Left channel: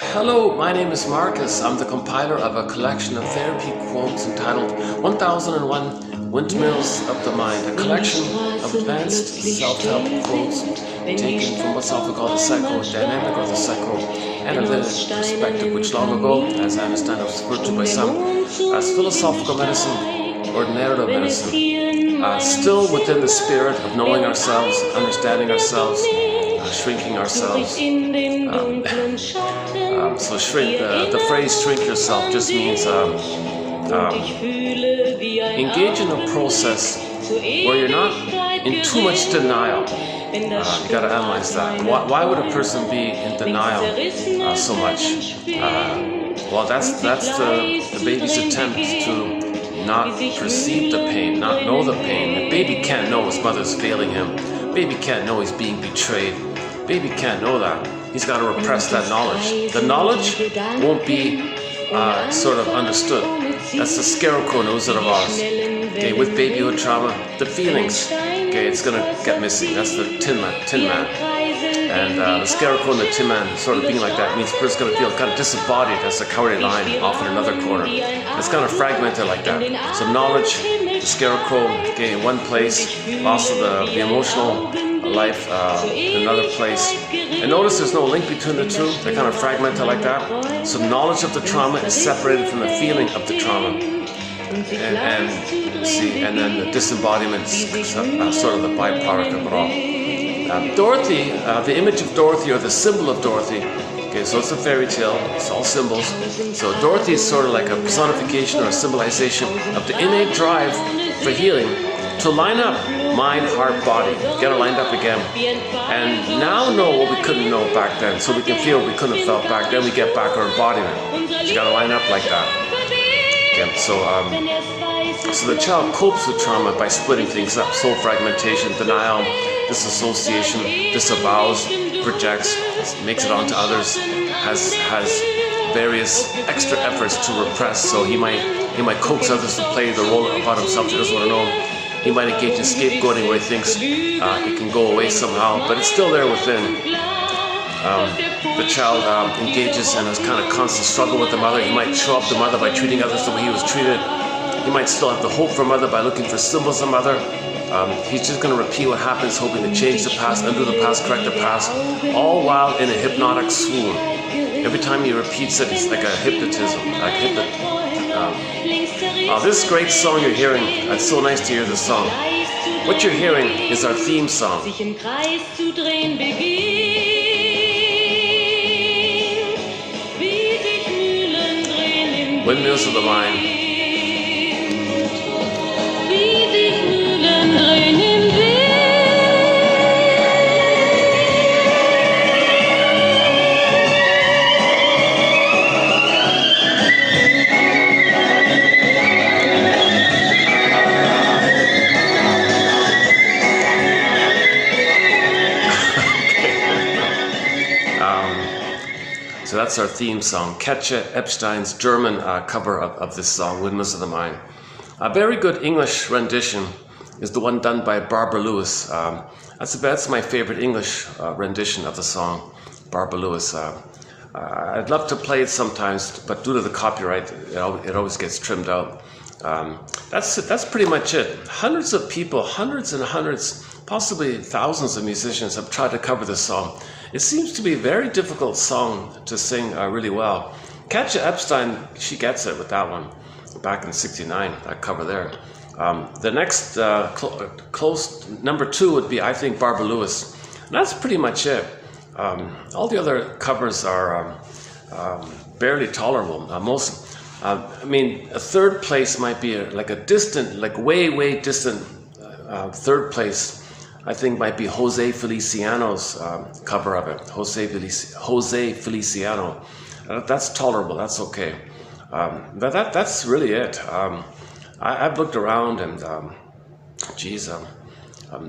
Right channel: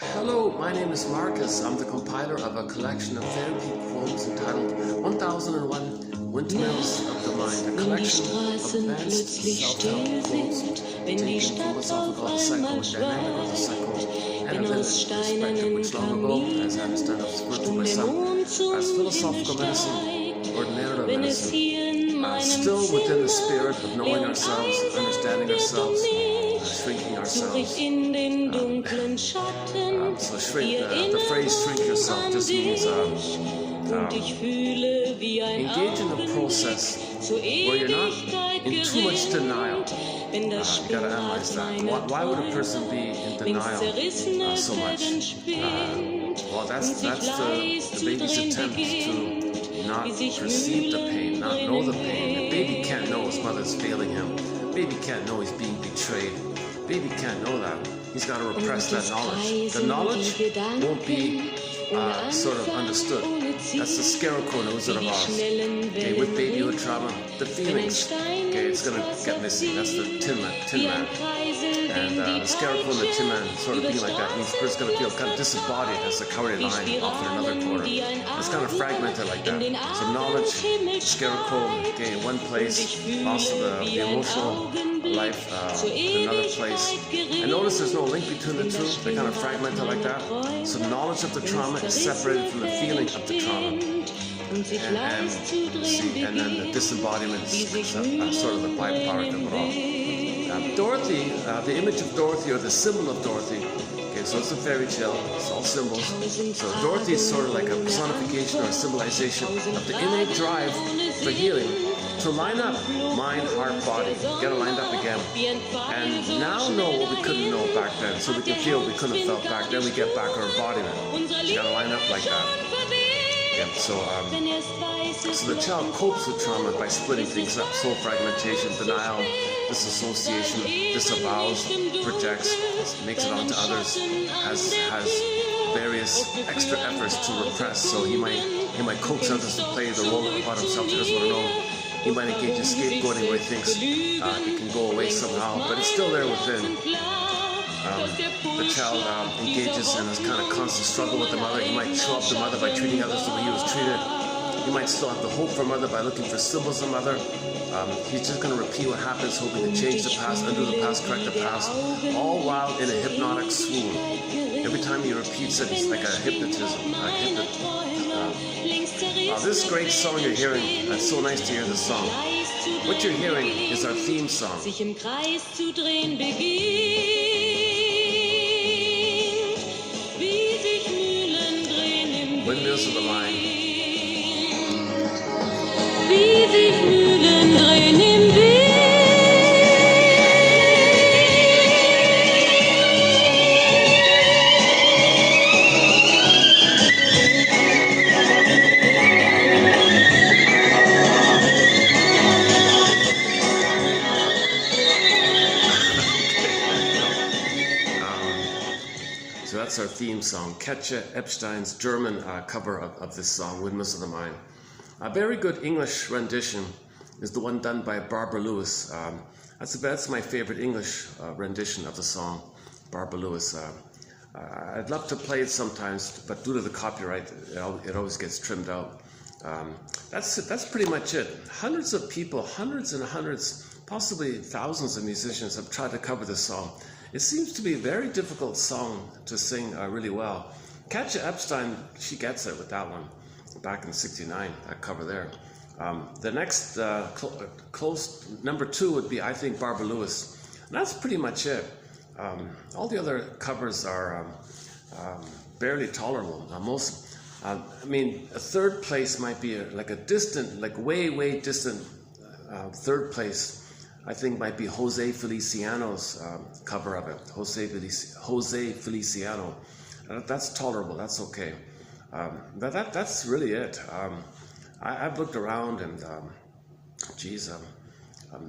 Hello, my name is Marcus. I'm the compiler of a collection of therapy quotes entitled 1001 Windmills of the Mind, a collection of advanced self-help quotes taken from what's often called the psychodynamic or the psychoanalytic perspective, which long ago, as I understand, was referred to by some as philosophical medicine or narrative medicine, still within the spirit of knowing ourselves, understanding ourselves, shrinking ourselves. So shrink, the phrase shrink yourself just means engage in a process where you're not in too much denial. You got to analyze that. Why would a person be in denial so much? Well, that's the baby's attempt to not perceive the pain, not know the pain. The baby can't know his mother's failing him. Baby can't know he's being betrayed. Baby can't know that. He's got to repress that knowledge. The knowledge won't be sort of understood. That's the scarecrow knows it of Oz. Okay, with babyhood trauma, the feelings, okay, it's gonna get missing. That's the tin man. And the scarecrow and the tin man sort of being like that means the person's gonna feel kind of disembodied. That's the cowardly lion off in another corner. It's kind of fragmented like that. So knowledge, the scarecrow, okay, in one place, loss of the emotional life in another place. And notice there's no link between the two. They're kind of fragmented like that. So knowledge of the trauma is separated from the feeling of the trauma. And then the disembodiment is sort of the byproduct of it all. Dorothy, the image of Dorothy or the symbol of Dorothy, okay, so it's a fairy tale, it's all symbols. So Dorothy is sort of like a personification or a symbolization of the innate drive for healing, to line up mind, heart, body, get it lined up again, and now know what we couldn't know back then, so we can feel what we couldn't have felt back then. We get back our embodiment. You got to line up like that. Okay, so the child copes with trauma by splitting things up: soul fragmentation, denial, disassociation, disavows, projects, makes it onto others, has various extra efforts to repress. So he might coax others to play the role about himself he doesn't want to know. He might engage in scapegoating where he thinks it can go away somehow, but it's still there within. The child engages in a kind of constant struggle with the mother. He might show up the mother by treating others the way he was treated. He might still have the hope for mother by looking for symbols of mother. He's just going to repeat what happens, hoping to change the past, undo the past, correct the past, all while in a hypnotic swoon. Every time he repeats it, it's like a hypnotism, this great song you're hearing, it's so nice to hear this song. What you're hearing is our theme song. Windmills of the Mind. So that's our theme song. Katja Epstein's German cover of this song, Windmills of the Mind. A very good English rendition is the one done by Barbara Lewis. That's my favorite English rendition of the song, Barbara Lewis. I'd love to play it sometimes, but due to the copyright, it always gets trimmed out. That's pretty much it. Hundreds of people, hundreds and hundreds, possibly thousands of musicians have tried to cover this song. It seems to be a very difficult song to sing really well. Katja Epstein, she gets it with that one. Back in '69, that cover there. The next close number 2 would be, I think, Barbara Lewis. And that's pretty much it. All the other covers are barely tolerable. I mean, a third place might be like a distant, like way distant third place. I think might be Jose Feliciano's cover of it. Jose Feliciano. That's tolerable. That's okay. That's really it. I've looked around and,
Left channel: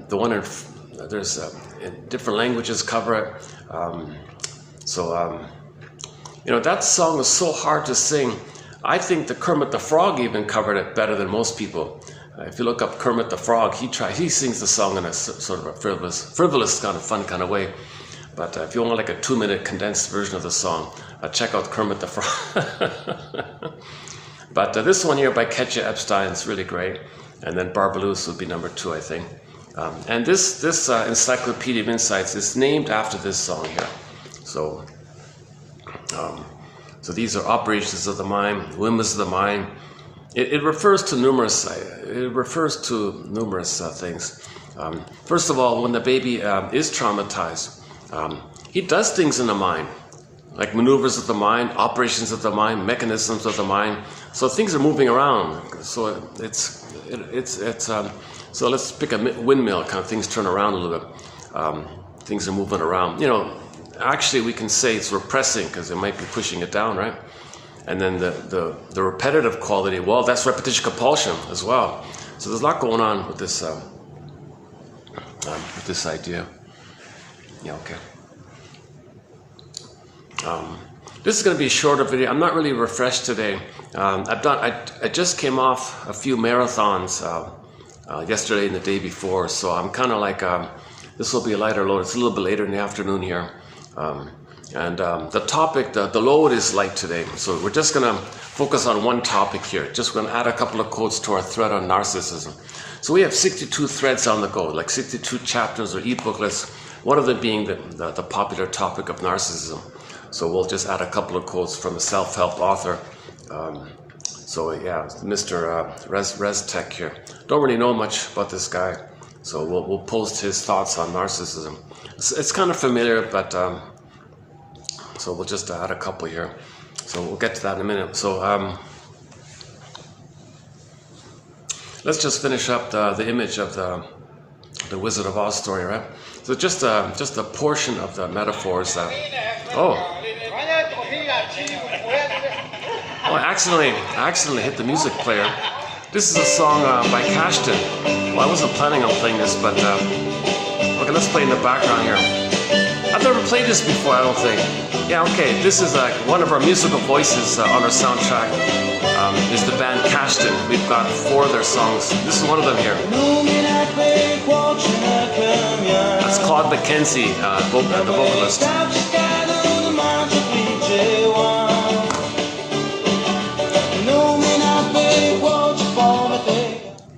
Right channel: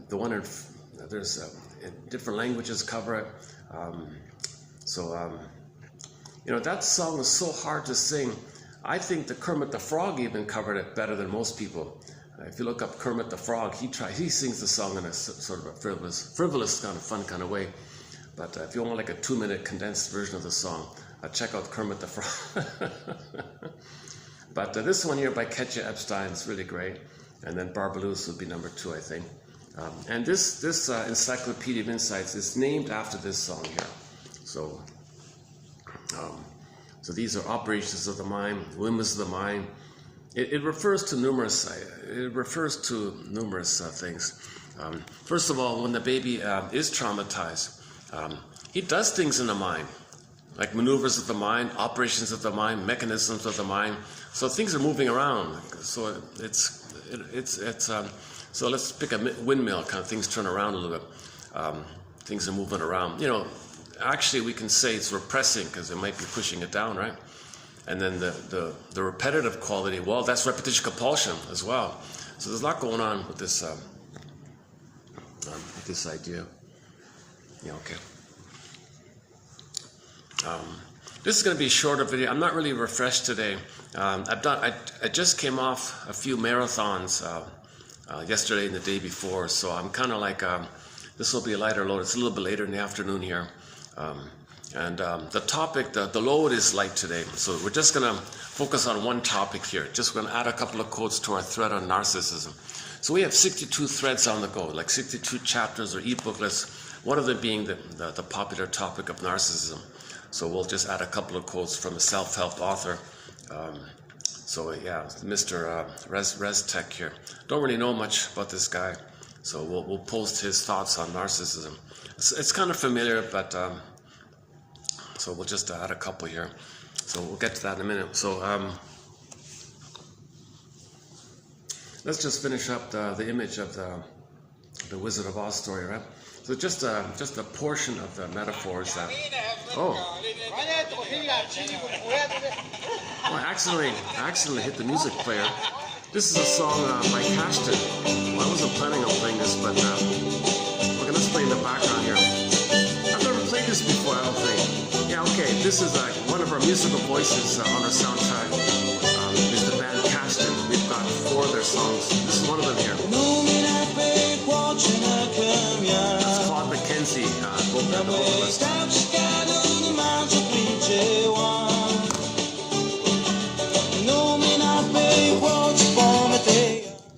the one there's in different languages cover it. That song is so hard to sing. I think the Kermit the Frog even covered it better than most people. If you look up Kermit the Frog, he sings the song in a sort of a frivolous kind of fun kind of way. But if you want like a 2-minute condensed version of the song, check out Kermit the Frog. But this one here by Ketja Epstein is really great. And then Barbalus would be number 2, I think. And this Encyclopedia of Insights is named after this song here. So, so these are operations of the mind, whims of the mind. It refers to numerous. Things. First of all, when the baby is traumatized, he does things in the mind, like maneuvers of the mind, operations of the mind, mechanisms of the mind. So things are moving around. So so let's pick a windmill, kind of things turn around a little bit. Things are moving around. You know, actually we can say it's repressing because it might be pushing it down, right? And then the repetitive quality, well, that's repetition compulsion as well. So there's a lot going on with this idea. Yeah, okay. This is going to be a shorter video. I'm not really refreshed today. I just came off a few marathons yesterday and the day before, so I'm kind of like, this will be a lighter load. It's a little bit later in the afternoon here. The topic, the load is light today. So we're just going to focus on one topic here. Just going to add a couple of quotes to our thread on narcissism. So we have 62 threads on the go, like 62 chapters or e-booklets, one of them being the popular topic of narcissism. So we'll just add a couple of quotes from a self-help author. So yeah, Mr. Reztech here. Don't really know much about this guy. So we'll post his thoughts on narcissism. It's kind of familiar, but so we'll just add a couple here. So we'll get to that in a minute. So let's just finish up the image of the Wizard of Oz story, right? So just a portion of the metaphors that. Oh, I accidentally hit the music player. This is a song by Cashton. Well, I wasn't planning on playing this, but okay, let's play in the background here. I've never played this before, I don't think. Yeah, okay, this is one of our musical voices on our soundtrack. Is the band Cashton. We've got 4 of their songs. This is one of them here. That's Claude McKenzie, the vocalist.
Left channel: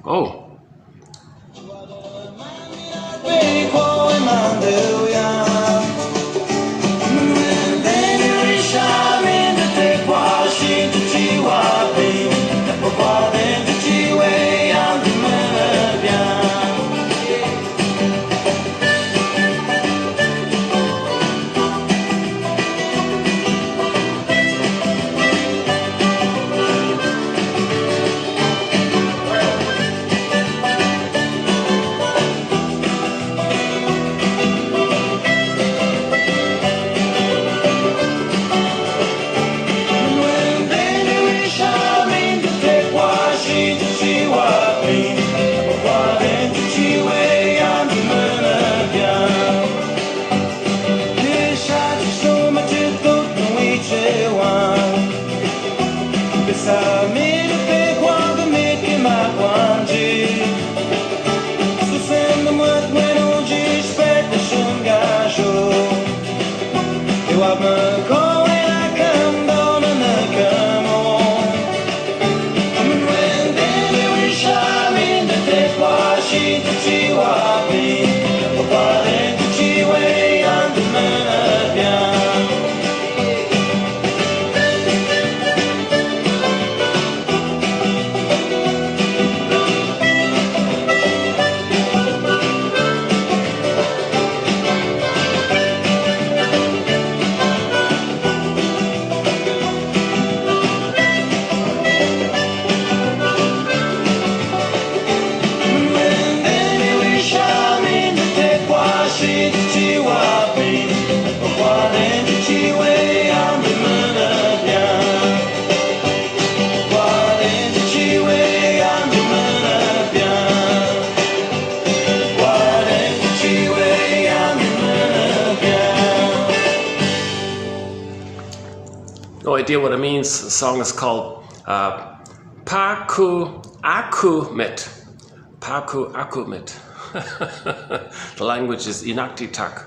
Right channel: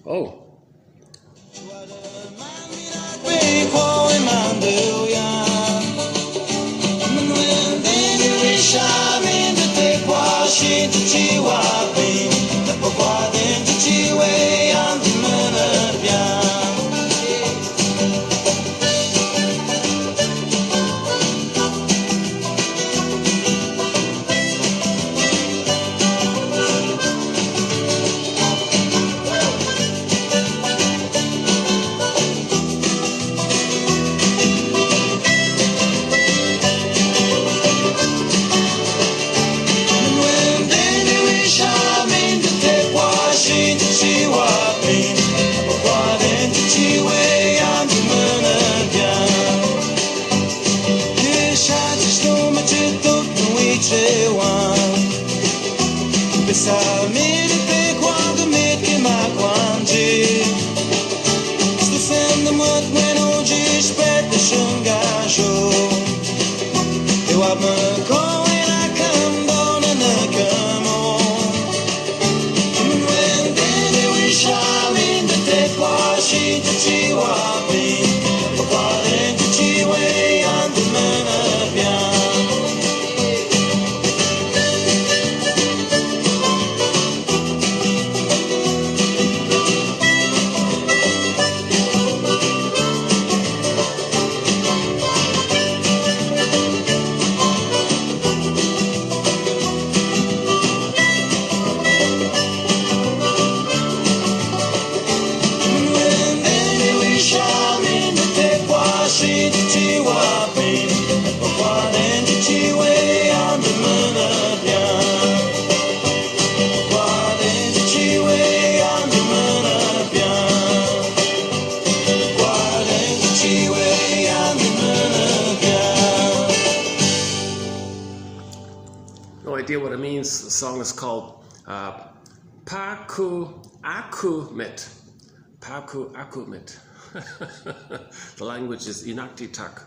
Oh. No idea what it means. The song is called Paku Akumit. Paku Akumit. The language is Inuktitut.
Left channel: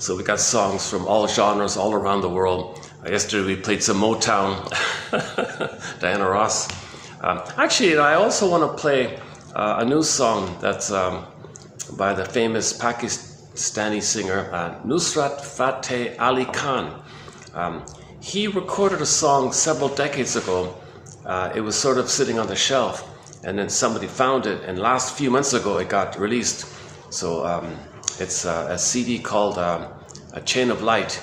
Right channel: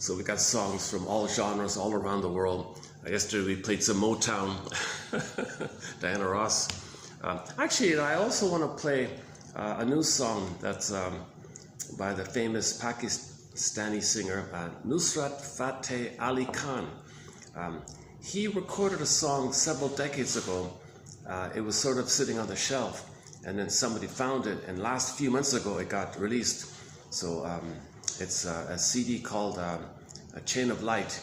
So we got songs from all genres all around the world. Yesterday we played some Motown, Diana Ross. Actually, I also want to play a new song that's by the famous Pakistani singer Nusrat Fateh Ali Khan. He recorded a song several decades ago. It was sort of sitting on the shelf, and then somebody found it, and last few months ago it got released. So it's a CD called A Chain of Light,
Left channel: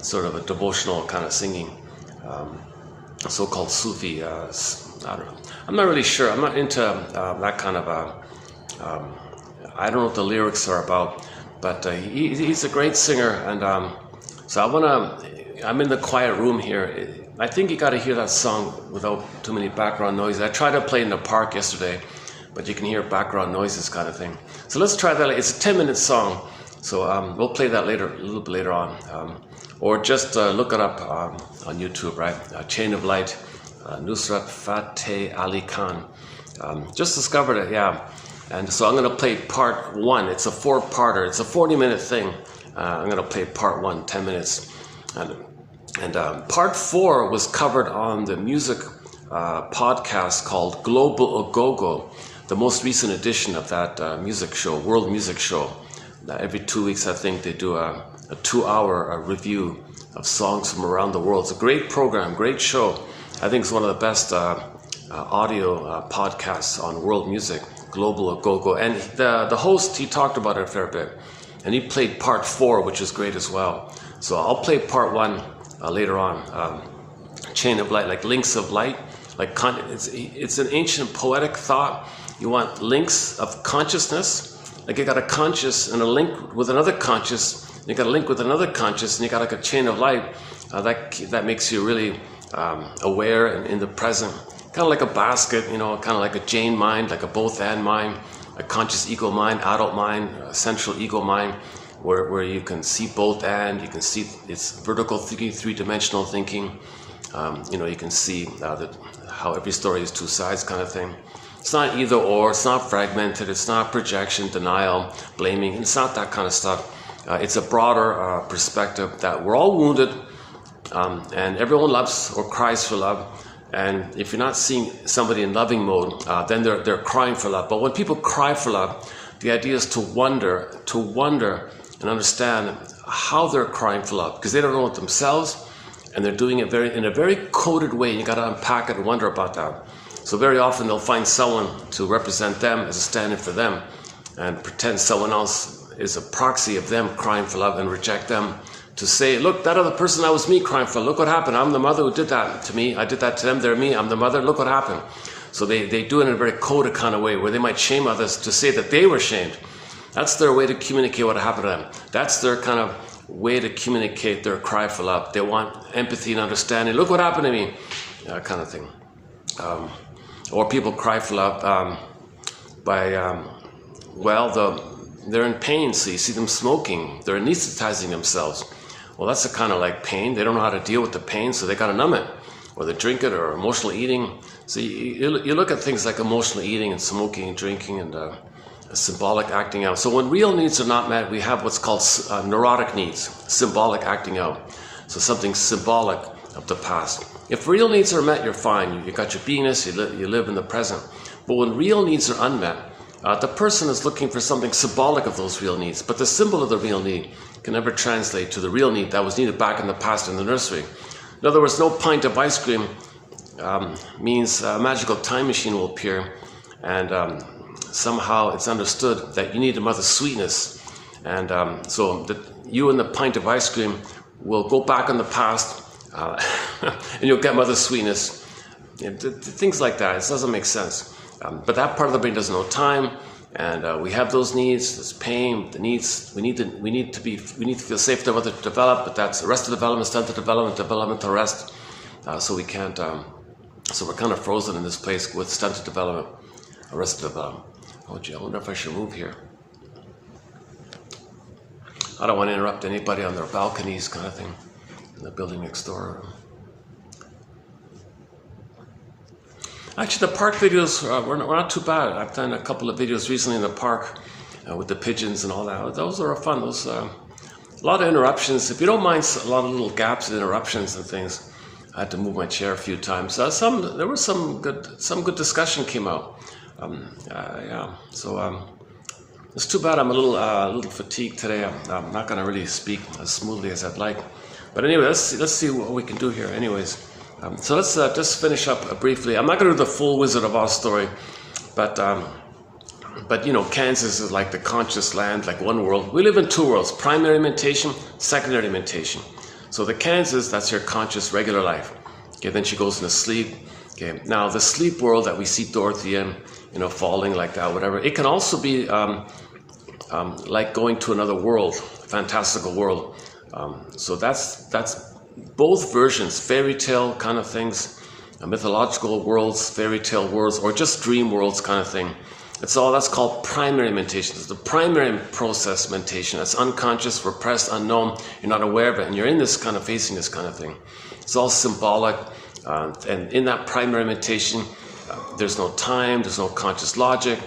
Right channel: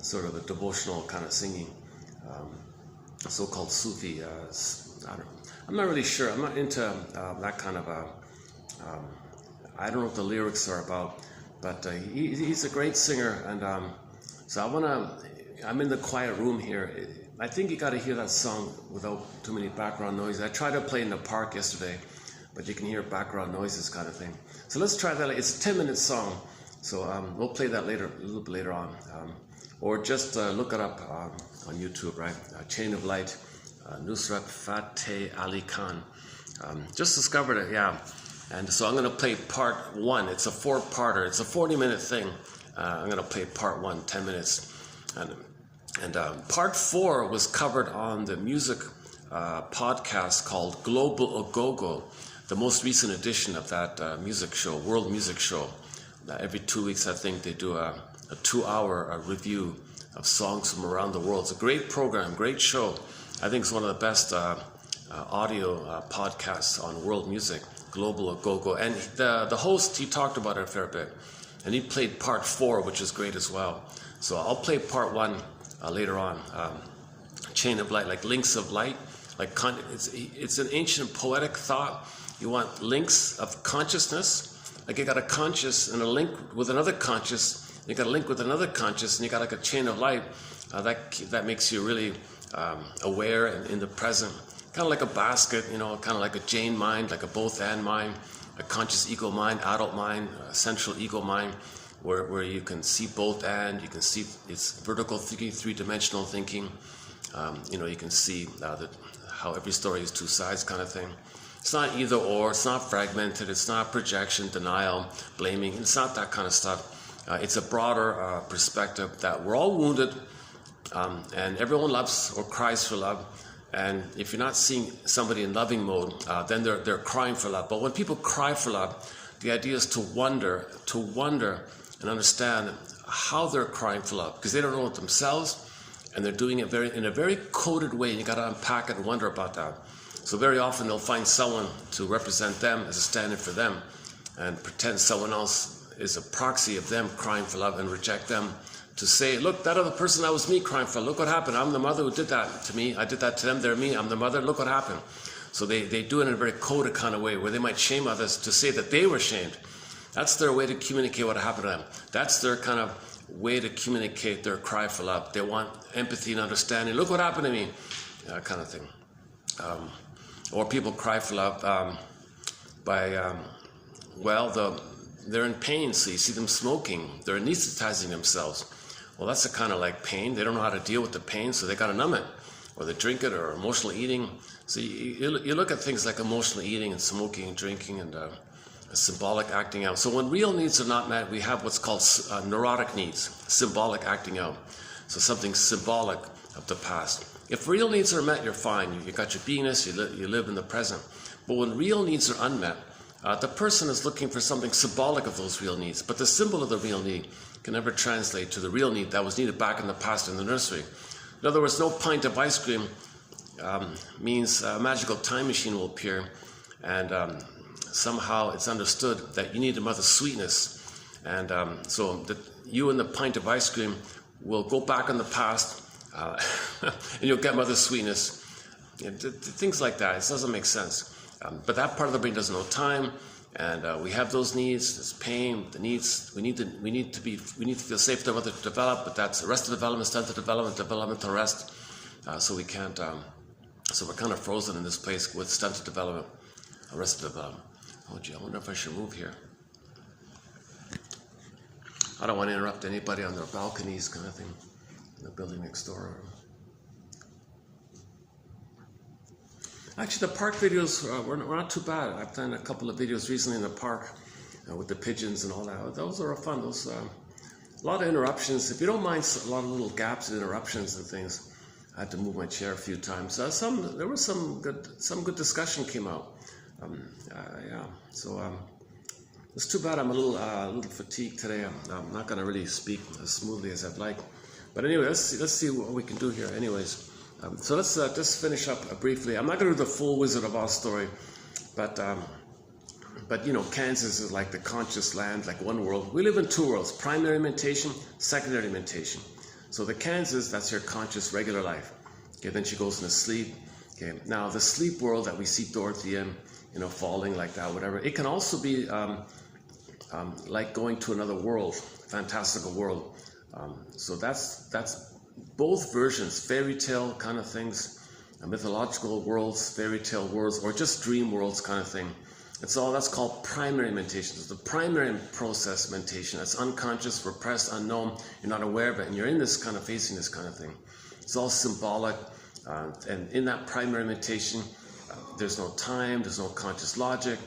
sort of a devotional kind of singing, so-called Sufi. I don't know. I'm not really sure. I'm not into that kind of I don't know what the lyrics are about, but he's a great singer, and so I'm in the quiet room here. I think you got to hear that song without too many background noise. I tried to play in the park yesterday, but you can hear background noises kind of thing. So let's try that. It's a 10-minute song, so we'll play that later, a little bit later on, or just look it up on YouTube, right? Chain of Light, Nusrat Fateh Ali Khan. Just discovered it, yeah. And so I'm going to play part 1. It's a 4-parter. It's a 40-minute thing. I'm going to play part 1, 10 minutes. And part 4 was covered on the music podcast called Global Agogo, the most recent edition of that music show, world music show. Every 2 weeks, I think, they do a 2-hour review of songs from around the world. It's a great program, great show. I think it's one of the best audio podcasts on world music, Global Agogo. And the host, he talked about it a fair bit. And he played part 4, which is great as well. So I'll play part 1 later on. Chain of Light, like links of light. Like it's an ancient poetic thought. You want links of consciousness. Like you got a conscious and a link with another conscious. You got a link with another conscious, and you got like a chain of light. That makes you really aware and in the present. Kind of like a basket, you know, kind of like a Jane mind, like a both and mind, a conscious ego mind, adult mind, central ego mind, where you can see both and, you can see it's vertical thinking, 3-dimensional thinking. You know, you can see how every story is 2 sides kind of thing. It's not either or, it's not fragmented, it's not projection, denial, blaming, it's not that kind of stuff. It's a broader perspective that we're all wounded, and everyone loves or cries for love. And if you're not seeing somebody in loving mode, then they're crying for love. But when people cry for love, the idea is to wonder and understand how they're crying for love, because they don't know it themselves, and they're doing it in a very coded way. You got to unpack it and wonder about that. So very often they'll find someone to represent them as a stand-in for them, and pretend someone else is a proxy of them crying for love, and reject them to say, look, that other person, that was me crying for love. Look what happened. I'm the mother who did that to me. I did that to them. They're me. I'm the mother. Look what happened. So they do it in a very coded kind of way, where they might shame others to say that they were shamed. That's their way to communicate what happened to them. That's their kind of way to communicate their cry for love. They want empathy and understanding. Look what happened to me, that kind of thing. Or people cry for love they're in pain, so you see them smoking. They're anesthetizing themselves. Well, that's a kind of like pain. They don't know how to deal with the pain, so they got to numb it. Or they drink it, or emotional eating. So you look at things like emotional eating and smoking and drinking and symbolic acting out. So when real needs are not met, we have what's called neurotic needs, symbolic acting out. So something symbolic of the past. If real needs are met, you're fine. You got your beingness, you live in the present. But when real needs are unmet, the person is looking for something symbolic of those real needs. But the symbol of the real need can never translate to the real need that was needed back in the past in the nursery. In other words, no pint of ice cream means a magical time machine will appear, and somehow it's understood that you need a mother's sweetness. And so you and the pint of ice cream will go back in the past, and you'll get mother's sweetness. Things like that. It doesn't make sense. But that part of the brain doesn't know time, and we have those needs. There's pain, the needs. We need to feel safe to develop. But that's arrested development, stunted development, developmental arrest. So we can't. So we're kind of frozen in this place with stunted development, arrested development. Oh gee, I wonder if I should move here. I don't want to interrupt anybody on their balconies, kind of thing, in the building next door. Actually, the park videos were not too bad. I've done a couple of videos recently in the park with the pigeons and all that. Those are fun. Those a lot of interruptions. If you don't mind, a lot of little gaps and interruptions and things. I had to move my chair a few times. There was some good discussion came out. Yeah. So it's too bad I'm a little fatigued today. I'm not going to really speak as smoothly as I'd like. But anyway, let's see what we can do here. Anyways, so let's just finish up briefly. I'm not going to do the full Wizard of Oz story, but you know, Kansas is like the conscious land, like one world. We live in two worlds: primary mentation, secondary mentation. So the Kansas, that's your conscious regular life. Okay, then she goes into sleep. Okay, now the sleep world that we see Dorothy in, you know, falling like that, whatever. It can also be like going to another world, fantastical world. So that's both versions, fairy tale kind of things, mythological worlds, fairy tale worlds, or just dream worlds kind of thing. That's called primary mentation. It's the primary process mentation. That's unconscious, repressed, unknown. You're not aware of it, and you're in this kind of facing this kind of thing. It's all symbolic, and in that primary mentation, there's no time, there's no conscious logic.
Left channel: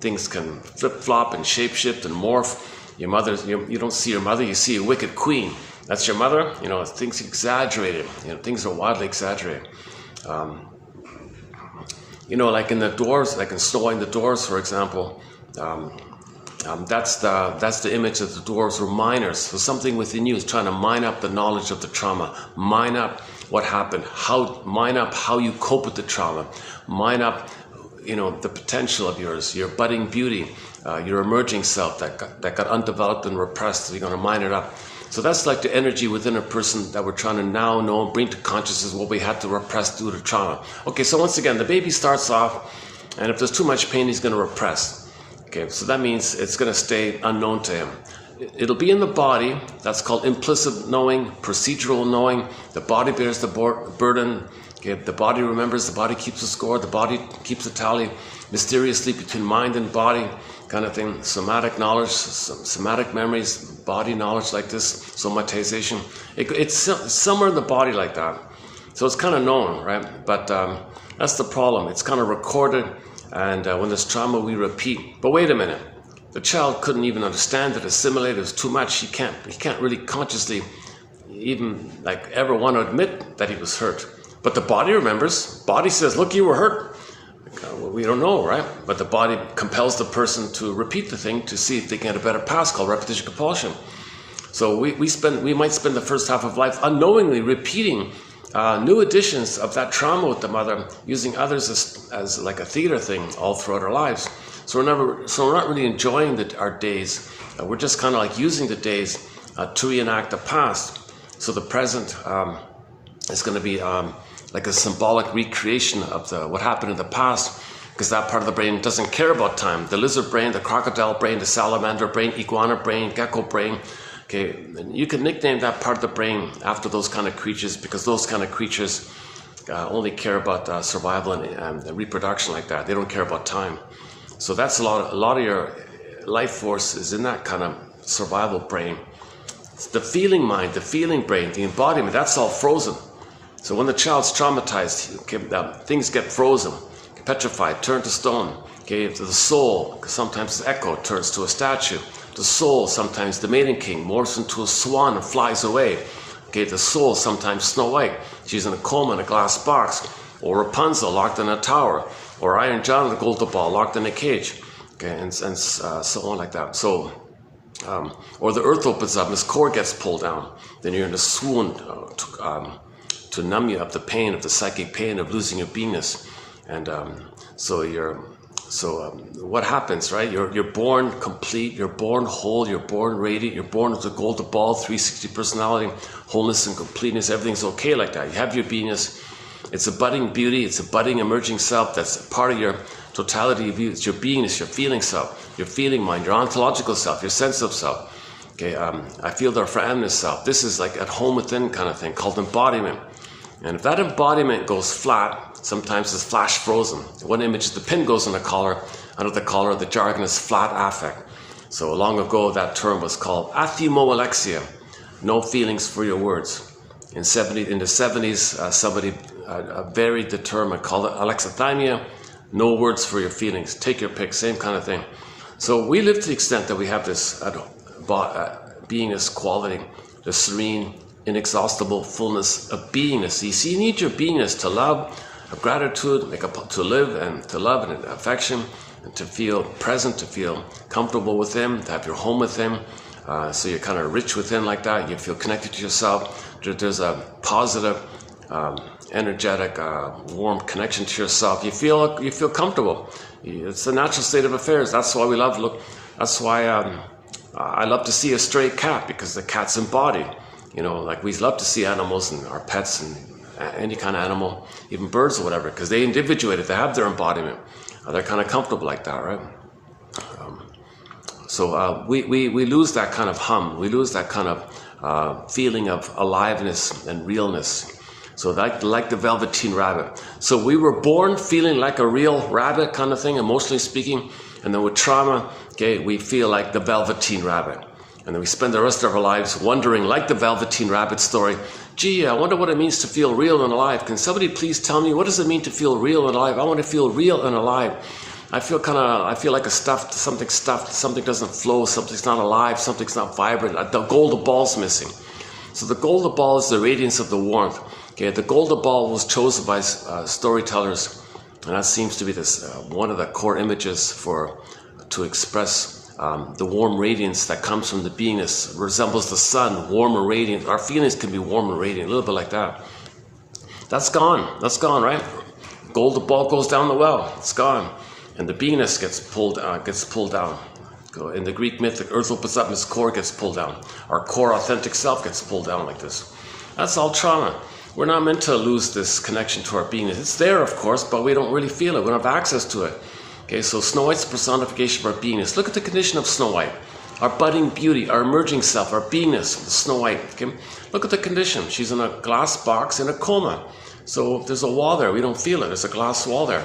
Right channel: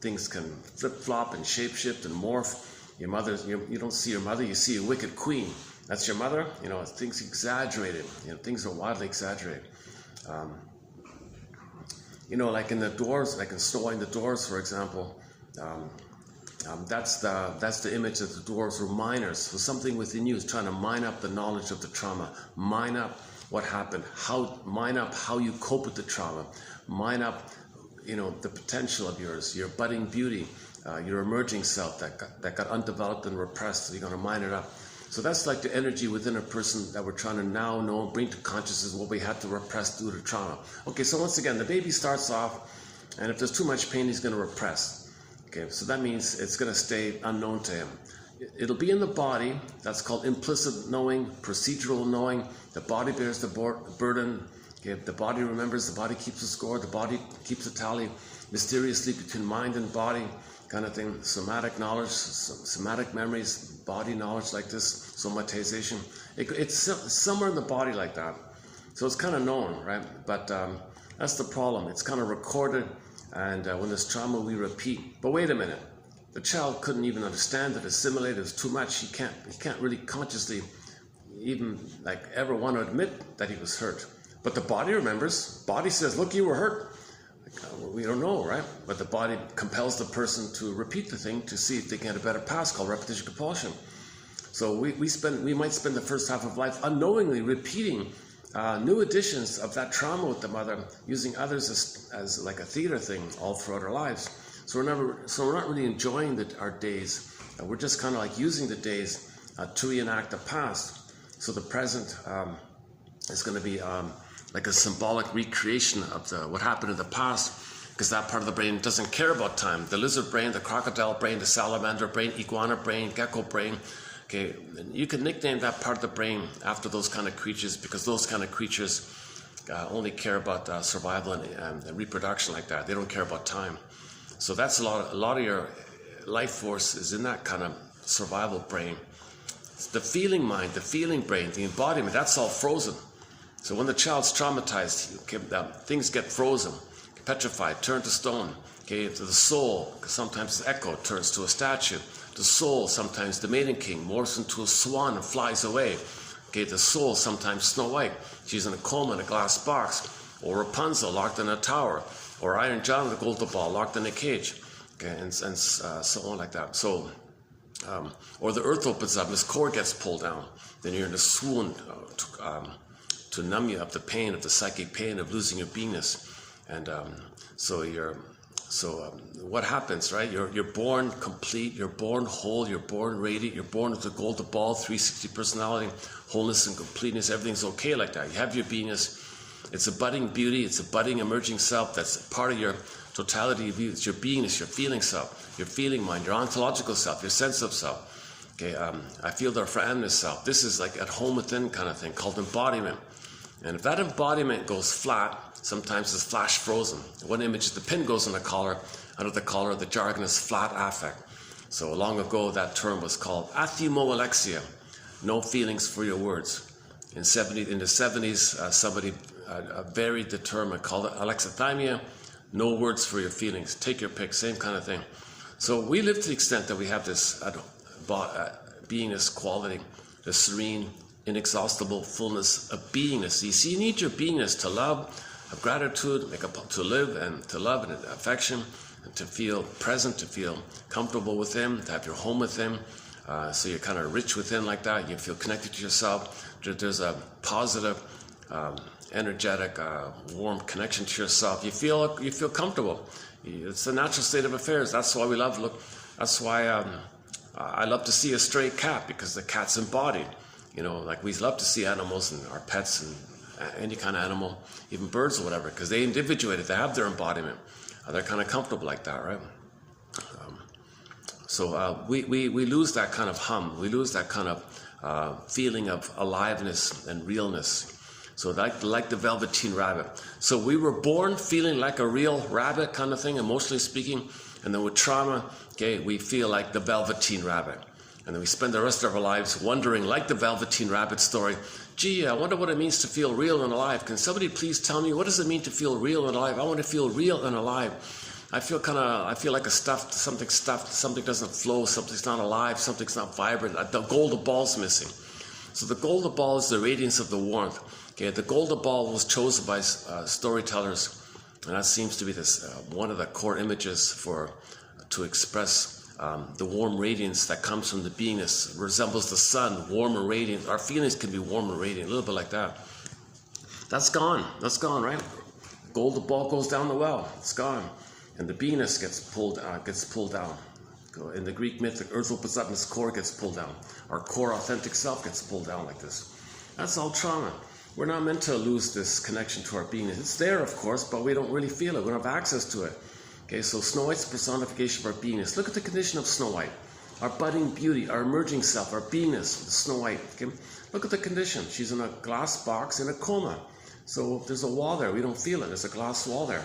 Things can flip-flop and shape-shift and morph. Your mother, you don't see your mother, you see a wicked queen. That's your mother. You know, things exaggerated. You know, things are wildly exaggerated. You know, like in the Doors, like in Snow White and the Doors, for example, that's the image of the Doors were miners. So something within you is trying to mine up the knowledge of the trauma, mine up what happened, mine up how you cope with the trauma, mine up, you know, the potential of yours, your budding beauty, your emerging self that got undeveloped and repressed. So you're going to mine it up. So that's like the energy within a person that we're trying to now know and bring to consciousness what we had to repress due to trauma. Okay, so once again, the baby starts off, and if there's too much pain, he's going to repress. Okay, so that means it's going to stay unknown to him. It'll be in the body. That's called implicit knowing, procedural knowing. The body bears the burden. Okay, the body remembers, the body keeps a score, the body keeps a tally, mysteriously between mind and body kind of thing. Somatic knowledge, somatic memories, body knowledge like this, somatization. It's somewhere in the body like that. So it's kind of known, right? But that's the problem. It's kind of recorded, and when there's trauma, we repeat. But wait a minute. The child couldn't even understand it, assimilate it. It was too much. He can't really consciously even like ever want to admit that he was hurt. But the body remembers. Body says, look, you were hurt. We don't know, right? But the body compels the person to repeat the thing to see if they can get a better pass, called repetition compulsion. So we might spend the first half of life unknowingly repeating new editions of that trauma with the mother, using others as like a theater thing all throughout our lives. So we're not really enjoying our days. We're just kind of like using the days to reenact the past. So the present is going to be like a symbolic recreation of what happened in the past, because that part of the brain doesn't care about time. The lizard brain, the crocodile brain, the salamander brain, iguana brain, gecko brain. Okay, and you can nickname that part of the brain after those kind of creatures, because those kind of creatures only care about survival and reproduction like that. They don't care about time. So that's a lot of your life force is in that kind of survival brain. It's the feeling mind, the feeling brain, the embodiment, that's all frozen. So when the child's traumatized, okay, things get frozen, petrified, turned to stone. Okay, the soul, sometimes the echo turns to a statue. The soul, sometimes the maiden king, morphs into a swan and flies away. Okay, the soul, sometimes Snow White, she's in a coma in a glass box. Or Rapunzel, locked in a tower. Or Iron John, the golden ball, locked in a cage. Okay, and so on like that. So, or the earth opens up and this cord gets pulled down. Then you're in a swoon to numb you of the pain, of the psychic pain of losing your beingness. And what happens, right? You're born complete, you're born whole, you're born radiant, you're born with a golden ball, 360 personality, wholeness and completeness. Everything's okay like that. You have your beingness. It's a budding beauty. It's a budding emerging self. That's part of your totality of you. It's your beingness, your feeling self, your feeling mind, your ontological self, your sense of self. Okay, I feel the affirmation self. This is like at home within kind of thing called embodiment. And if that embodiment goes flat, sometimes it's flash frozen. One image is the pin goes in the collar. Under the collar, the jargon is flat affect. So long ago, that term was called athimoalexia, no feelings for your words. In the 70s, somebody varied the term and called it alexithymia, no words for your feelings. Take your pick, same kind of thing. So we live to the extent that we have this beingness quality, the serene, inexhaustible fullness of beingness. You see, you need your beingness to love, of gratitude, to live and to love and affection, and to feel present, to feel comfortable with Him, to have your home with Him. So you're kind of rich within like that. You feel connected to yourself. There's a positive, energetic, warm connection to yourself. You feel comfortable. It's the natural state of affairs. That's why we love. Look, that's why I love to see a stray cat, because the cat's embodied. You know, like we love to see animals and our pets and any kind of animal, even birds or whatever, because they individuate it. They have their embodiment. They're kind of comfortable like that, right? So we lose that kind of hum. We lose that kind of feeling of aliveness and realness. So like the Velveteen Rabbit. So we were born feeling like a real rabbit kind of thing, emotionally speaking. And then with trauma, okay, we feel like the Velveteen Rabbit. And then we spend the rest of our lives wondering, like the Velveteen Rabbit story, gee, I wonder what it means to feel real and alive. Can somebody please tell me, what does it mean to feel real and alive? I want to feel real and alive. I feel like something doesn't flow, something's not alive, something's not vibrant. The golden ball's missing. So the golden ball is the radiance of the warmth. Okay, the golden ball was chosen by storytellers, and that seems to be one of the core images to express the warm radiance that comes from the beingness. It resembles the sun, warm and radiant. Our feelings can be warm and radiant, a little bit like that. That's gone, right? Golden ball goes down the well, it's gone. And the beingness gets pulled down. In the Greek myth, the earth opens up, its core gets pulled down. Our core authentic self gets pulled down like this. That's all trauma. We're not meant to lose this connection to our beingness. It's there, of course, but we don't really feel it. We don't have access to it. Okay, so Snow White's the personification of our beingness. Look at the condition of Snow White. Our budding beauty, our emerging self, our beingness, the Snow White. Okay? Look at the condition. She's in a glass box in a coma. So there's a wall there. We don't feel it. There's a glass wall there.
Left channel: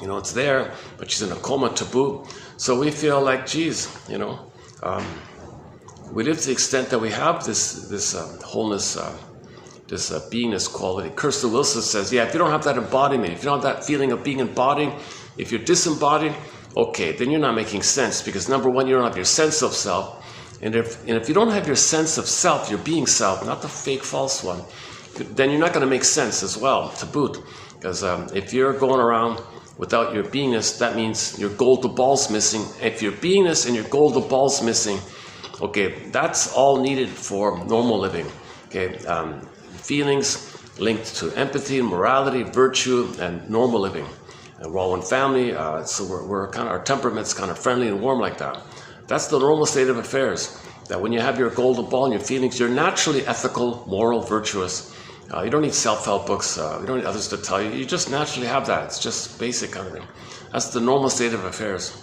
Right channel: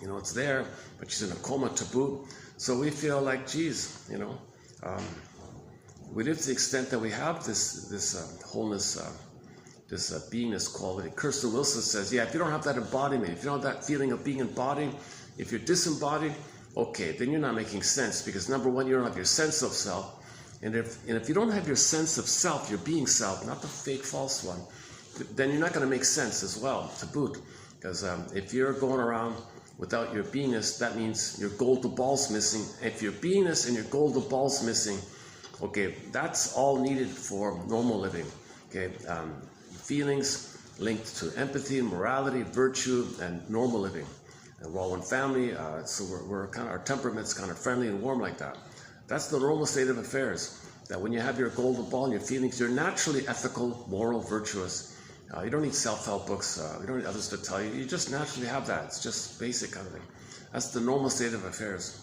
You know, it's there, but she's in a coma to boot. So we feel like, geez, you know, we live to the extent that we have this wholeness, this beingness quality. Kirsten Wilson says, yeah, if you don't have that embodiment, if you don't have that feeling of being embodied, if you're disembodied, okay, then you're not making sense, because number one, you don't have your sense of self. And if you don't have your sense of self, your being self, not the fake false one, then you're not going to make sense as well, to boot. Because if you're going around without your beingness, that means your golden ball's missing. If your beingness and your golden ball's missing, okay, that's all needed for normal living. Okay, feelings linked to empathy, morality, virtue, and normal living. And we're all one family, so we're kind of, our temperament's kind of friendly and warm like that. That's the normal state of affairs. That when you have your golden ball and your feelings, you're naturally ethical, moral, virtuous. You don't need self-help books. You don't need others to tell you. You just naturally have that. It's just basic kind of thing. That's the normal state of affairs.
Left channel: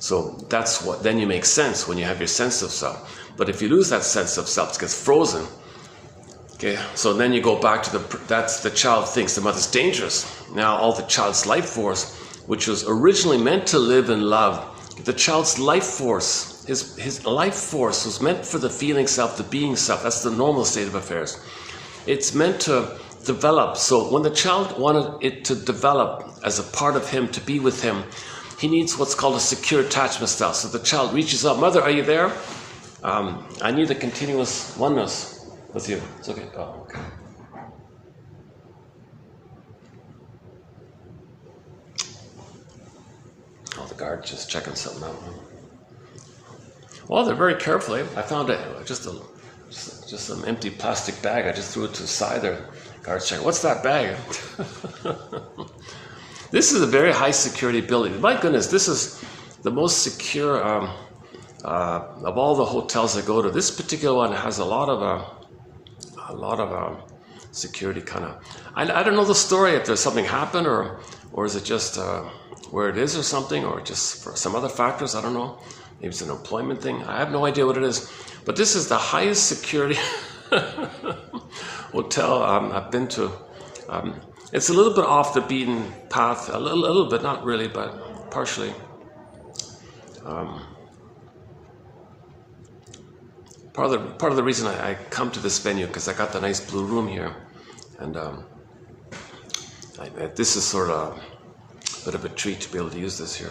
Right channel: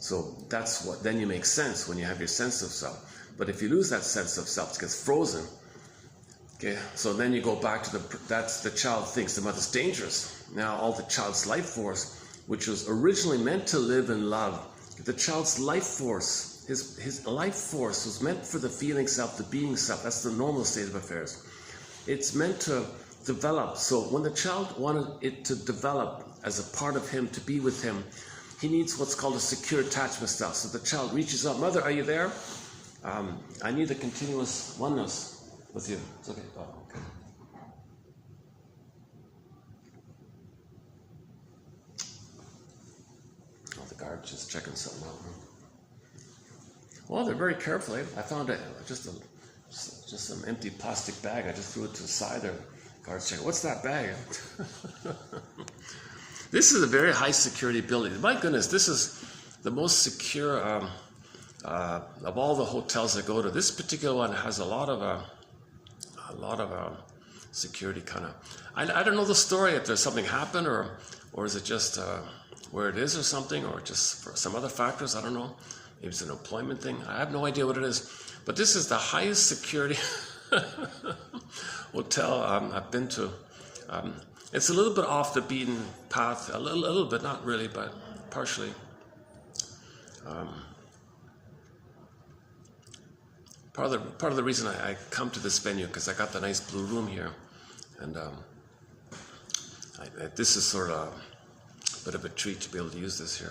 So that's what, then you make sense when you have your sense of self. But if you lose that sense of self, it gets frozen. Okay, so then you go back to that's the child thinks the mother's dangerous. Now all the child's life force, which was originally meant to live in love, the child's life force, his life force was meant for the feeling self, the being self. That's the normal state of affairs. It's meant to develop. So when the child wanted it to develop as a part of him, to be with him, he needs what's called a secure attachment style. So the child reaches up, mother, are you there? I need a continuous oneness with you. It's okay. Oh, okay. Oh, the guard just checking something out. Well, they're very carefully. I found just an empty plastic bag. I just threw it to the side there. Guards check. What's that bag? This is a very high security building. My goodness, this is the most secure of all the hotels I go to. This particular one has a lot of security kind of. I don't know the story, if there's something happened or is it just where it is or something, or just for some other factors. I don't know. Maybe it's an employment thing. I have no idea what it is. But this is the highest security hotel I've been to. It's a little bit off the beaten path, a little bit, not really, but partially. Part of the reason I come to this venue, because I got the nice blue room here, and this is sort of a bit of a treat to be able to use this here.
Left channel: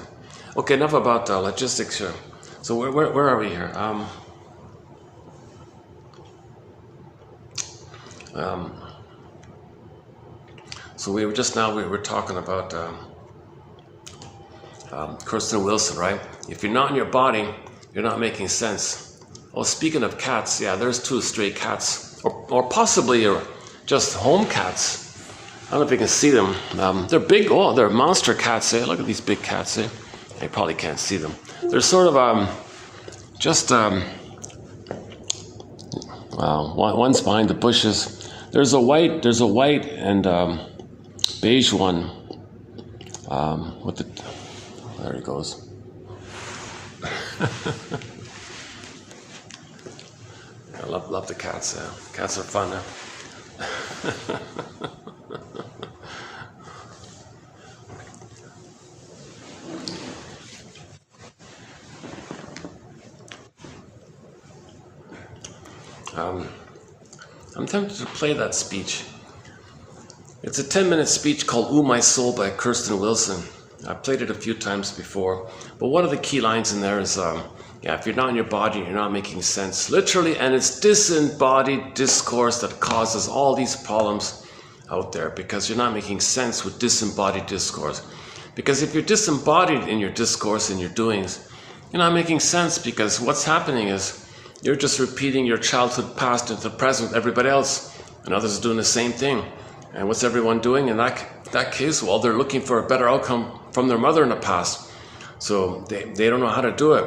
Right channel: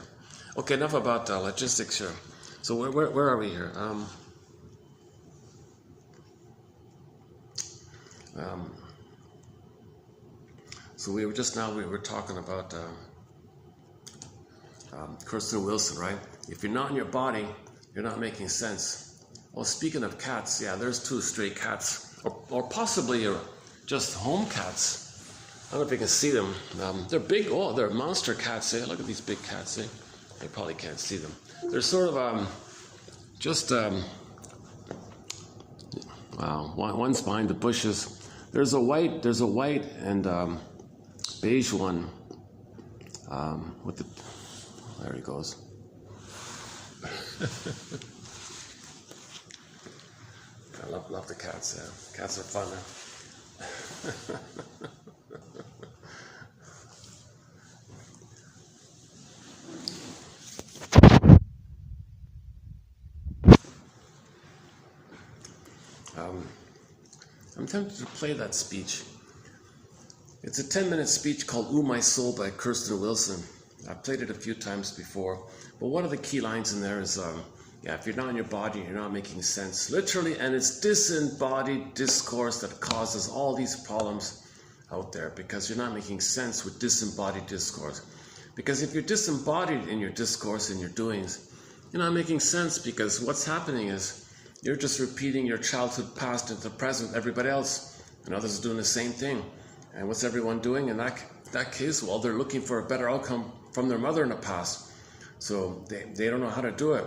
Okay, enough about logistics here. So where are we here? So we were talking about Kirsten Wilson, right? If you're not in your body, you're not making sense. Oh, speaking of cats, yeah, there's 2 stray cats, or possibly just home cats. I don't know if you can see them. They're big. Oh, they're monster cats. Eh? Look at these big cats. Eh? You probably can't see them. They're sort of one's behind the bushes. There's a white and beige one. There he goes. I love the cats. Cats are fun. I'm tempted to play that speech. It's a 10-minute speech called "Ooh, My Soul" by Kirsten Wilson. I've played it a few times before, but one of the key lines in there is, if you're not in your body, you're not making sense. Literally, and it's disembodied discourse that causes all these problems out there, because you're not making sense with disembodied discourse. Because if you're disembodied in your discourse and your doings, you're not making sense, because what's happening is you're just repeating your childhood past into the present with everybody else, and others are doing the same thing. And what's everyone doing in that case? Well, they're looking for a better outcome from their mother in the past. So they don't know how to do it.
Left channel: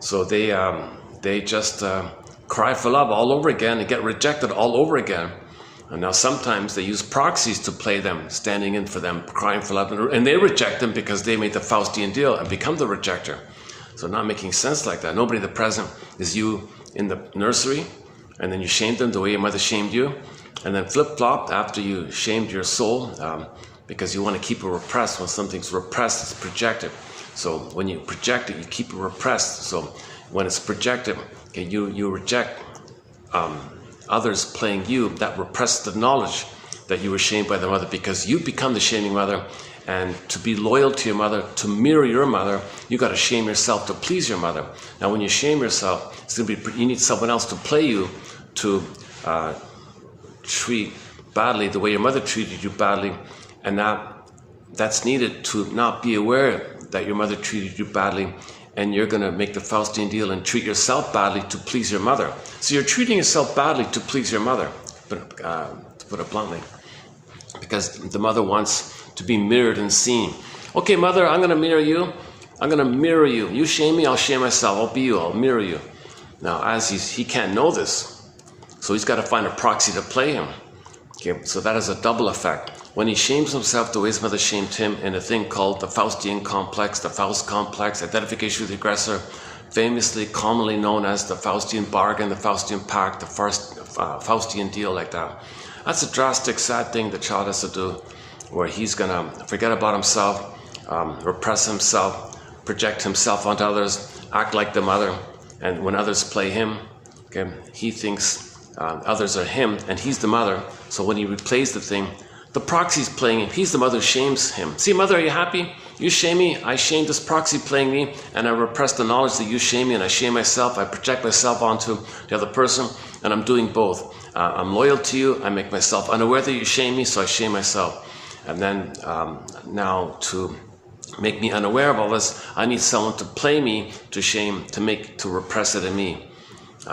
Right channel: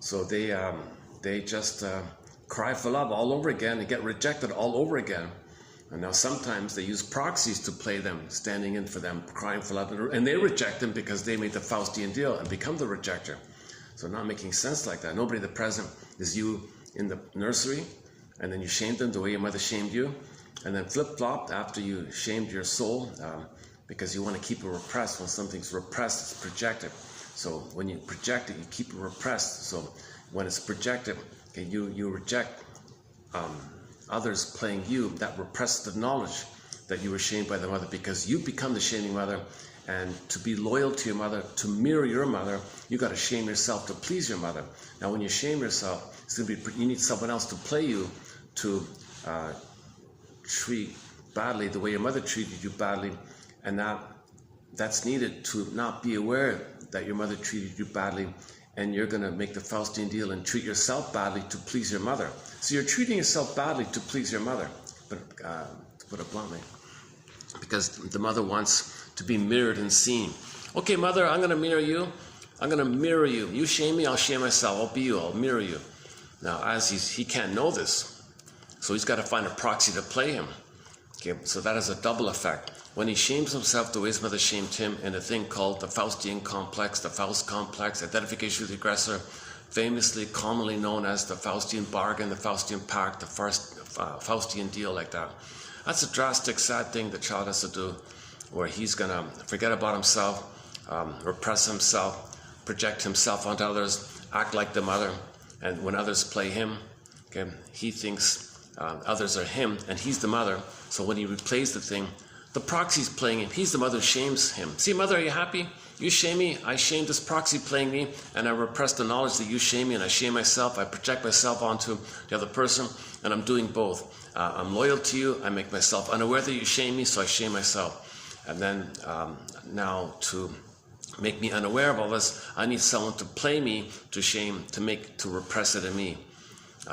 So they just cry for love all over again and get rejected all over again. And now sometimes they use proxies to play them, standing in for them, crying for love, and they reject them because they made the Faustian deal and become the rejecter. So not making sense like that. Nobody in the present is you in the nursery, and then you shamed them the way your mother shamed you, and then flip-flopped after you shamed your soul, because you want to keep it repressed. When something's repressed, it's projected. So when you project it, you keep it repressed. So when it's projected, okay, you reject others playing you, that repressed the knowledge that you were shamed by the mother, because you become the shaming mother. And to be loyal to your mother, to mirror your mother, you got to shame yourself to please your mother. Now, when you shame yourself, it's gonna be, you need someone else to play you, to treat badly the way your mother treated you badly, and that's needed to not be aware that your mother treated you badly, and you're going to make the Faustian deal and treat yourself badly to please your mother. So you're treating yourself badly to please your mother, but to put it bluntly, because the mother wants to be mirrored and seen. Okay, mother, I'm going to mirror you. I'm going to mirror you. You shame me, I'll shame myself. I'll be you, I'll mirror you. Now, as he can't know this, so he's got to find a proxy to play him. Okay, so that has a double effect. When he shames himself the way his mother shamed him in a thing called the Faustian complex, the Faust complex, identification with the aggressor, famously commonly known as the Faustian bargain, the Faustian pact, the first Faustian deal, like that. That's a drastic, sad thing the child has to do, where he's going to forget about himself, repress himself, project himself onto others, act like the mother, and when others play him, okay, he thinks others are him and he's the mother. So when he replays the thing, the proxy's playing him. He's the mother who shames him. See, mother, are you happy? You shame me, I shame this proxy playing me, and I repress the knowledge that you shame me, and I shame myself, I project myself onto the other person, and I'm doing both. I'm loyal to you, I make myself unaware that you shame me, so I shame myself. And then now to make me unaware of all this, I need someone to play me to shame, to repress it in me.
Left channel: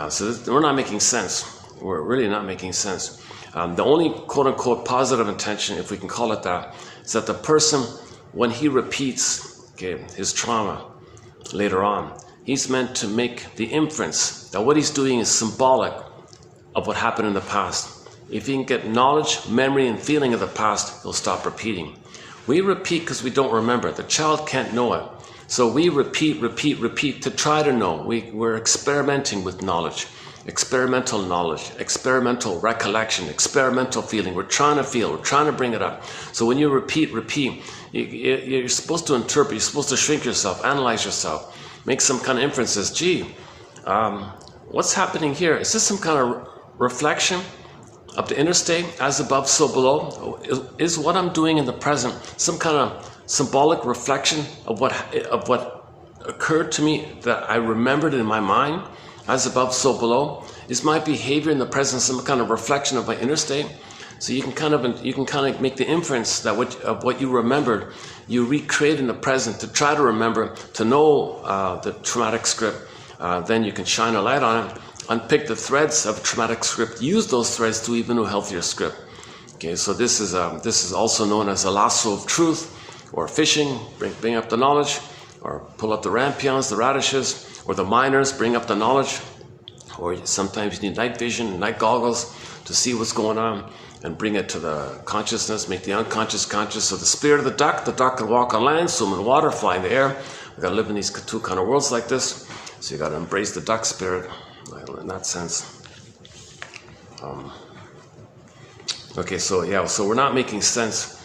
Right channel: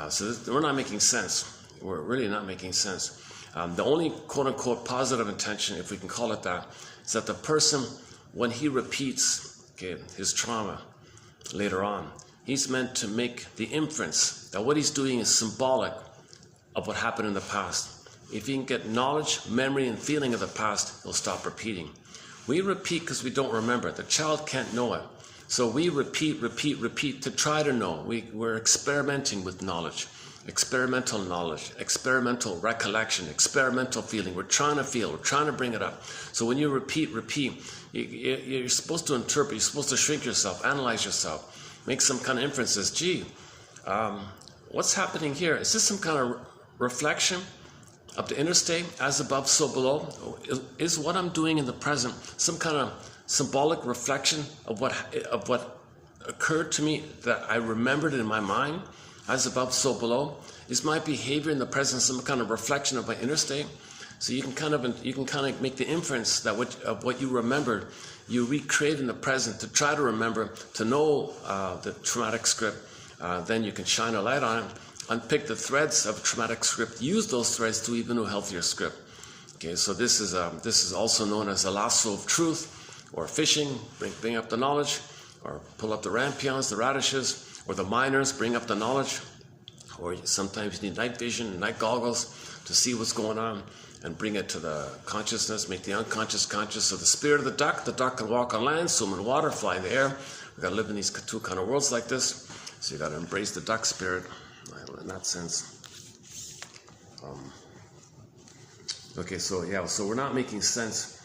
So we're not making sense. We're really not making sense. The only quote-unquote positive intention, if we can call it that, is that the person, when he repeats his trauma later on, he's meant to make the inference that what he's doing is symbolic of what happened in the past. If he can get knowledge, memory, and feeling of the past, he'll stop repeating. We repeat because we don't remember. The child can't know it. So we repeat to try to know. We're experimenting with knowledge. Experimental knowledge, experimental recollection, experimental feeling. We're trying to feel, we're trying to bring it up. So when you repeat, you're supposed to interpret, you're supposed to shrink yourself, analyze yourself, make some kind of inferences. Gee, what's happening here? Is this some kind of reflection of the inner state, as above, so below? Is what I'm doing in the present some kind of symbolic reflection of what occurred to me, that I remembered in my mind, as above, so below, is my behavior in the present some kind of reflection of my inner state. So you can kind of make the inference that what you remembered, you recreate in the present to try to remember, to know the traumatic script. Then you can shine a light on it, unpick the threads of traumatic script, use those threads to even a healthier script. Okay, so this is also known as a lasso of truth, or fishing, bring up the knowledge, or pull up the rampions, the radishes, or the miners, bring up the knowledge, or sometimes you need night vision, night goggles to see what's going on and bring it to the consciousness, make the unconscious conscious. So the spirit of the duck can walk on land, swim in water, fly in the air. We've got to live in these two kind of worlds like this. So you got to embrace the duck spirit in that sense. Okay, so yeah, so we're not making sense.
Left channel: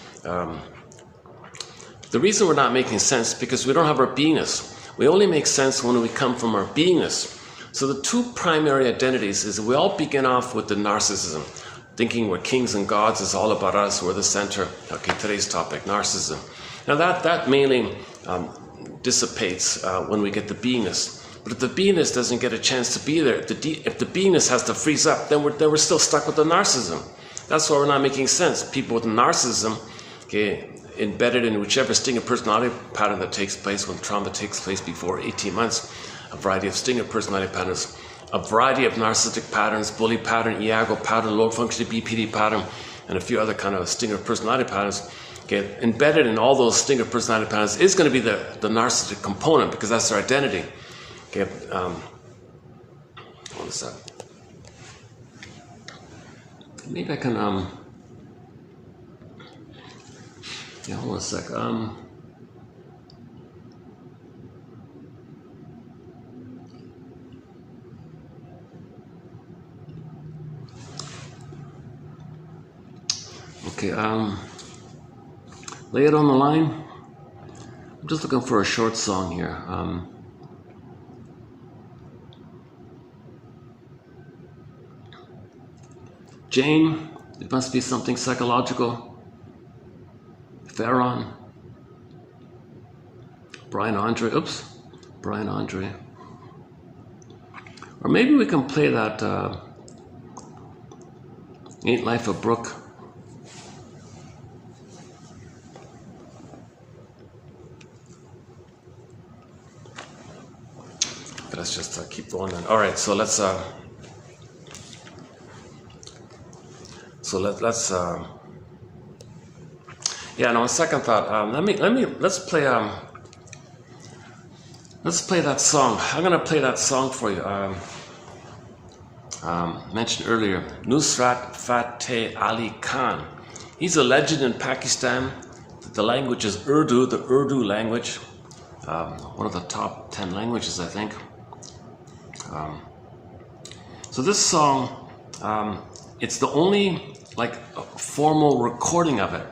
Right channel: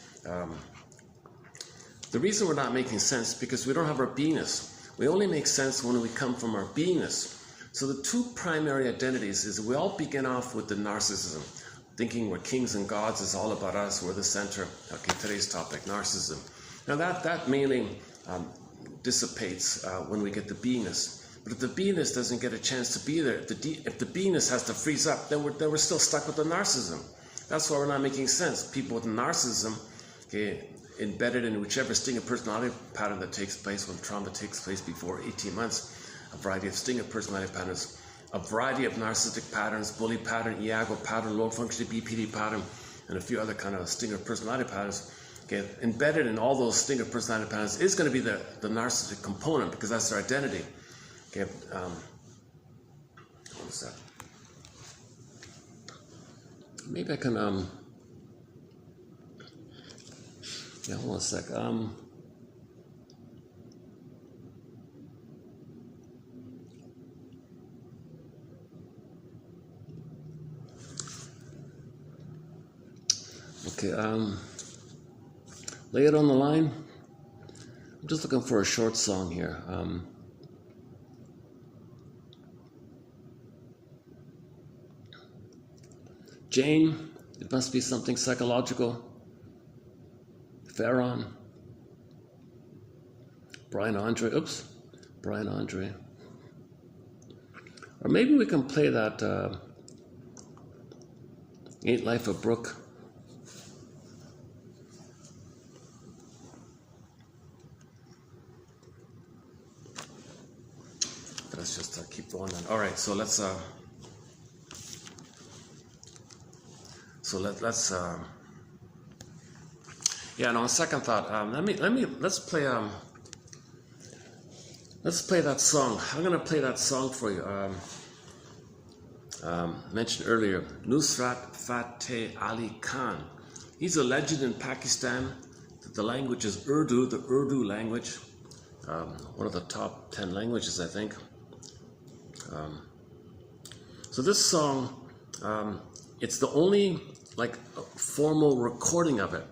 The reason we're not making sense is because we don't have our beingness. We only make sense when we come from our beingness. So the two primary identities is we all begin off with the narcissism, thinking we're kings and gods, is all about us, we're the center. Okay, today's topic, narcissism. Now that mainly dissipates when we get the beingness. But if the beingness doesn't get a chance to be there, if the beingness has to freeze up, then we're still stuck with the narcissism. That's why we're not making sense. People with narcissism, okay, embedded in whichever sting of personality pattern that takes place when trauma takes place before 18 months, a variety of sting of personality patterns, a variety of narcissistic patterns, bully pattern, Iago pattern, low functioning BPD pattern, and a few other kind of sting of personality patterns. Okay, embedded in all those sting of personality patterns is going to be the narcissistic component, because that's their identity. Okay, one sec. Maybe I can, yeah, hold on a sec. Okay, lay it on the line. I'm just looking for a short song here. Jane, it must be something psychological. Farron, Brian Andre, or maybe we can play that Ain't Life a Brook. Let's just keep going then. All right, so let's yeah, no, on second thought, let's play that song. I'm gonna play that song for you. Mentioned earlier, Nusrat Fateh Ali Khan. He's a legend in Pakistan. The language is Urdu, the Urdu language, one of the top 10 languages, I think. So this song, it's the only formal recording of it,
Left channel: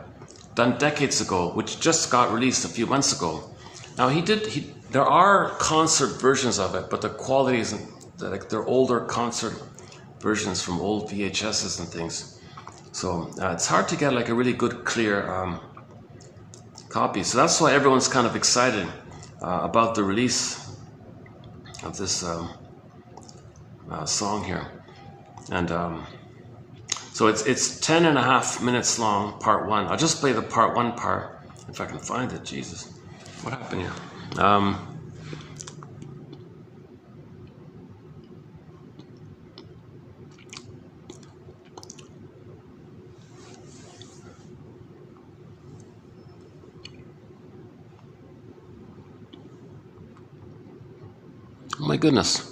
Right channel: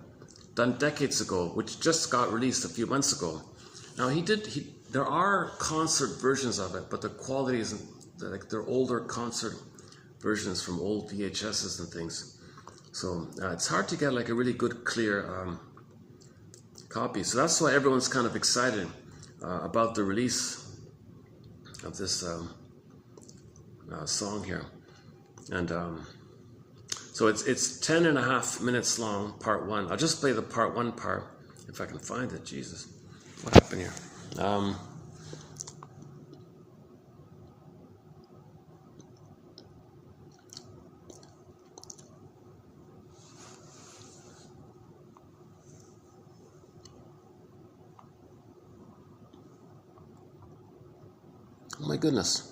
done decades ago, which just got released a few months ago. Now there are concert versions of it, but the quality isn't, they're older concert versions from old VHSs and things. So it's hard to get a really good, clear copy. So that's why everyone's kind of excited about the release of this song here. And so it's 10.5 minutes long, part one. I'll just play the part one part, if I can find it. Jesus, what happened here? Oh my goodness.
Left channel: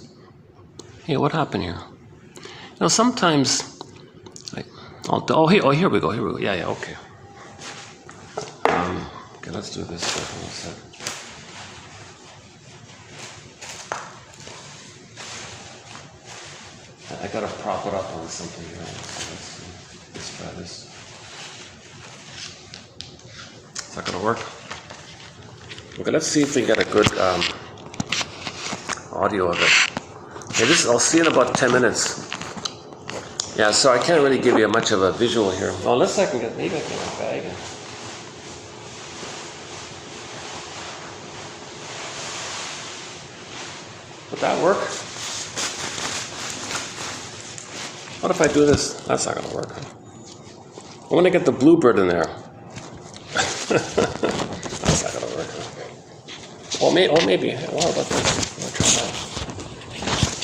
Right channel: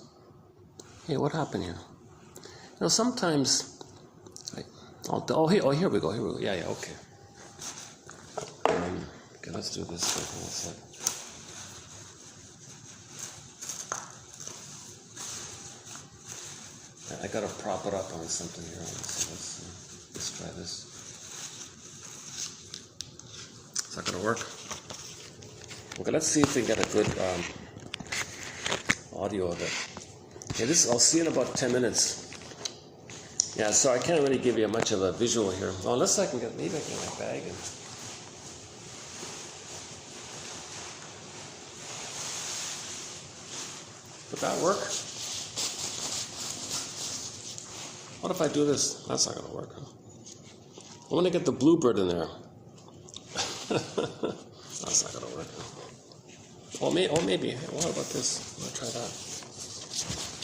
Hey, what happened here? Sometimes, here we go. Yeah, okay. Okay, let's do this. I gotta prop it up on something here. Let's try this. Is that gonna work? Okay, let's see if we get a good audio of it. Okay, I'll see in about 10 minutes. Yeah, so I can't really give you much of a visual here. Well, unless maybe I can get a bag. that work? What if I do this? That's not gonna work. I want to get the bluebird in there. That's not gonna work. Or maybe. What about this? I'll try that.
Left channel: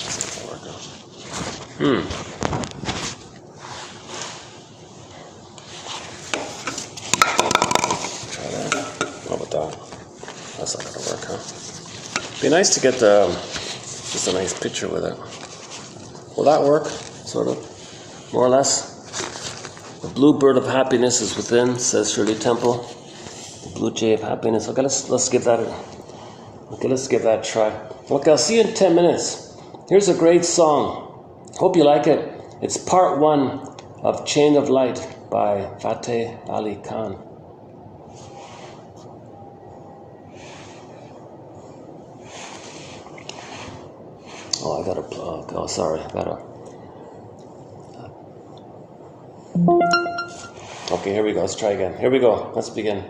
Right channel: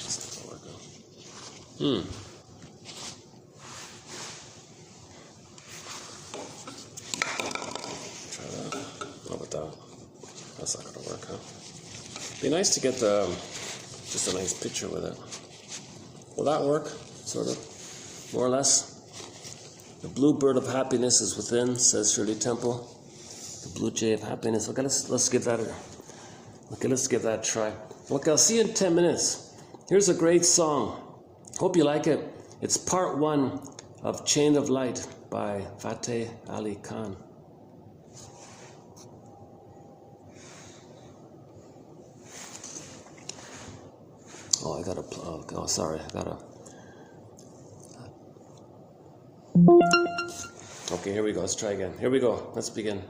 That's not gonna work. Try that. What about that? That's not gonna work, huh? Be nice to get just a nice picture with it. Will that work? Sort of, more or less. The blue bird of happiness is within, says Shirley Temple. The blue jay of happiness. Okay, let's give that a try. Okay, I'll see you in 10 minutes. Here's a great song. Hope you like it. It's part 1 of Chain of Light by Fateh Ali Khan. Oh, I gotta. Oh, sorry. I gotta. Okay, here we go. Let's try again. Here we go. Let's begin.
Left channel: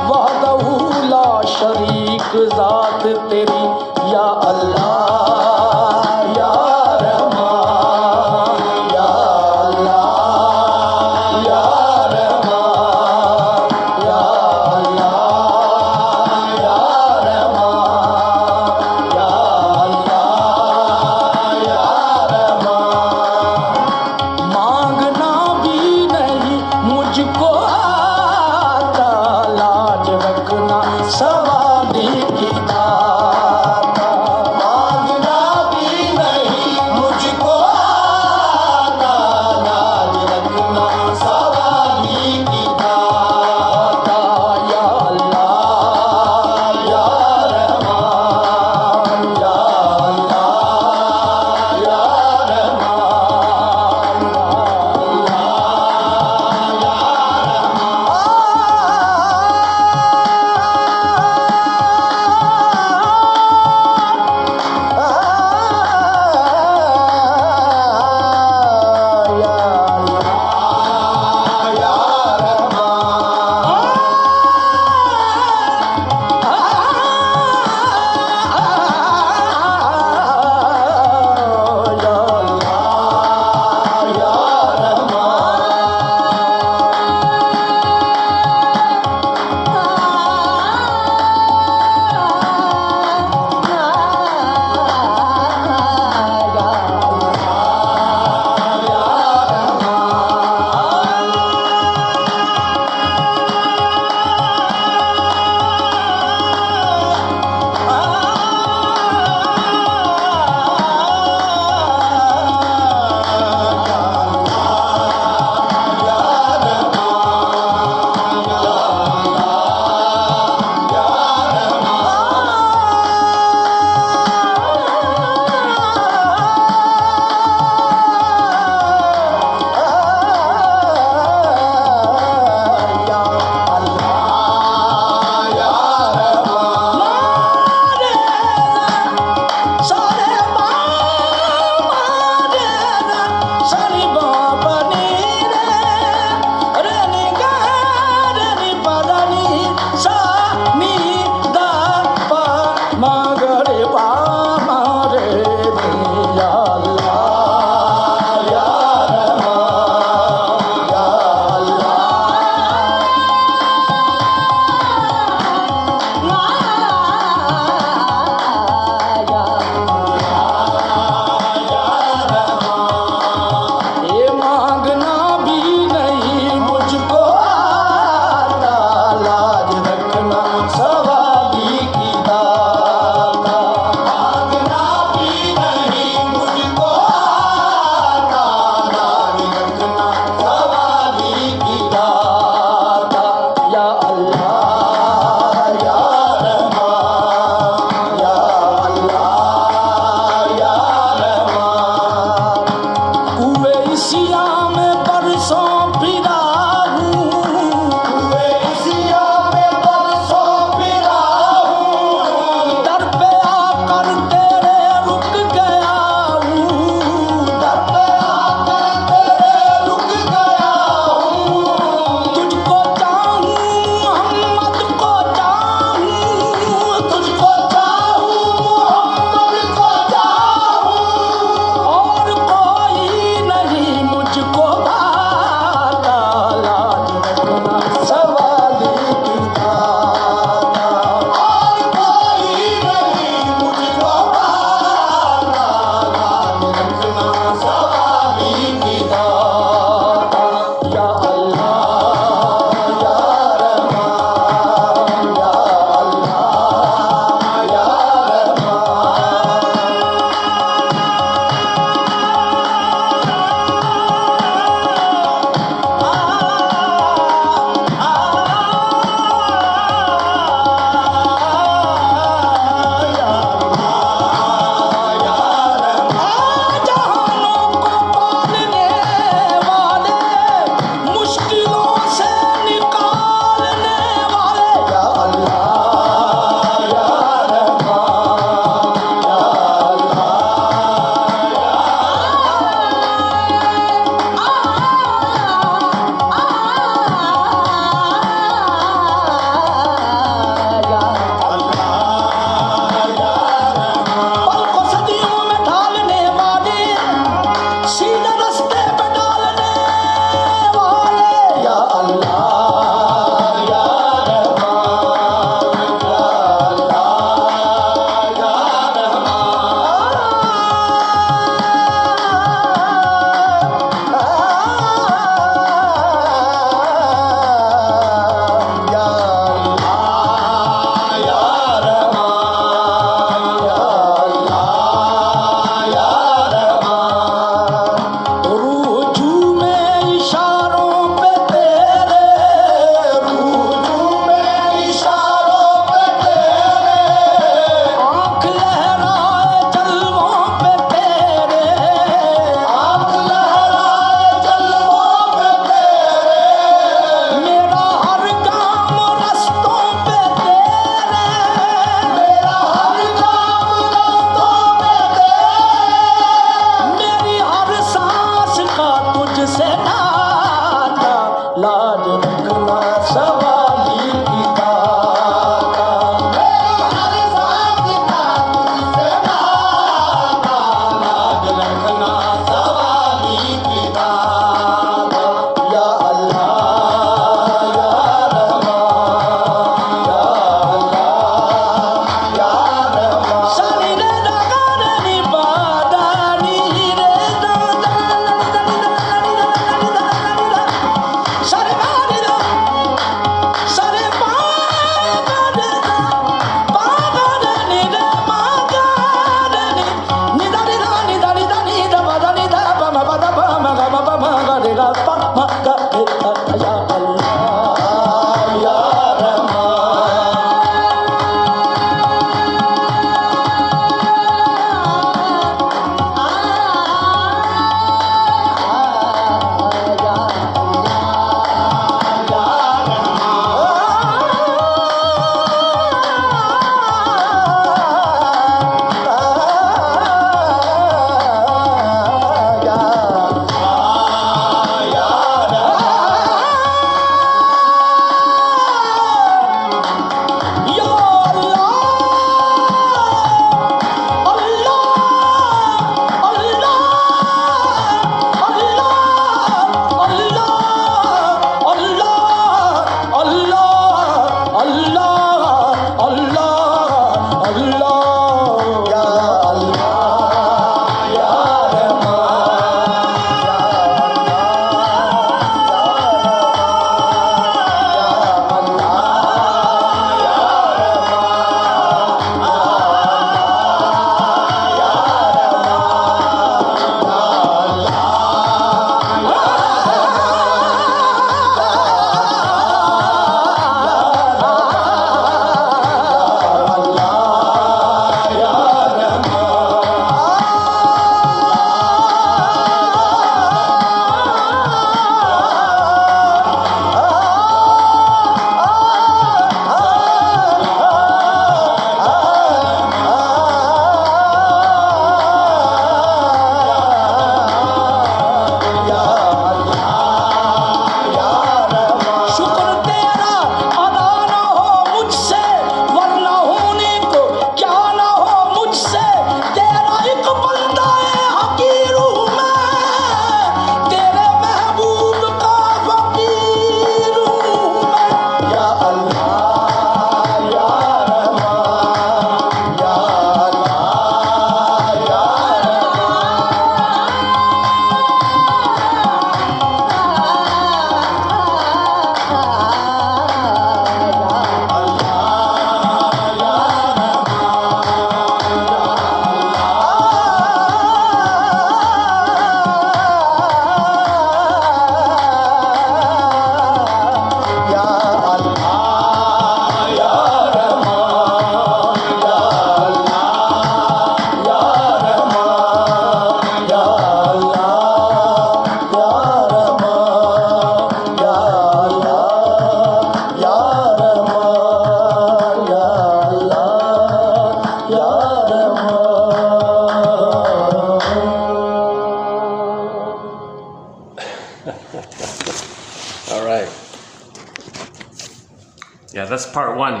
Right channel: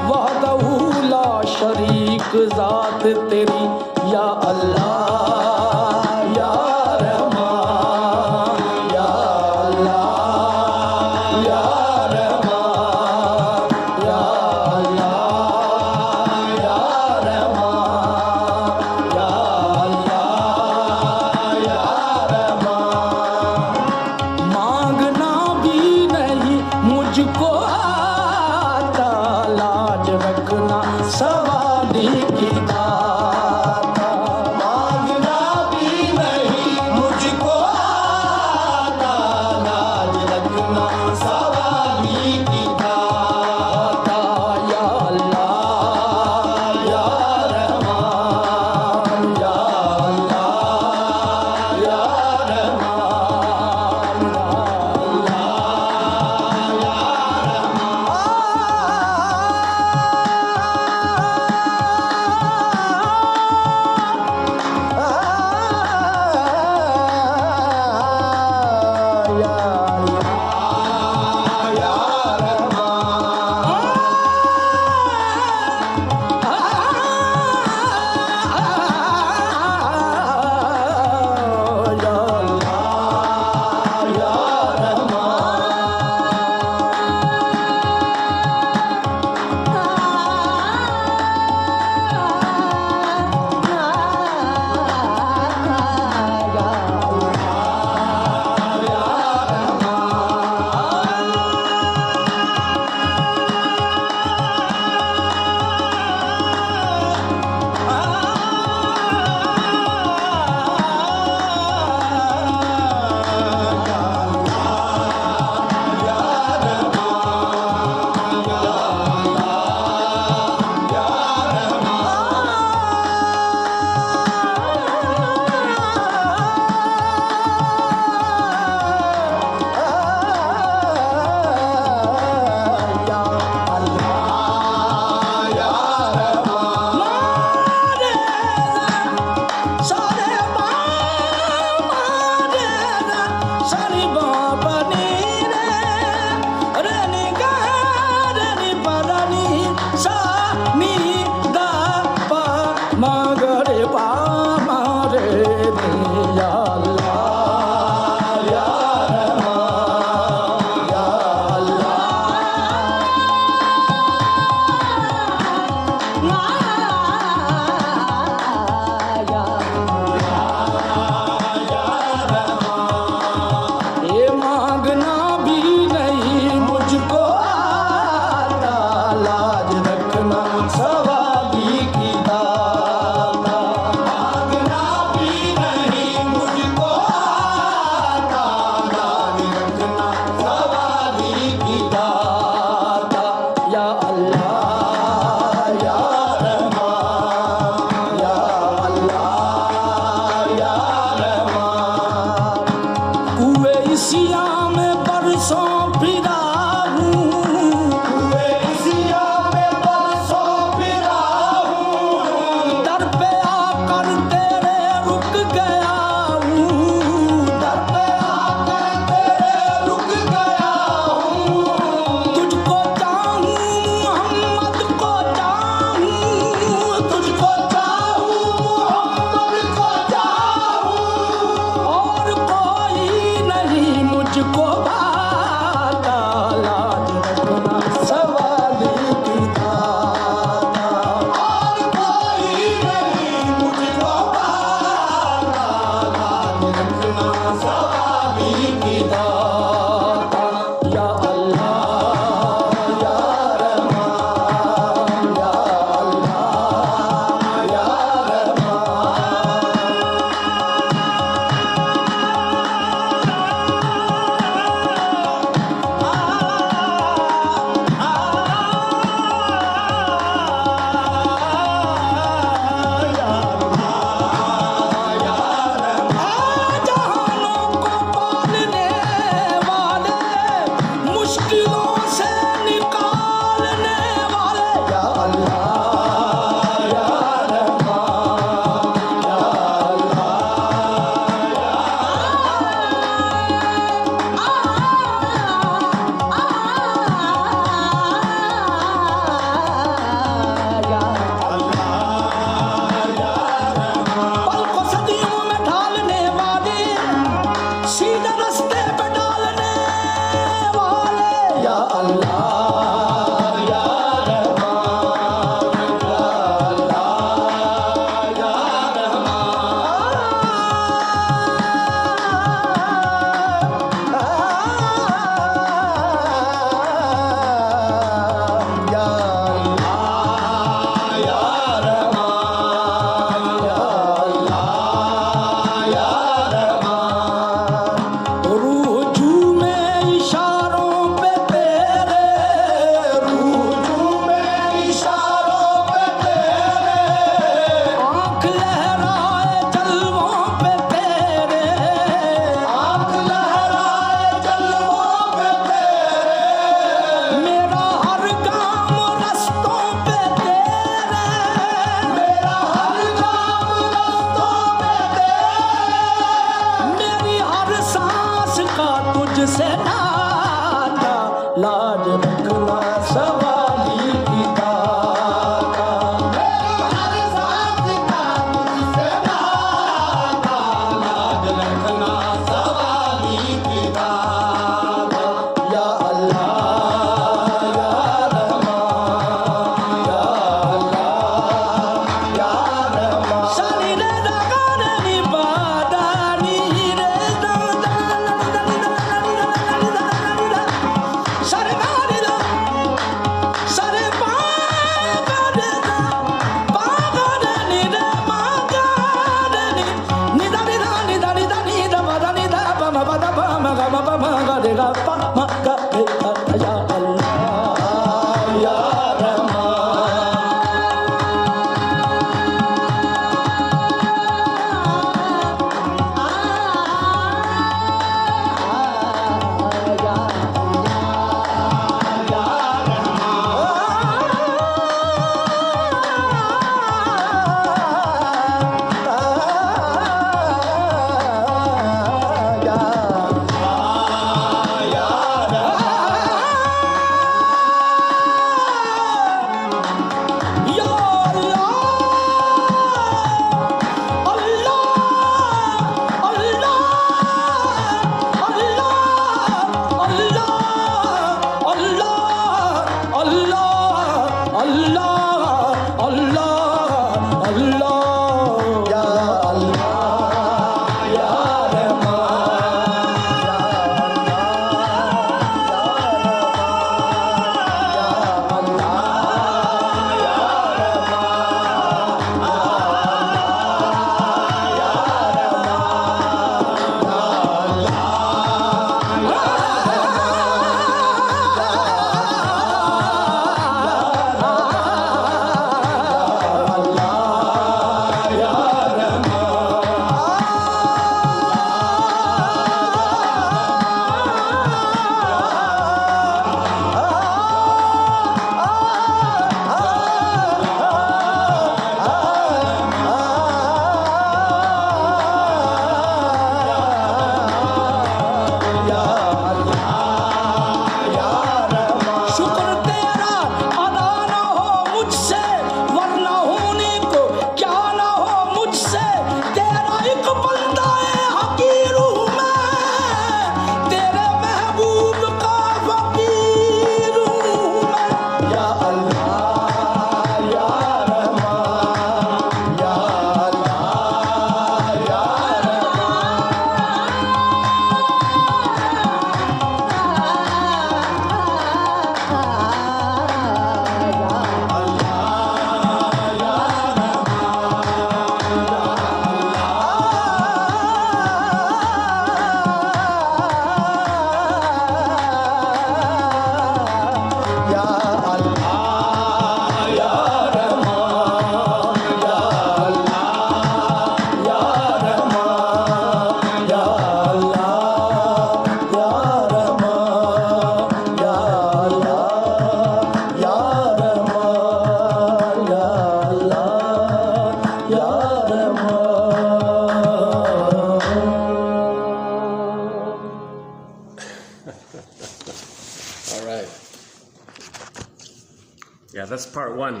That's part one.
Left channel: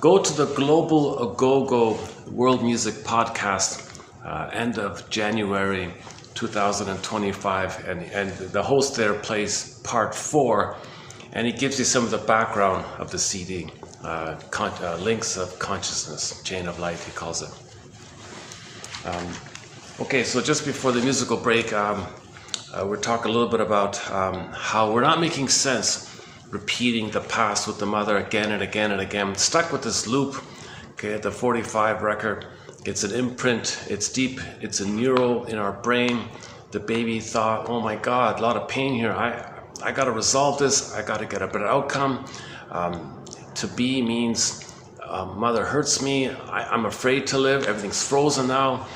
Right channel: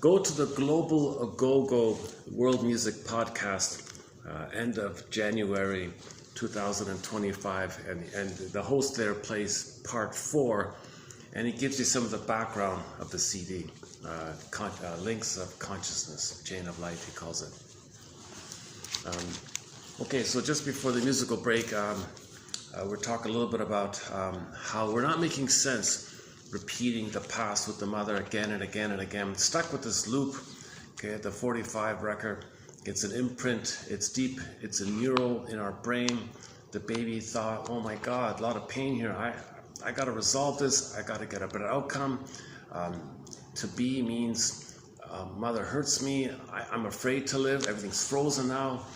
Go to the Global Go-Go World Music Podcast, end of January 2025, and the host there plays part 4, and he gives you some of the background of the CD, links of consciousness, chain of light, he calls it. Okay, so just before the musical break, we're talking a little bit about how we're not making sense repeating the past with the mother again and again and again. Stuck with this loop, okay, the 45 record. It's an imprint, it's deep, it's a neural in our brain. The baby thought, oh my God, a lot of pain here. I got to resolve this, I got to get a better outcome. To be means mother hurts me, I'm afraid to live, everything's frozen now.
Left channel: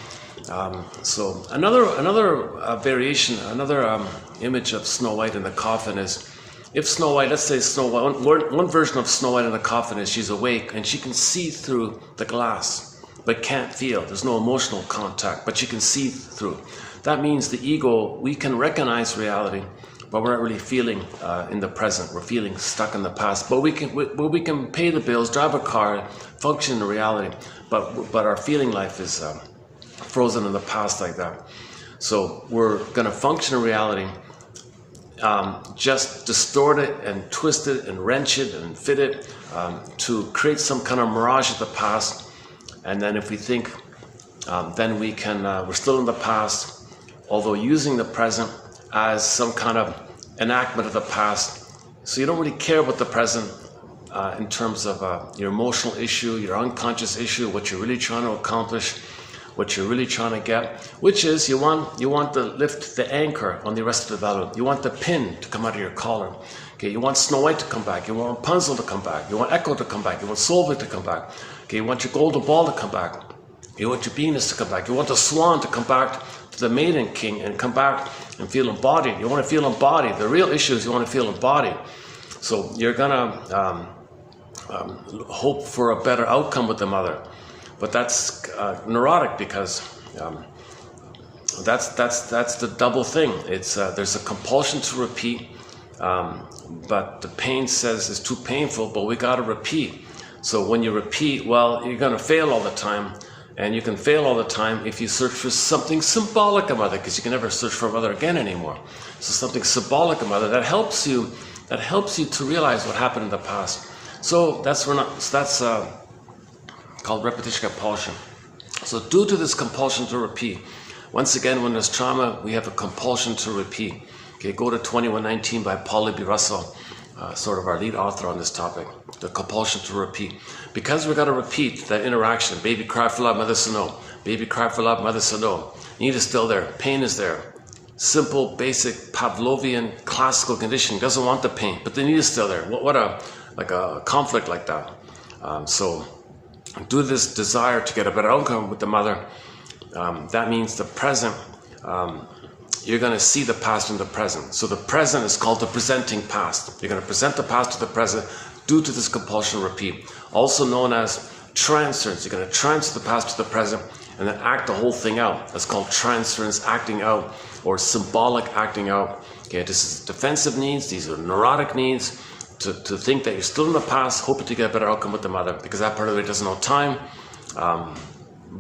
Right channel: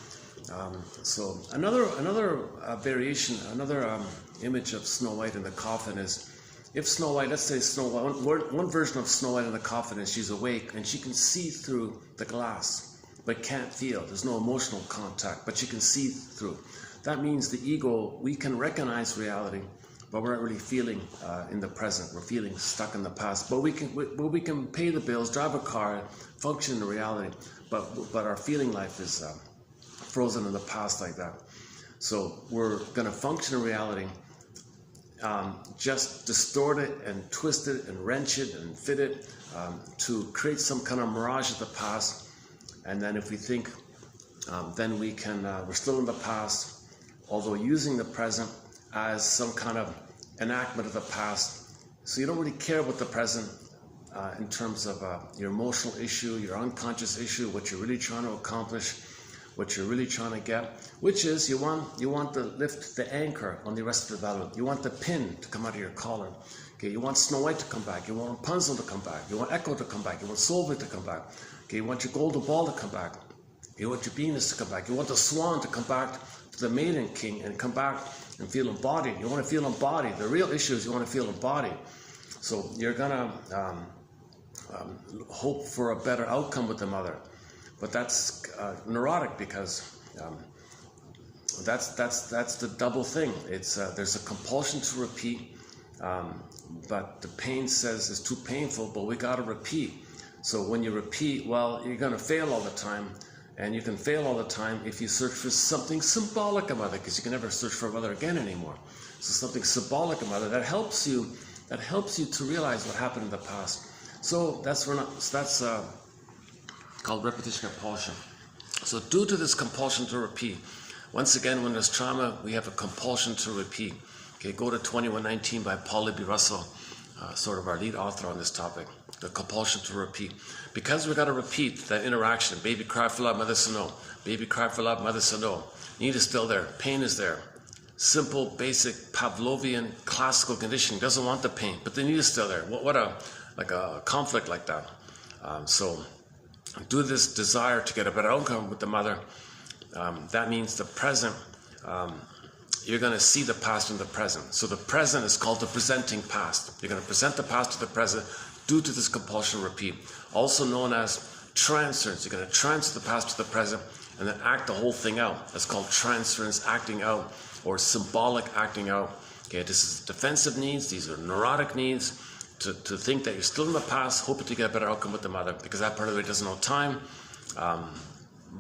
So another variation, another image of Snow White in the coffin is, if Snow White, let's say Snow White, one version of Snow White in the coffin is she's awake and she can see through the glass, but can't feel. There's no emotional contact, but she can see through. That means the ego, we can recognize reality, but we're not really feeling in the present. We're feeling stuck in the past. But we can pay the bills, drive a car, function in reality, but our feeling life is frozen in the past like that. So we're going to function in reality, just distort it and twist it and wrench it and fit it to create some kind of mirage of the past. And then if we think, then we can, we're still in the past, although using the present as some kind of enactment of the past. So you don't really care about the present in terms of your emotional issue, your unconscious issue, what you're really trying to accomplish, what you're really trying to get, which is you want to lift the anchor on the rest of the balloon. You want the pin to come out of your collar. Okay, you want Snow White to come back. You want Rapunzel to come back. You want Echo to come back. You want Solveig to come back. Okay, you want your golden ball to come back. You want your Venus to come back. You want the swan to come back to the maiden king and come back and feel embodied. You want to feel embodied. The real issue is you want to feel embodied. So you're gonna hope for a better outcome with the mother. But that's neurotic because that's the double thing. It's there's a compulsion to repeat, but the pain says it's too painful, but we got to repeat. So when you repeat, well, you're going to fail all the time, and you can fail all the time if you search for something symbolic of mother, because you can never search for mother again anymore. So something symbolic of mother that helps you to realize what happened in the past. So that's called repetition compulsion. So due to this compulsion to repeat, once again, when there's trauma, we have a compulsion to repeat. Okay, go to 2119 by Paula B. Russell, sort of our lead author on this topic, the compulsion to repeat. Because we've got to repeat that interaction. Baby cried for love, mother said no. Baby cried for love, mother said no. Need is still there. Pain is there. Simple, basic, Pavlovian, classical condition. Doesn't want the pain, but the need is still there. What a conflict like that. So due to this desire to get a better outcome with the mother, that means the present, you're going to see the past in the present. So the present is called the presenting past. You're going to present the past to the present due to this compulsion repeat. Also known as transference. You're going to transfer the past to the present and then act the whole thing out. That's called transference, acting out, or symbolic acting out. Okay, this is defensive needs. These are neurotic needs. To think that you're still in the past, hoping to get a better outcome with the mother, because that part of it doesn't know time.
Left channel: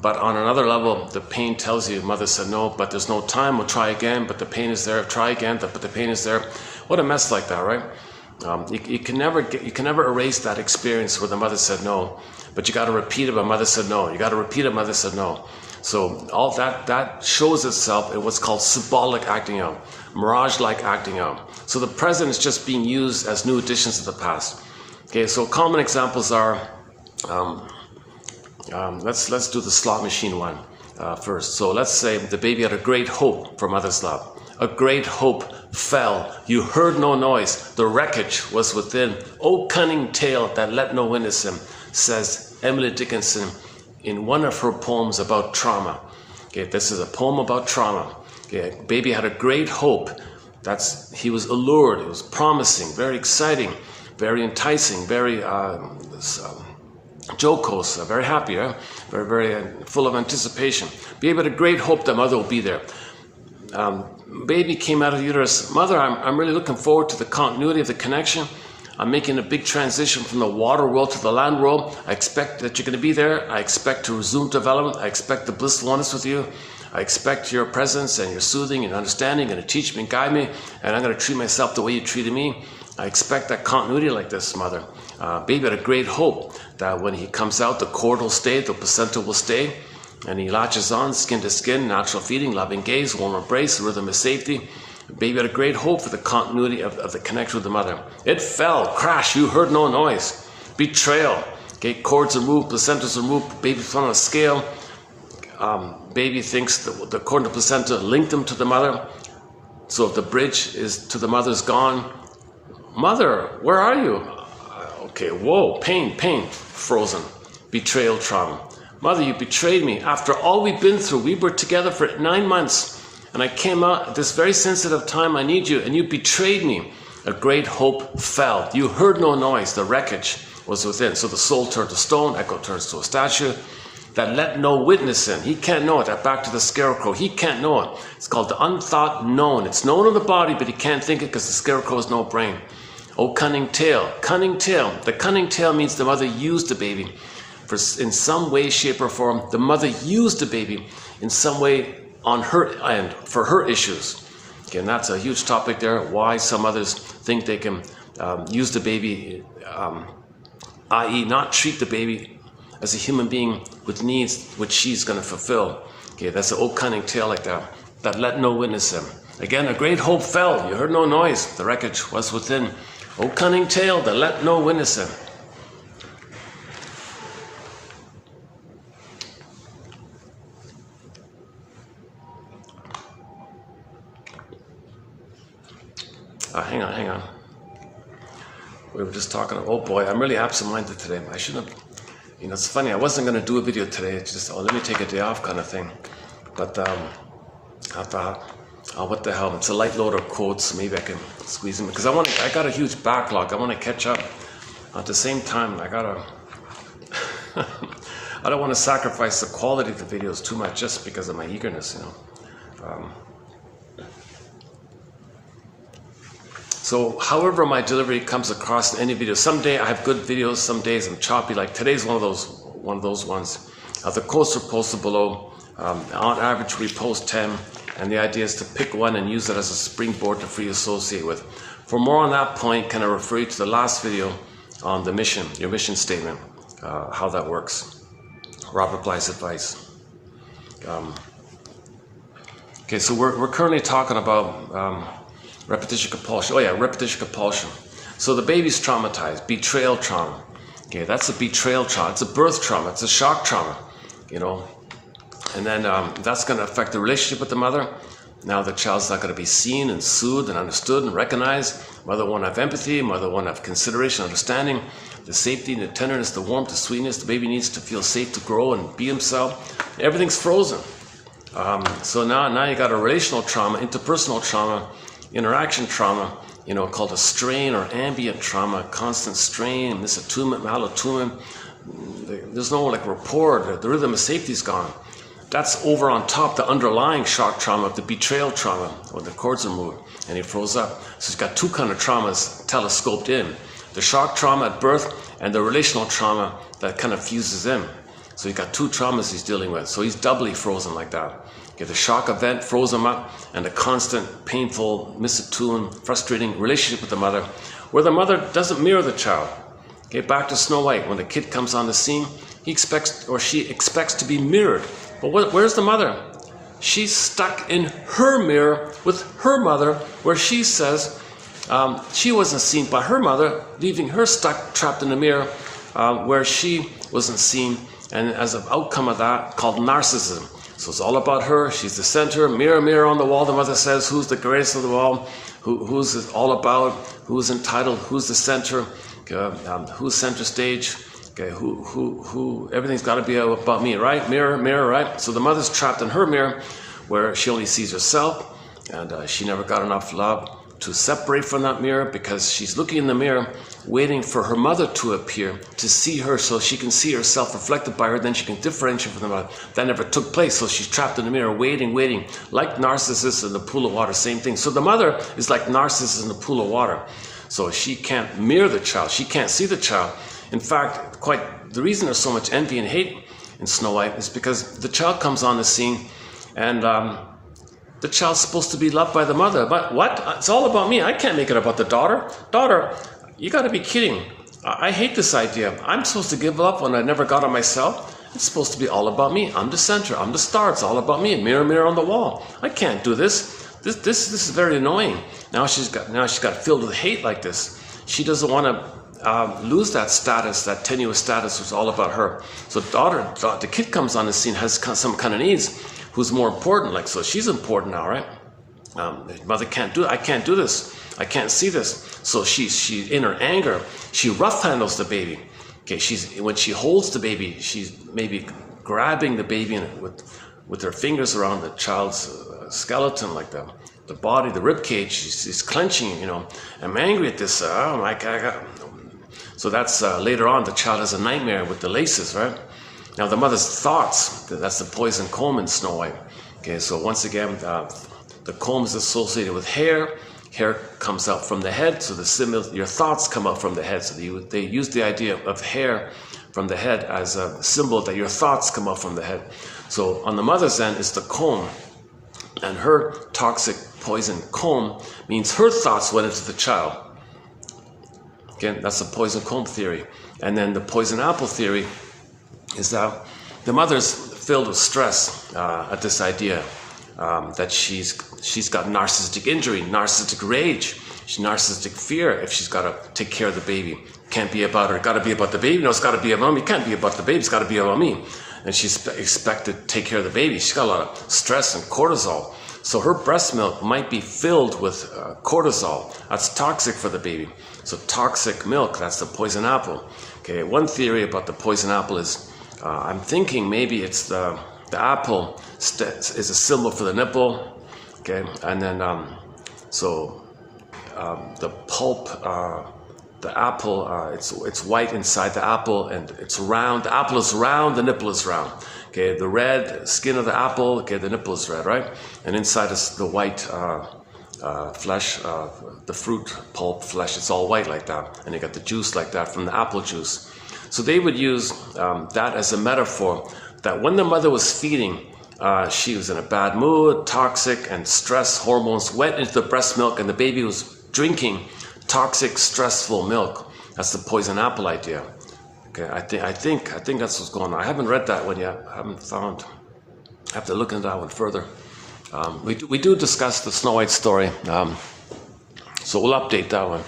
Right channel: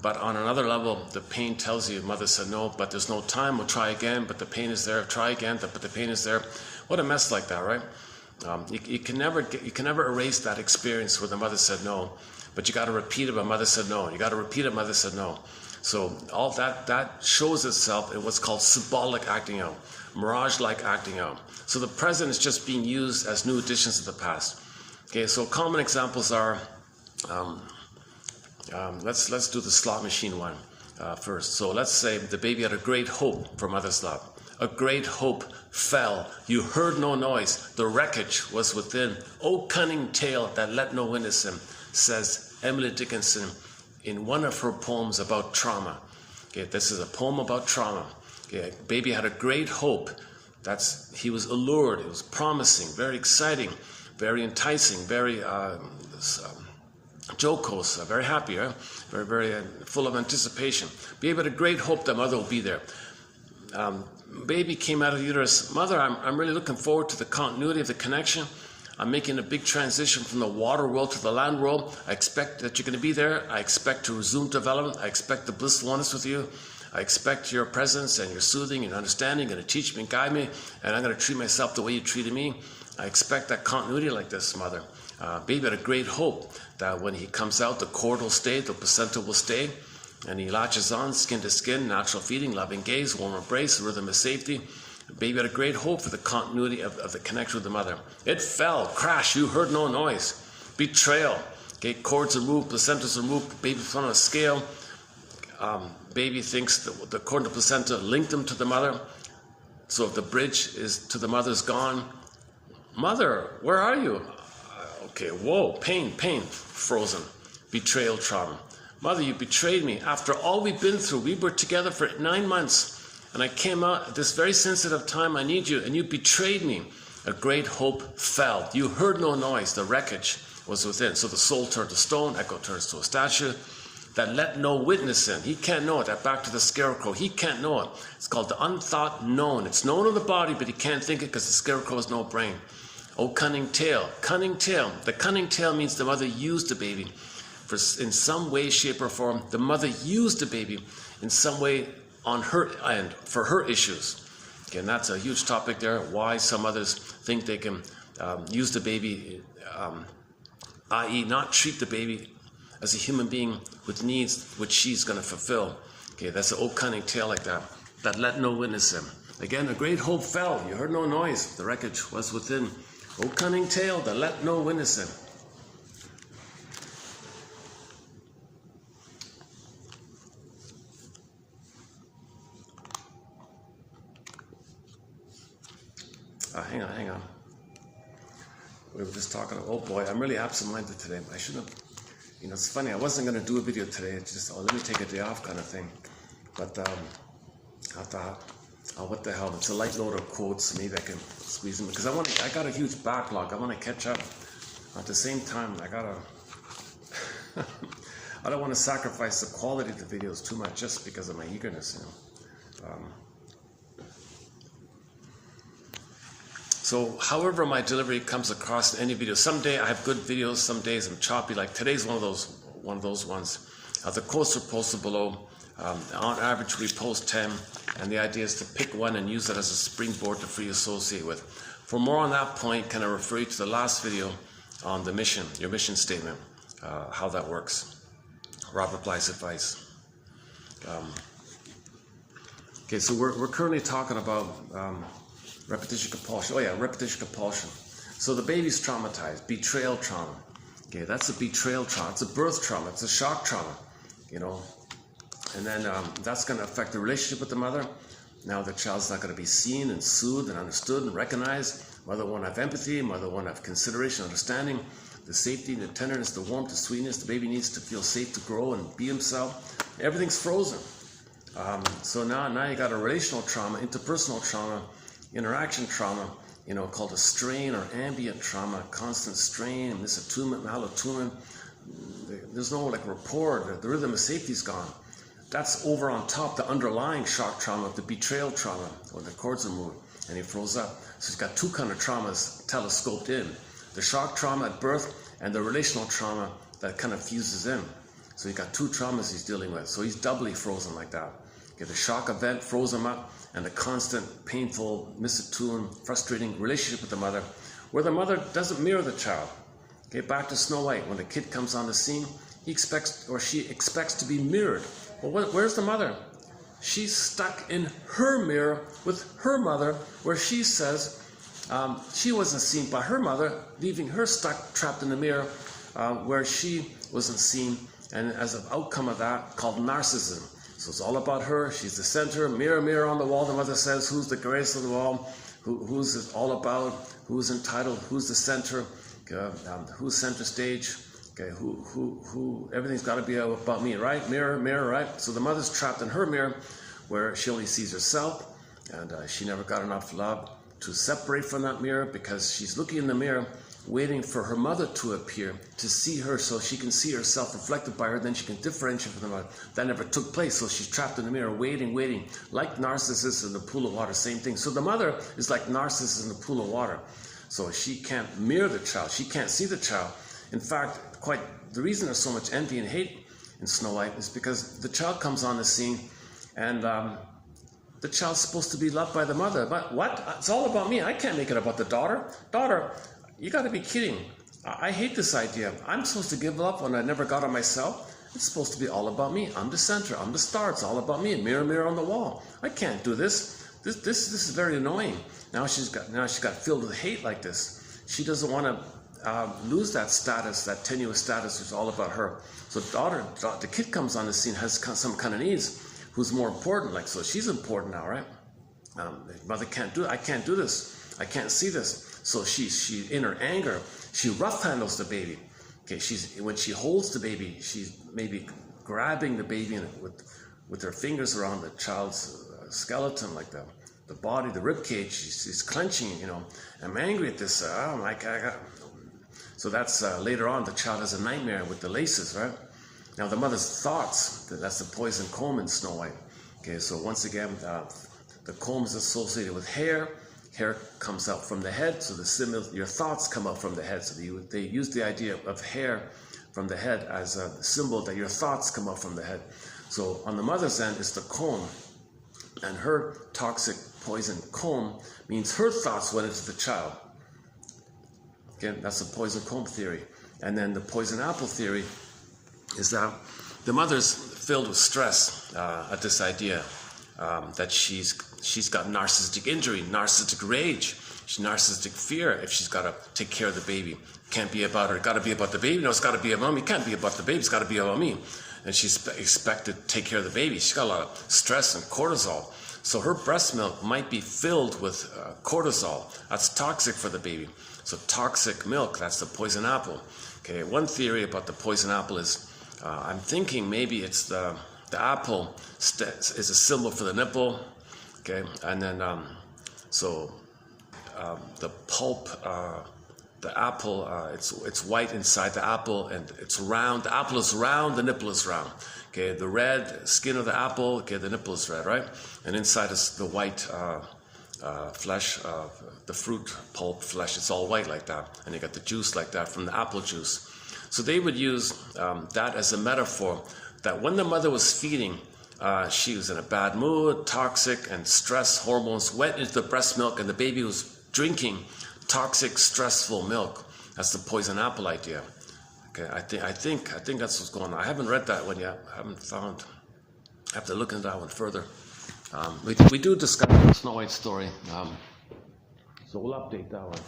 But on another level, the pain tells you, mother said no, but there's no time, we'll try again, but the pain is there, try again, but the pain is there. What a mess like that, right? You can never erase that experience where the mother said no, but you got to repeat it, but mother said no. You got to repeat it, mother said no. So all that shows itself in what's called symbolic acting out, mirage-like acting out. So the present is just being used as new additions to the past. Okay, so common examples are, let's do the slot machine one first. So let's say the baby had a great hope for mother's love. A great hope fell. You heard no noise. The wreckage was within. O cunning tale that let no witness him, says Emily Dickinson in one of her poems about trauma. Okay, this is a poem about trauma. Okay, baby had a great hope. He was allured. It was promising, very exciting, very enticing, very jocose, very happy, right? very full of anticipation. Baby had a great hope that mother will be there. Baby came out of the uterus. Mother, I'm really looking forward to the continuity of the connection. I'm making a big transition from the water world to the land world. I expect that you're going to be there. I expect to resume development. I expect the blissful oneness with you. I expect your presence and your soothing and understanding, and to teach me and guide me, and I'm going to treat myself the way you treated me. I expect that continuity like this, mother. Baby had a great hope that when he comes out, the cord will stay, the placenta will stay, and he latches on, skin to skin, natural feeding, loving gaze, warm embrace, rhythm of safety. Baby had a great hope for the continuity of the connection with the mother. It fell, crash, you heard no noise. Betrayal, okay, cords are moved, placentas are moved, baby fell on a scale. Baby thinks the cord and the placenta linked them to the mother. So if the bridge is to the mother's gone, mother, where are you? Okay, whoa, pain, frozen. Betrayal trauma. Mother, you betrayed me. After all we've been through, we were together for 9 months. And I came out at this very sensitive time, I need you, and you betrayed me. A great hope fell. You heard no noise. The wreckage was within. So the soul turned to stone, echo turns to a statue. That let no witness in. He can't know it. That back to the scarecrow. He can't know it. It's called the unthought known. It's known in the body, but he can't think it because the scarecrow has no brain. Oh, cunning tale. Cunning tale. The cunning tale means the mother used the baby. In some way, shape, or form, the mother used the baby in some way on her end for her issues. Okay, and that's a huge topic there. Why some others think they can use the baby, i.e. not treat the baby as a human being with needs which she's going to fulfill. Okay, that's an old cunning tale like that. That let no witness him. Again, a great hope fell. You heard no noise. The wreckage was within. O cunning tale that let no witness him. Hang on. We were just talking, oh boy, I'm really absent-minded today. I shouldn't have, it's funny, I wasn't going to do a video today. It's just, let me take a day off kind of thing. But I thought, what the hell, it's a light load of quotes, maybe I can squeeze them. Because I got a huge backlog. I want to catch up. At the same time, I don't want to sacrifice the quality of the videos too much just because of my eagerness, So however my delivery comes across in any video, someday I have good videos, some days I'm choppy, like today's one of those ones. The quotes are posted below. On average we post 10, and the idea is to pick one and use it as a springboard to free associate with. For more on that point, can I refer you to the last video on the mission, your mission statement, how that works. Robert Bly's advice. Okay, so we're currently talking about repetition compulsion. Oh yeah, repetition compulsion. So the baby's traumatized, betrayal trauma. Okay, that's a betrayal trauma. It's a birth trauma. It's a shock trauma, you know. And then that's going to affect the relationship with the mother. Now the child's not going to be seen and soothed and understood and recognized. Mother won't have empathy. Mother won't have consideration, understanding, the safety, the tenderness, the warmth, the sweetness. The baby needs to feel safe to grow and be himself. Everything's frozen. So now you got a relational trauma, interpersonal trauma, interaction trauma, you know, called a strain or ambient trauma, constant strain, misattunement, malattunement. There's no like rapport. The rhythm of safety is gone. That's over on top the underlying shock trauma of the betrayal trauma, where the cords are moved and he froze up. So he's got two kind of traumas telescoped in: the shock trauma at birth and the relational trauma that kind of fuses in. So he's got two traumas he's dealing with. So he's doubly frozen like that. Okay, the shock event froze him up, and the constant, painful, misattuned, frustrating relationship with the mother, where the mother doesn't mirror the child. Okay, back to Snow White. When the kid comes on the scene, he expects, or she expects, to be mirrored. But where's the mother? She's stuck in her mirror with her mother, where she says she wasn't seen by her mother, leaving her stuck, trapped in the mirror, where she wasn't seen. And as an outcome of that, called narcissism. So it's all about her. She's the center. Mirror, mirror on the wall, the mother says, who's the greatest of the all? Who's it all about? Who's entitled? Who's the center? Who's center stage? Okay, who? Everything's got to be about me, right? Mirror, mirror, right? So the mother's trapped in her mirror, where she only sees herself, and she never got enough love to separate from that mirror, because she's looking in the mirror, waiting for her mother to appear, to see her, so she can see herself reflected by her, then she can differentiate from the mother. That never took place, so she's trapped in the mirror, waiting, like Narcissus in the pool of water, same thing. So the mother is like Narcissus in the pool of water. So she can't mirror the child, she can't see the child. In fact, the reason there's so much envy and hate in Snow White is because the child comes on the scene, and the child's supposed to be loved by the mother. But what? It's all about me. I can't make it about the daughter. Daughter, you got to be kidding. I hate this idea. I'm supposed to give up when I never got it myself. It's supposed to be all about me. I'm the center. I'm the star. It's all about me. Mirror, mirror on the wall. I can't do this. This is very annoying. Now she's got filled with hate like this. She doesn't want to lose that status, that tenuous status, which is all about her. So the kid comes on the scene, has some kind of needs. Who's more important? Like, so she's important now, right? Mother can't do it. I can't do this. I can't see this. So she in her anger, she rough handles the baby. Okay, when she holds the baby, she's maybe grabbing the baby with her fingers around the child's skeleton, like the body, the rib cage. She's clenching, you know. I'm angry at this. Oh my God. So that's later on. The child has a nightmare with the laces, right? Now the mother's thoughts, that's the poison comb in Snow White. Okay, so once again, the comb is associated with hair. Hair comes out from the head, so your thoughts come out from the head. So they use the idea of hair from the head as a symbol that your thoughts come out from the head. So on the mother's end is the comb, and her toxic poison comb means her thoughts went into the child. Again, that's the poison comb theory. And then the poison apple theory is that the mother's filled with stress at this idea that she's got narcissistic injury, narcissistic rage, narcissistic fear if she's got to take care of the baby. Can't be about her, got to be about the baby. No, it's got to be about me. Can't be about the baby, it's got to be about me. And she's expected to take care of the baby. She's got a lot of stress and cortisol. So her breast milk might be filled with cortisol. That's toxic for the baby. So toxic milk, that's the poison apple. Okay, one theory about the poison apple is I'm thinking maybe it's the apple is a symbol for the nipple, okay, and then the pulp, the apple, it's white inside the apple, and it's round. The apple is round, the nipple is round. Okay, the red skin of the apple, okay, the nipple is red, right? And inside is the white flesh, the fruit pulp flesh. It's all white like that, and you got the juice like that from the apple juice. So they would use that as a metaphor that when the mother was feeding, she was in a bad mood, toxic, and stress hormones went into the breast milk, and the baby was drinking toxic, stressful milk. That's the poison apple idea. Okay, I think that's what's going on. I haven't read that one yet. I haven't found. I have to look into that one further. We do discuss the Snow White story, so we'll update that one.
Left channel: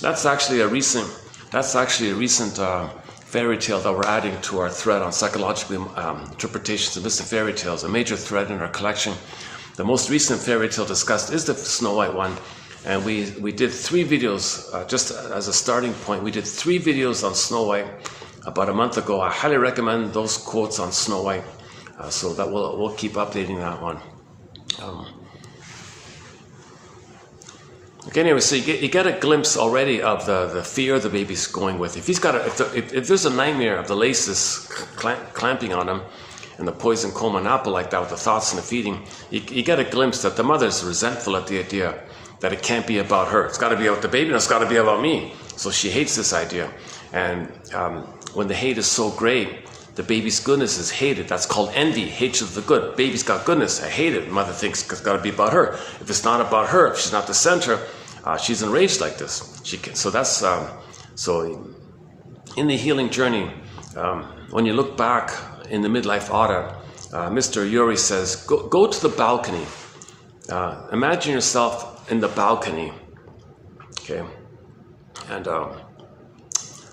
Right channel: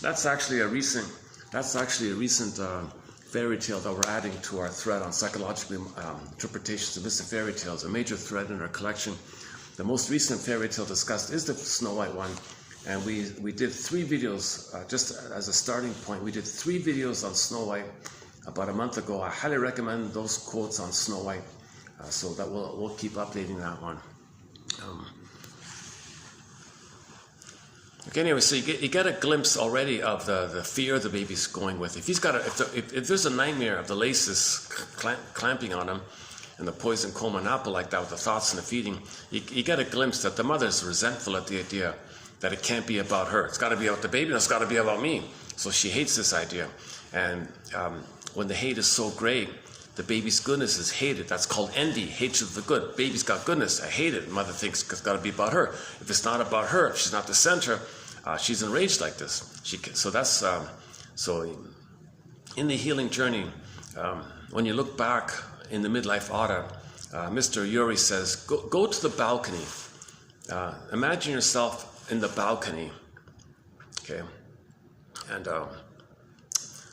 That's actually a recent fairy tale that we're adding to our thread on psychological interpretations of mystic fairy tales. A major thread in our collection. The most recent fairy tale discussed is the Snow White one, and we did 3 videos just as a starting point. We did 3 videos on Snow White about a month ago. I highly recommend those quotes on Snow White, so that we'll keep updating that one. Okay, anyway, so you get a glimpse already of the fear the baby's going with. If he's got if there's a nightmare of the laces clamping on him, and the poison coma and apple like that with the thoughts and the feeding, you get a glimpse that the mother's resentful at the idea that it can't be about her. It's got to be about the baby, and it's got to be about me. So she hates this idea. And when the hate is so great, the baby's goodness is hated. That's called envy, hatred of the good. Baby's got goodness, I hate it. Mother thinks it's got to be about her. If it's not about her, if she's not the center, she's enraged like this. So in the healing journey, when you look back in the midlife audit, Mr. Yuri says, go to the balcony. Imagine yourself in the balcony, okay? And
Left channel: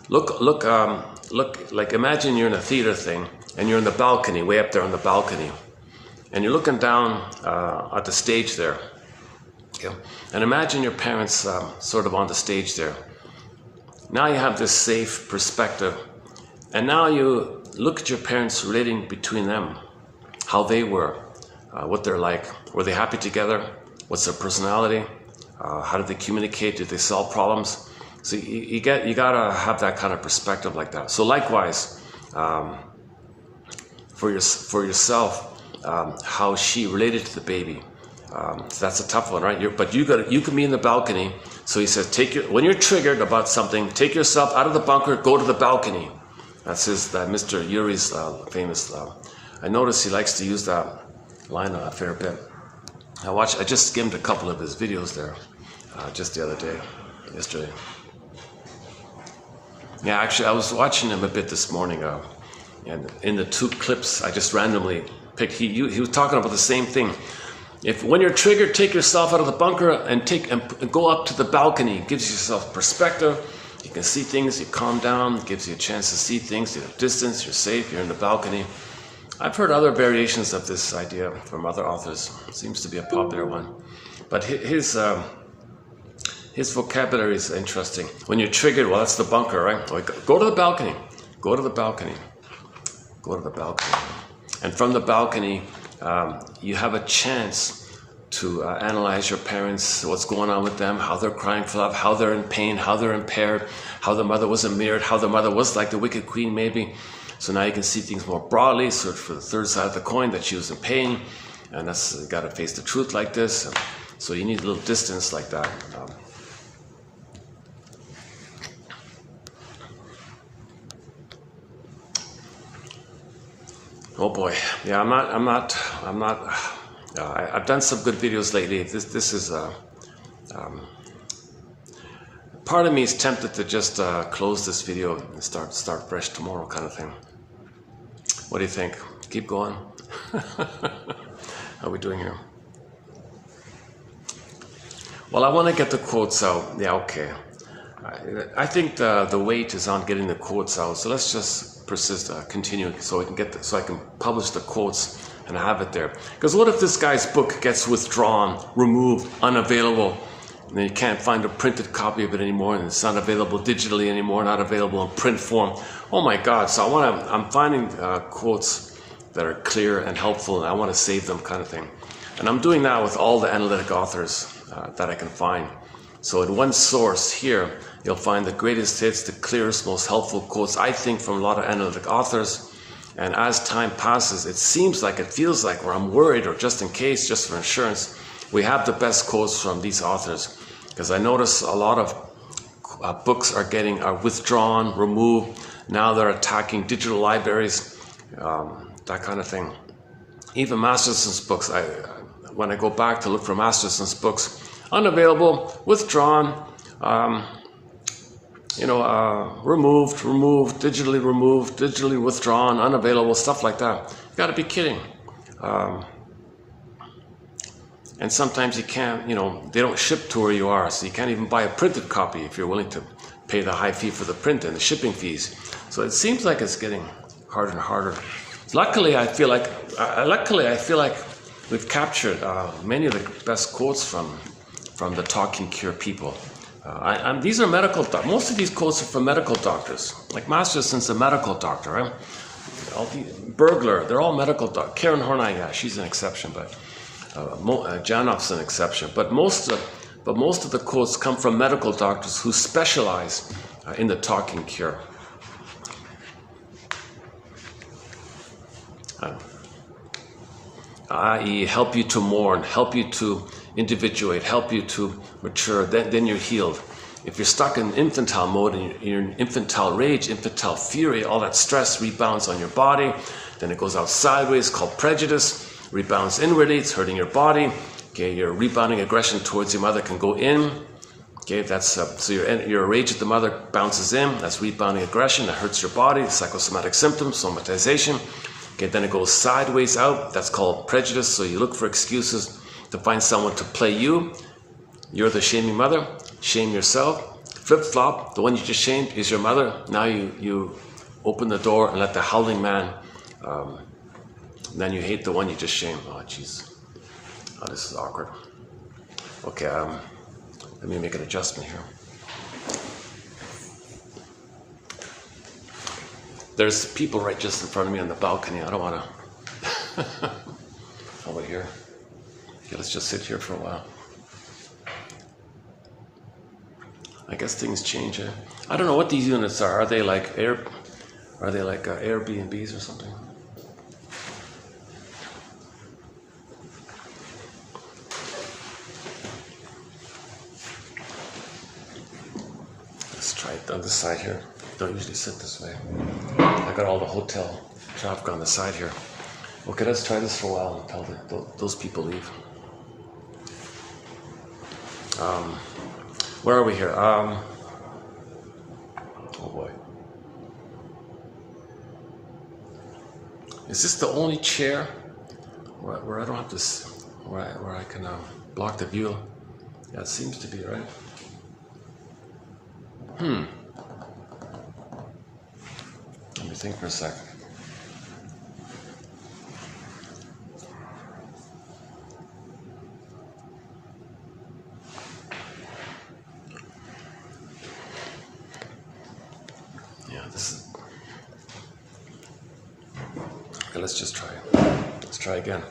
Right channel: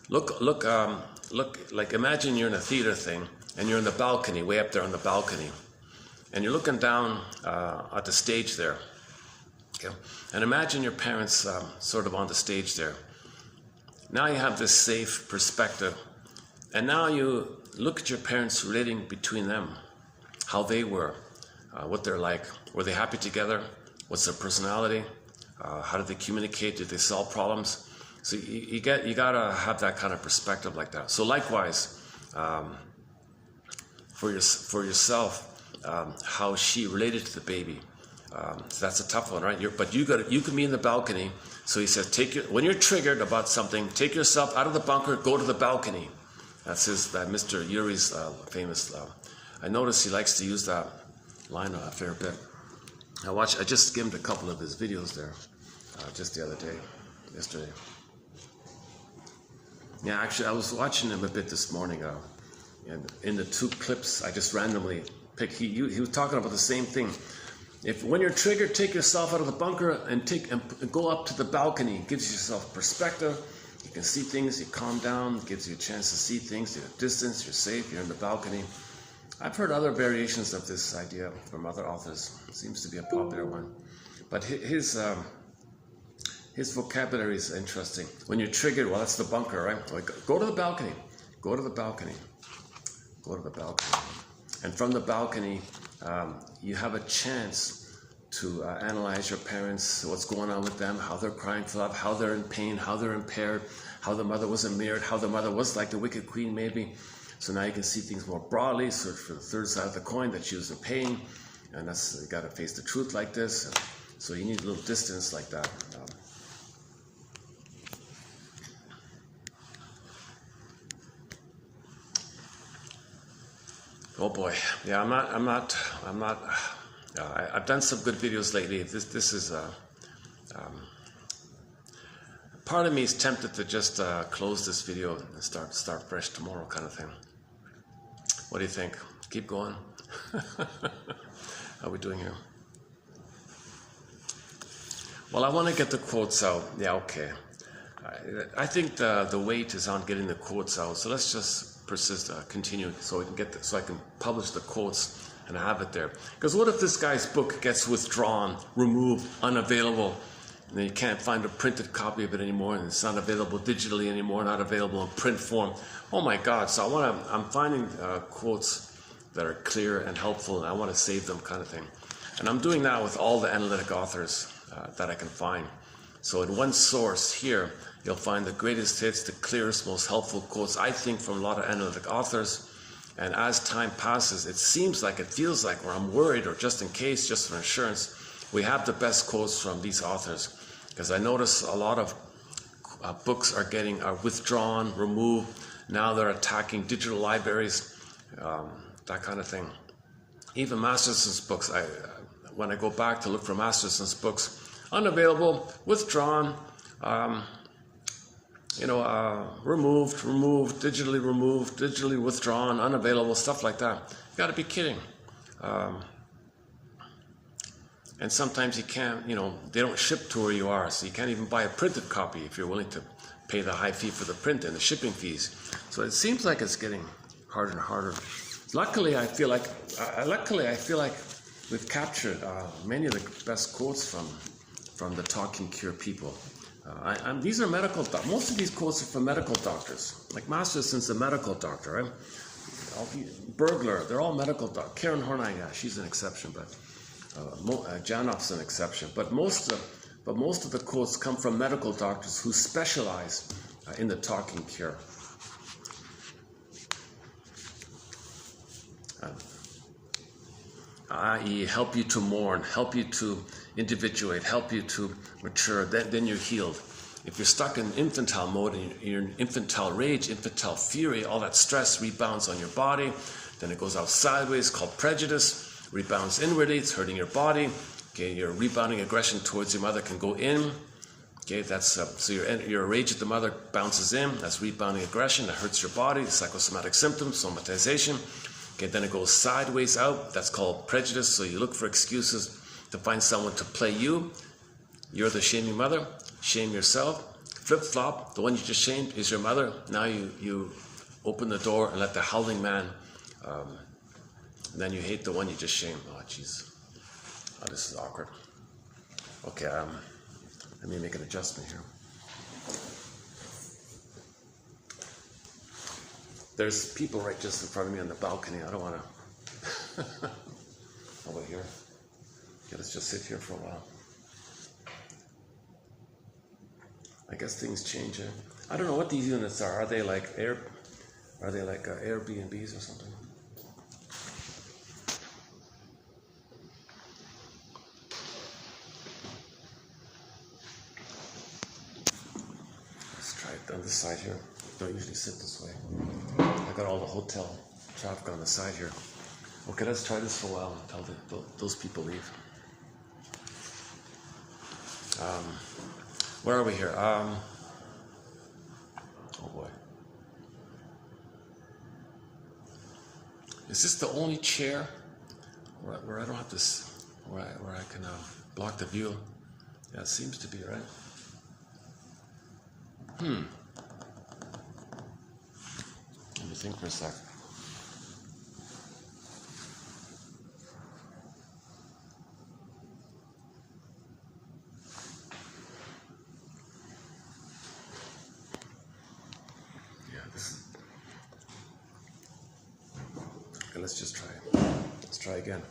look, like imagine you're in a theater thing, and you're in the balcony, way up there on the balcony, and you're looking down at the stage there, okay? And imagine your parents sort of on the stage there. Now you have this safe perspective, and now you look at your parents relating between them, how they were, what they're like. Were they happy together? What's their personality? How did they communicate? Did they solve problems? So you gotta have that kind of perspective like that. So likewise, for yourself, how she related to the baby. So that's a tough one, right? But you can be in the balcony. So he says, when you're triggered about something, take yourself out of the bunker, go to the balcony. That's Mr. Yuri's famous. I notice he likes to use that line a fair bit. I just skimmed a couple of his videos there, just the other day, yesterday. Yeah, actually, I was watching him a bit this morning, and in the 2 clips I just randomly picked, he was talking about the same thing. When you're triggered, take yourself out of the bunker and go up to the balcony. It gives yourself perspective. You can see things, you calm down, it gives you a chance to see things, you have distance, you're safe, you're in the balcony. I've heard other variations of this idea from other authors. It seems to be a popular one. But his vocabulary is interesting. When you're triggered, well, that's the bunker, right? Go to the balcony. Go to the balcony. Go to the balcony. And from the balcony, you have a chance to analyze your parents, what's going on with them, how they're crying for love, how they're in pain, how they're impaired, how the mother wasn't mirrored, how the mother was like the wicked queen maybe. So now you can see things more broadly, search for the third side of the coin, that she was in pain, and that's, you gotta face the truth like this. So you need a little distance like that. Oh boy, yeah, I've done some good videos lately. This is part of me is tempted to just close this video and start fresh tomorrow, kind of thing. What do you think? Keep going. How are we doing here? Well, I want to get the quotes out. Yeah, okay. I think the weight is on getting the quotes out. So let's just continue, so I can publish the quotes and have it there. Because what if this guy's book gets withdrawn, removed, unavailable, and then you can't find a printed copy of it anymore, and it's not available digitally anymore, not available in print form? Oh my God! So I'm finding quotes that are clear and helpful, and I want to save them, kind of thing. And I'm doing that with all the analytic authors that I can find. So in one source here, you'll find the greatest hits, the clearest, most helpful quotes, I think, from a lot of analytic authors. And as time passes, it feels like, where I'm worried, or just in case, just for insurance, we have the best quotes from these authors. Because I notice a lot of books are withdrawn, removed. Now they're attacking digital libraries, that kind of thing. Even Masterson's books, when I go back to look for Masterson's books, unavailable, withdrawn, removed, digitally withdrawn, unavailable, stuff like that. You got to be kidding. And sometimes you can't, they don't ship to where you are, so you can't even buy a printed copy if you're willing to pay the high fee for the print and the shipping fees. So it seems like it's getting harder and harder. Luckily, I feel like we've captured many of the best quotes from the Talking Cure people. These are medical doctors. Most of these quotes are from medical doctors. Like Masterson's a medical doctor, right? Burglar, they're all medical doctors. Karen Horney, yeah, she's an exception, but Janoff's an exception. But most of the quotes come from medical doctors who specialize in the Talking Cure. I.e., help you to mourn, help you to individuate, help you to mature, then you're healed. If you're stuck in infantile mode and you're in infantile rage, infantile fury, all that stress rebounds on your body, then it goes out sideways, called prejudice, rebounds inwardly, it's hurting your body. Okay, your rebounding aggression towards your mother can go in. Okay, that's so your rage at the mother bounces in, that's rebounding aggression, that hurts your body, psychosomatic symptoms, somatization. Okay, then it goes sideways out, that's called prejudice, so you look for excuses to find someone to play you. You're the shaming mother, shame yourself. Flip-flop, the one you just shamed is your mother. Now you open the door and let the howling man, then you hate the one you just shamed. Oh, jeez. Oh, this is awkward. Okay, let me make an adjustment here. There's people right just in front of me on the balcony. I don't want to. Over here. Okay, let's just sit here for a while. I guess things change. I don't know what these units are. Are they like Airbnbs or something? Let's try it on this side here. Don't usually sit this way. I got all the hotel traffic on the side here. Okay, let's try this for a while until those people leave. Where are we here? Oh boy. Is this the only chair where I don't have to, where I can block the view? Yeah, it seems to be, right? Let me think for a second. Let's just try it. Let's try again.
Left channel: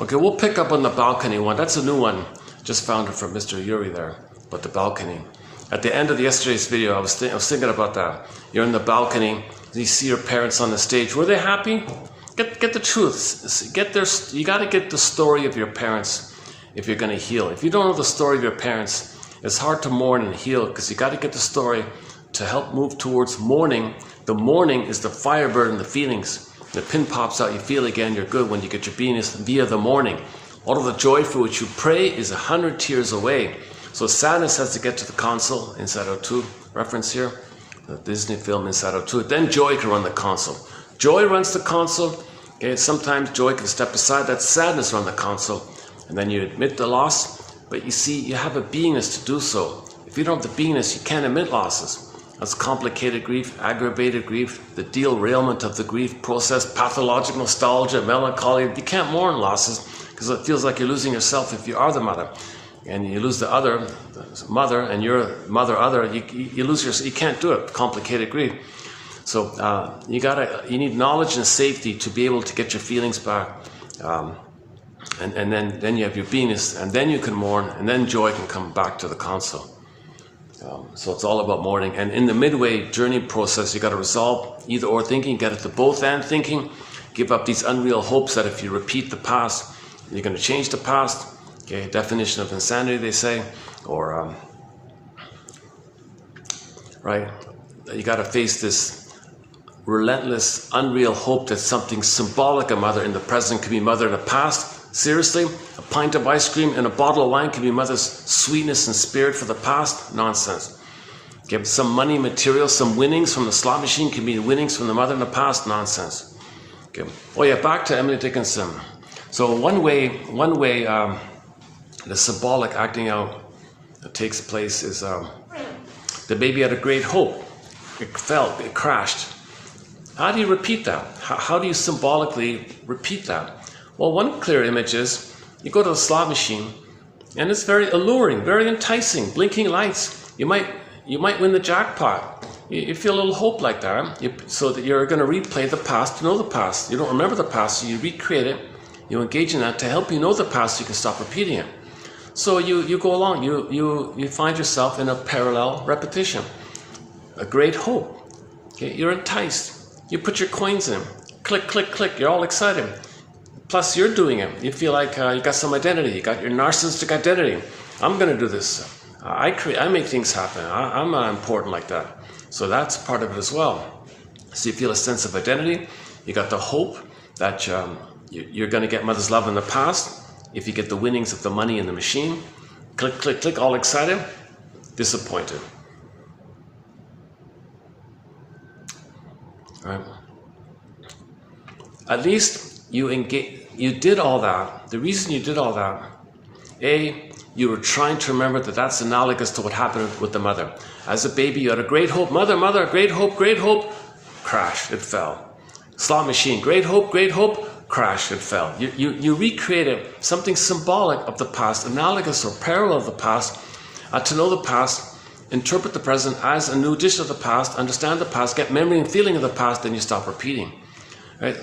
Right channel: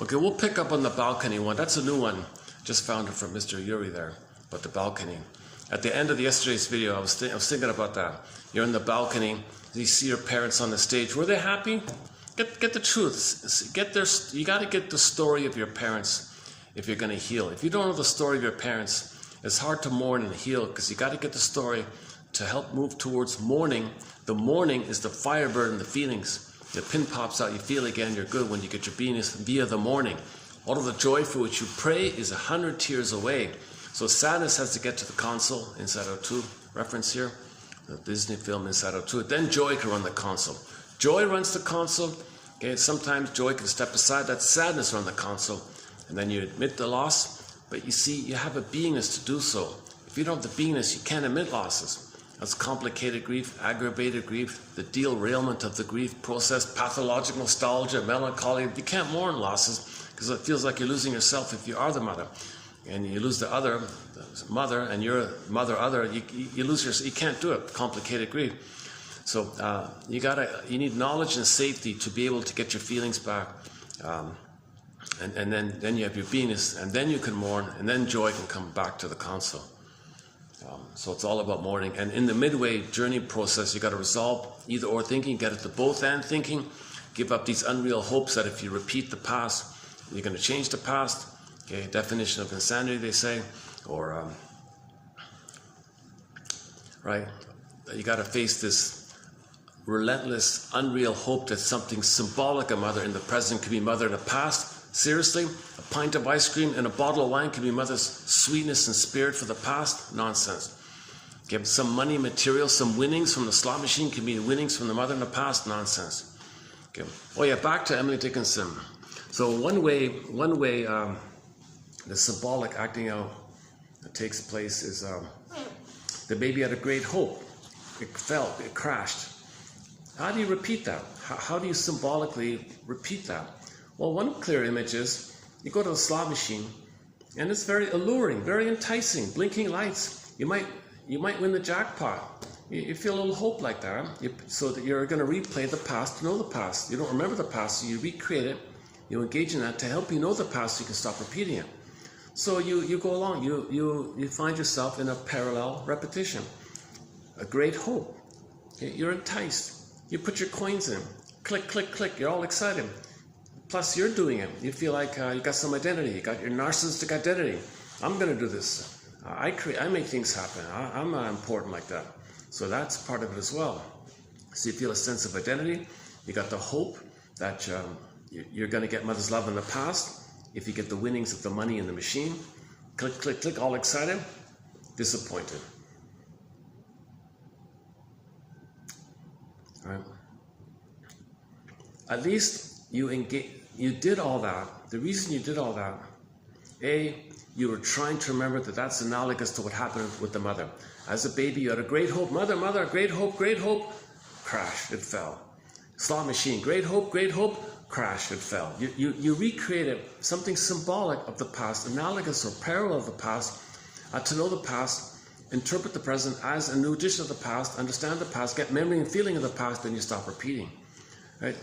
Okay, we'll pick up on the balcony one. That's a new one. Just found it from Mr. Yuri there, but the balcony. At the end of yesterday's video, I was thinking about that. You're in the balcony, you see your parents on the stage. Were they happy? Get the truth. You got to get the story of your parents if you're going to heal. If you don't know the story of your parents, it's hard to mourn and heal because you got to get the story to help move towards mourning. The mourning is the firebird in the feelings. The pin pops out, you feel again, you're good when you get your beingness via the mourning. All of the joy for which you pray is 100 tears away. So sadness has to get to the console, Inside Out 2, reference here, the Disney film Inside Out 2. Then joy can run the console. Joy runs the console. Okay, sometimes joy can step aside, that sadness run the console. And then you admit the loss, but you see, you have a beingness to do so. If you don't have the beingness, you can't admit losses. That's complicated grief, aggravated grief, the derailment of the grief process, pathologic nostalgia, melancholy. You can't mourn losses because it feels like you're losing yourself if you are the mother. And you lose the other, the mother, and you're mother other, you lose yourself. You can't do it, complicated grief. So you need knowledge and safety to be able to get your feelings back. And then you have your beingness, and then you can mourn, and then joy can come back to the console. So it's all about mourning. And in the midway journey process, you got to resolve either or thinking, get it to both and thinking, give up these unreal hopes that if you repeat the past, you're going to change the past. Okay, definition of insanity, they say, or right? You got to face this relentless, unreal hope that something symbolic, a mother in the present could be mother in the past, Seriously, a pint of ice cream and a bottle of wine can be mother's sweetness and spirit for the past? Nonsense. Okay, some money, material, some winnings from the slot machine can be winnings from the mother in the past? Nonsense. Okay. Oh yeah, back to Emily Dickinson. So one way the symbolic acting out that takes place is the baby had a great hope. It fell, it crashed. How do you repeat that? How do you symbolically repeat that? Well, one clear image is you go to the slot machine and it's very alluring, very enticing, blinking lights. You might win the jackpot. You feel a little hope like that, so that you're going to replay the past to know the past. You don't remember the past, so you recreate it. You engage in that to help you know the past so you can stop repeating it. So you go along, you find yourself in a parallel repetition. A great hope. Okay? You're enticed. You put your coins in. Click, click, click. You're all excited. Plus, you're doing it. You feel like you got some identity. You got your narcissistic identity. I'm going to do this. I make things happen. I'm important like that. So that's part of it as well. So you feel a sense of identity. You got the hope that you're going to get mother's love in the past. If you get the winnings of the money in the machine, click, click, click, all excited, disappointed. All right. At least you did all that. The reason you did all that, you were trying to remember that that's analogous to what happened with the mother. As a baby, you had a great hope. Mother, great hope, crash, it fell. Slot machine, great hope, crash, it fell. You recreated something symbolic of the past, analogous or parallel of the past, to know the past, interpret the present as a new edition of the past, understand the past, get memory and feeling of the past, then you stop repeating. Right?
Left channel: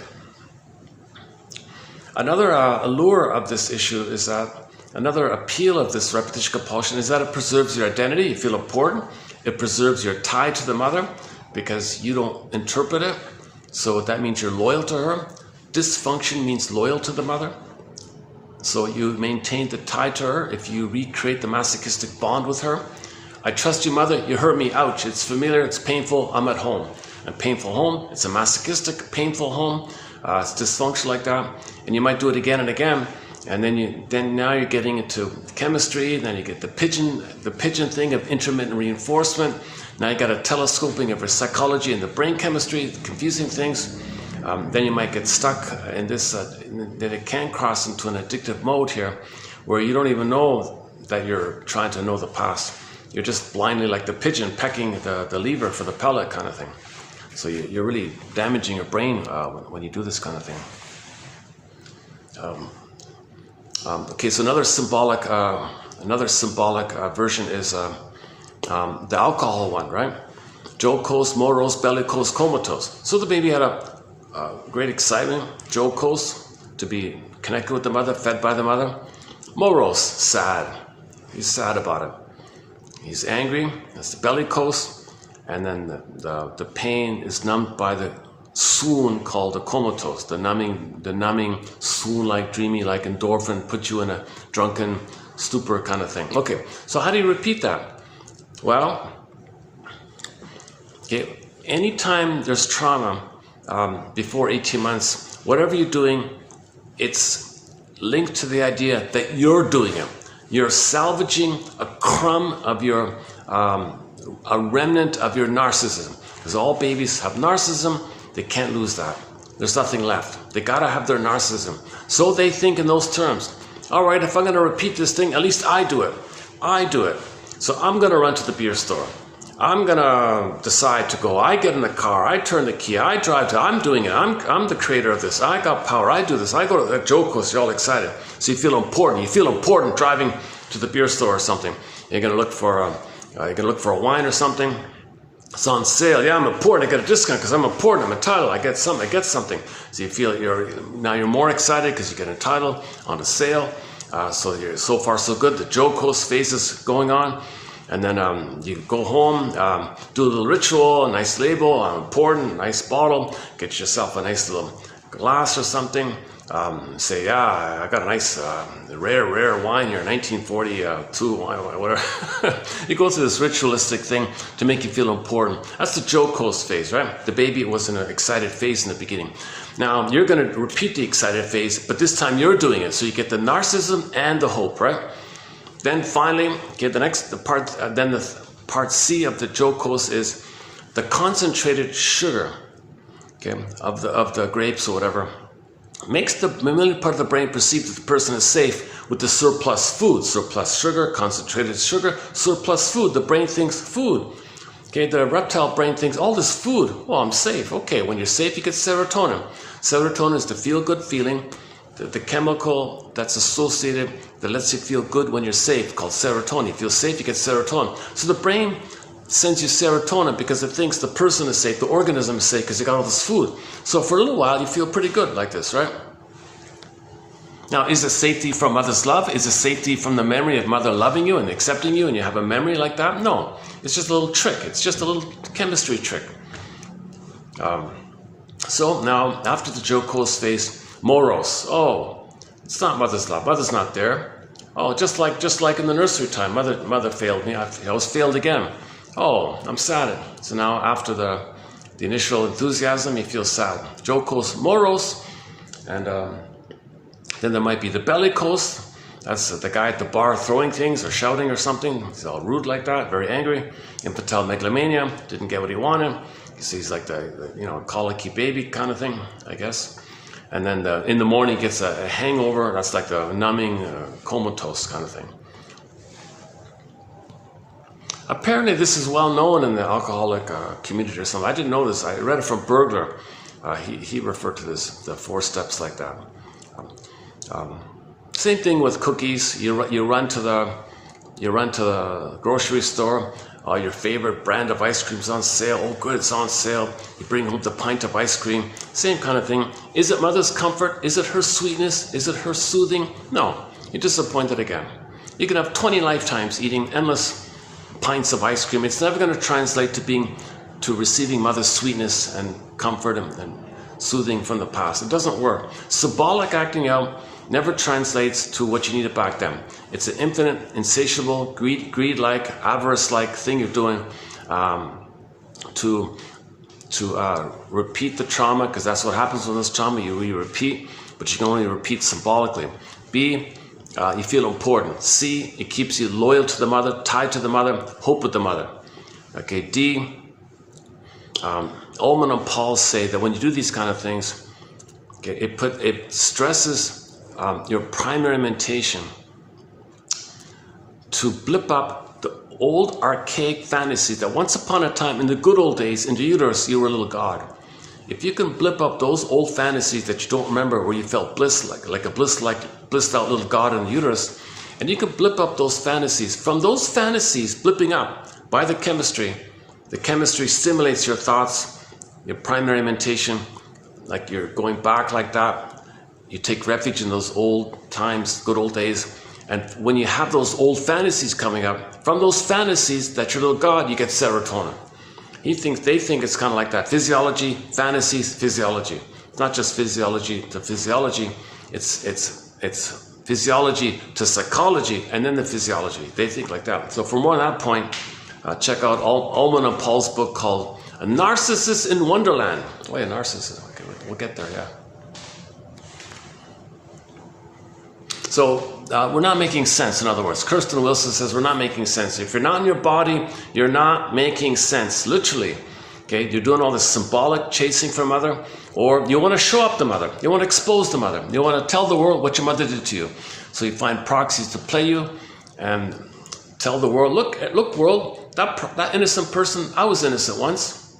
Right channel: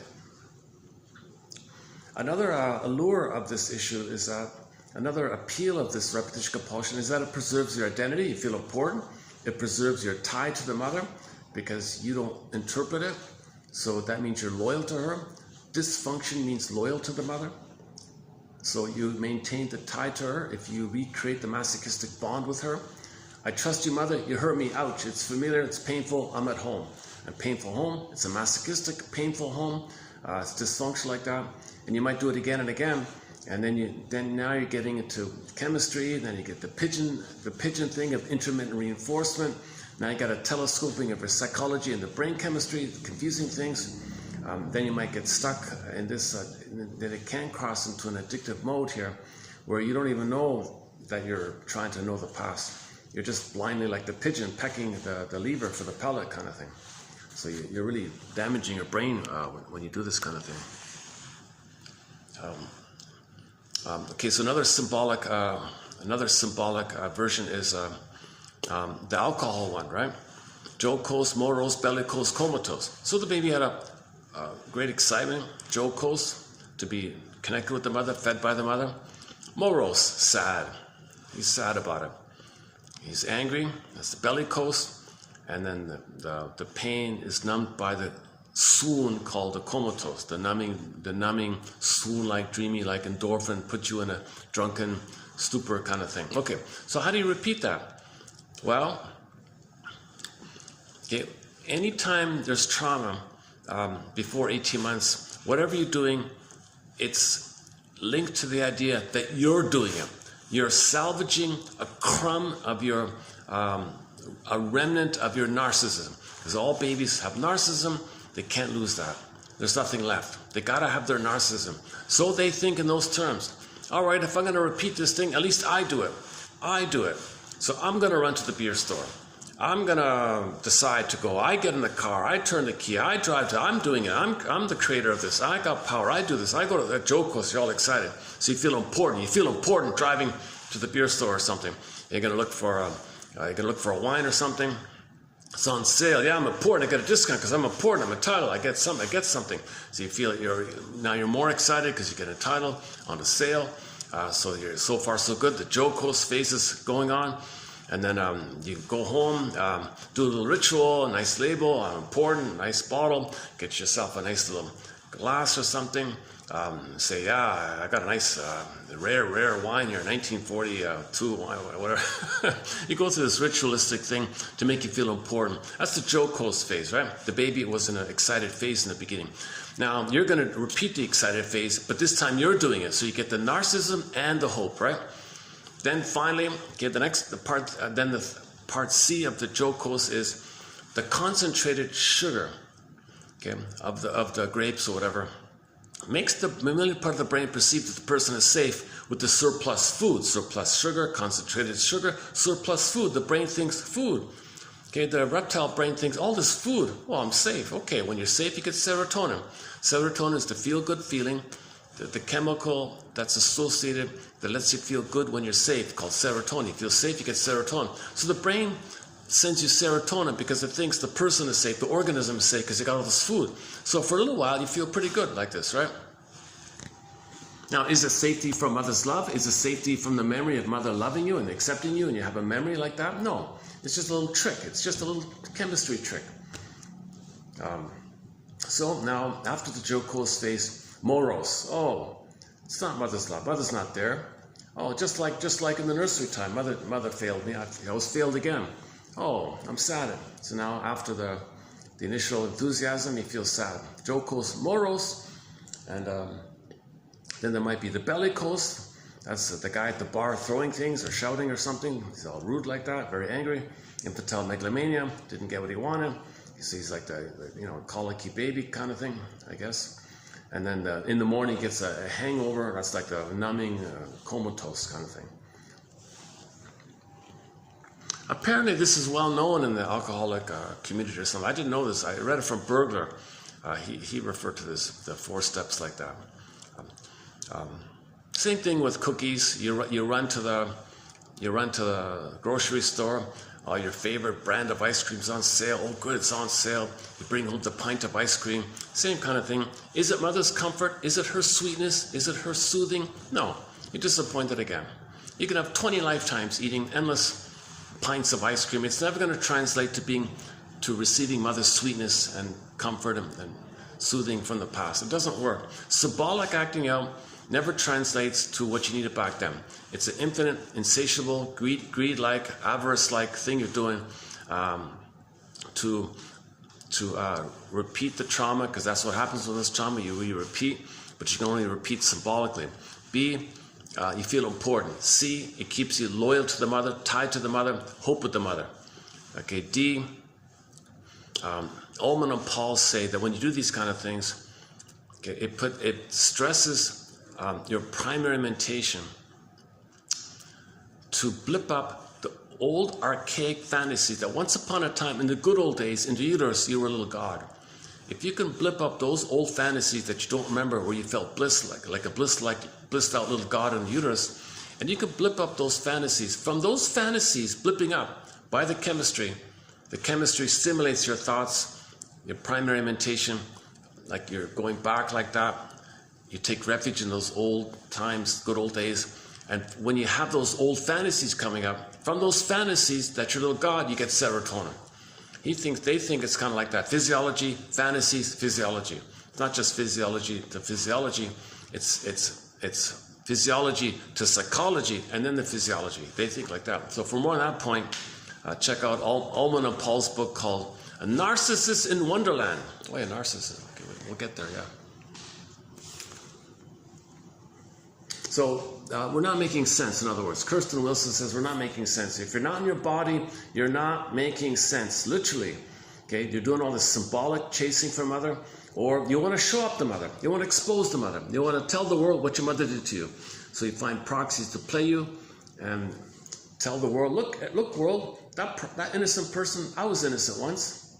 Another allure of this issue is that, another appeal of this repetition compulsion is that it preserves your identity. You feel important. It preserves your tie to the mother because you don't interpret it. So that means you're loyal to her. Dysfunction means loyal to the mother. So you maintain the tie to her if you recreate the masochistic bond with her. I trust you, mother. You hurt me. Ouch. It's familiar. It's painful. I'm at home. A painful home. It's a masochistic, painful home. It's dysfunctional like that. And you might do it again and again. And then now you're getting into chemistry. Then you get the pigeon thing of intermittent reinforcement. Now you got a telescoping of your psychology and the brain chemistry, confusing things. Then you might get stuck in this, that it can cross into an addictive mode here, where you don't even know that you're trying to know the past. You're just blindly like the pigeon pecking the lever for the pellet kind of thing. So you're really damaging your brain when you do this kind of thing. Okay, so another symbolic version is the alcohol one, right? Jocose, morose, bellicose, comatose. So the baby had a great excitement, jocose, to be connected with the mother, fed by the mother. Morose, sad. He's sad about it. He's angry. That's the bellicose, and then the pain is numbed by the swoon called the comatose, the numbing swoon-like, dreamy-like endorphin, put you in a drunken stupor kind of thing. Okay, so how do you repeat that? Well, okay, anytime there's trauma before 18 months, whatever you're doing, it's linked to the idea that you're doing it. You're salvaging a crumb of your, a remnant of your narcissism. Because all babies have narcissism. They can't lose that. There's nothing left. They gotta have their narcissism. So they think in those terms. All right, if I'm gonna repeat this thing, at least I do it. I do it. So I'm gonna run to the beer store. I'm gonna decide to go. I get in the car. I turn the key. I drive to. I'm doing it. I'm the creator of this. I got power. I do this. I go to the Jocos. You're all excited. So you feel important. You feel important driving to the beer store or something. You're gonna look for a wine or something. It's on sale. Yeah, I'm important. I get a discount because I'm important. I'm entitled. I get something. So you feel you're more excited because you get entitled on a sale. So far so good. The Jocos phase is going on. And then you go home, do a little ritual, a nice label, important, nice bottle, get yourself a nice little glass or something, say, yeah, I got a nice rare wine here, 1942 wine, whatever. You go through this ritualistic thing to make you feel important. That's the jocose phase, right? The baby was in an excited phase in the beginning. Now you're going to repeat the excited phase, but this time you're doing it, so you get the narcissism and the hope, right? Then finally, okay, the part C of the jocose is the concentrated sugar, okay, of the grapes or whatever. Makes the mammalian part of the brain perceive that the person is safe with the surplus food. Surplus sugar, concentrated sugar, surplus food. The brain thinks food. Okay, the reptile brain thinks all this food. Well, I'm safe. Okay, when you're safe, you get serotonin. Serotonin is the feel-good feeling, the chemical that's associated that lets you feel good when you're safe, called serotonin. You feel safe, you get serotonin. So the brain sends you serotonin because it thinks the person is safe, the organism is safe because you got all this food. So for a little while you feel pretty good like this, right? Now, is it safety from mother's love? Is it safety from the memory of mother loving you and accepting you and you have a memory like that? No, it's just a little trick. It's just a little chemistry trick. So now, after the jocose phase, morose. Oh, it's not mother's love. Mother's not there. Oh, just like in the nursery time, mother failed me. I was failed again. Oh, I'm sad. So now after the initial enthusiasm, you feel sad. Jocose, morose, and then there might be the bellicose. That's the guy at the bar throwing things or shouting or something. He's all rude like that, very angry. Infantile megalomania, didn't get what he wanted. He's like the colicky baby kind of thing, I guess. And then in the morning gets a hangover. That's like the numbing, comatose kind of thing. Apparently this is well known in the alcoholic community or something. I didn't know this. I read it from Bergler. He referred to this, the 4 steps like that. Same thing with cookies. You run to the grocery store. Oh, your favorite brand of ice cream is on sale. Oh, good, it's on sale. You bring home the pint of ice cream. Same kind of thing. Is it mother's comfort? Is it her sweetness? Is it her soothing? No, you're disappointed again. You can have 20 lifetimes eating endless pints of ice cream. It's never going to translate to receiving mother's sweetness and comfort and soothing from the past. It doesn't work. Symbolic acting out never translates to what you needed back then. It's an infinite, insatiable, greed-like, avarice-like thing you're doing to repeat the trauma, because that's what happens with this trauma. You repeat, but you can only repeat symbolically. B, you feel important. C, it keeps you loyal to the mother, tied to the mother, hope with the mother. Okay, D, Ullman and Paul say that when you do these kind of things, okay, it stresses your primary mentation to blip up the old archaic fantasy that once upon a time in the good old days in the uterus you were a little god. If you can blip up those old fantasies that you don't remember where you felt bliss like a blissed out little god in the uterus, and you can blip up those fantasies. From those fantasies blipping up by the chemistry stimulates your thoughts, your primary mentation, like you're going back like that. You take refuge in those old times, good old days. And when you have those old fantasies coming up, from those fantasies that your little god, you get serotonin. They think it's kind of like that. Physiology, fantasies, physiology. It's not just physiology to physiology. It's physiology to psychology and then the physiology. They think like that. So for more on that point, check out Ullman and Paul's book called A Narcissus in Wonderland. Oh yeah, Narcissus. Okay, we'll get there, yeah. So we're not making sense, in other words. Kirsten Wilson says we're not making sense. If you're not in your body, you're not making sense, literally. Okay, you're doing all this symbolic chasing for mother, or you want to show up the mother. You want to expose the mother. You want to tell the world what your mother did to you. So you find proxies to play you and tell the world, look world, that innocent person, I was innocent once.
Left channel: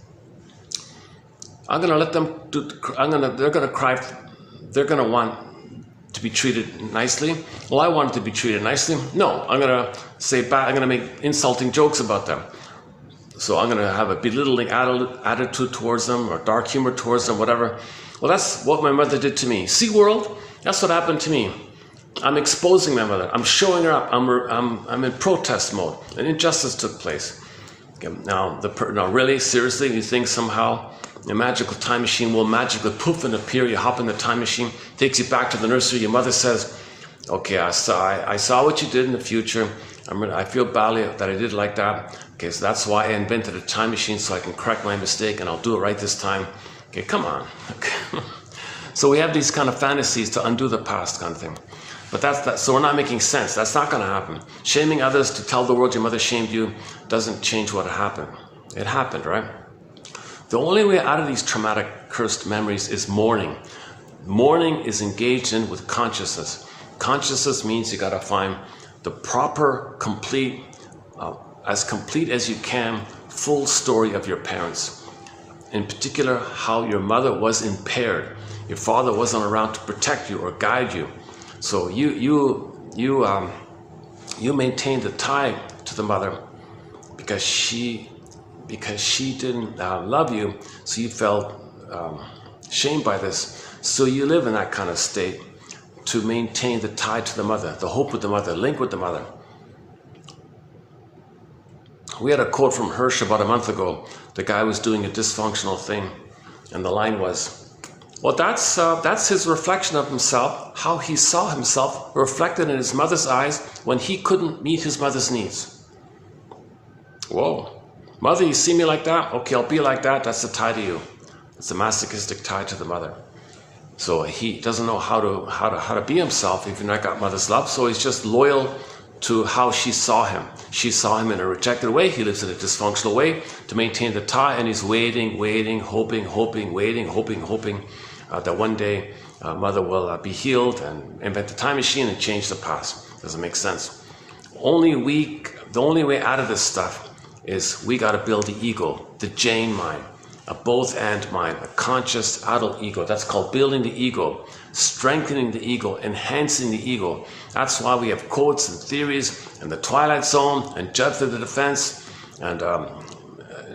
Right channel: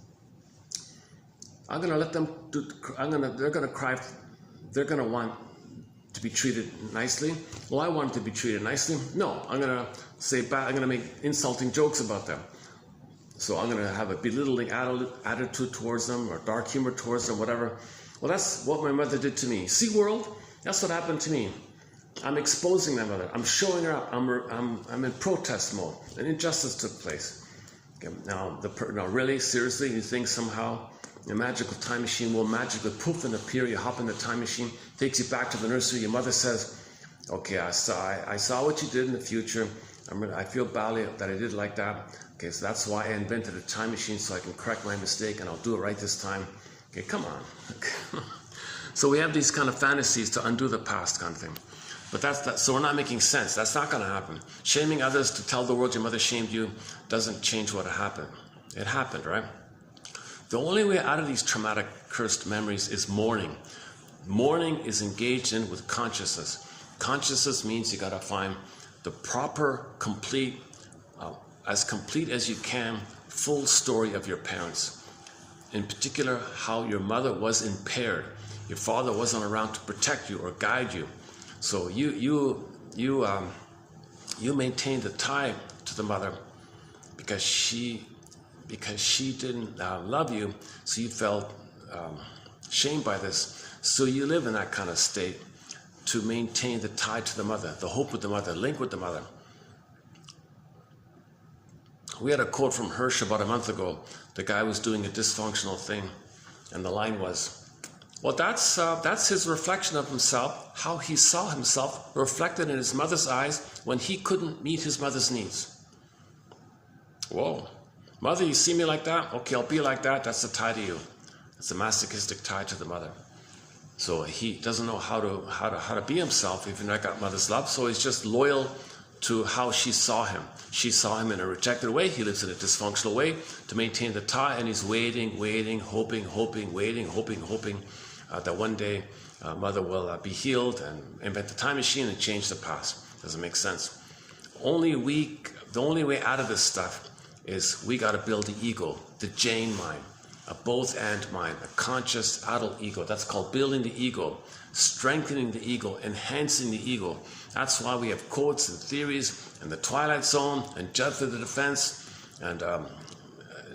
I'm going to let them they're going to cry, they're going to want to be treated nicely. Well, I wanted to be treated nicely. No, I'm going to say bad, I'm going to make insulting jokes about them. So I'm going to have a belittling attitude towards them or dark humor towards them, whatever. Well, that's what my mother did to me. See, world, that's what happened to me. I'm exposing my mother. I'm showing her up. I'm in protest mode. An injustice took place. Okay, now, really, seriously, you think somehow a magical time machine will magically poof and appear. You hop in the time machine, takes you back to the nursery. Your mother says, okay, I saw what you did in the future. I feel badly that I did like that. Okay, so that's why I invented a time machine, so I can correct my mistake, and I'll do it right this time. Okay, come on. Okay. So we have these kind of fantasies to undo the past kind of thing. But so we're not making sense. That's not going to happen. Shaming others to tell the world your mother shamed you doesn't change what happened. It happened, right? The only way out of these traumatic, cursed memories is mourning. Mourning is engaged in with consciousness. Consciousness means you got to find the proper, complete, as complete as you can, full story of your parents. In particular, how your mother was impaired. Your father wasn't around to protect you or guide you. So you maintain the tie to the mother because she didn't love you, so you felt shamed by this. So you live in that kind of state to maintain the tie to the mother, the hope with the mother, link with the mother. We had a quote from Hirsch about a month ago. The guy was doing a dysfunctional thing, and the line was, well, that's his reflection of himself, how he saw himself reflected in his mother's eyes when he couldn't meet his mother's needs. Whoa. Mother, you see me like that? Okay, I'll be like that. That's the tie to you. It's a masochistic tie to the mother. So he doesn't know how to be himself if you've not got mother's love. So he's just loyal to how she saw him. She saw him in a rejected way. He lives in a dysfunctional way to maintain the tie, and he's waiting, hoping that one day mother will be healed and invent the time machine and change the past. Doesn't make sense. The only way out of this stuff is we got to build the ego, the Jane mind, a both and mind, a conscious adult ego. That's called building the ego, strengthening the ego, enhancing the ego. That's why we have quotes and theories and the Twilight Zone and Judge for the Defense and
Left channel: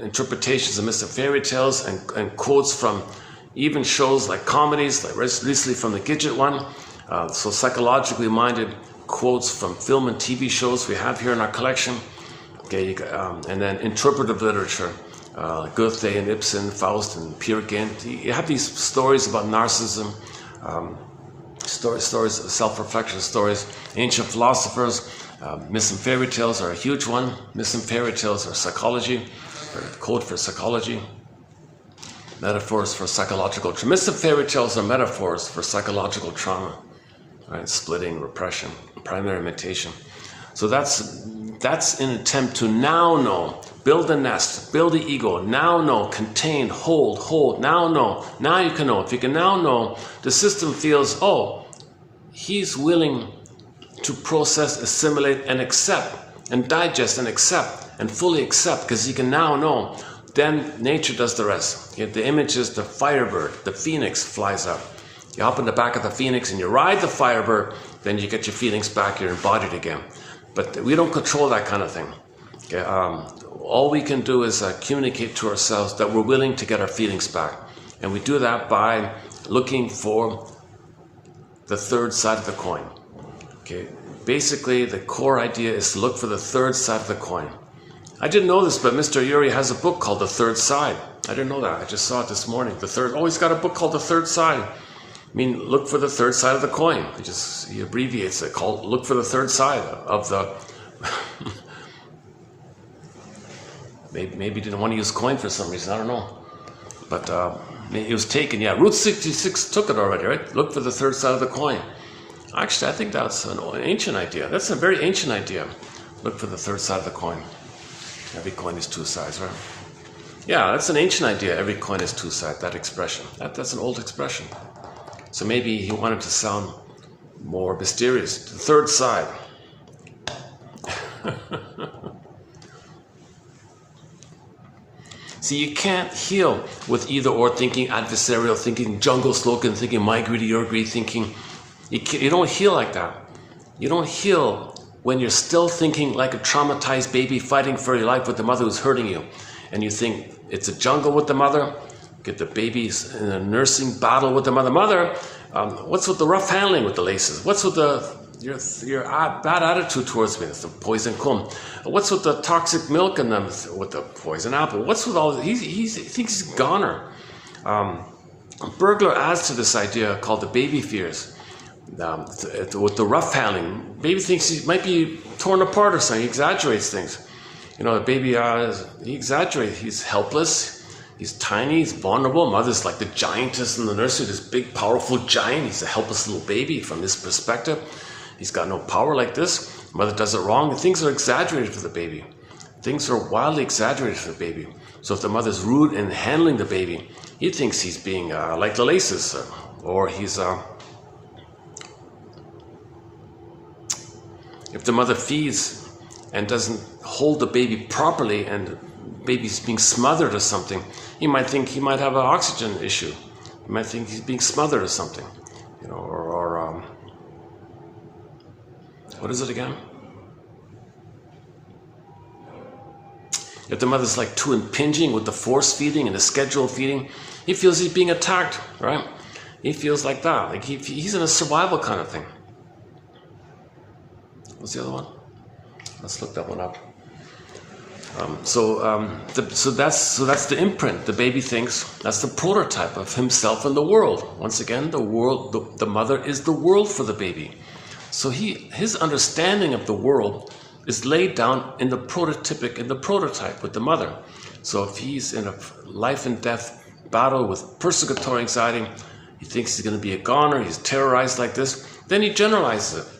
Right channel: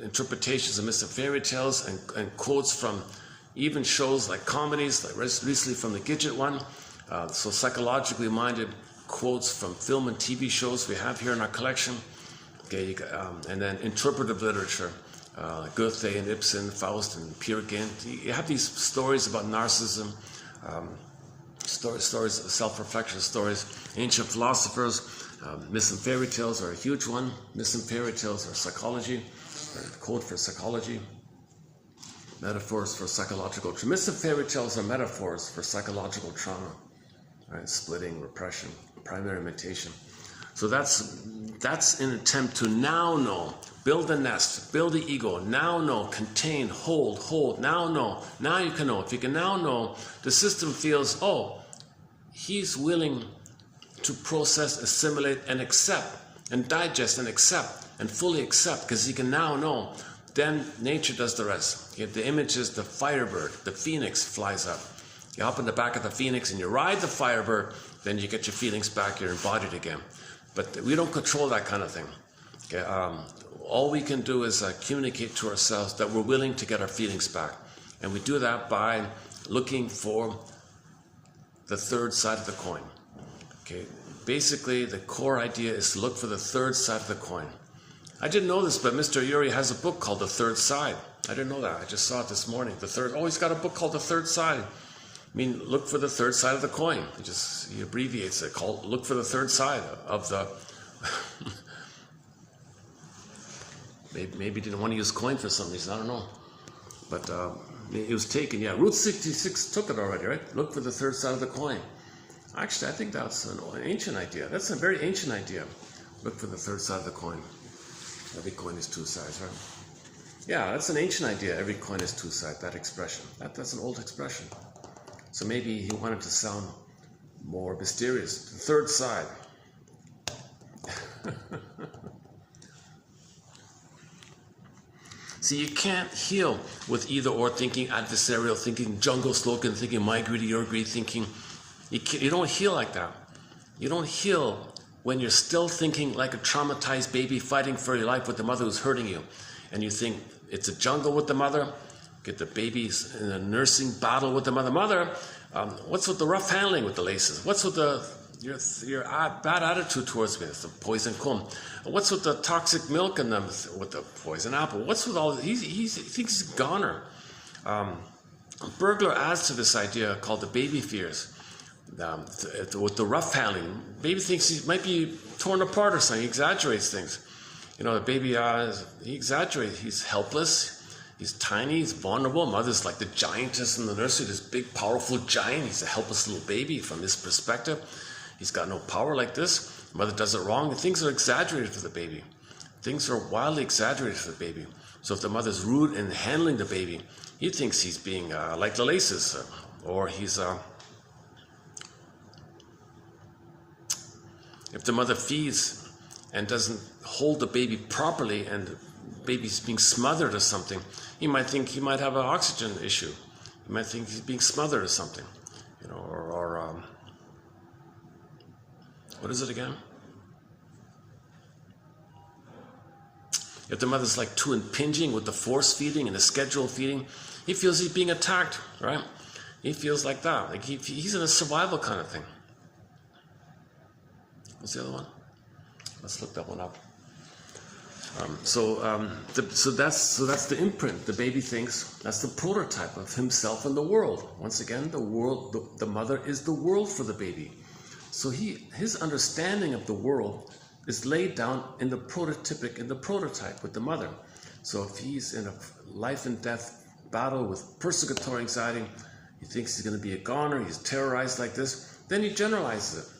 interpretations of myths and fairy tales and quotes from even shows like comedies, like recently from the Gidget one. So psychologically minded quotes from film and TV shows we have here in our collection. Okay, and then interpretive literature, Goethe and Ibsen, Faust and Peer Gynt. You have these stories about narcissism, stories, self-reflection stories. Ancient philosophers, myths and fairy tales are a huge one. Myths and fairy tales are psychology, or code for psychology. Metaphors for psychological trauma. Myths and fairy tales are metaphors for psychological trauma, right? Splitting, repression, primary imitation. So that's an attempt to now know, build a nest, build the ego, now know, contain, hold, now know, now you can know. If you can now know, the system feels, oh, he's willing to process, assimilate, and accept, and digest, and accept, and fully accept, because he can now know. Then nature does the rest. The image is the firebird, the phoenix flies up. You hop in the back of the phoenix and you ride the firebird, then you get your feelings back, you're embodied again. But we don't control that kind of thing. Okay? All we can do is communicate to ourselves that we're willing to get our feelings back. And we do that by looking for the third side of the coin. Okay? Basically, the core idea is to look for the third side of the coin. I didn't know this, but Mr. Urey has a book called The Third Side. I didn't know that. I just saw it this morning. He's got a book called The Third Side. I mean, look for the third side of the coin. He abbreviates it, called look for the third side of the... maybe didn't want to use coin for some reason, I don't know. But it was taken, yeah. Route 66 took it already, right? Look for the third side of the coin. Actually, I think that's an ancient idea. That's a very ancient idea. Look for the third side of the coin. Every coin is two sides, right? Yeah, that's an ancient idea. Every coin is two sides, that expression. That's an old expression. So maybe he wanted to sound more mysterious. The third side. See, you can't heal with either or thinking, adversarial thinking, jungle slogan thinking, my greedy, your greedy thinking. You don't heal like that. You don't heal when you're still thinking like a traumatized baby fighting for your life with the mother who's hurting you. And you think it's a jungle with the mother, get the babies in a nursing battle with the mother. What's with the rough handling with the laces? What's with your bad attitude towards me? It's the poison comb. What's with the toxic milk and with the poison apple? What's with all this? He thinks he's a goner. Burglar adds to this idea called the baby fears. With the rough handling, baby thinks he might be torn apart or something. He exaggerates things. You know, the baby, he exaggerates. He's helpless. He's tiny. He's vulnerable. Mother's like the giantess in the nursery, this big, powerful giant. He's a helpless little baby from this perspective. He's got no power like this. Mother does it wrong. Things are exaggerated for the baby. Things are wildly exaggerated for the baby. So if the mother's rude in handling the baby, he thinks he's being like the laces, or he's... If the mother feeds and doesn't hold the baby properly and the baby's being smothered or something, he might think he might have an oxygen issue. He might think he's being smothered or something, you know, or what is it again? If the mother's like too impinging with the force feeding and the scheduled feeding, he feels he's being attacked, right? He feels like that, like he's in a survival kind of thing. What's the other one? Let's look that one up. So that's the imprint. The baby thinks that's the prototype of himself in the world. Once again, the world, the mother is the world for the baby. So his understanding of the world is laid down in the prototype with the mother. So if he's in a life and death battle with persecutory anxiety, he thinks he's going to be a goner. He's terrorized like this. Then he generalizes it.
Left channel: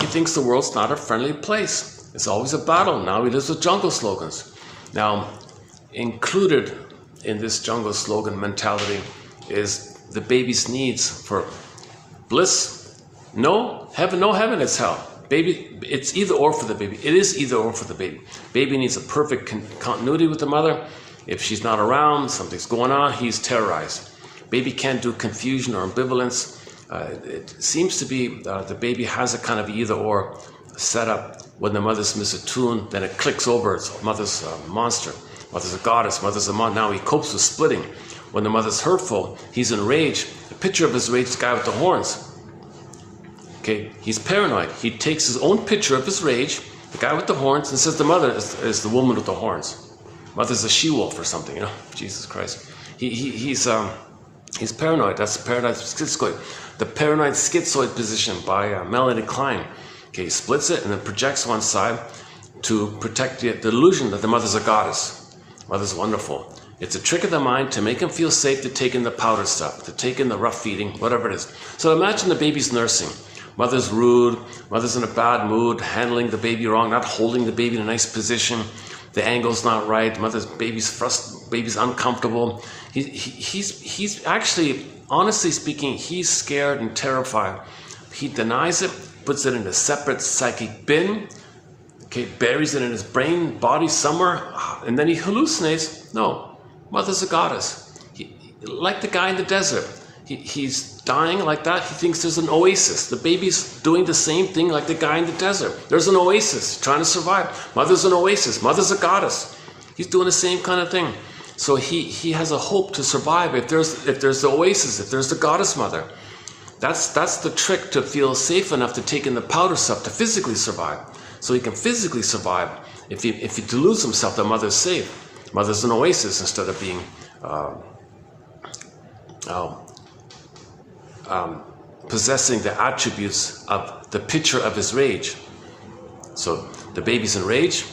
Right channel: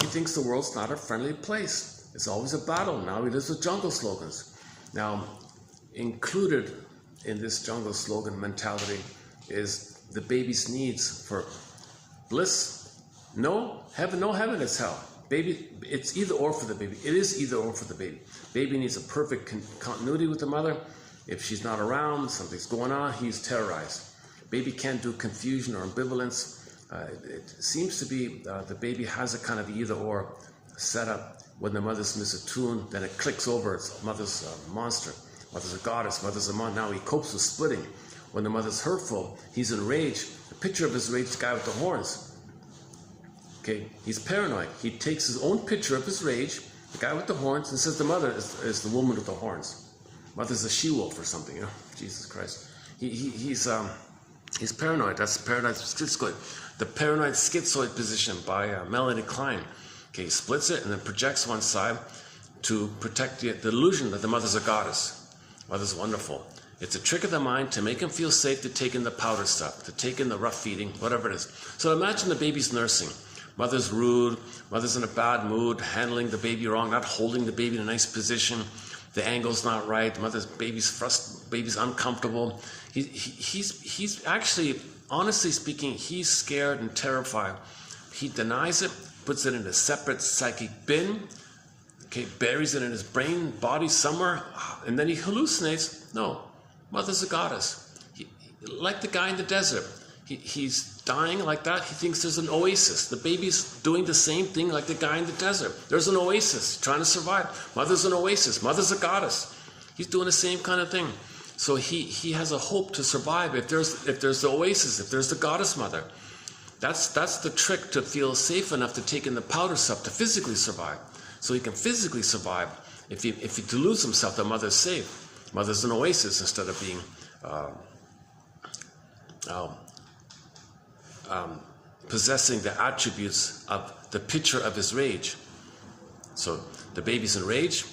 He thinks the world's not a friendly place. It's always a battle. Now he lives with jungle slogans. Now, included in this jungle slogan mentality is the baby's needs for bliss. No heaven, it's hell. Baby, it's either or for the baby. It is either or for the baby. Baby needs a perfect continuity with the mother. If she's not around, something's going on, he's terrorized. Baby can't do confusion or ambivalence. It seems to be the baby has a kind of either or setup. When the mother's misattuned, then it clicks over. It's mother's a monster, mother's a goddess, mother's a monster. Now he copes with splitting. When the mother's hurtful, he's enraged. A picture of his rage, the guy with the horns. Okay, he's paranoid. He takes his own picture of his rage, the guy with the horns, and says the mother is the woman with the horns. Mother's a she-wolf or something, you know. Jesus Christ. He's paranoid. That's paranoid schizoid. The paranoid schizoid position by Melanie Klein. Okay, he splits it and then projects one side to protect the illusion that the mother's a goddess. Mother's wonderful. It's a trick of the mind to make him feel safe to take in the powder stuff, to take in the rough feeding, whatever it is. So imagine the baby's nursing. Mother's rude, mother's in a bad mood, handling the baby wrong, not holding the baby in a nice position. The angle's not right. Baby's frustrated, baby's uncomfortable. He's actually, honestly speaking, he's scared and terrified. He denies it, puts it in a separate psychic bin, okay, buries it in his brain, body somewhere, and then he hallucinates. No, mother's a goddess. Like the guy in the desert. He's dying like that. He thinks there's an oasis. The baby's doing the same thing like the guy in the desert. There's an oasis, trying to survive. Mother's an oasis. Mother's a goddess. He's doing the same kind of thing. So he has a hope to survive if there's the oasis, if there's the goddess mother. That's the trick to feel safe enough to take in the powder stuff to physically survive. So he can physically survive if he deludes himself that mother's safe. Mother's an oasis instead of being possessing the attributes of the picture of his rage. So the baby's in rage.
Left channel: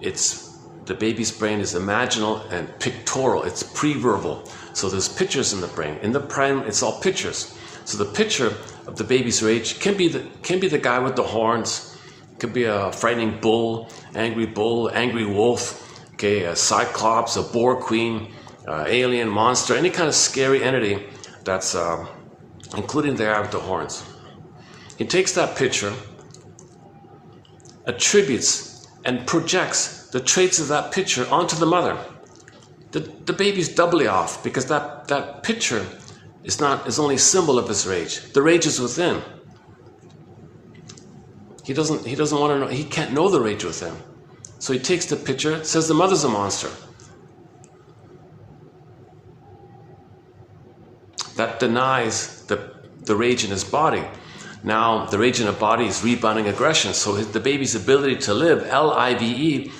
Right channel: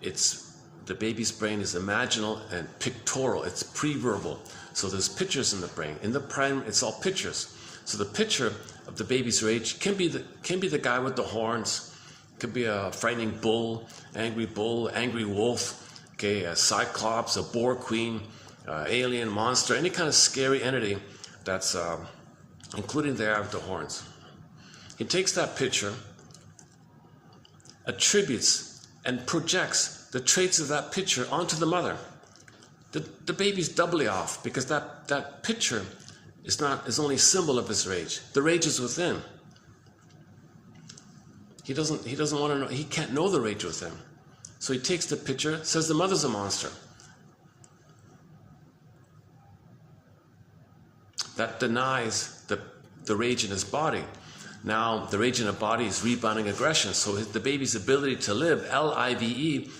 The baby's brain is imaginal and pictorial. It's pre-verbal. So there's pictures in the brain. In the brain, it's all pictures. So the picture of the baby's rage can be the guy with the horns. It could be a frightening bull, angry wolf, okay, a cyclops, a boar queen, alien monster, any kind of scary entity that's including the guy with the horns. He takes that picture, attributes and projects the traits of that picture onto the mother. The baby's doubly off because that picture is only a symbol of his rage. The rage is within. He doesn't want to know. He can't know the rage within. So he takes the picture, says the mother's a monster. That denies the rage in his body. Now the rage in the body is rebounding aggression. So the baby's ability to live, L-I-V-E,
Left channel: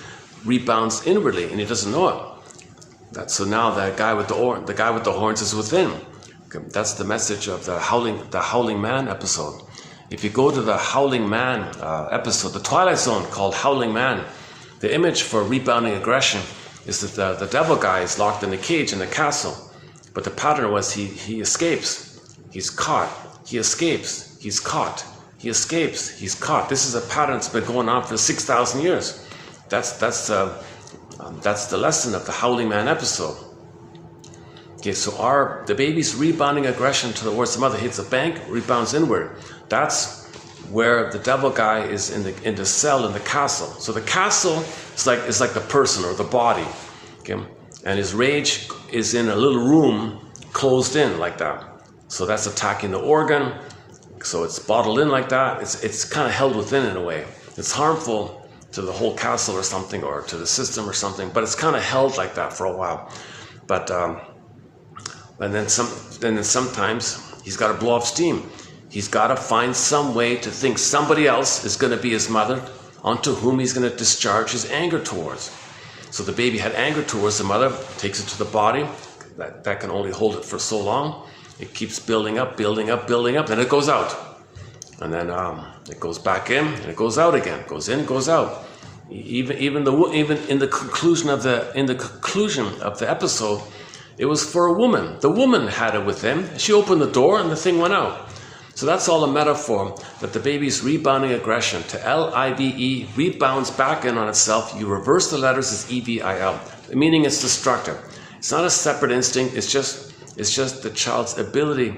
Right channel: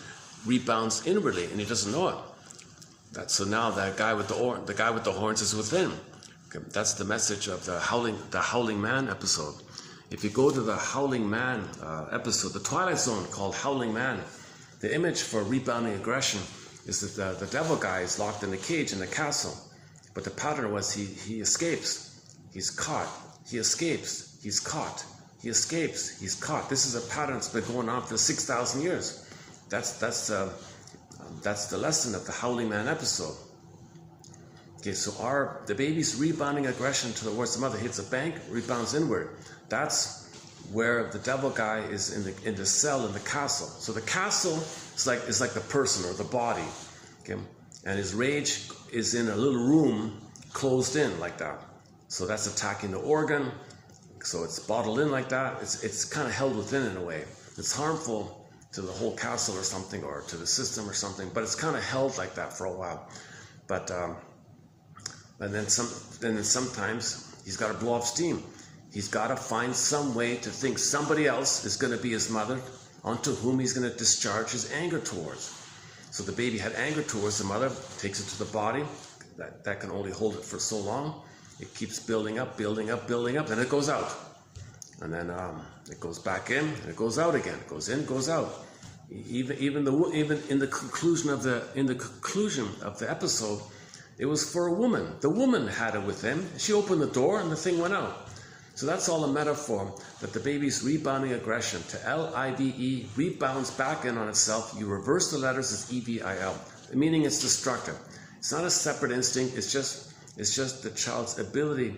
rebounds inwardly, and he doesn't know it. So now the guy with the horns is within. Okay, that's the message of the Howling Man episode. If you go to the Howling Man episode, the Twilight Zone called Howling Man, the image for rebounding aggression is that the devil guy is locked in a cage in the castle. But the pattern was he escapes, he's caught, he escapes, he's caught, he escapes, he's caught. This is a pattern that's been going on for 6,000 years. That's the lesson of the Howling Man episode. Okay, so the baby's rebounding aggression towards the mother hits the bank, rebounds inward. That's where the devil guy is in the cell in the castle. So the castle is like the person or the body. Okay, and his rage is in a little room closed in like that. So that's attacking the organ. So it's bottled in like that. It's kind of held within in a way. It's harmful to the whole castle or something, or to the system or something, but it's kind of held like that for a while. But and then sometimes he's got to blow off steam. He's got to find some way to think somebody else is going to be his mother, onto whom he's going to discharge his anger towards. So the baby had anger towards the mother, takes it to the body. That can only hold it for so long. It keeps building up, building up, building up, then it goes out. And then it goes back in, and it goes out again. Goes in, goes out. Even in the conclusion of the episode, it was for a woman. The woman had it within. She opened the door, and the thing went out. So that's all a metaphor that the baby's rebounding aggression to L-I-V-E rebounds back in on itself. You reverse the letters as E-V-I-L, meaning it's destructive. It's not a separate instinct. It's just the child's ability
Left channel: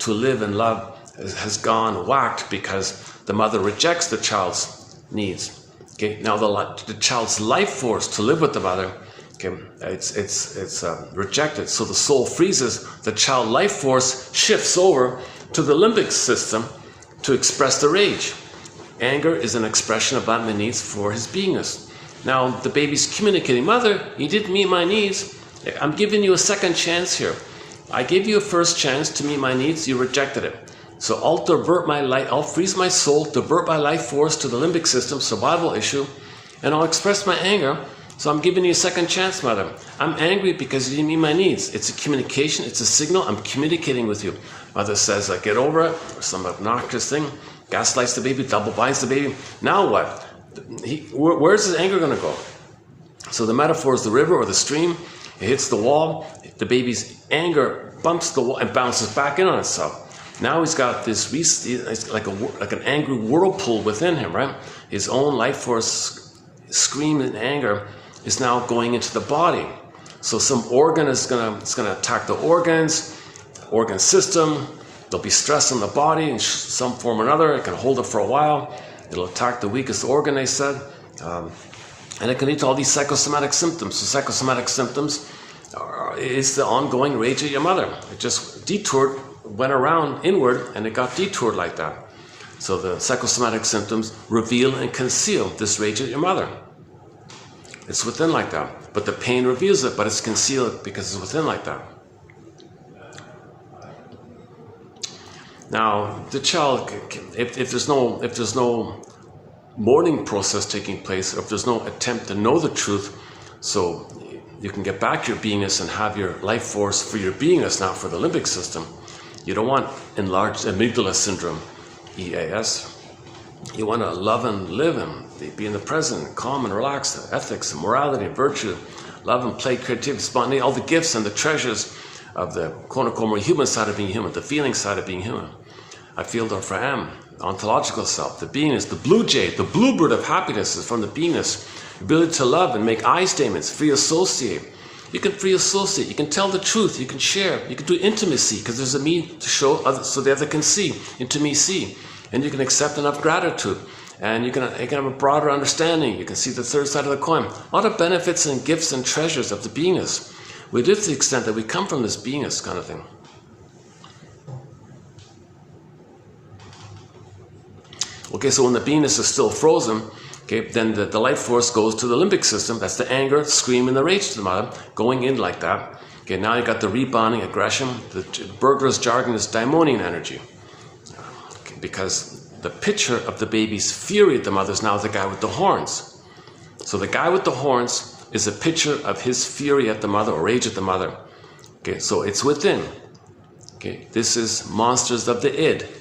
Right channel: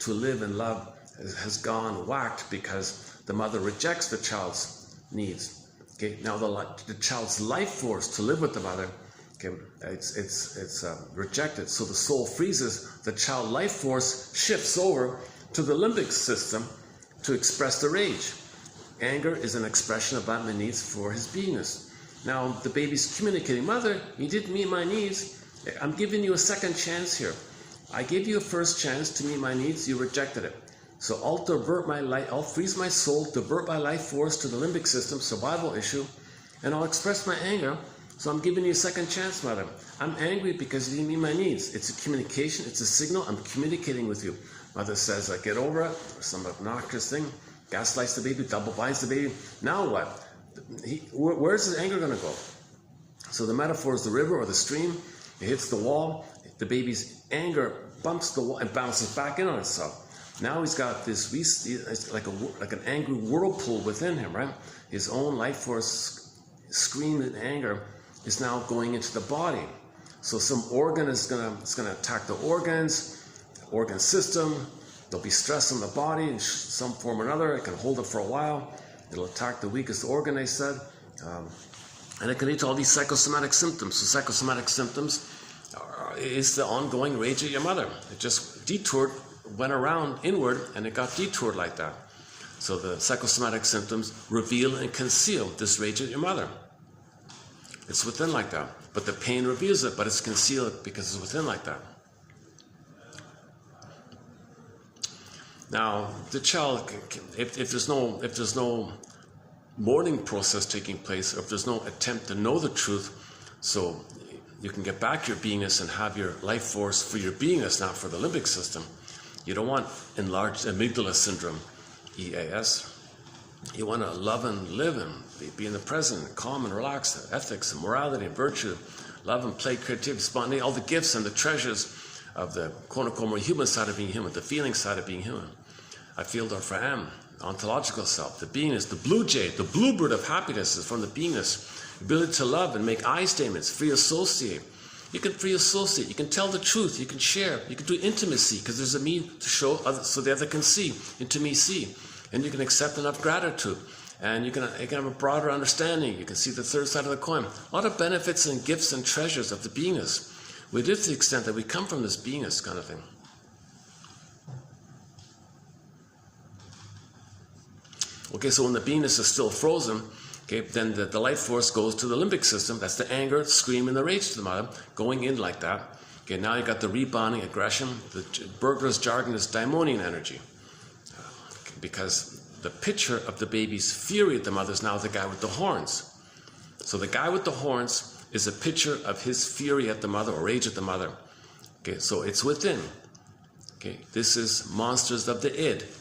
to live and love has gone whacked because the mother rejects the child's needs. Okay, now the child's life force to live with the mother, okay, it's rejected. So the soul freezes. The child life force shifts over to the limbic system to express the rage. Anger is an expression of my needs for his beingness. Now the baby's communicating, mother, you didn't meet my needs. I'm giving you a second chance here. I gave you a first chance to meet my needs. You rejected it. So I'll freeze my soul, divert my life force to the limbic system, survival issue, and I'll express my anger. So I'm giving you a second chance, mother. I'm angry because you didn't meet my needs. It's a communication, it's a signal. I'm communicating with you. Mother says, get over it, or some obnoxious thing, gaslights the baby, double binds the baby. Now what? Where's his anger going to go? So the metaphor is the river or the stream. It hits the wall. The baby's anger bumps the wall and bounces back in on itself. Now he's got this, like an angry whirlpool within him, right? His own life force scream in anger is now going into the body. So some organ is gonna attack the organs, organ system. There'll be stress on the body in some form or another. It can hold it for a while. It'll attack the weakest organ, they said. And it can lead to all these psychosomatic symptoms. So psychosomatic symptoms is the ongoing rage of your mother. It just detoured, went around inward, and it got detoured like that. So the psychosomatic symptoms reveal and conceal this rage of your mother. It's within like that. But the pain reveals it, but it's concealed because it's within like that. Now, the child, if there's no mourning process taking place, if there's no attempt to know the truth, so you can get back your beingness and have your life force for your beingness, not for the limbic system. You don't want enlarged amygdala syndrome, EAS. You want to love and live and be in the present, calm and relaxed, ethics and morality and virtue, love and play, creativity, spontaneity, all the gifts and the treasures of the quote-unquote more human side of being human, the feeling side of being human. I feel therefore am, ontological self, the beingness, the blue jay, the bluebird of happiness is from the beingness, ability to love and make I statements, free associate. You can free associate, you can tell the truth, you can share, you can do intimacy, because there's a me to show others so the other can see, intimacy, and you can accept enough gratitude, and you can have a broader understanding, you can see the third side of the coin. All the benefits and gifts and treasures of the beingness. We live to the extent that we come from this beingness kind of thing. Okay, so when the beingness is still frozen, okay, then the life force goes to the limbic system. That's the anger, scream, and the rage to the mother, going in like that. Okay, now you got the rebounding aggression. The burglar's jargon is daimonian energy. Okay, because the picture of the baby's fury at the mother is now the guy with the horns. So the guy with the horns is a picture of his fury at the mother or rage at the mother. Okay, so it's within. Okay, this is monsters of the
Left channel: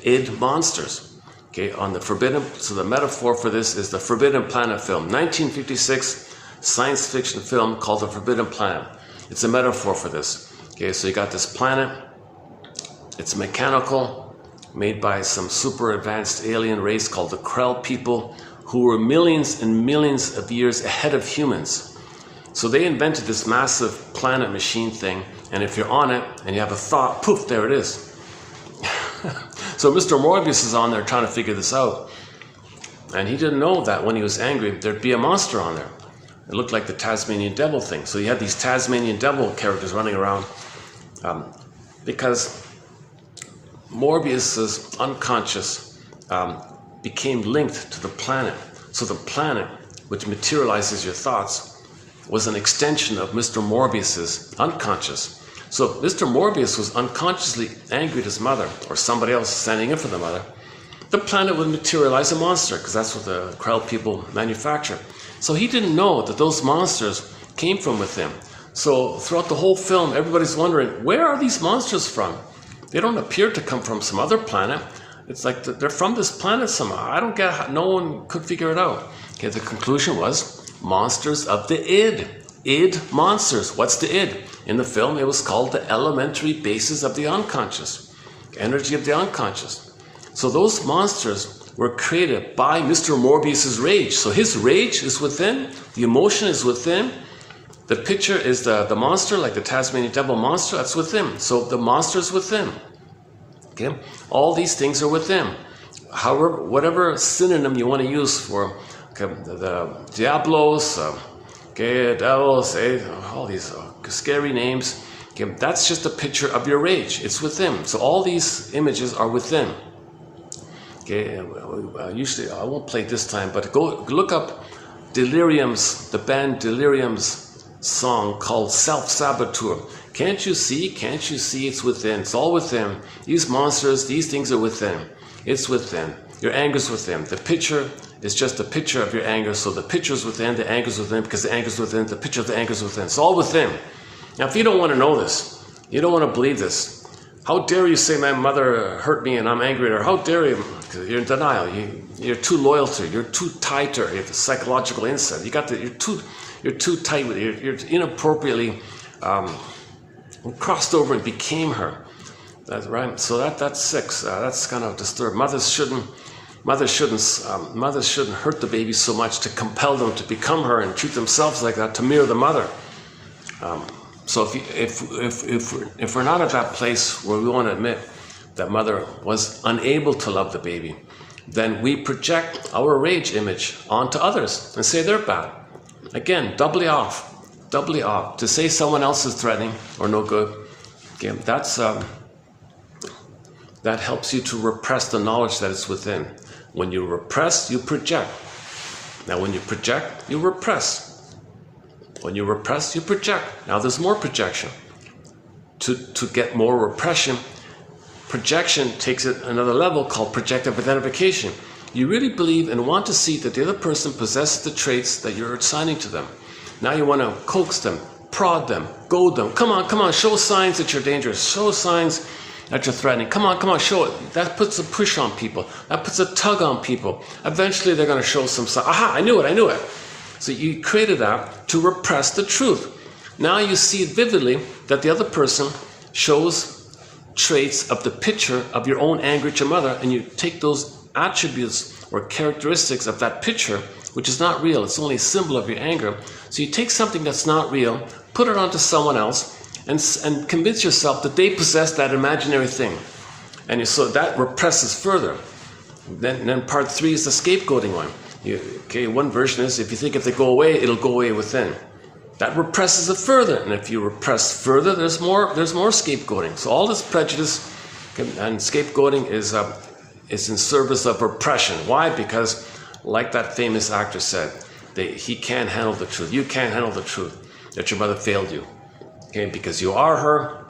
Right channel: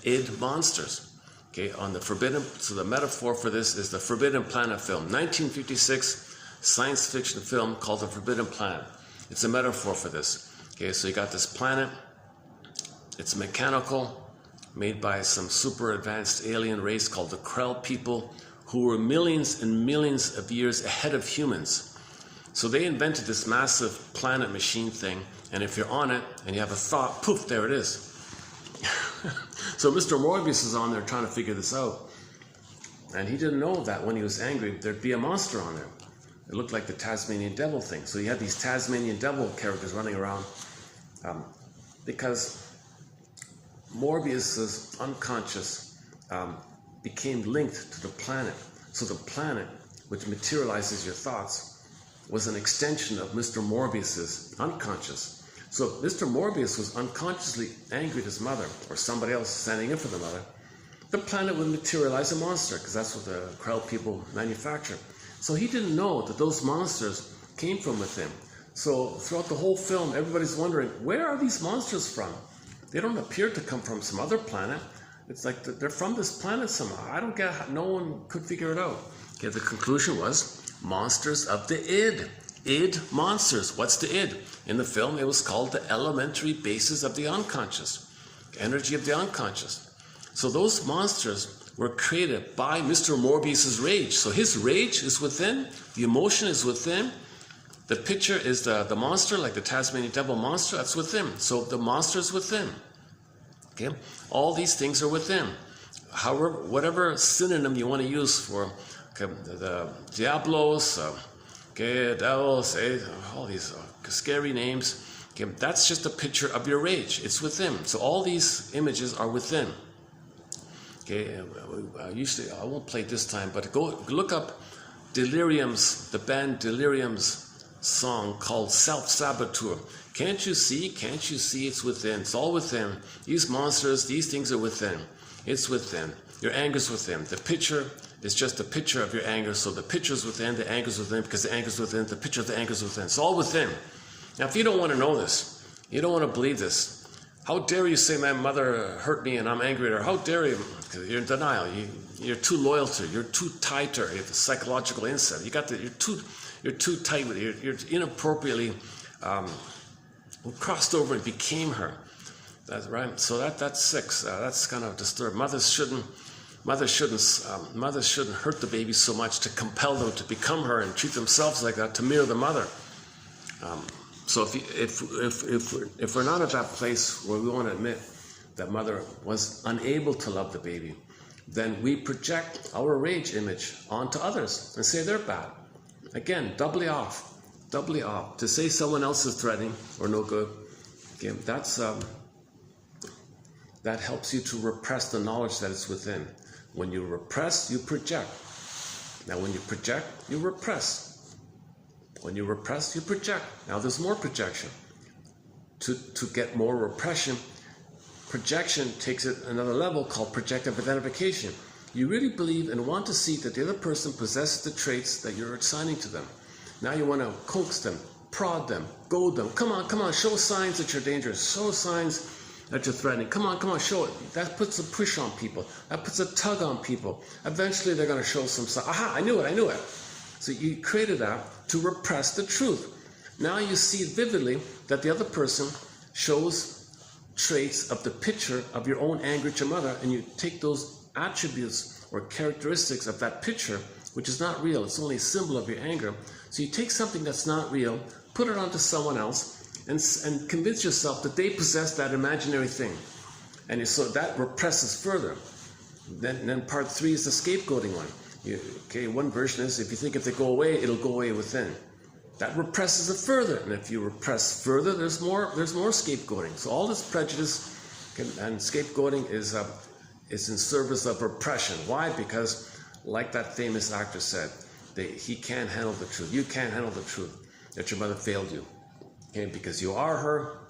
id monsters. Okay, on the forbidden, so the metaphor for this is the Forbidden Planet film, 1956 science fiction film called The Forbidden Planet. It's a metaphor for this. Okay, so you got this planet, it's mechanical, made by some super advanced alien race called the Krell people, who were millions and millions of years ahead of humans. So they invented this massive planet machine thing, and if you're on it and you have a thought, poof, there it is. So Mr. Morbius is on there trying to figure this out. And he didn't know that when he was angry, there'd be a monster on there. It looked like the Tasmanian devil thing. So you had these Tasmanian devil characters running around because Morbius's unconscious became linked to the planet. So the planet, which materializes your thoughts, was an extension of Mr. Morbius's unconscious. So Mr. Morbius was unconsciously angry at his mother, or somebody else standing in for the mother. The planet would materialize a monster, because that's what the Krell people manufacture. So he didn't know that those monsters came from within. So throughout the whole film, everybody's wondering, where are these monsters from? They don't appear to come from some other planet. It's like they're from this planet somehow. I don't get how, no one could figure it out. Okay, the conclusion was monsters of the id. Id monsters. What's the id? In the film, it was called the elementary basis of the unconscious, energy of the unconscious. So those monsters were created by Mr. Morbius's rage. So his rage is within, the emotion is within. The picture is the monster, like the Tasmanian devil monster, that's within. So the monster is within. Okay, all these things are within. However, whatever synonym you want to use for the diablos, devils, all these scary names. Okay, that's just a picture of your rage. It's within. So all these images are within. Okay, usually I won't play it this time, but go look up Delirium's, the band Delirium's song called Self-Saboteur. Can't you see? Can't you see? It's within. It's all within. These monsters, these things are within. It's within. Your anger's within. The picture is just a picture of your anger. So the picture's within, the anger's within, because the anger's within, the picture of the anger's within. It's all within. Now, if you don't want to know this, you don't want to believe this, how dare you say my mother hurt me and I'm angry at her? How dare you? Because you're in denial. You're too loyal to her. You're too tight to her. You have the psychological insight. You're too tight with her. You're inappropriately crossed over and became her. That's right. So that's 6. That's kind of disturbed. Mothers shouldn't hurt the baby so much to compel them to become her and treat themselves like that to mirror the mother. So if we're not at that place where we want to admit that mother was unable to love the baby, then we project our rage image onto others and say they're bad. Again, doubly off. To say someone else is threatening or no good, okay, that helps you to repress the knowledge that is within. When you repress, you project. Now when you project, you repress. When you repress, you project. Now there's more projection. To get more repression, projection takes it another level called projective identification. You really believe and want to see that the other person possesses the traits that you're assigning to them. Now you want to coax them, prod them, goad them. Come on, show signs that you're dangerous. Show signs that you're threatening. Come on, show it. That puts a push on people. That puts a tug on people. Eventually they're going to show some sign. Aha, I knew it. So you created that to repress the truth. Now you see it vividly that the other person shows traits of the picture of your own anger at your mother, and you take those attributes or characteristics of that picture, which is not real. It's only a symbol of your anger. So you take something that's not real, put it onto someone else, and convince yourself that they possess that imaginary thing. And so that represses further. Then part 3 is the scapegoating one. One version is if you think if they go away, it'll go away within. That represses it further. And if you repress further, there's more scapegoating. So all this prejudice and scapegoating is in service of repression. Why? Because like that famous actor said, he can't handle the truth. You can't handle the truth that your mother failed you. Okay, because you are her,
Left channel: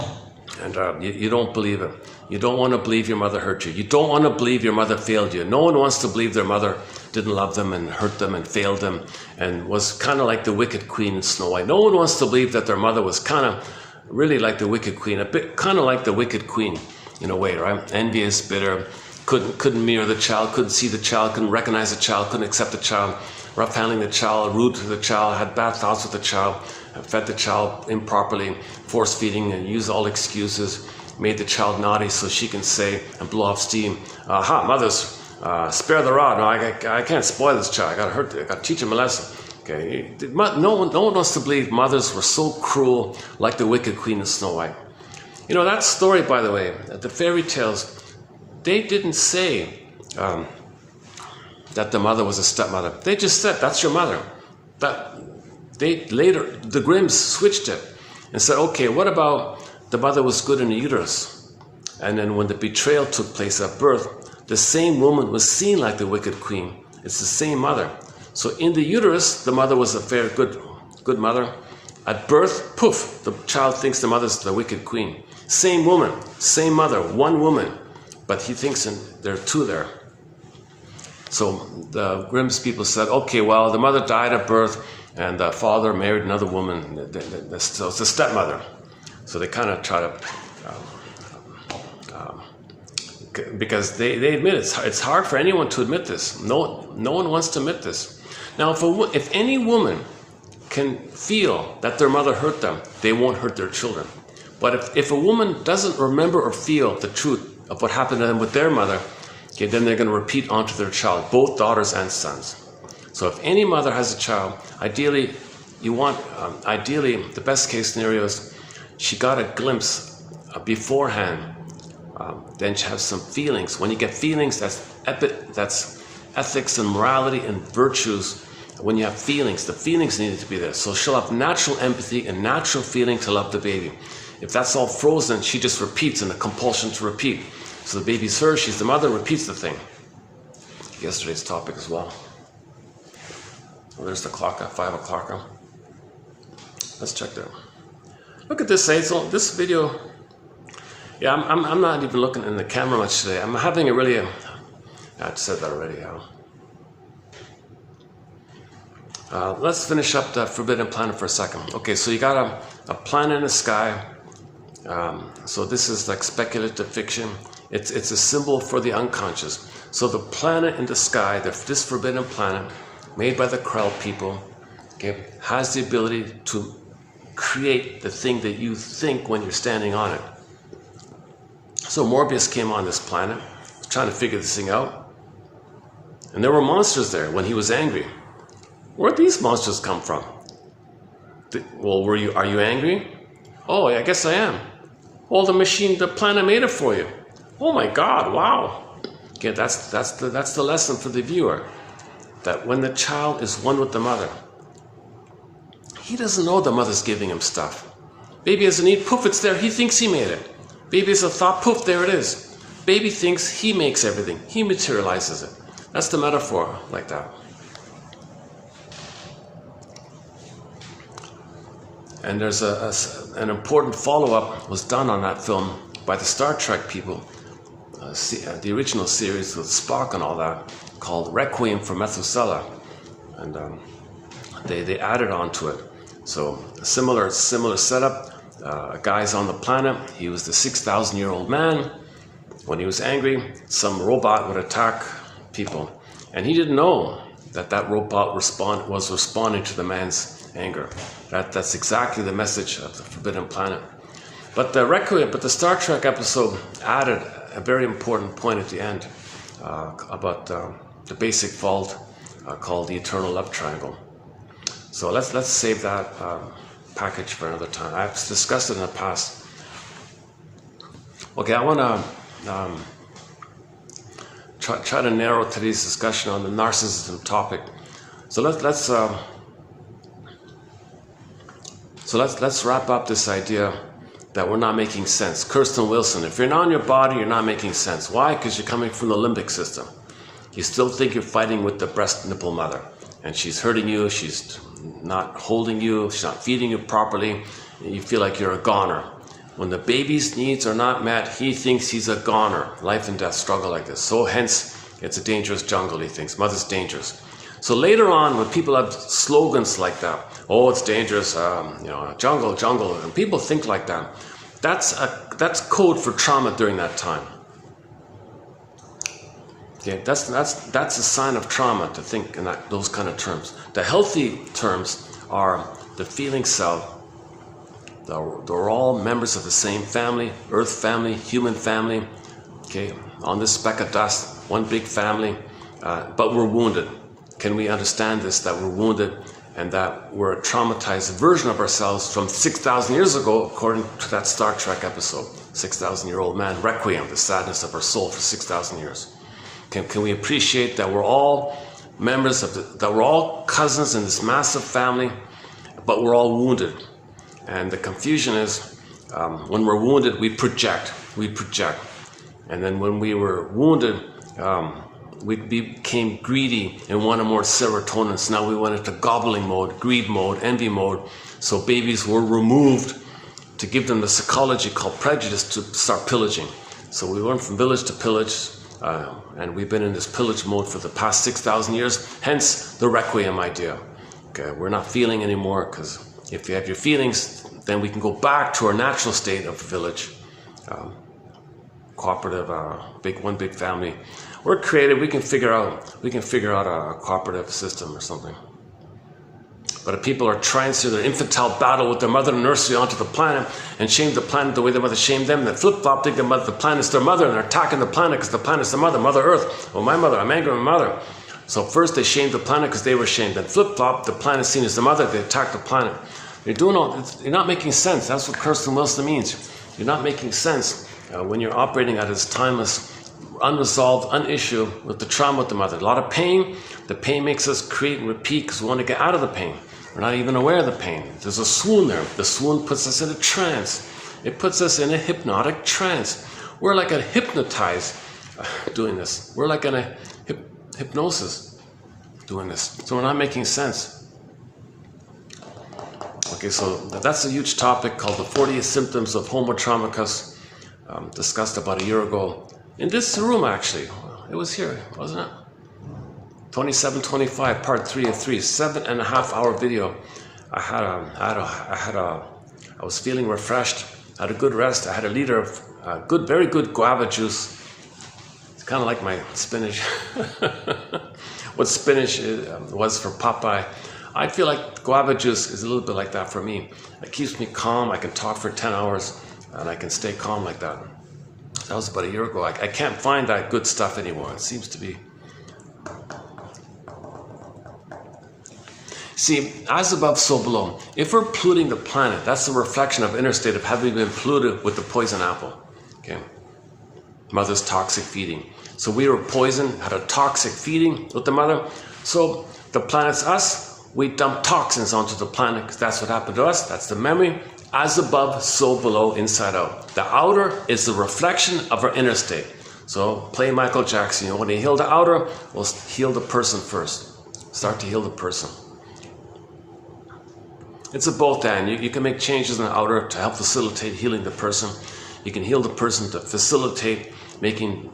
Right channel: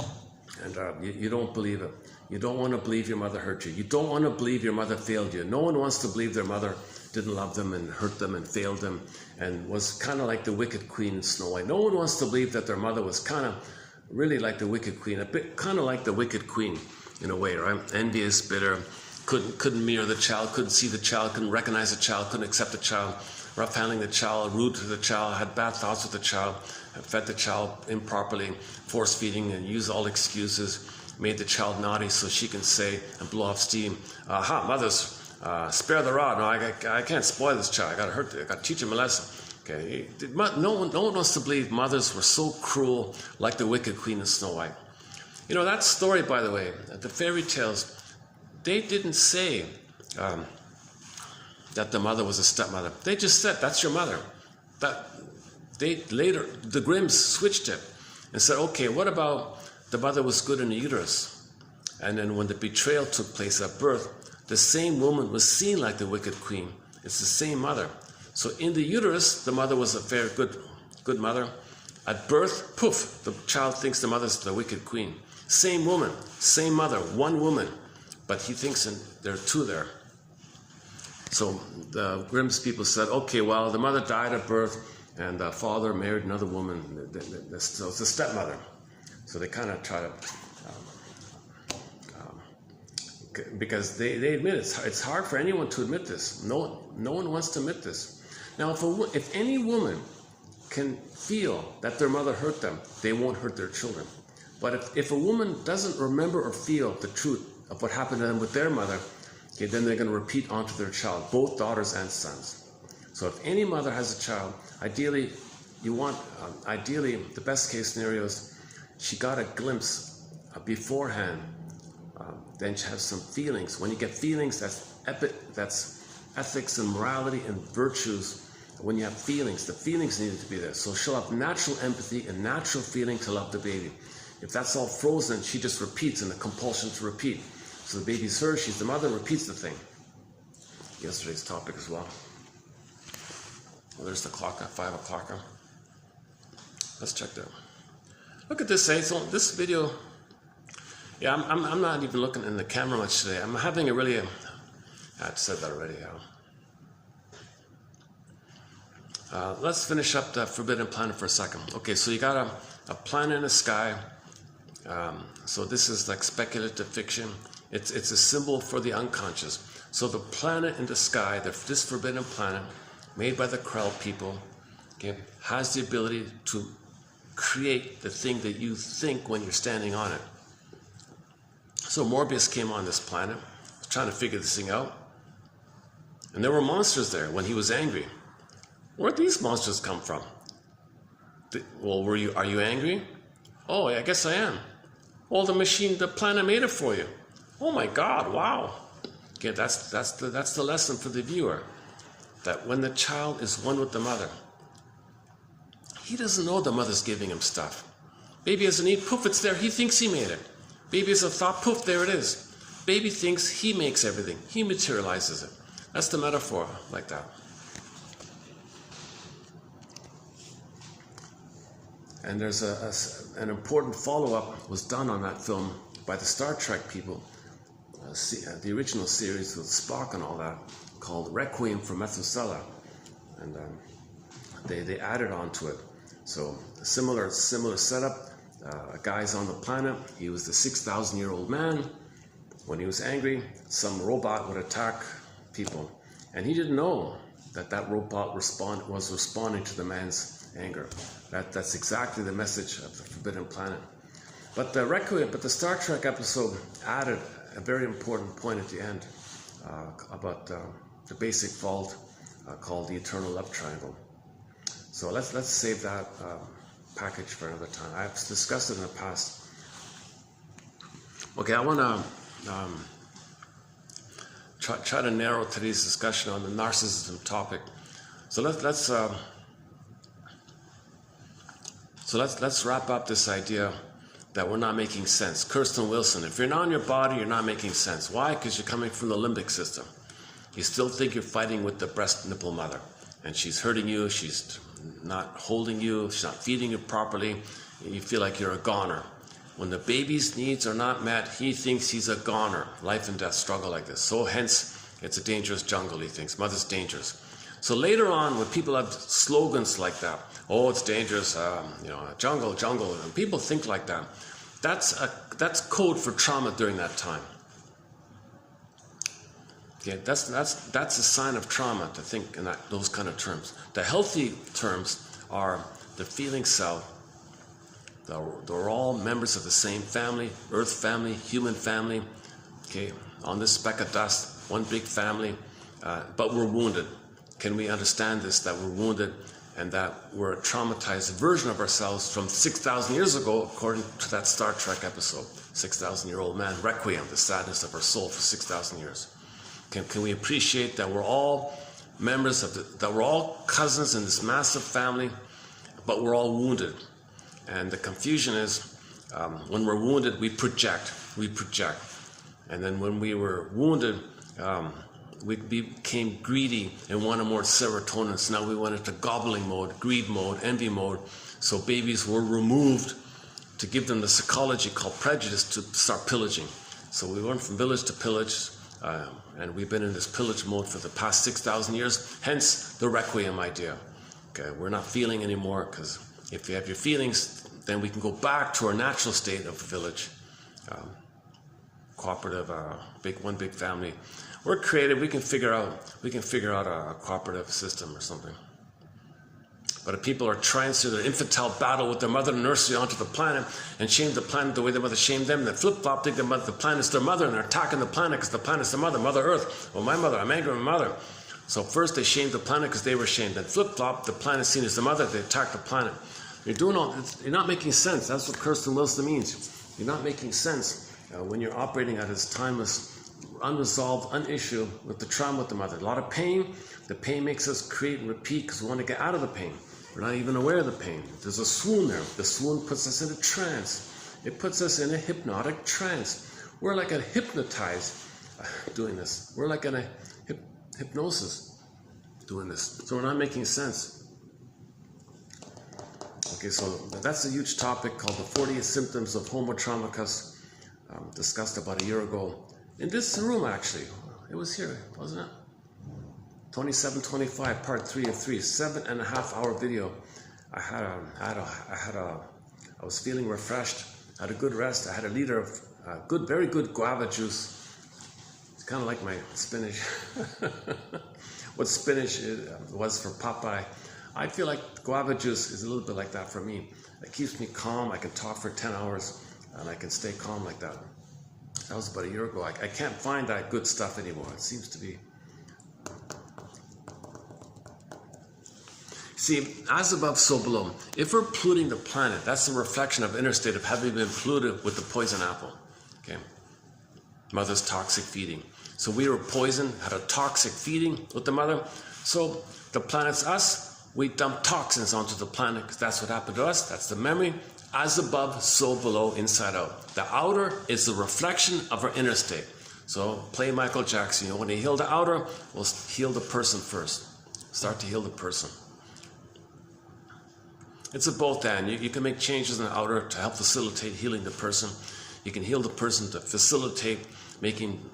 and you don't believe it. You don't want to believe your mother hurt you. You don't want to believe your mother failed you. No one wants to believe their mother didn't love them and hurt them and failed them and was kind of like the wicked queen in Snow White. No one wants to believe that their mother was kind of really like the wicked queen, a bit kind of like the wicked queen in a way, right? Envious, bitter, couldn't mirror the child, couldn't see the child, couldn't recognize the child, couldn't accept the child, rough handling the child, rude to the child, had bad thoughts with the child, fed the child improperly, force feeding, and used all excuses, made the child naughty so she can say and blow off steam, mothers, spare the rod. No, I can't spoil this child. I gotta teach him a lesson. Okay, no one wants to believe mothers were so cruel like the wicked queen of Snow White. You know, that story, by the way, the fairy tales, they didn't say that the mother was a stepmother. They just said, that's your mother. Later, the Grimms switched it and said, okay, what about the mother was good in the uterus? And then when the betrayal took place at birth, the same woman was seen like the wicked queen. It's the same mother. So in the uterus, the mother was a very good mother. At birth, poof, the child thinks the mother's the wicked queen. Same woman, same mother, one woman, but he thinks there are two there. So the Grimm's people said, okay, well, the mother died at birth and the father married another woman, so it's a stepmother. So they kind of try to, because they admit it's hard for anyone to admit this. No one wants to admit this. Now, if any woman can feel that their mother hurt them, they won't hurt their children. But if a woman doesn't remember or feel the truth of what happened to them with their mother, okay, then they're going to repeat onto their child, both daughters and sons. So if any mother has a child, ideally, the best case scenario is she got a glimpse beforehand, then she has some feelings. When you get feelings, that's ethics and morality and virtues. When you have feelings, the feelings needed to be there. So she'll have natural empathy and natural feeling to love the baby. If that's all frozen, she just repeats in a compulsion to repeat. So the baby's hers, she's the mother, repeats the thing. Yesterday's topic as well. Well, there's the clock at 5 o'clock. Let's check that. Look at this, Hazel. This video, yeah, I'm not even looking in the camera much today. I'm having a really, I've said that already. Let's finish up the Forbidden Planet for a second. Okay, so you got a planet in the sky. So this is like speculative fiction. It's a symbol for the unconscious. So the planet in the sky, this forbidden planet, made by the Krell people, okay, has the ability to create the thing that you think when you're standing on it. So Morbius came on this planet, trying to figure this thing out. And there were monsters there when he was angry. Where'd these monsters come from? Well, are you angry? Oh, I guess I am. Well, the planet made it for you. Oh my God, wow. Okay, that's the lesson for the viewer. That when the child is one with the mother, he doesn't know the mother's giving him stuff. Baby has a need, poof, it's there, he thinks he made it. Baby has a thought, poof, there it is. Baby thinks he makes everything, he materializes it. That's the metaphor, like that. And there's an important follow-up was done on that film by the Star Trek people, the original series with Spock and all that, called Requiem for Methuselah, and they added on to it. So a similar setup. A guy's on the planet. He was the 6,000-year-old man. When he was angry, some robot would attack people, and he didn't know that robot was responding to the man's anger. That's exactly the message of the Forbidden Planet. But the Star Trek episode added a very important point at the end about the basic fault called the eternal love triangle. So let's save that package for another time. I've discussed it in the past. Okay, I want to try to narrow today's discussion on the narcissism topic. So let's wrap up this idea that we're not making sense. Kirsten Wilson, if you're not in your body, you're not making sense. Why? Because you're coming from the limbic system. You still think you're fighting with the breast nipple mother, and she's hurting you, she's not holding you, she's not feeding you properly, and you feel like you're a goner. When the baby's needs are not met, he thinks he's a goner. Life and death struggle like this. So hence, It's a dangerous jungle, he thinks. Mother's dangerous. So later on, when people have slogans like that, oh, it's dangerous, jungle, jungle, and people think like that, that's code for trauma during that time. Okay, that's a sign of trauma to think in those kind of terms. The healthy terms are the feeling self. They're all members of the same family, earth family, human family. Okay, on this speck of dust, one big family, but we're wounded. Can we understand this, that we're wounded and that we're a traumatized version of ourselves from 6,000 years ago, according to that Star Trek episode, 6,000-year-old man, Requiem, the sadness of our soul for 6,000 years. Can we appreciate that we're all members of that we're all cousins in this massive family, but we're all wounded? And the confusion is, when we're wounded, we project. And then when we were wounded, we became greedy and wanted more serotonin. So now we went into gobbling mode, greed mode, envy mode. So babies were removed to give them the psychology called prejudice to start pillaging. So we went from village to pillage, and we've been in this pillage mode for the past 6,000 years, hence the Requiem idea. Okay, we're not feeling anymore, because if you have your feelings, then we can go back to our natural state of village. Cooperative, one big family. We're creative. We can figure out a cooperative system or something. But if people are trying to do their infantile battle with their mother in nursery onto the planet and shame the planet the way their mother shamed them, then flip-flop think the planet's their mother and they're attacking the planet because the planet's their mother, Mother Earth. Well, my mother, I'm angry with my mother. So first they shamed the planet because they were shamed. Then flip-flop, the planet's seen as the mother, they attack the planet. You're not making sense. That's what Kirsten Wilson means. You're not making sense when you're operating at this timeless, unresolved, unissued with the trauma with the mother. A lot of pain. The pain makes us create and repeat because we want to get out of the pain. We're not even aware of the pain. There's a swoon there. The swoon puts us in a trance. It puts us in a hypnotic trance. We're like a hypnotized doing this. We're like in a hypnosis doing this. So we're not making sense. Okay, so that's a huge topic called the 40 symptoms of Homo traumicus, discussed about a year ago. In this room, actually. It was here, wasn't it? 2725, part 3 of 3, 7.5-hour video. I was feeling refreshed, had a good rest. I had a liter of very good guava juice. It's kind of like my spinach. What spinach was for Popeye. I feel like guava juice is a little bit like that for me. It keeps me calm. I can talk for 10 hours and I can stay calm like that. That was about a year ago. I can't find that good stuff anymore. It seems to be. See, as above, so below. If we're polluting the planet, that's the reflection of inner state of having been polluted with the poison apple. Okay, mother's toxic feeding. So we were poisoned, had a toxic feeding with the mother. So the planet's us. We dump toxins onto the planet because that's what happened to us. That's the memory. As above, so below, inside out. The outer is the reflection of our inner state. So play Michael Jackson. You know, when you heal the outer, we'll heal the person first. Start to heal the person. It's a both and. You can make changes in the outer to help facilitate healing the person. You can heal the person to facilitate making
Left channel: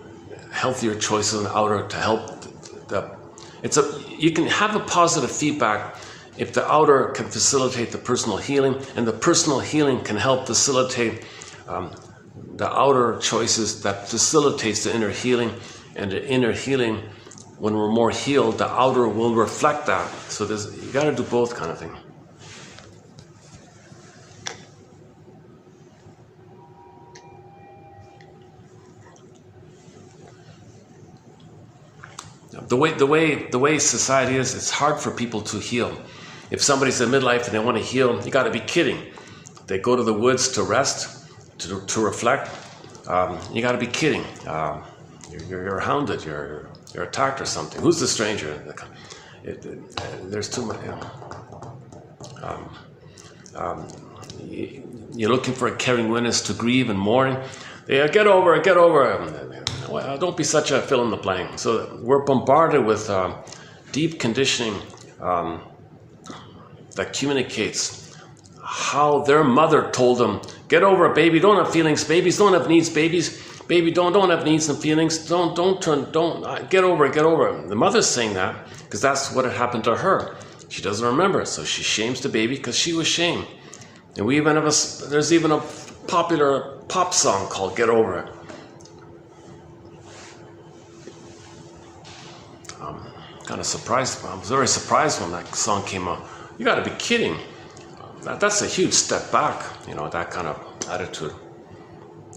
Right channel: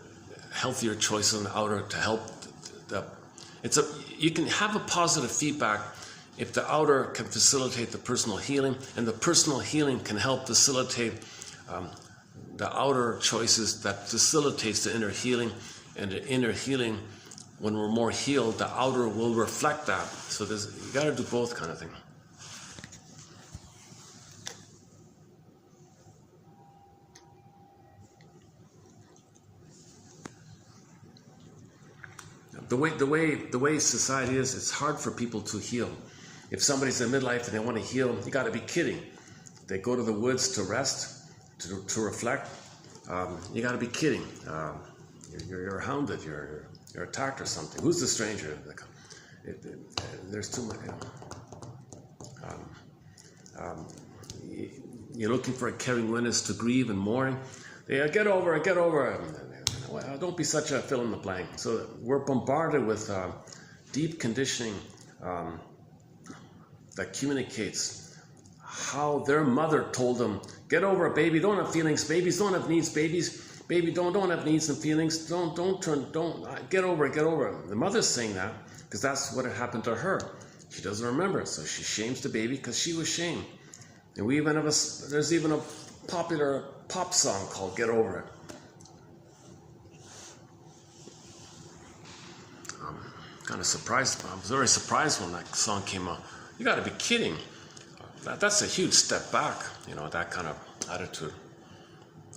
healthier choices in the outer to help you can have a positive feedback if the outer can facilitate the personal healing, and the personal healing can help facilitate the outer choices that facilitates the inner healing. And the inner healing, when we're more healed, the outer will reflect that. So you got to do both kind of thing. The way society is, it's hard for people to heal. If somebody's in midlife and they want to heal, you got to be kidding. They go to the woods to rest, to reflect. You got to be kidding. You're hounded. You're attacked or something. Who's the stranger? There's too many. You're looking for a caring witness to grieve and mourn. Yeah, get over it. Get over it. Well, don't be such a fill in the blank. So we're bombarded with deep conditioning that communicates how their mother told them, get over it, baby, don't have feelings, babies don't have needs, baby don't have needs and feelings, don't get over it, get over it. The mother's saying that because that's what had happened to her. She doesn't remember it, so she shames the baby because she was shamed. And we even have there's even a popular pop song called Get Over It. Kind of surprised. I was very surprised when that song came out. You got to be kidding. That's a huge step back, you know, that kind of attitude.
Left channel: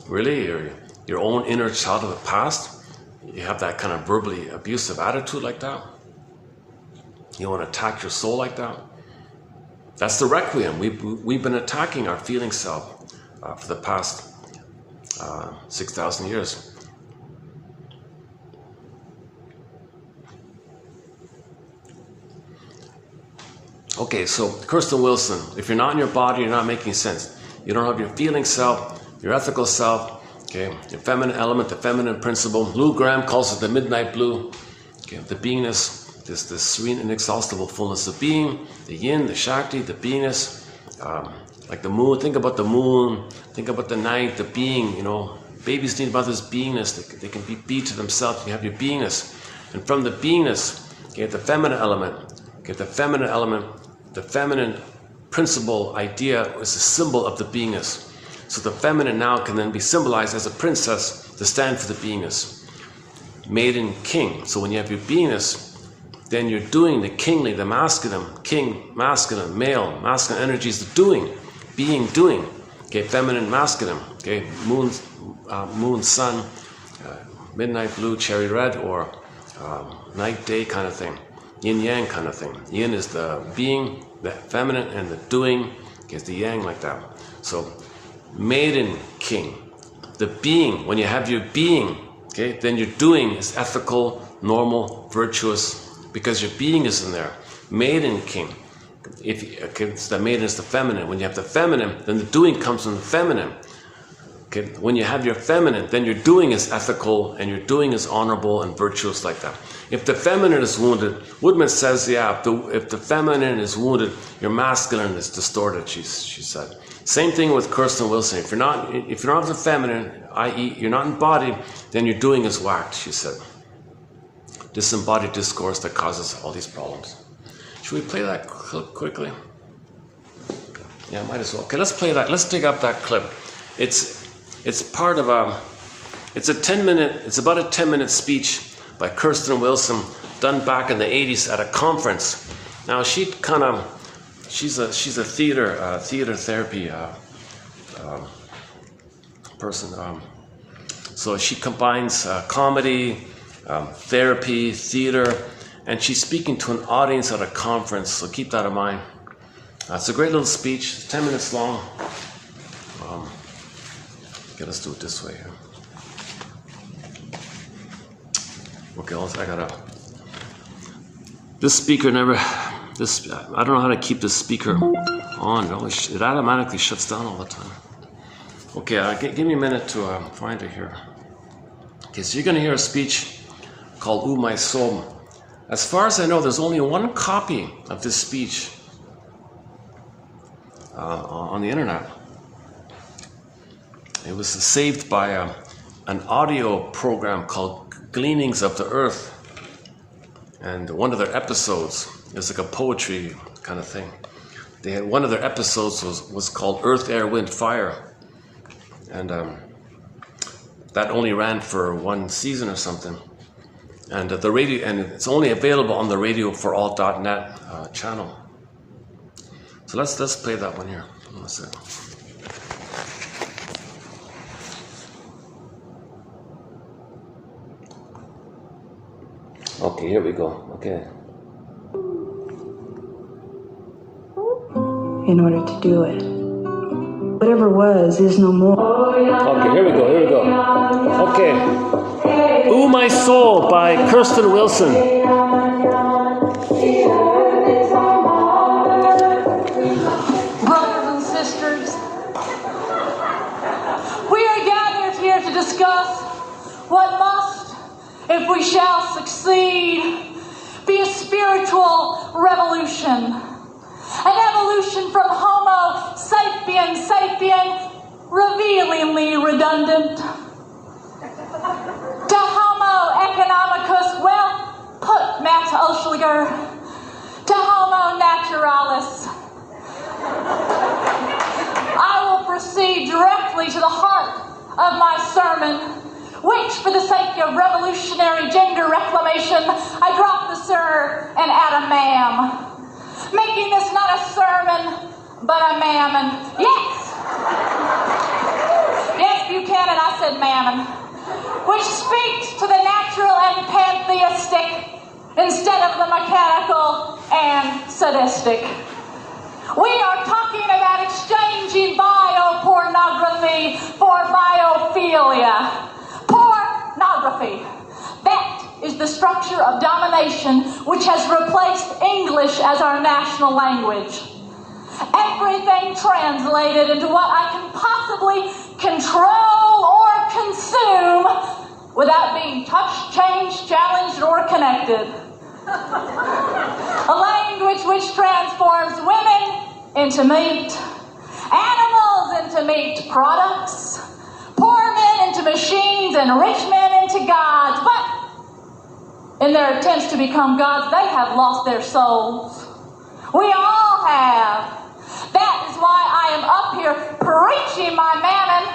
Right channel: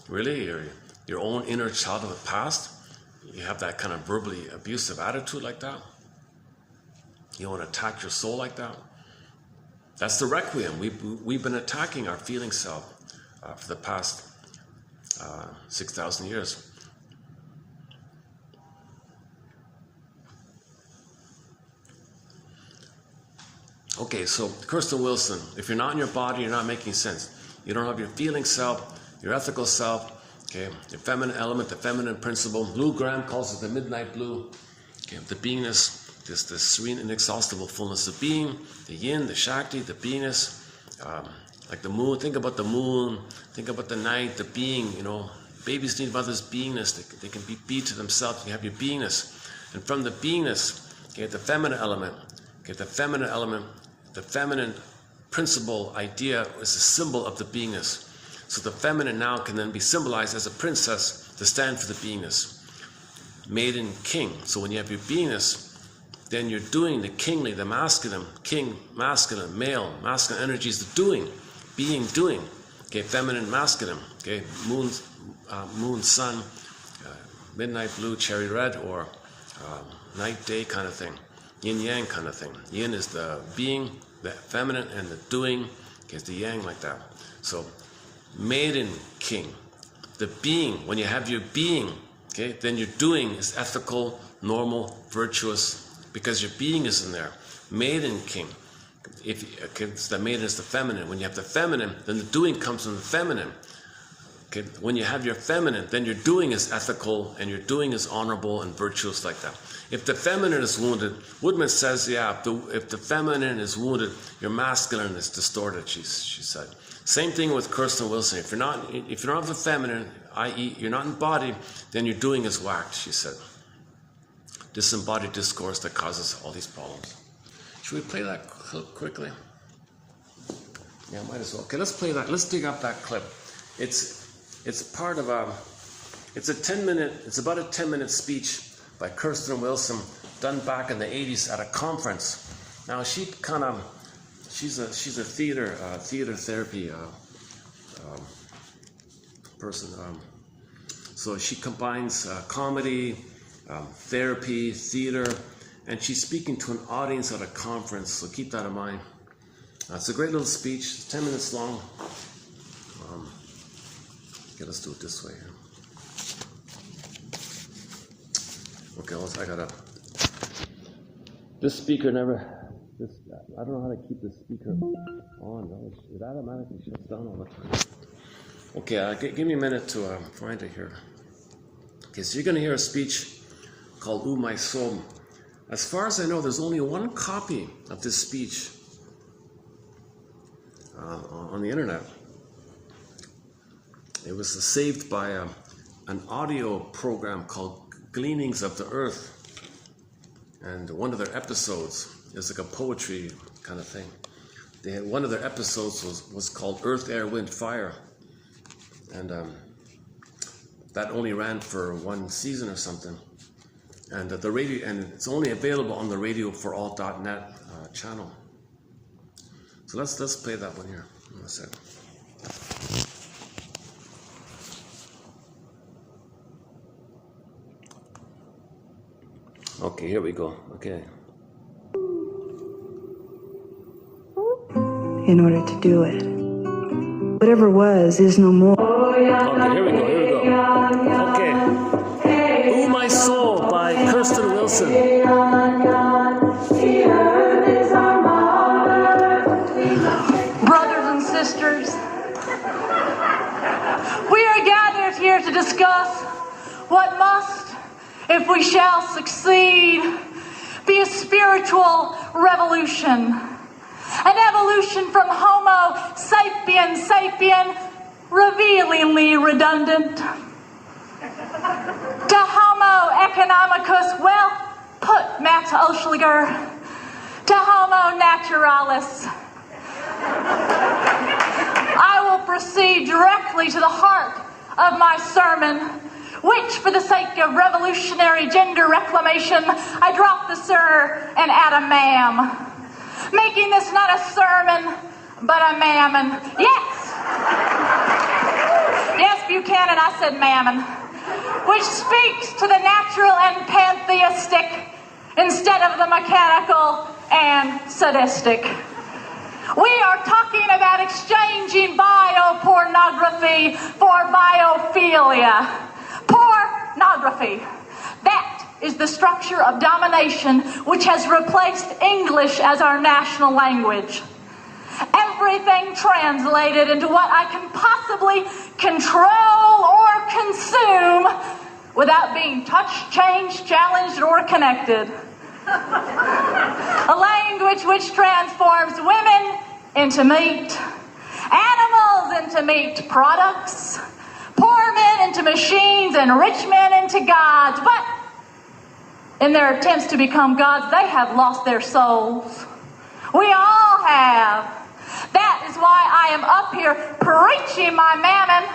Really, your own inner child of the past, you have that kind of verbally abusive attitude like that? You want to attack your soul like that? That's the requiem. We've been attacking our feeling self for the past 6,000 years. Okay, so Kirsten Wilson, if you're not in your body, you're not making sense. You don't have your feeling self, your ethical self, okay, your feminine element, the feminine principle. Lou Graham calls it the midnight blue. Okay, the beingness, this serene, inexhaustible fullness of being, the yin, the shakti, the beingness, like the moon. Think about the moon, think about the night, the being, you know. Babies need mother's beingness. They can be to themselves. You have your beingness. And from the beingness, you get the feminine element. Okay, the feminine element, the feminine principle idea is a symbol of the beingness. So the feminine now can then be symbolized as a princess to stand for the beingness. Maiden, king. So when you have your beingness, then you're doing the kingly, the masculine, king, masculine, male, masculine energy is the doing, being, doing. Okay, feminine, masculine. Okay, moon, sun, midnight blue, cherry red, or night, day kind of thing. Yin yang kind of thing. Yin is the being, the feminine, and the doing is the yang, like that. So, maiden, king. The being, when you have your being, okay, then your doing is ethical, normal, virtuous, because your being is in there. Maiden, king. The maiden is the feminine. When you have the feminine, then the doing comes from the feminine. Okay, when you have your feminine, then your doing is ethical and your doing is honorable and virtuous, like that. If the feminine is wounded, Woodman says, yeah, if the feminine is wounded, your masculine is distorted, she said. Same thing with Kirsten Wilson. If you're not the feminine, i.e. you're not embodied, then your doing is whacked, she said. Disembodied discourse that causes all these problems. Should we play that clip quickly? Yeah, might as well. Okay, let's play that. Let's dig up that clip. It's part of it's about a 10-minute speech by Kirsten Wilson, done back in the 80s at a conference. Now she's a theater therapy person. So she combines comedy, therapy, theater, and she's speaking to an audience at a conference. So keep that in mind. It's a great little speech. It's 10 minutes long. Okay, let's do it this way here. Okay, this speaker I don't know how to keep this speaker on. It automatically shuts down all the time. Okay, give me a minute to find it here. Okay, so you're going to hear a speech called Ooh, My Soul. As far as I know, there's only one copy of this speech on the internet. It was saved by an audio program called Gleanings of the Earth, and one of their episodes is like a poetry kind of thing. They had one of their episodes was called Earth, Air, Wind, Fire, and that only ran for one season or something. And the radio, and it's only available on the radioforall.net channel. So let's play that one here. One second. Okay, here we go. Okay. In order to do it. Whatever was is no more. Okay, here we go. Okay. Ooh, My Soul by Kirsten Wilson. Brothers and sisters, we are gathered here to discuss what must, if we shall succeed, be a spiritual revolution. An evolution from Homo sapien sapien, revealingly redundant. To homo economicus, well put, Max Oschliger. To homo naturalis. I will proceed directly to the heart of my sermon, which, for the sake of revolutionary gender reclamation, I drop the sir and add a ma'am, making this not a sermon, but a mammon. Yes! Yes, Buchanan, I said mammon, which speaks to the natural and pantheistic instead of the mechanical and sadistic. We are talking about exchanging biopornography for biophilia. Pornography. That is the structure of domination which has replaced English as our national language. Everything translated into what I can possibly control or consume without being touched, changed, challenged, or connected. A language which transforms women into meat, animals into meat products, poor men into machines, and rich men into gods. But in their attempts to become gods, they have lost their souls. We all have. That is why I am up here preaching my mammon.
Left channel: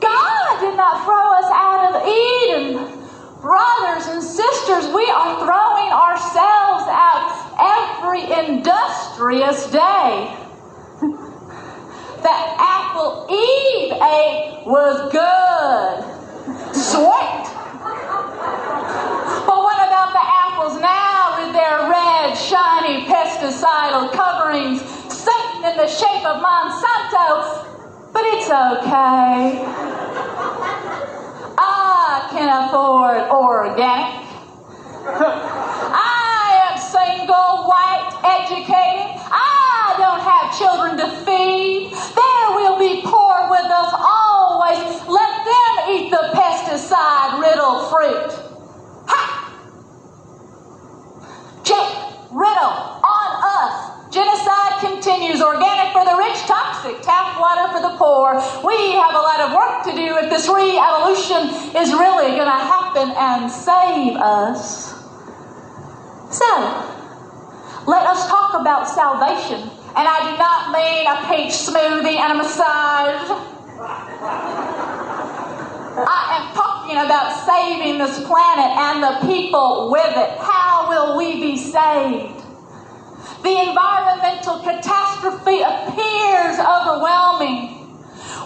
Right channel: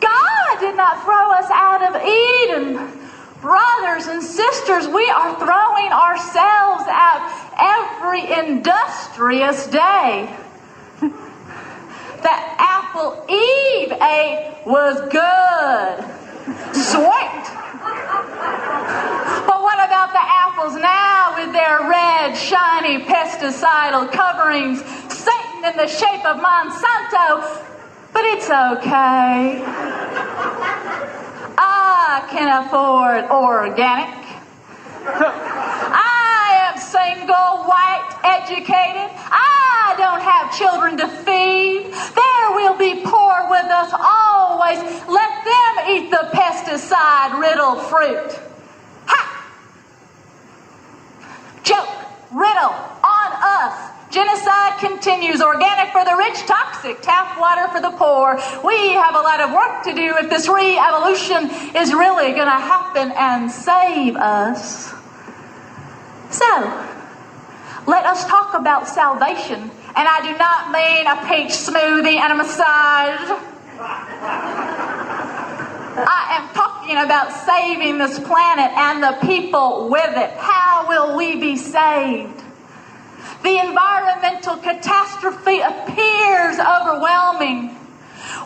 God did not throw us out of Eden. Brothers and sisters, we are throwing ourselves out every industrious day. The apple Eve ate was good. Sweet. But what about the apples now with their red, shiny, pesticidal coverings, Satan in the shape of Monsanto? But it's okay. I can afford organic. I am single, white, educated. I don't have children to feed. There will be poor with us always. Let them eat the pesticide-riddled fruit. Ha! Joke, riddle, on us. Genocide continues. Organic for the rich, toxic, tap water for the poor. We have a lot of work to do if this re-evolution is really going to happen and save us. So, let us talk about salvation. And I do not mean a peach smoothie and a massage. I am talking about saving this planet and the people with it. How will we be saved? The environmental catastrophe appears overwhelming.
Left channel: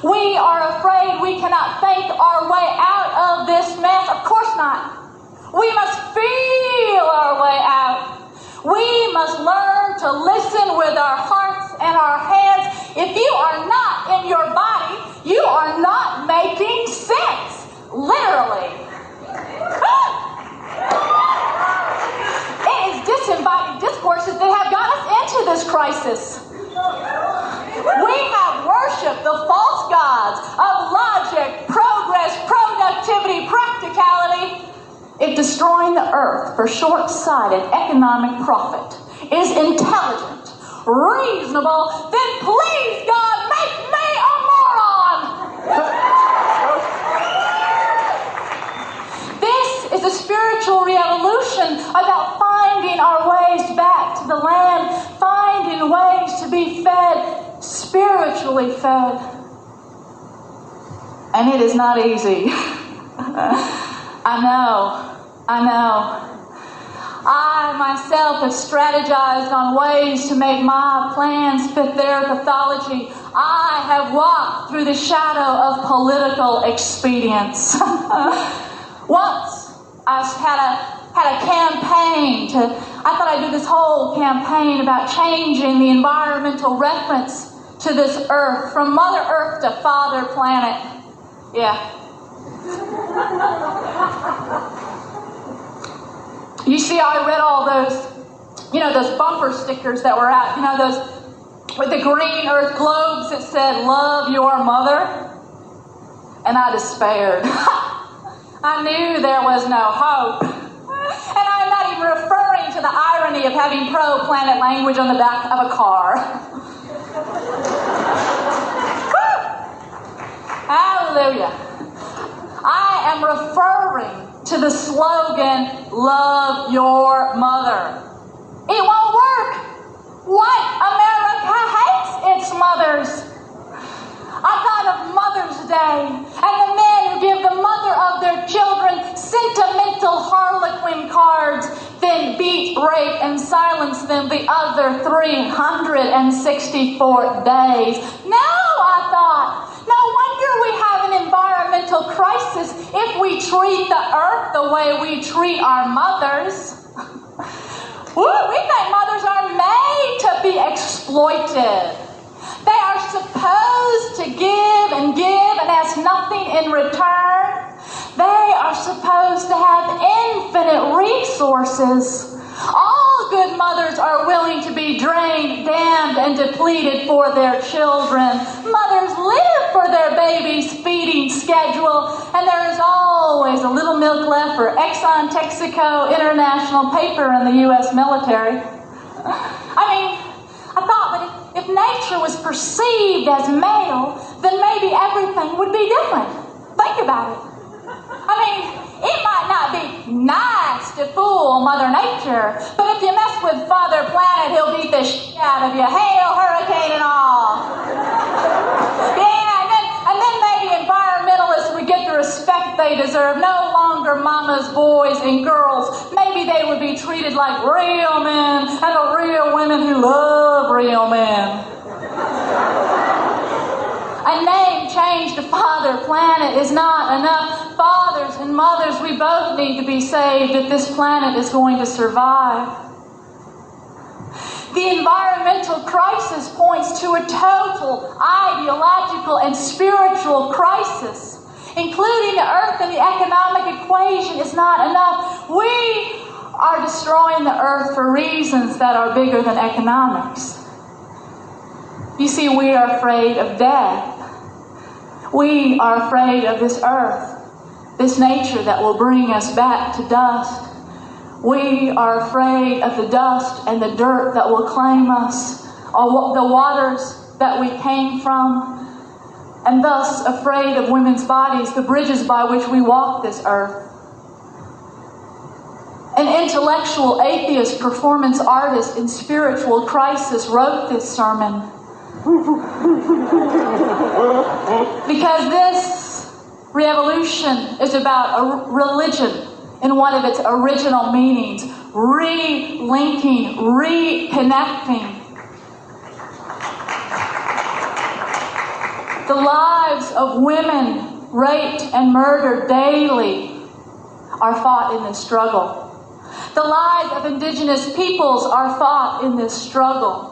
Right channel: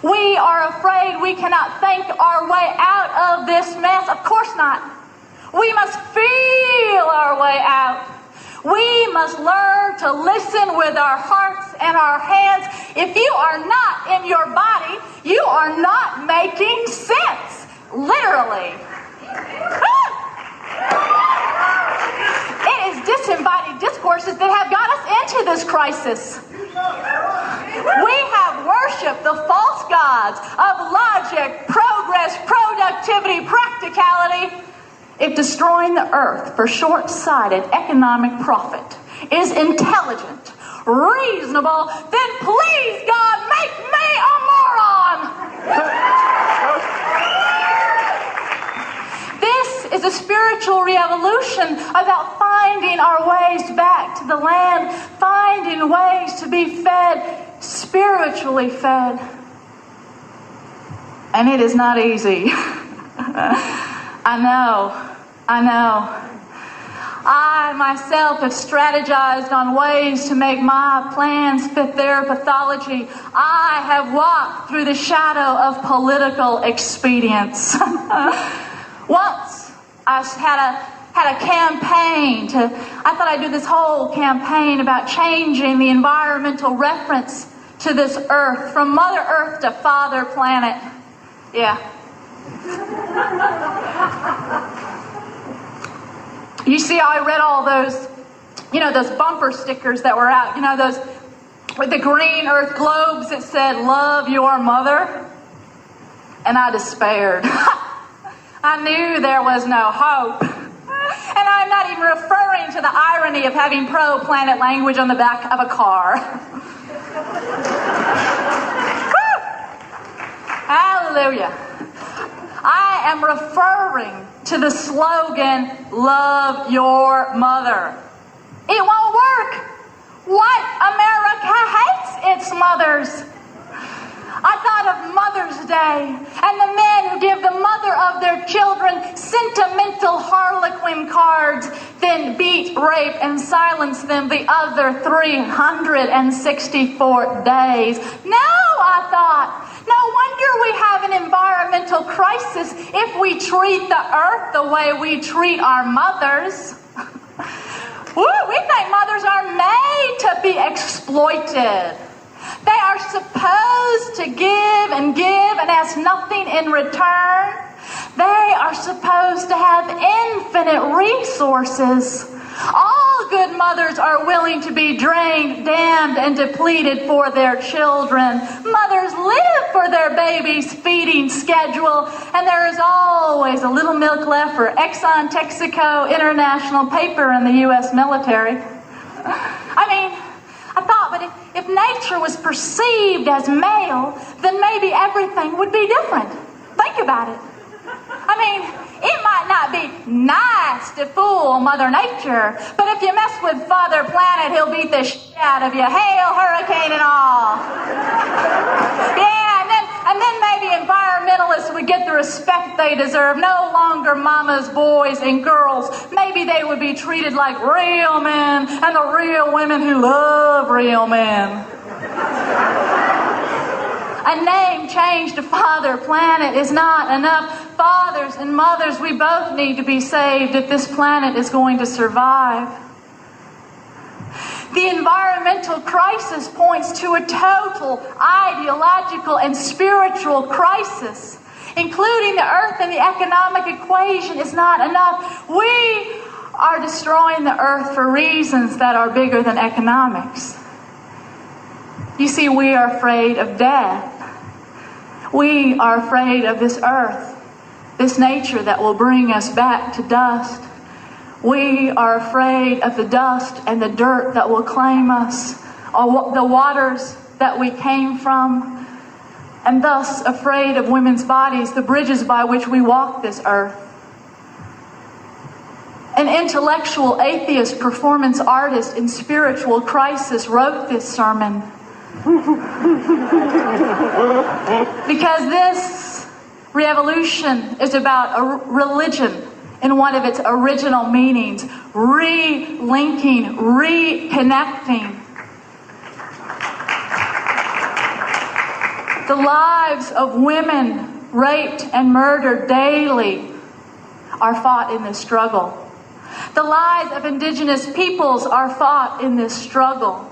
We are afraid we cannot think our way out of this mess. Of course not. We must feel our way out. We must learn to listen with our hearts and our hands. If you are not in your body, you are not making sense. Literally. It is disembodied discourses that have got us into this crisis. We have worshipped the false gods of logic, progress, productivity, practicality. If destroying the earth for short-sighted economic profit is intelligent, reasonable, then please, God, make me a moron! This is a spiritual revolution about finding our ways back to the land, finding ways to be fed, spiritually fed. And it is not easy. I know. I myself have strategized on ways to make my plans fit their pathology. I have walked through the shadow of political expedience. Once I had a campaign I thought I'd do this whole campaign about changing the environmental reference to this earth, from Mother Earth to Father Planet. Yeah. You see, I read all those, those bumper stickers that were out, those with the green earth globes that said, "Love your mother." And I despaired. I knew there was no hope. And I'm not even referring to the irony of having pro-planet language on the back of a car. Hallelujah. I am referring to the slogan, love your mother. It won't work. What? America hates its mothers. I thought of Mother's Day and the men who give the mother of their children sentimental harlequin cards, then beat, rape, and silence them the other 364 days. No, I thought. No wonder we have an environmental crisis if we treat the earth the way we treat our mothers. Woo, we think mothers are made to be exploited. They are supposed to give and ask nothing in return. They are supposed to have infinite resources. All good mothers are willing to be drained, damned, and depleted for their children. Mothers live for their baby's feeding schedule, and there is always a little milk left for Exxon, Texaco, International Paper, and the U.S. military. I thought, but if nature was perceived as male, then maybe everything would be different. Think about it. It might not be nice to fool Mother Nature, but if you mess with Father Planet, he'll beat the shit out of you. Hail, hurricane, and all. Yeah, and then maybe environmentalists would get the respect they deserve. No longer mama's boys and girls. Maybe they would be treated like real men and the real women who love real men. A name changed to Father Planet is not enough. Fathers and mothers, we both need to be saved if this planet is going to survive. The environmental crisis points to a total ideological and spiritual crisis. Including the earth in the economic equation is not enough. We are destroying the earth for reasons that are bigger than economics. You see, we are afraid of death. We are afraid of this earth, this nature that will bring us back to dust. We are afraid of the dust and the dirt that will claim us, or the waters that we came from, and thus afraid of women's bodies, the bridges by which we walk this earth. An intellectual atheist performance artist in spiritual crisis wrote this sermon. Because this revolution is about a religion in one of its original meanings, re-linking, reconnecting. The lives of women raped and murdered daily are fought in this struggle. The lives of indigenous peoples are fought in this struggle.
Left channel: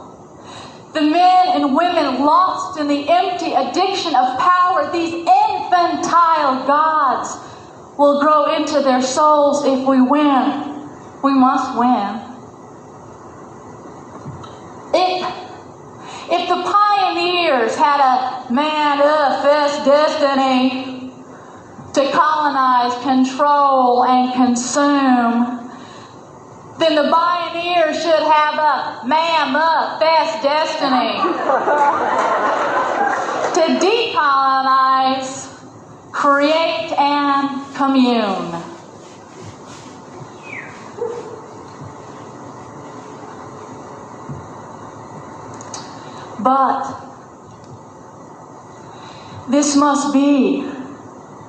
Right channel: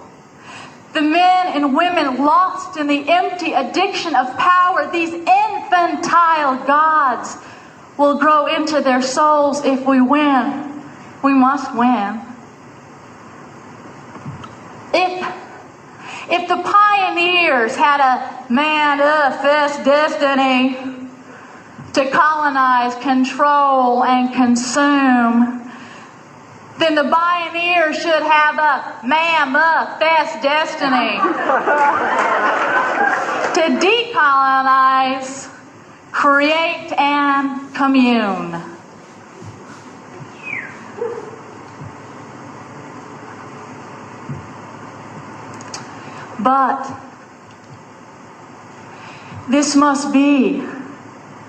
The men and women lost in the empty addiction of power, these infantile gods, will grow into their souls if we win. We must win. If the pioneers had a manifest destiny to colonize, control, and consume, then the pioneers should have a manifest destiny to decolonize, create, and commune. But this must be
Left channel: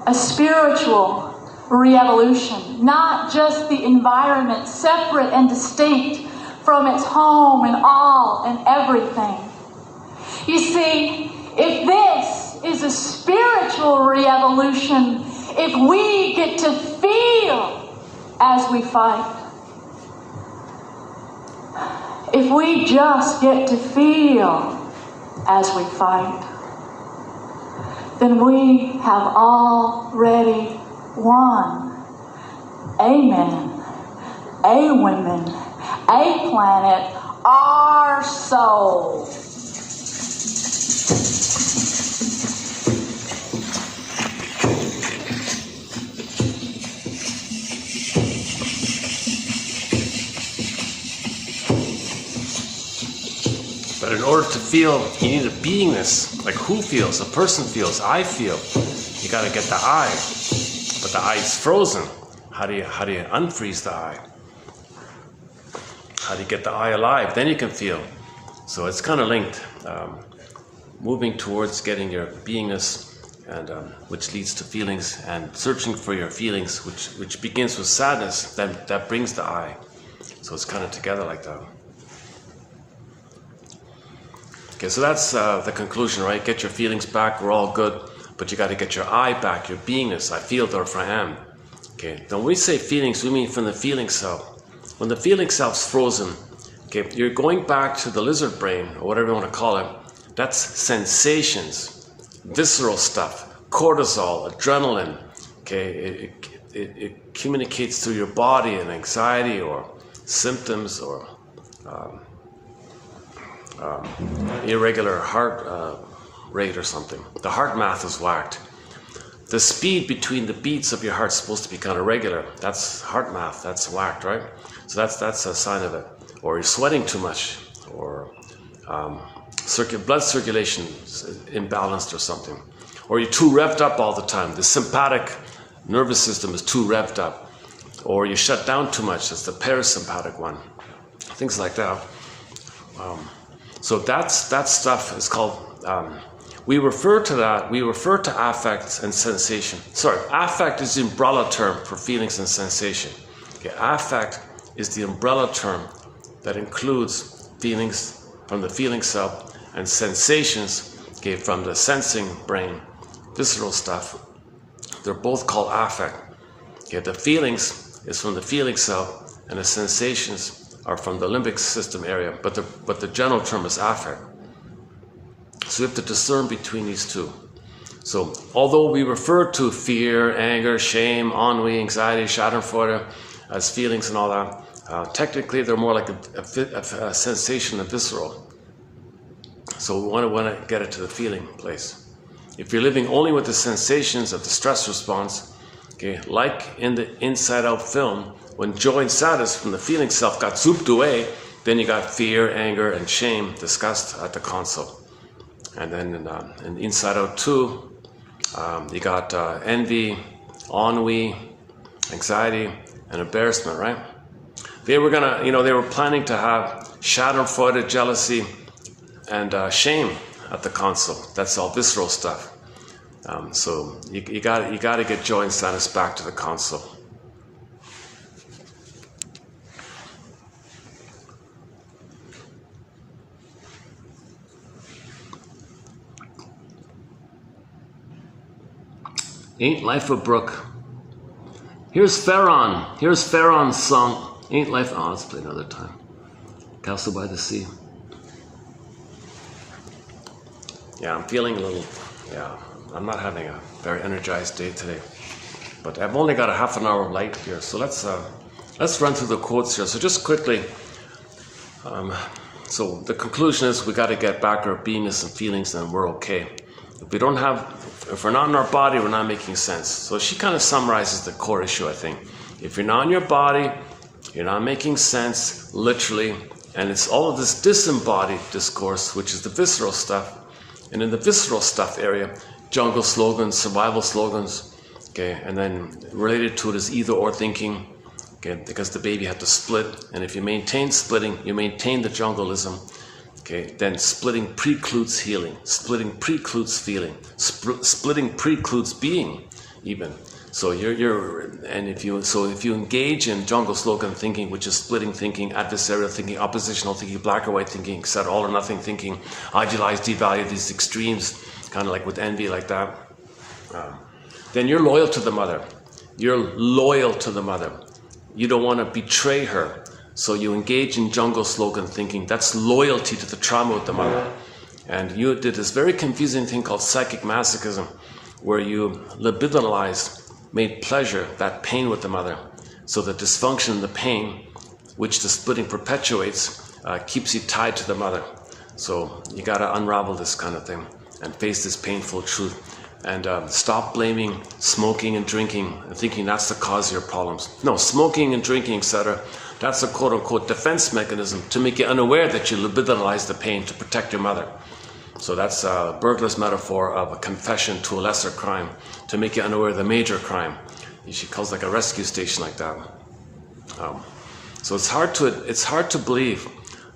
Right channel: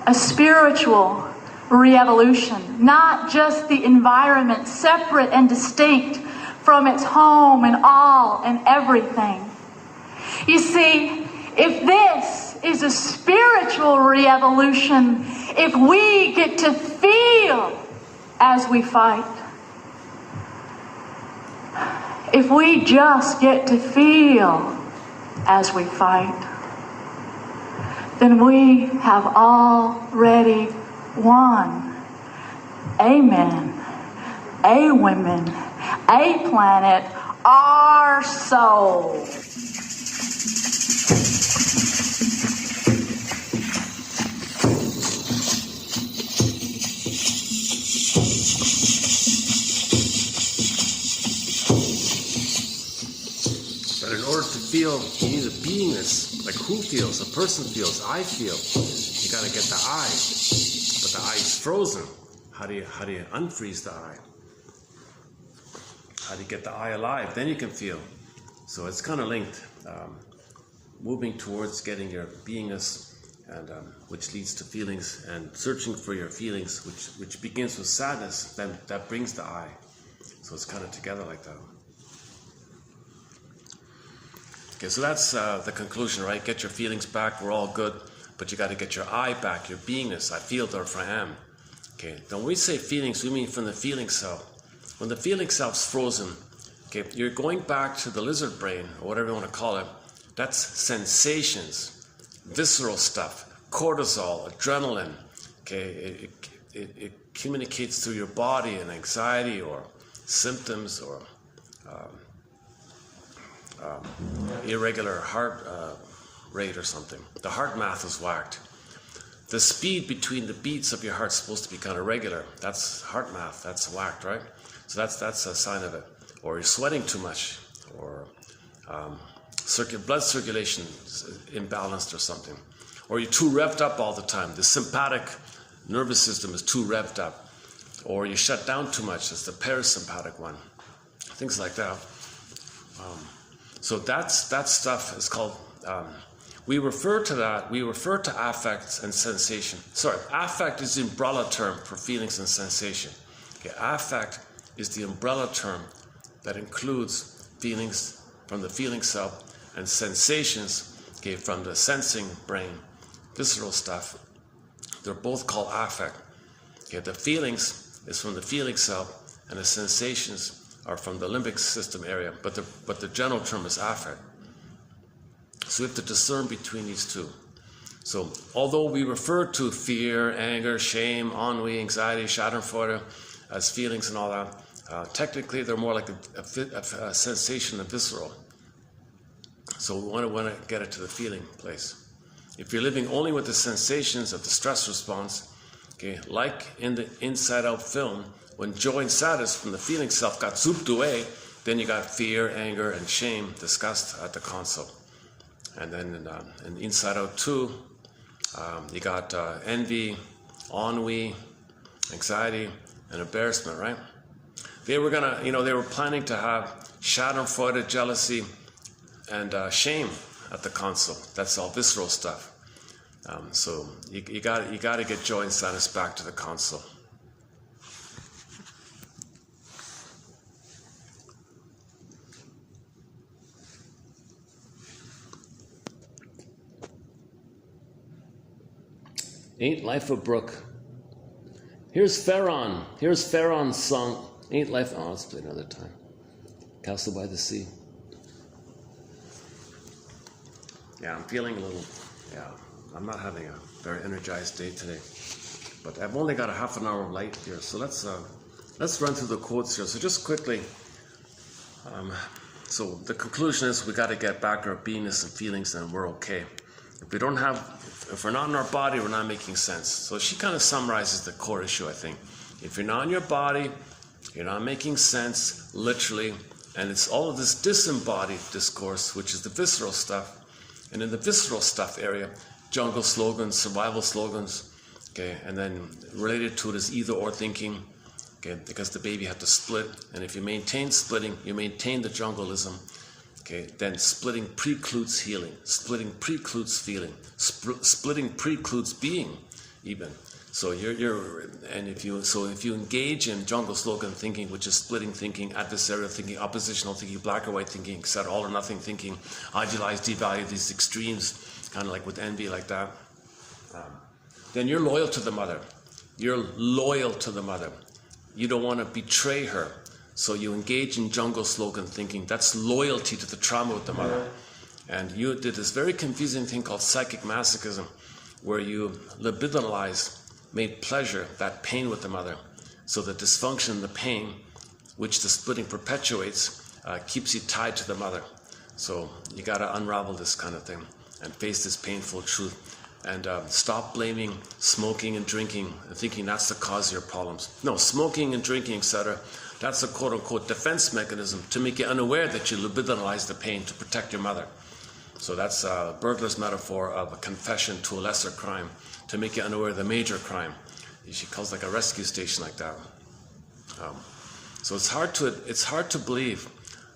a spiritual re-evolution, not just the environment, separate and distinct from its home and all and everything. You see, if this is a spiritual re-evolution, if we get to feel as we fight, if we just get to feel as we fight, then we have already won. Amen. A women, a planet, our soul. But in order to feel, you need a beingness. Like who feels? A person feels. I feel. you got to get the I, but the I is frozen. How do you unfreeze the I? How do you get the I alive? Then you can feel. So it's kind of linked, moving towards getting your beingness, and which leads to feelings, and searching for your feelings, which begins with sadness. Then that brings the I. So it's kind of together like that. Okay, so that's the conclusion, right? Get your feelings back. We're all good, but you got to get your I back, your beingness. I feel, therefore I am. Okay. Now when we say feelings, we mean from the feeling self. When the feeling self's frozen, okay, you're going back to the lizard brain, or whatever you want to call it. That's sensations, visceral stuff, cortisol, adrenaline. Okay, it communicates through your body and anxiety or symptoms or irregular heart rate or something. The heart math is whacked. The speed between the beats of your heart is supposed to be kind of regular. That's heart math. That's whacked, right? So that's a sign of it. Or you're sweating too much, or blood circulation is imbalanced or something. Or you're too revved up all the time. The sympathetic nervous system is too revved up. Or you shut down too much. That's the parasympathetic one. Things like that. So that stuff is called, we refer to affects and sensation. Sorry, affect is the umbrella term for feelings and sensation. Okay, affect is the umbrella term that includes feelings from the feeling self and sensations, okay, from the sensing brain, visceral stuff. They're both called affect. Okay, the feelings is from the feeling self, and the sensations are from the limbic system area, but the general term is affect. So you have to discern between these two. So although we refer to fear, anger, shame, ennui, anxiety, schadenfreude as feelings and all that, technically they're more like a sensation of visceral. So we want to get it to the feeling place. If you're living only with the sensations of the stress response, okay, like in the Inside Out film, when joy and sadness from the feeling self got zooped away, then you got fear, anger, and shame, disgust at the console. And then in Inside Out 2, you got envy, ennui, anxiety, and embarrassment, right? They were they were planning to have schadenfreude, jealousy, and shame at the console. That's all visceral stuff. So you got to get joy and sadness back to the console. Ain't Life a Brook. Here's Pharaoh. Here's Pharaoh's song. Ain't Life. Oh, let's play another time. Castle by the Sea. Yeah, I'm feeling a little. Yeah, I'm not having a very energized day today. But I've only got a half an hour of light here, so let's run through the quotes here. So just quickly. So the conclusion is we got to get back our beingness and feelings, and we're okay. If we're not in our body, we're not making sense. So she kind of summarizes the core issue, I think. If you're not in your body, you're not making sense, literally, and it's all of this disembodied discourse, which is the visceral stuff. And in the visceral stuff area, jungle slogans, survival slogans, okay, and then related to it is either or thinking, okay, because the baby had to split, and if you maintain splitting, you maintain the jungleism. Okay, then splitting precludes healing. Splitting precludes feeling. Splitting precludes being, even. So if you engage in jungle slogan thinking, which is splitting thinking, adversarial thinking, oppositional thinking, black or white thinking, etc., all or nothing thinking, idealize, devalue, these extremes, kind of like with envy, like that. Then you're loyal to the mother. You're loyal to the mother. You don't want to betray her. So you engage in jungle slogan thinking. That's loyalty to the trauma with the mother. And you did this very confusing thing called psychic masochism, where you libidinalized, made pleasure, that pain with the mother. So the dysfunction and the pain, which the splitting perpetuates, keeps you tied to the mother. So you got to unravel this kind of thing and face this painful truth. And stop blaming smoking and drinking and thinking that's the cause of your problems. No, smoking and drinking, etc., that's a quote-unquote defense mechanism to make you unaware that you libidinalize the pain to protect your mother. So that's a burglar's metaphor of a confession to a lesser crime, to make you unaware of the major crime. She calls like a rescue station like that. So it's hard to believe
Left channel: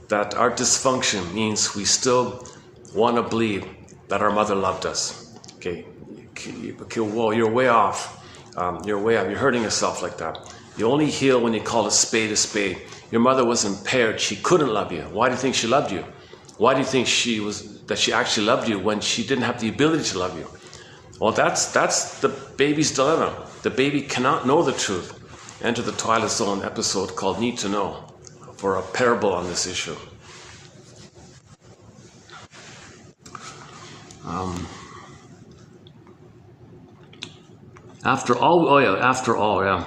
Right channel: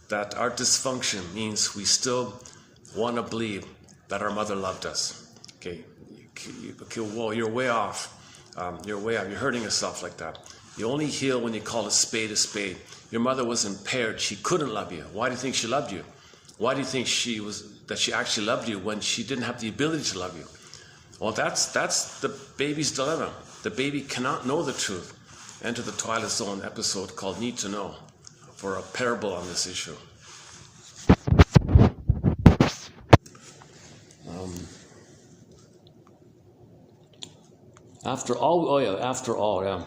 that our dysfunction means we still want to believe that our mother loved us. Okay, whoa, you're way off. You're way off. You're hurting yourself like that. You only heal when you call a spade a spade. Your mother was impaired. She couldn't love you. Why do you think she loved you? Why do you think that she actually loved you when she didn't have the ability to love you? Well, that's the baby's dilemma. The baby cannot know the truth. Enter the Twilight Zone episode called Need to Know for a parable on this issue. After all, yeah.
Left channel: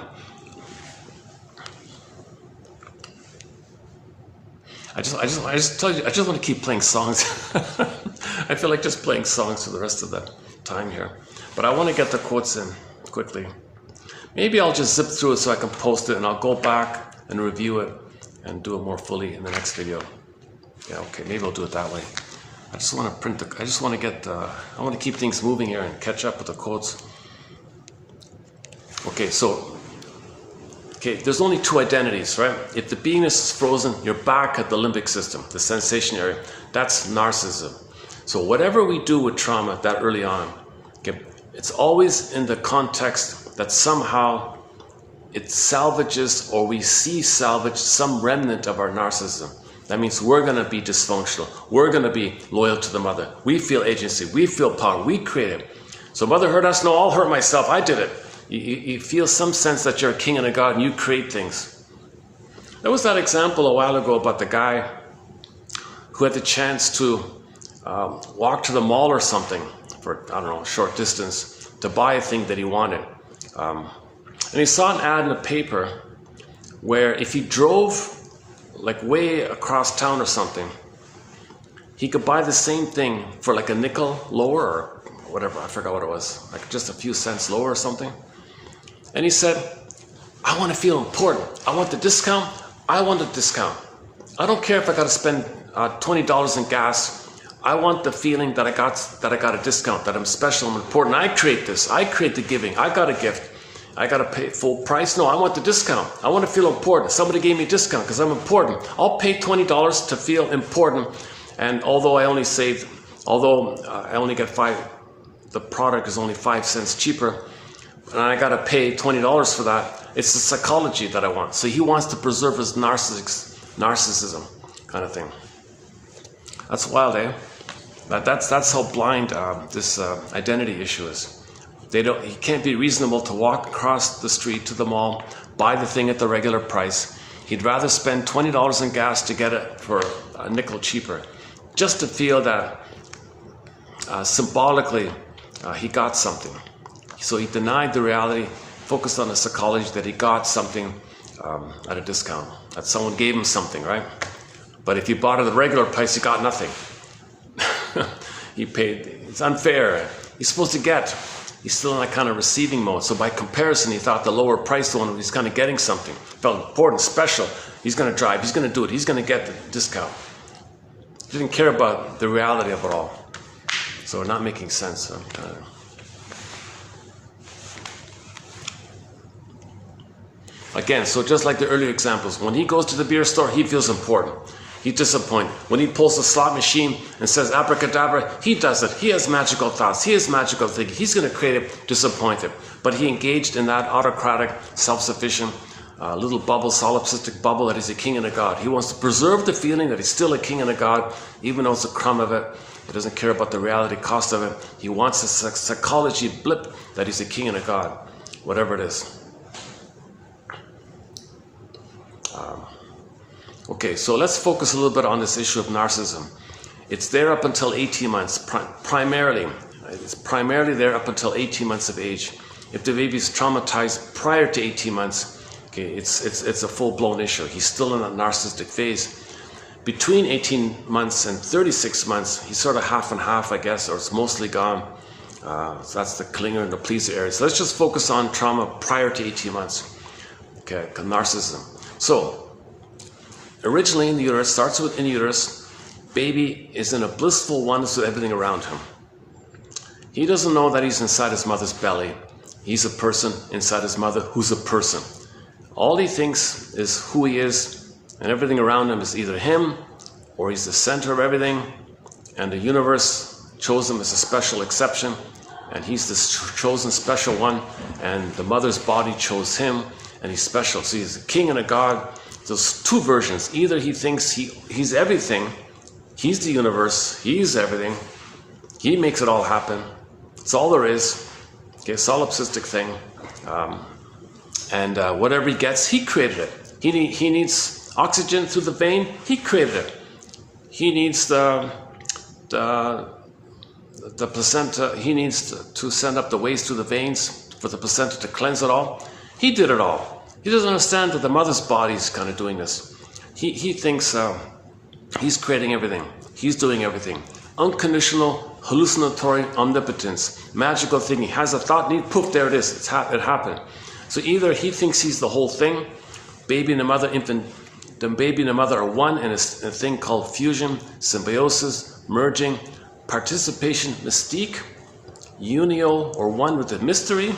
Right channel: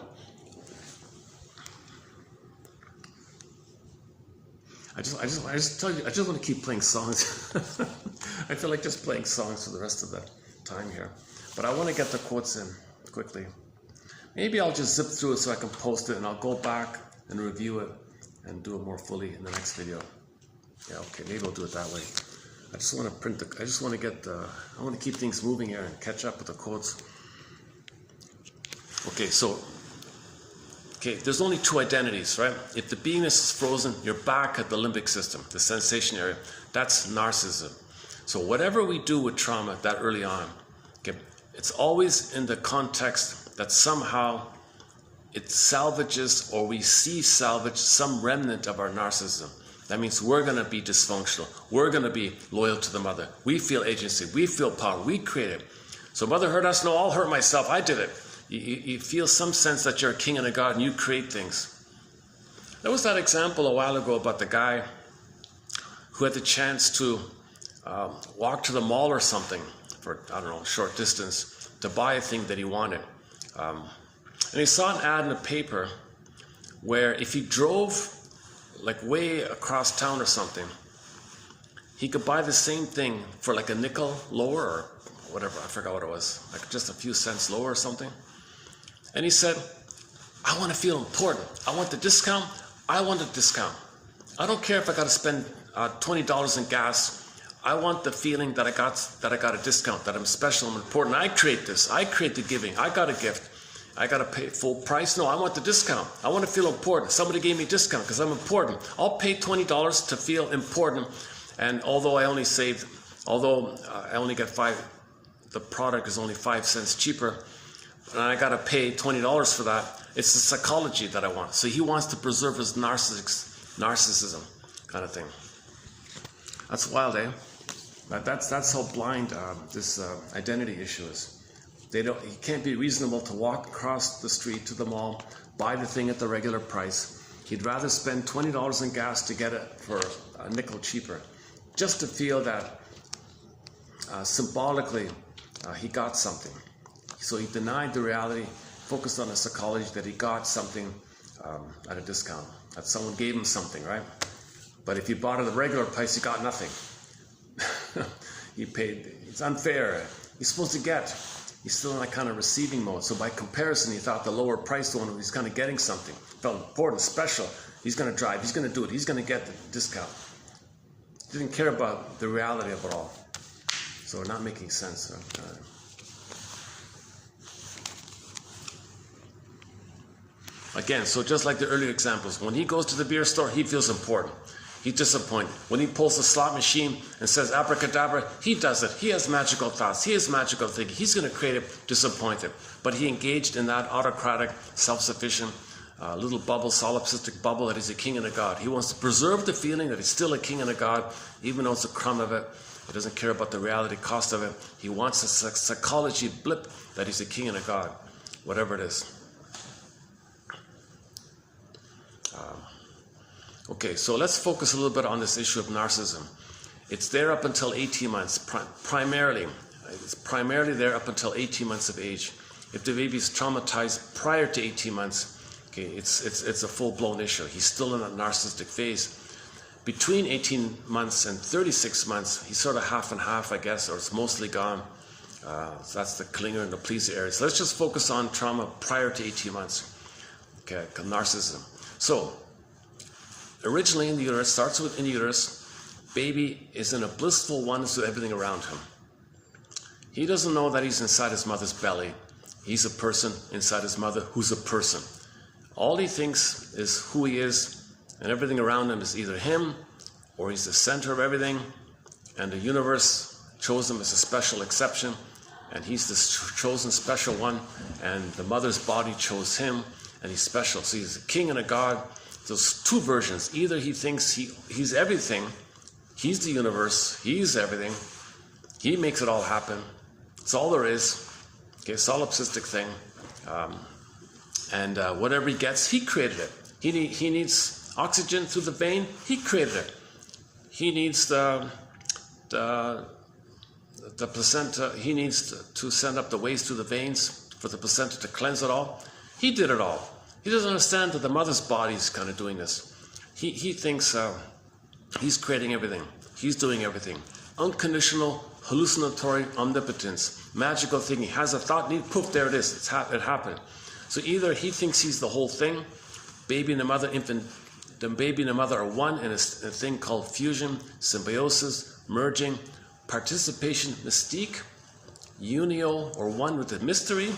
I just tell you, I just want to keep playing songs. I feel like just playing songs for the rest of the time here. But I want to get the quotes in quickly. Maybe I'll just zip through it so I can post it, and I'll go back and review it and do it more fully in the next video. Yeah, okay, maybe I'll do it that way. I just want to I want to keep things moving here and catch up with the quotes. Okay, there's only two identities, right? If the beingness is frozen, you're back at the limbic system, the sensation area. That's narcissism. So whatever we do with trauma that early on, okay, it's always in the context that somehow it salvages, or we see salvage some remnant of our narcissism. That means we're going to be dysfunctional. We're going to be loyal to the mother. We feel agency. We feel power. We create it. So mother hurt us. No, I'll hurt myself. I did it. You feel some sense that you're a king and a god and you create things. There was that example a while ago about the guy who had the chance to walk to the mall or something for, I don't know, a short distance to buy a thing that he wanted. And he saw an ad in the paper where if he drove like way across town or something, he could buy the same thing for like a nickel lower or whatever, I forgot what it was, like just a few cents lower or something. And he said, I want to feel important. I want the discount. I want the discount. I don't care if I got to spend $20 in gas. I want the feeling that I got a discount, that I'm special, I'm important. I create this. I create the giving. I got a gift. I got to pay full price. No, I want the discount. I want to feel important. Somebody gave me a discount because I'm important. I'll pay $20 to feel important. And although I only get the product is only 5 cents cheaper, and I got to pay $20 for that, it's the psychology that I want. So he wants to preserve his narcissism kind of thing. That's wild, eh? That's how blind this identity issue is. He can't be reasonable to walk across the street to the mall, buy the thing at the regular price. He'd rather spend $20 in gas to get it for a nickel cheaper, just to feel that symbolically he got something. So he denied the reality, focused on the psychology that he got something at a discount, that someone gave him something, right? But if you bought it at the regular price, you got nothing. He paid. It's unfair. He's supposed to get. He's still in that kind of receiving mode. So by comparison, he thought the lower priced one, he's kind of getting something. Felt important, special. He's going to drive. He's going to do it. He's going to get the discount. He didn't care about the reality of it all. So we're not making sense. Again, so just like the earlier examples, when he goes to the beer store, he feels important. He's disappointed. When he pulls the slot machine and says abracadabra, he does it. He has magical thoughts. He has magical thinking. He's going to create it, disappointed. But he engaged in that autocratic, self-sufficient, little bubble, solipsistic bubble that he's a king and a god. He wants to preserve the feeling that he's still a king and a god, even though it's a crumb of it. He doesn't care about the reality cost of it. He wants a psychology blip that he's a king and a god, whatever it is. Okay, so let's focus a little bit on this issue of narcissism. It's there up until 18 months, primarily. It's primarily there up until 18 months of age. If the baby is traumatized prior to 18 months, okay, it's a full-blown issue. He's still in that narcissistic phase. Between 18 months and 36 months, he's sort of half and half, I guess, or it's mostly gone. So that's the clinger and the pleaser area. So let's just focus on trauma prior to 18 months. Okay, narcissism. So, originally in the uterus, starts with in the uterus, baby is in a blissful oneness with everything around him. He doesn't know that he's inside his mother's belly. He's a person inside his mother who's a person. All he thinks is who he is, and everything around him is either him, or he's the center of everything, and the universe chose him as a special exception, and he's the chosen special one, and the mother's body chose him, and he's special. So he's a king and a god. There's two versions. Either he thinks he's everything, he's the universe, he's everything, he makes it all happen. It's all there is. Okay, solipsistic thing. Whatever he gets, he created it. He needs oxygen through the vein, he created it. He needs the placenta, he needs to send up the waste through the veins for the placenta to cleanse it all. He did it all. He doesn't understand that the mother's body is kind of doing this. He thinks he's creating everything. He's doing everything. Unconditional, hallucinatory omnipotence. Magical thing. He has a thought, need poof, there it is. It happened. So either he thinks he's the whole thing, baby and the mother, the baby and the mother are one in a thing called fusion, symbiosis, merging, participation, mystique, unio or one with the mystery.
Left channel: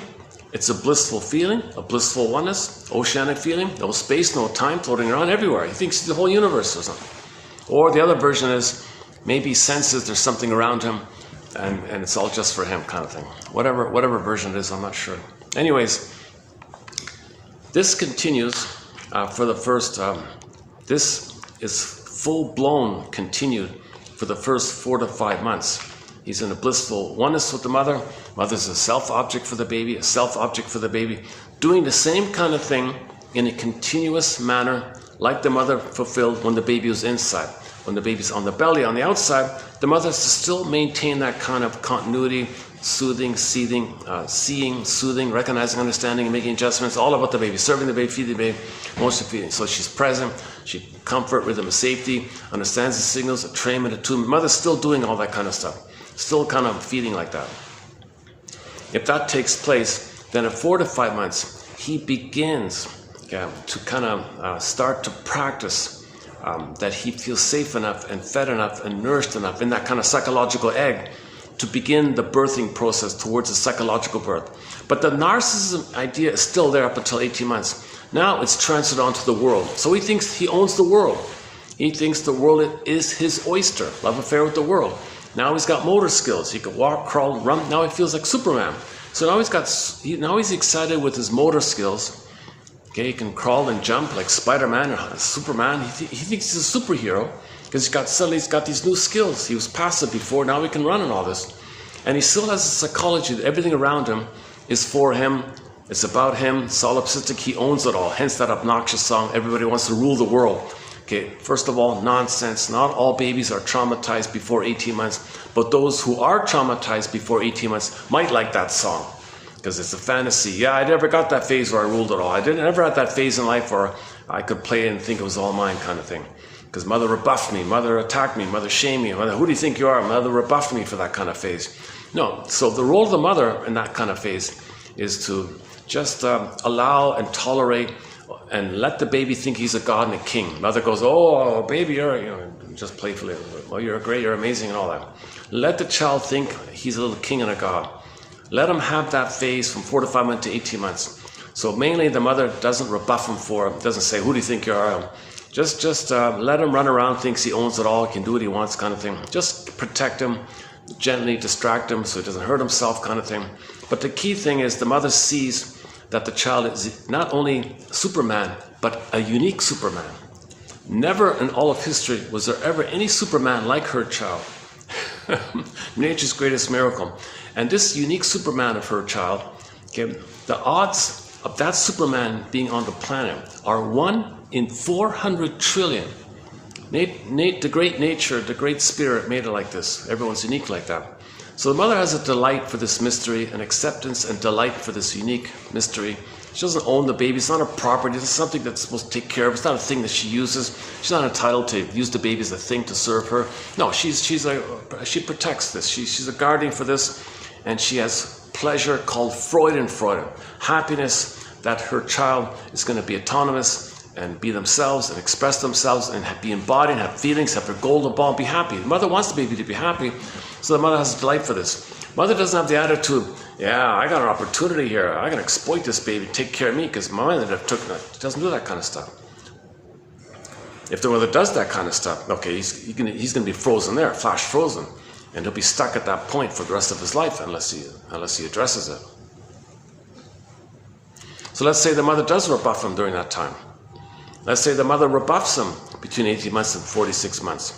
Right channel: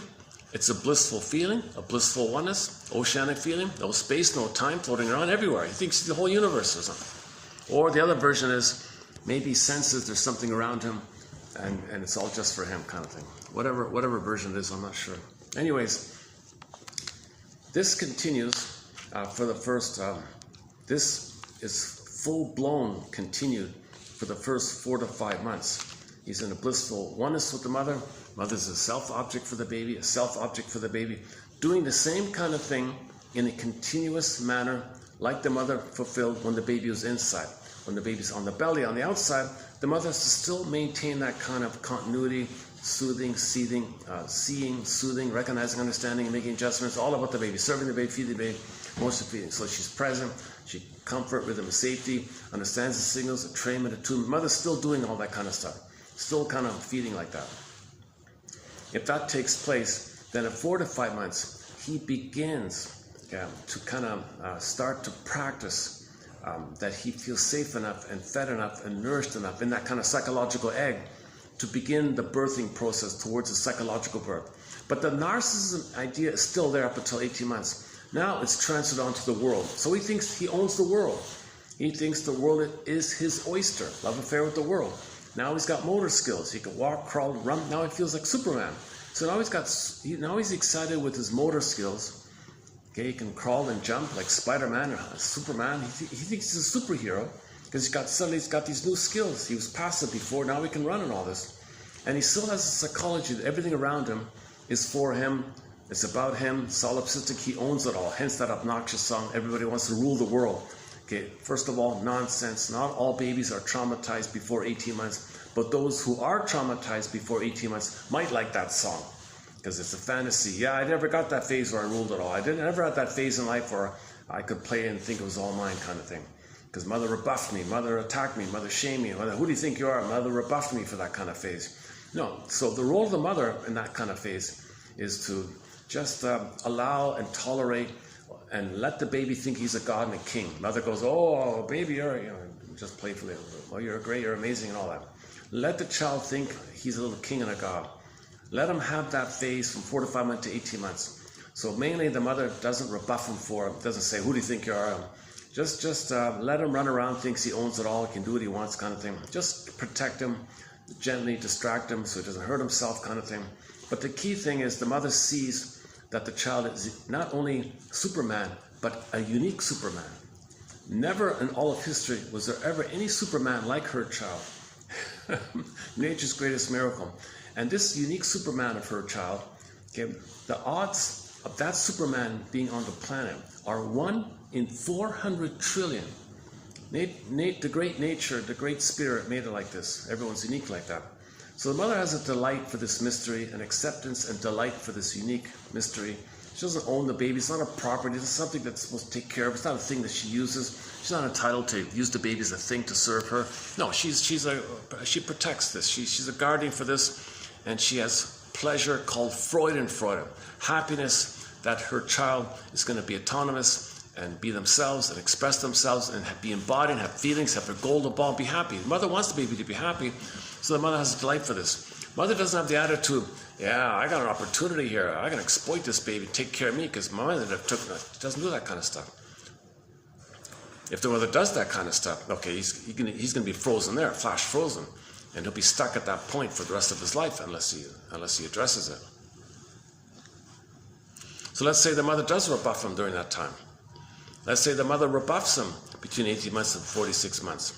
It's a blissful feeling, a blissful oneness, oceanic feeling, no space, no time, floating around everywhere. He thinks the whole universe or something. Or the other version is maybe he senses there's something around him and it's all just for him kind of thing. Whatever version it is, I'm not sure. Anyways, this continues for the first, this is full-blown continued for the first 4 to 5 months. He's in a blissful oneness with the mother. Mother's a self-object for the baby, a self-object for the baby, doing the same kind of thing in a continuous manner like the mother fulfilled when the baby was inside. When the baby's on the belly, on the outside, the mother has to still maintain that kind of continuity, soothing, seeing, soothing, recognizing, understanding, and making adjustments, all about the baby, serving the baby, feeding the baby, emotional feeding. So she's present, she comfort, rhythm of safety, understands the signals, attunement, attunement. Mother's still doing all that kind of stuff, still kind of feeding like that. If that takes place, then at 4 to 5 months, he begins to kind of start to practice that he feels safe enough and fed enough and nourished enough in that kind of psychological egg to begin the birthing process towards a psychological birth. But the narcissism idea is still there up until 18 months. Now it's transferred onto the world. So he thinks he owns the world. He thinks the world is his oyster, love affair with the world. Now he's got motor skills. He can walk, crawl, run. Now he feels like Superman. So now he's excited with his motor skills. Okay, he can crawl and jump like Spider-Man or Superman. He thinks he's a superhero because suddenly he's got these new skills. He was passive before, now he can run and all this. And he still has a psychology that everything around him is for him. It's about him, solipsistic, he owns it all. Hence that obnoxious song, everybody wants to rule the world. Okay, first of all, nonsense. Not all babies are traumatized before 18 months, but those who are traumatized before 18 months might like that song. Because it's a fantasy. Yeah, I never got that phase where I ruled it all. I never had that phase in life where I could play and think it was all mine kind of thing. Because mother rebuffed me, mother attacked me, mother shamed me, mother, who do you think you are? Mother rebuffed me for that kind of phase. No, so the role of the mother in that kind of phase is to just allow and tolerate and let the baby think he's a god and a king. Mother goes, oh, baby, you're, just playfully, well, you're great, you're amazing and all that. Let the child think he's a little king and a god. Let him have that phase from 4 to 5 months to 18 months. So mainly the mother doesn't rebuff him for it, doesn't say, who do you think you are? Just let him run around, thinks he owns it all, can do what he wants kind of thing. Just protect him, gently distract him so he doesn't hurt himself kind of thing. But the key thing is the mother sees that the child is not only Superman, but a unique Superman. Never in all of history was there ever any Superman like her child. Nature's greatest miracle. And this unique Superman of her child, okay, the odds of that Superman being on the planet are 1 in 400 trillion. The great nature, the great spirit made it like this. Everyone's unique like that. So the mother has a delight for this mystery, an acceptance and delight for this unique mystery. She doesn't own the baby. It's not a property. It's something that's supposed to take care of. It's not a thing that she uses. She's not entitled to use the baby as a thing to serve her. No, she protects this. She's a guardian for this, and she has pleasure called Freudenfreude, happiness that her child is going to be autonomous and be themselves and express themselves and be embodied and have feelings, have their golden ball, and be happy. The mother wants the baby to be happy, so the mother has a delight for this. Mother doesn't have the attitude, yeah, I got an opportunity here. I can exploit this baby, take care of me, because my mother she doesn't do that kind of stuff. If the mother does that kind of stuff, okay, he's going to be frozen there, flash frozen, and he'll be stuck at that point for the rest of his life unless he addresses it. So let's say the mother does rebuff him during that time. Let's say the mother rebuffs him between 18 months and 46 months.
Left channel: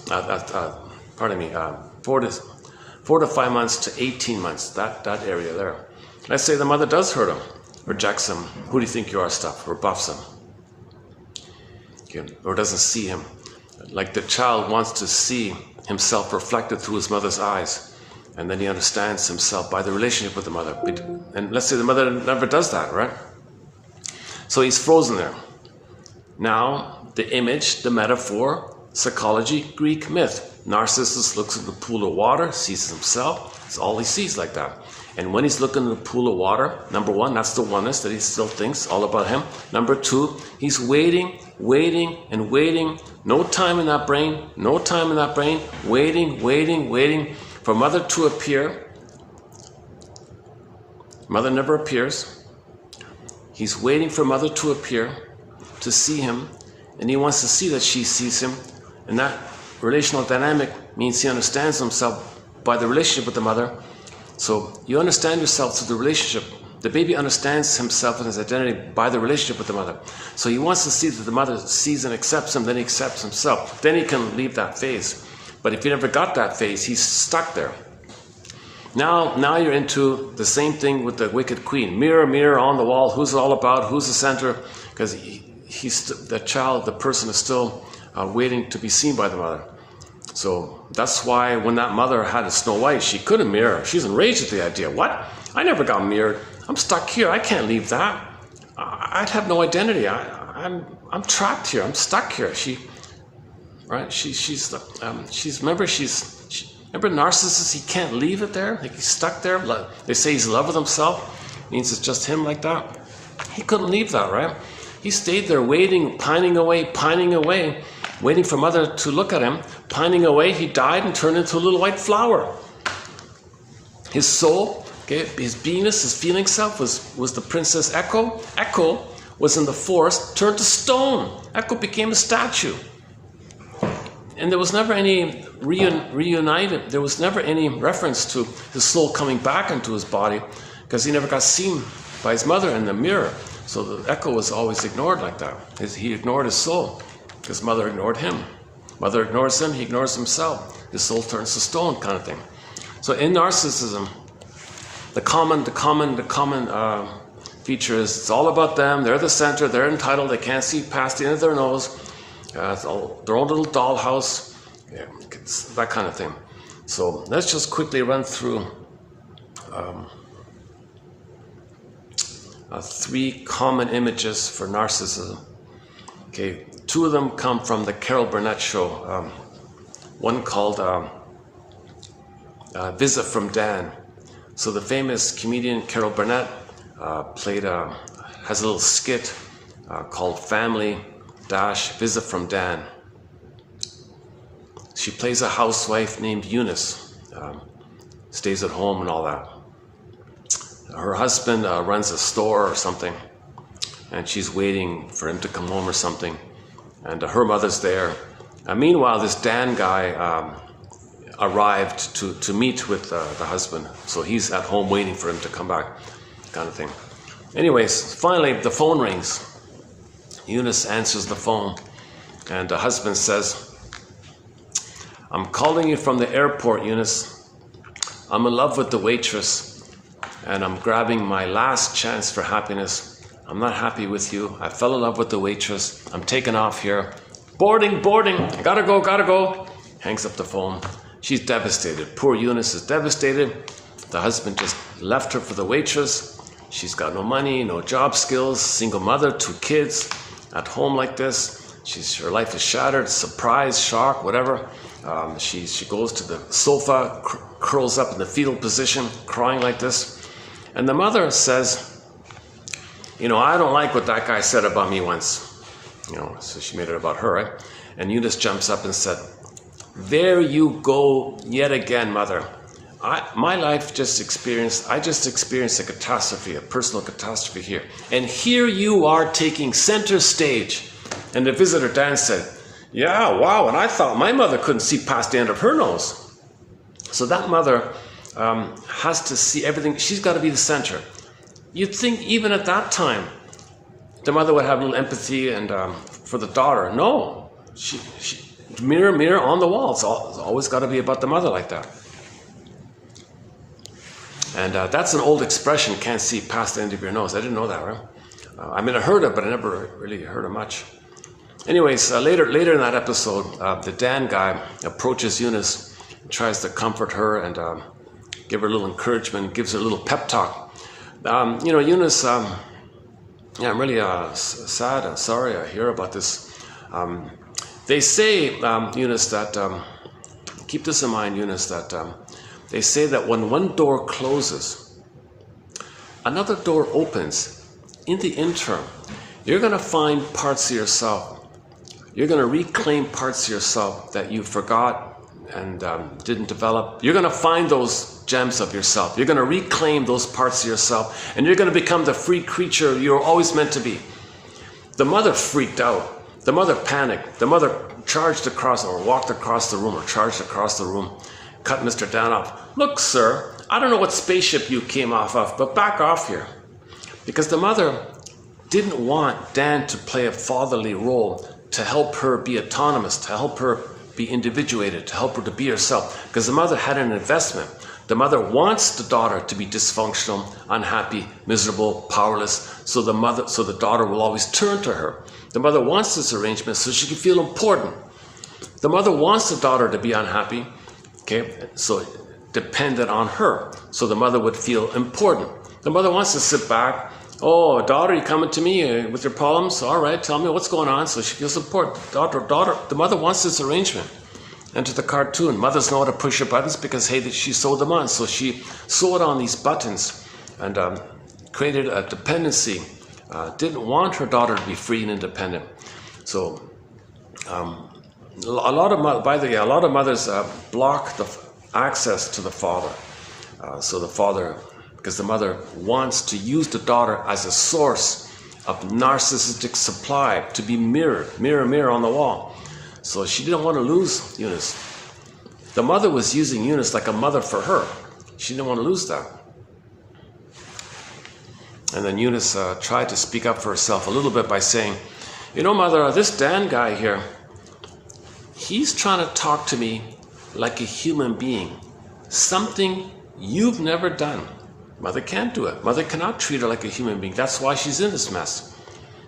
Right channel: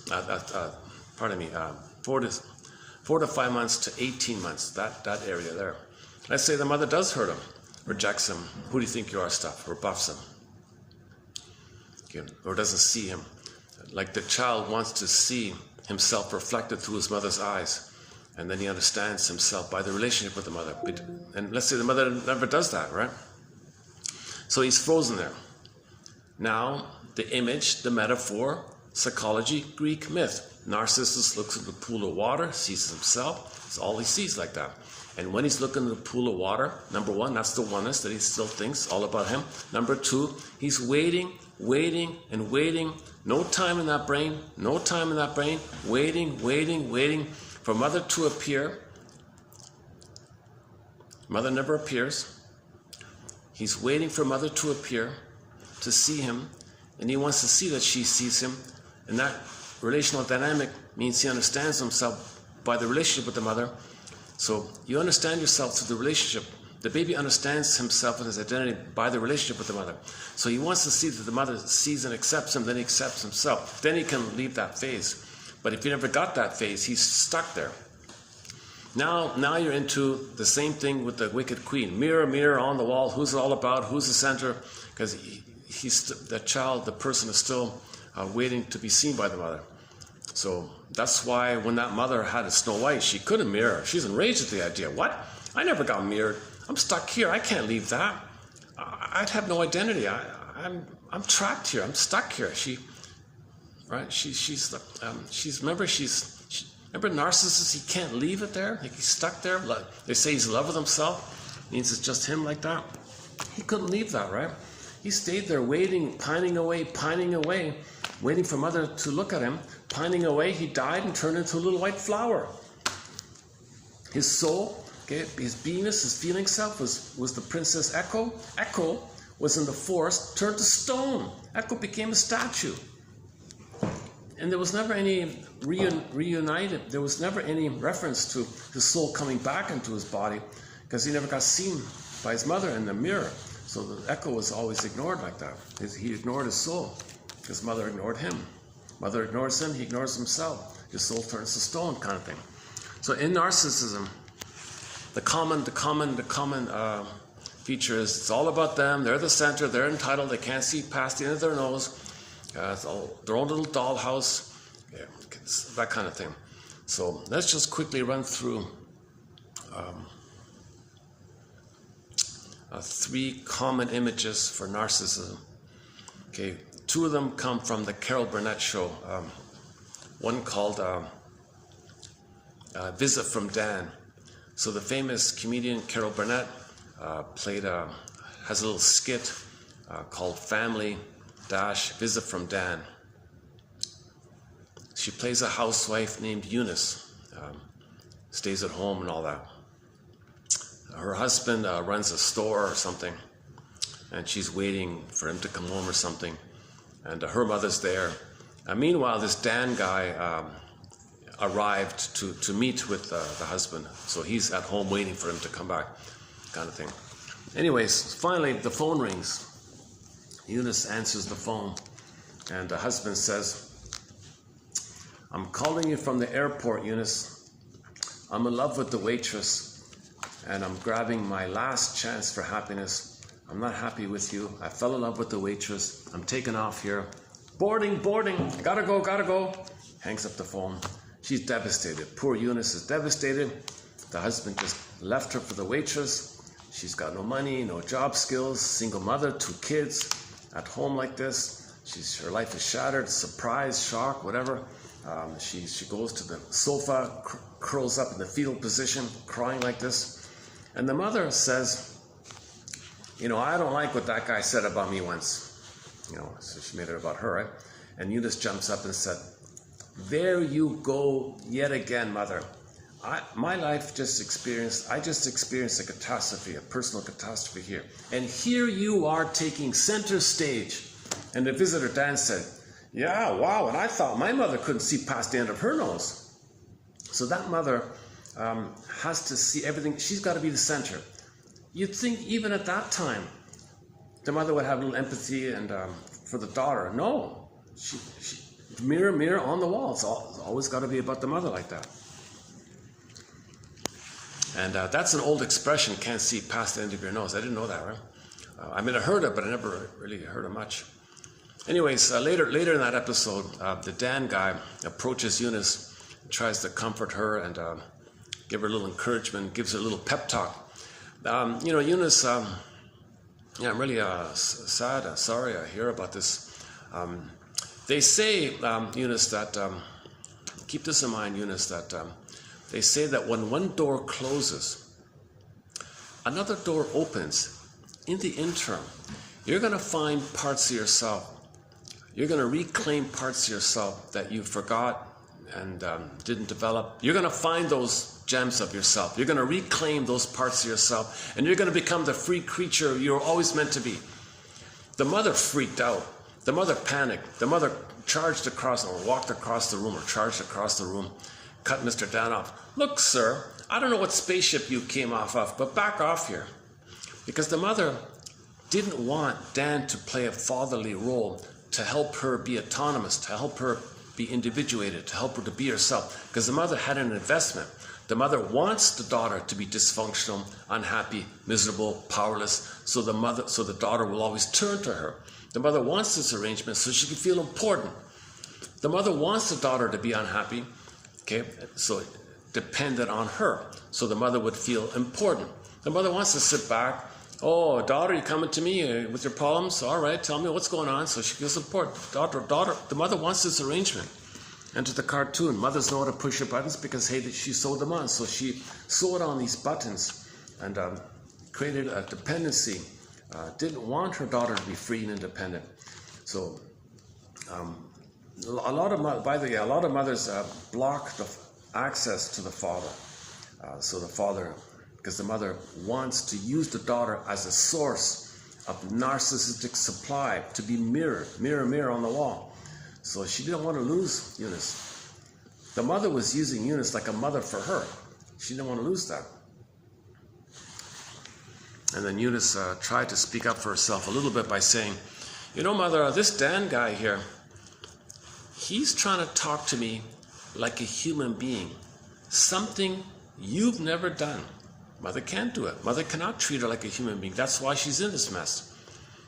4 to 5 months to 18 months, that area there. Let's say the mother does hurt him, rejects him, who do you think you are stuff, rebuffs him. Okay. Or doesn't see him. Like the child wants to see himself reflected through his mother's eyes, and then he understands himself by the relationship with the mother. And let's say the mother never does that, right? So he's frozen there. Now, the image, the metaphor, psychology, Greek myth. Narcissus looks at the pool of water, sees himself. It's all he sees like that. And when he's looking at the pool of water, number one, that's the oneness that he still thinks all about him. Number two, he's waiting, and waiting. No time in that brain, waiting for mother to appear. Mother never appears. He's waiting for mother to appear, to see him, and he wants to see that she sees him. And that relational dynamic means he understands himself by the relationship with the mother. So you understand yourself through the relationship. The baby understands himself and his identity by the relationship with the mother. So he wants to see that the mother sees and accepts him, then he accepts himself. Then he can leave that phase. But if he never got that phase, he's stuck there. Now you're into the same thing with the wicked queen. Mirror, mirror on the wall, who's it all about, who's the center? Because the person is still waiting to be seen by the mother. So that's why when that mother had a Snow White, she couldn't mirror. She's enraged at the idea. What? I never got mirrored. I'm stuck here. I can't leave that. I'd have no identity. I'm trapped here. I'm stuck here. Remember Narcissus, he can't leave it there. Like he's stuck there. They say he's in love with himself. It means it's just him like that. He couldn't leave that, right? He stayed there waiting, pining away, waiting for mother to look at him. Pining away, he died and turned into a little white flower. His soul, okay, his beingness, his feeling self was the princess Echo. Echo was in the forest, turned to stone. Echo became a statue. And there was never any reunited. There was never any reference to his soul coming back into his body because he never got seen by his mother in the mirror. So the Echo was always ignored like that. He ignored his soul because mother ignored him. Mother ignores him, he ignores himself. His soul turns to stone kind of thing. So in narcissism, the common feature is it's all about them. They're the center. They're entitled. They can't see past the end of their nose. Their own little dollhouse, that kind of thing. So let's just quickly run through 3 common images for narcissism. Okay, 2 of them come from the Carol Burnett show. One called Visit from Dan. So the famous comedian Carol Burnett has a little skit called Family Visit from Dan. She plays a housewife named Eunice, stays at home and all that. Her husband runs a store or something, and she's waiting for him to come home or something, and her mother's there. Meanwhile, this Dan guy arrived to meet with the husband, so he's at home waiting for him to come back, kind of thing. Anyways, finally the phone rings. Eunice answers the phone, and the husband says, "I'm calling you from the airport, Eunice. I'm in love with the waitress, and I'm grabbing my last chance for happiness. I'm not happy with you. I fell in love with the waitress. I'm taking off here. Boarding, gotta go. Hangs up the phone. She's devastated. Poor Eunice is devastated. The husband just left her for the waitress. She's got no money, no job skills, single mother, 2 kids. At home like this, her life is shattered, surprise, shock, whatever. She goes to the sofa, curls up in the fetal position, crying like this. And the mother says, I don't like what that guy said about me once. So she made it about her, right? And Eunice jumps up and said, "There you go yet again, mother. I just experienced a catastrophe, a personal catastrophe here. And here you are taking center stage." And the visitor Dan said, "Yeah, wow, and I thought my mother couldn't see past the end of her nose." So that mother has to see everything. She's got to be the center. You'd think even at that time, the mother would have a little empathy and for the daughter. No, she mirror on the wall. It's always got to be about the mother like that. And that's an old expression, "can't see past the end of your nose." I didn't know that, right? I mean, I heard it, but I never really heard it much. Anyways, later in that episode, the Dan guy approaches Eunice, tries to comfort her and give her a little encouragement, gives her a little pep talk. Eunice, I'm really sad and sorry I hear about this. They say, Eunice, that, keep this in mind, Eunice, that they say that when one door closes, another door opens. In the interim, you're going to find parts of yourself. You're going to reclaim parts of yourself that you forgot and didn't develop. You're going to find those gems of yourself. You're going to reclaim those parts of yourself, and you're going to become the free creature you're always meant to be. The mother freaked out. The mother panicked. The mother charged across, or walked across the room, or charged across the room, cut Mr. Dan off. "Look, sir, I don't know what spaceship you came off of, but back off here." Because the mother didn't want Dan to play a fatherly role to help her be autonomous, to help her be individuated, to help her to be herself. Because the mother had an investment. The mother wants the daughter to be dysfunctional, unhappy, miserable, powerless, so the daughter will always turn to her. The mother wants this arrangement so she can feel important. The mother wants the daughter to be unhappy, okay, so dependent on her, so the mother would feel important. The mother wants to sit back. "Oh, daughter, you coming to me with your problems? All right, tell me what's going on," so she feels important. Daughter, the mother wants this arrangement. Enter the cartoon. Mothers know how to push her buttons because, hey, she sewed them on. So she sewed on these buttons and created a dependency. Didn't want her daughter to be free and independent. So a lot of mothers block the access to the father. So the father, because the mother wants to use the daughter as a source of narcissistic supply to be mirror on the wall. So she didn't want to lose Eunice. The mother was using Eunice like a mother for her. She didn't want to lose that. And then Eunice tried to speak up for herself a little bit by saying, "Mother, this Dan guy here, he's trying to talk to me like a human being. Something you've never done. Mother can't do it. Mother cannot treat her like a human being. That's why she's in this mess."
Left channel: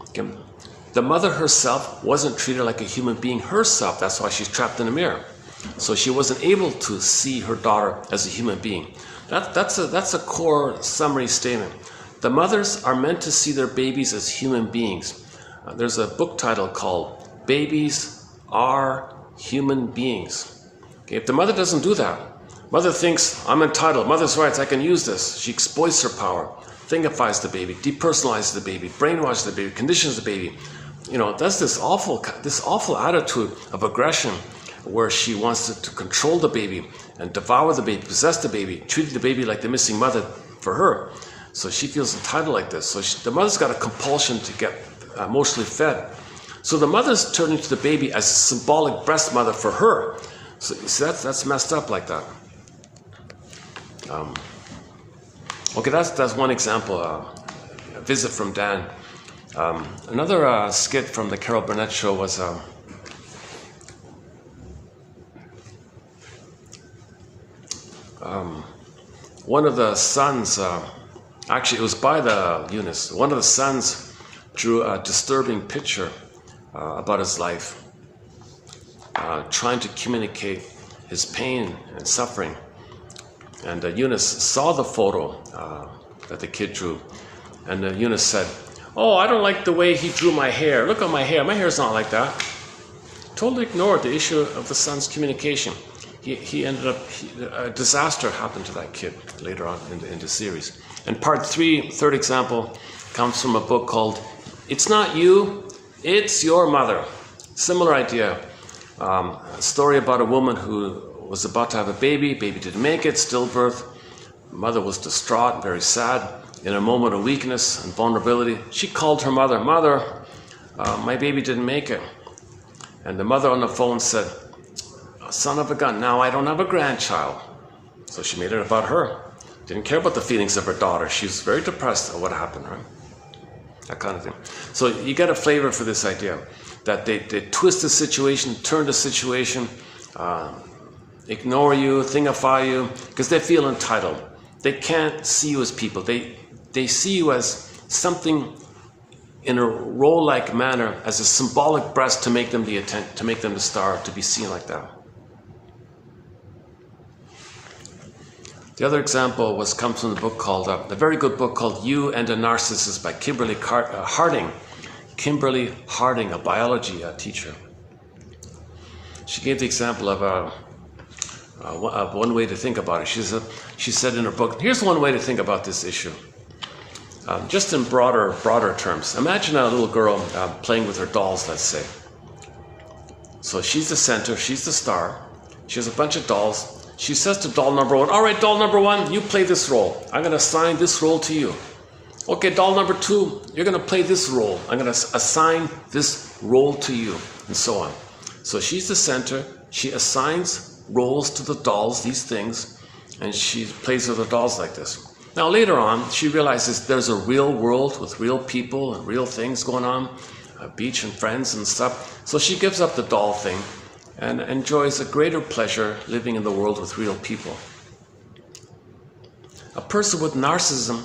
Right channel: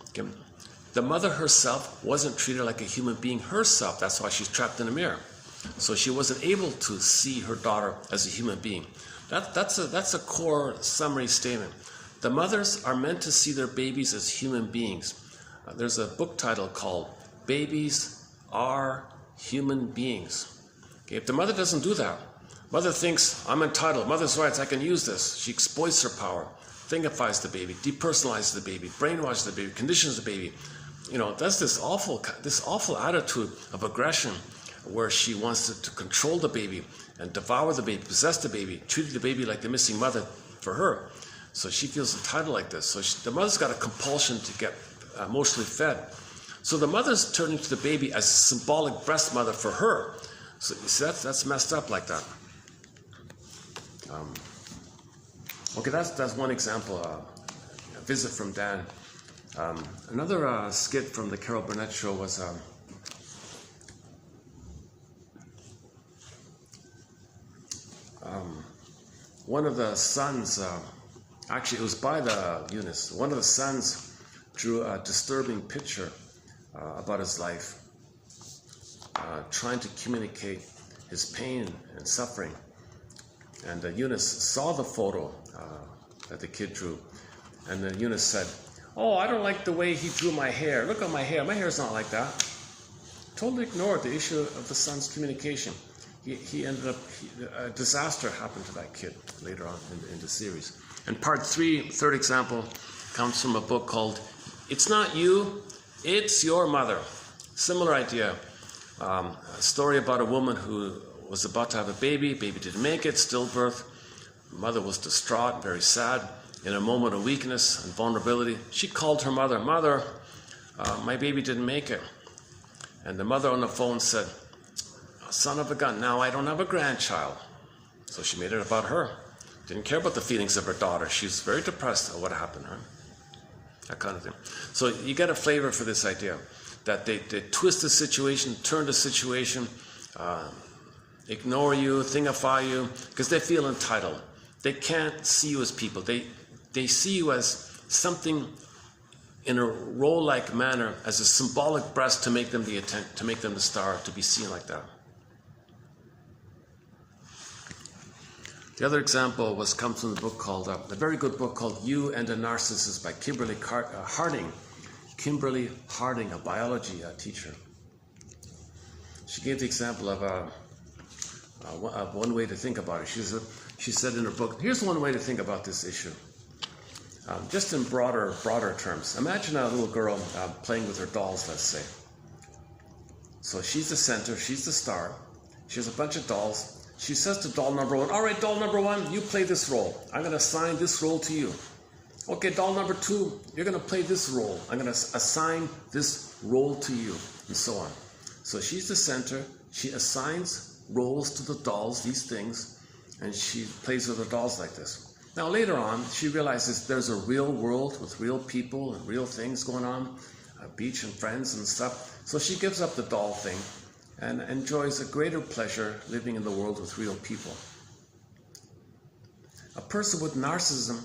Okay. The mother herself wasn't treated like a human being herself. That's why she's trapped in a mirror. So she wasn't able to see her daughter as a human being. That's a core summary statement. The mothers are meant to see their babies as human beings. There's a book title called "Babies Are Human Beings." Okay, if the mother doesn't do that, mother thinks, "I'm entitled, mother's rights, I can use this." She exploits her power, thingifies the baby, depersonalizes the baby, brainwashes the baby, conditions the baby. That's this awful attitude of aggression where she wants to control the baby and devour the baby, possess the baby, treat the baby like the missing mother for her. So she feels entitled like this. So the mother's got a compulsion to get emotionally fed. So the mother's turning to the baby as a symbolic breast mother for her. So that's messed up like that. Okay, that's one example. A visit from Dan. Another skit from the Carol Burnett show was one of the sons, actually it was by the Eunice, one of the sons drew a disturbing picture about his life, trying to communicate his pain and suffering. And Eunice saw the photo that the kid drew, and Eunice said, "Oh, I don't like the way he drew my hair. Look at my hair. My hair's not like that." Totally ignored the issue of the son's communication. He ended up, a disaster happened to that kid later on in the series. And part 3, third example, comes from a book called "It's Not You, It's your mother. Similar idea. A story about a woman who was about to have a baby. Baby didn't make it, stillbirth. Mother was distraught, very sad. In a moment of weakness and vulnerability, she called her mother. Mother, my baby didn't make it. And the mother on the phone said, son of a gun, now I don't have a grandchild. So she made it about her. Didn't care about the feelings of her daughter. She was very depressed at what happened, right? That kind of thing. So you get a flavor for this idea that they twist the situation, turn the situation, ignore you, thingify you, because they feel entitled. They can't see you as people. They see you as something in a role-like manner, as a symbolic breast to make them the star, to be seen like that. The other example comes from the book called, a very good book called You and a Narcissist by Kimberly Harding. Kimberly Harding, a biology teacher. She gave the example of one way to think about it. She said in her book, here's one way to think about this issue. Just in broader terms. Imagine a little girl playing with her dolls, let's say. So she's the center, she's the star. She has a bunch of dolls. She says to doll number one, all right, doll number one, you play this role. I'm going to assign this role to you. Okay, doll number two, you're going to play this role. I'm going to assign this role to you, and so on. So she's the center. She assigns roles to the dolls, these things, and she plays with the dolls like this. Now later on, she realizes there's a real world with real people and real things going on, a beach and friends and stuff. So she gives up the doll thing and enjoys a greater pleasure living in the world with real people. A person with narcissism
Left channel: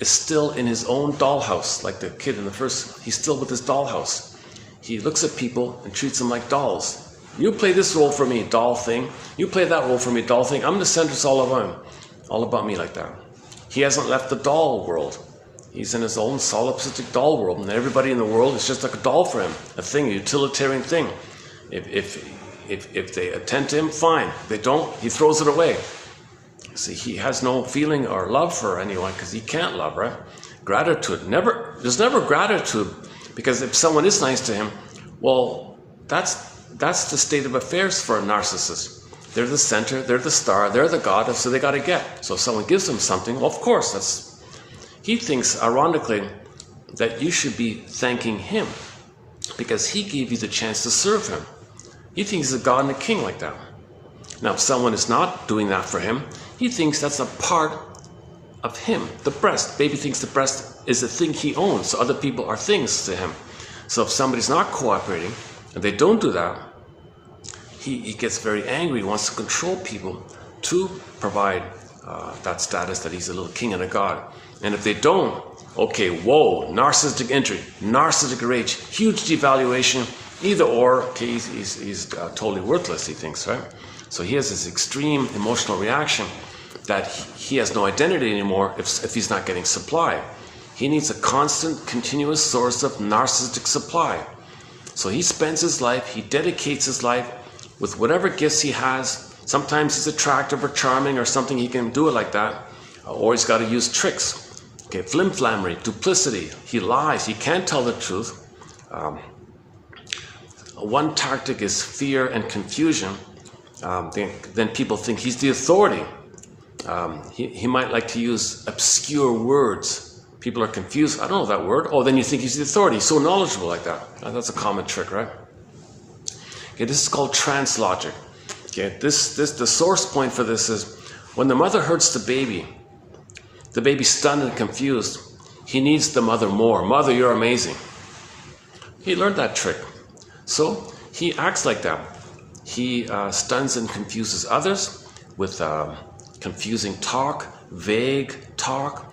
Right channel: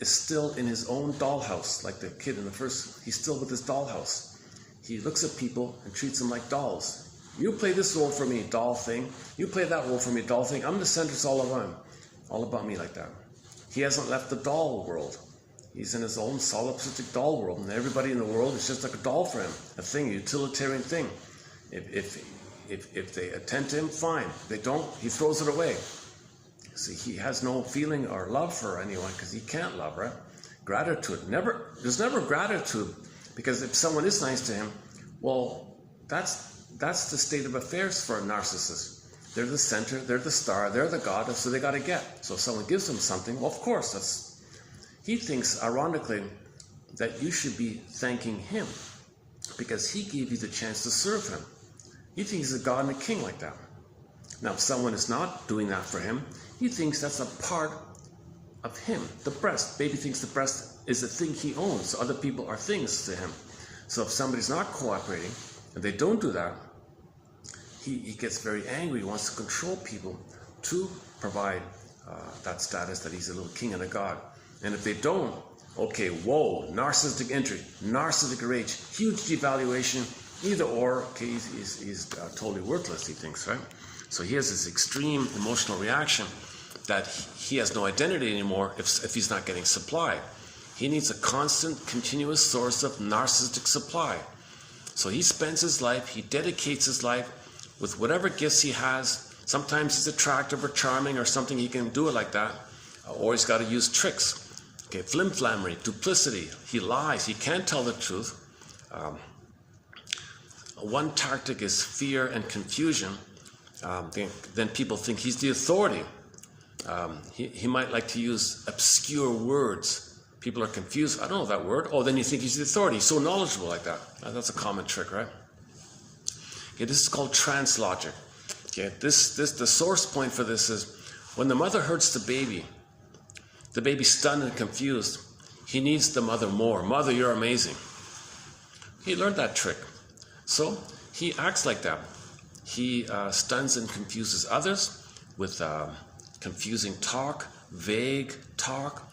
is still in his own dollhouse, like the kid in the first, he's still with his dollhouse. He looks at people and treats them like dolls. You play this role for me, doll thing. You play that role for me, doll thing. I'm the center, it's all about me like that. He hasn't left the doll world. He's in his own solipsistic doll world, and everybody in the world is just like a doll for him, a thing, a utilitarian thing. If they attend to him, fine. If they don't, he throws it away. See, he has no feeling or love for anyone because he can't love, right? Gratitude. There's never gratitude, because if someone is nice to him, well, that's the state of affairs for a narcissist. They're the center, they're the star, they're the god, so they got to get. So if someone gives him something, well, of course, he thinks, ironically, that you should be thanking him because he gave you the chance to serve him. He thinks he's a god and a king like that. Now, if someone is not doing that for him, he thinks that's a part of him, the breast. Baby thinks the breast is a thing he owns, so other people are things to him. So if somebody's not cooperating and they don't do that, he gets very angry, he wants to control people to provide that status that he's a little king and a god. And if they don't, okay, whoa, narcissistic entry, narcissistic rage, huge devaluation, either or, okay, he's totally worthless, he thinks, right? So he has this extreme emotional reaction that he has no identity anymore if he's not getting supply. He needs a constant, continuous source of narcissistic supply. So he spends his life, he dedicates his life with whatever gifts he has. Sometimes he's attractive or charming or something, he can do it like that. Or he's got to use tricks. Okay, flimflammery, duplicity. He lies, he can't tell the truth. One tactic is fear and confusion. Then people think he's the authority. He might like to use obscure words. People are confused. I don't know that word. Oh, then you think he's the authority. He's so knowledgeable like that. That's a common trick, right? Okay, this is called trans logic. Okay, the source point for this is when the mother hurts the baby's stunned and confused. He needs the mother more. Mother, you're amazing. He learned that trick. So he acts like that. He stuns and confuses others with confusing talk, vague talk,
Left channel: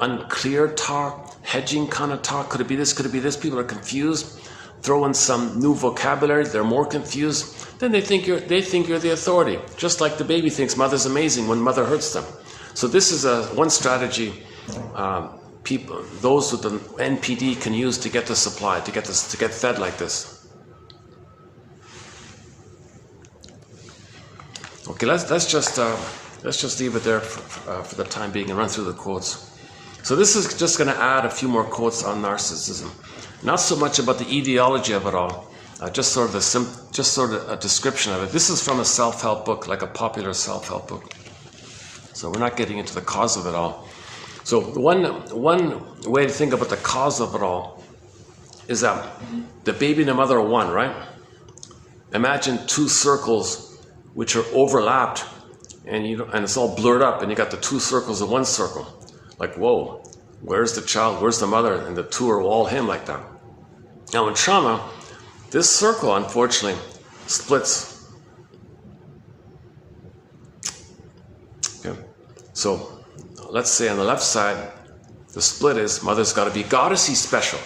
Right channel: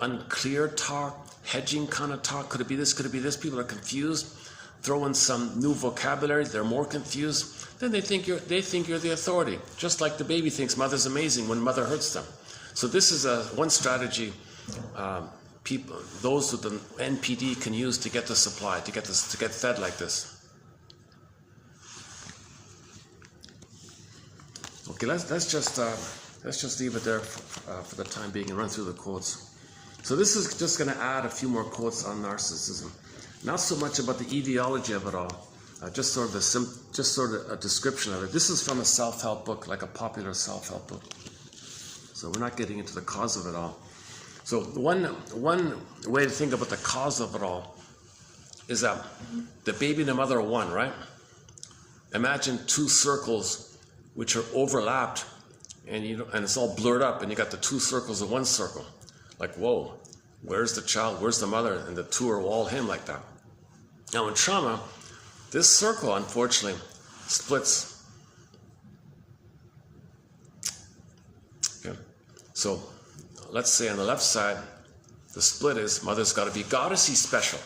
unclear talk, hedging kind of talk. Could it be this? Could it be this? People are confused. Throw in some new vocabulary. They're more confused. Then they think you're the authority. Just like the baby thinks mother's amazing when mother hurts them. So this is one strategy those with the NPD can use to get the supply, to get fed like this. Okay, let's just leave it there for the time being and run through the quotes. So this is just going to add a few more quotes on narcissism. Not so much about the ideology of it all, just sort of a description of it. This is from a self-help book, like a popular self-help book. So we're not getting into the cause of it all. So one way to think about the cause of it all is that the baby and the mother are one, right? Imagine two circles which are overlapped, and it's all blurred up, and you got the two circles in one circle. Like, whoa, where's the child, where's the mother? And the two are all him, like that. Now in trauma, this circle, unfortunately, splits. Okay. So let's say on the left side, the split is mother's got to be goddess, he's special.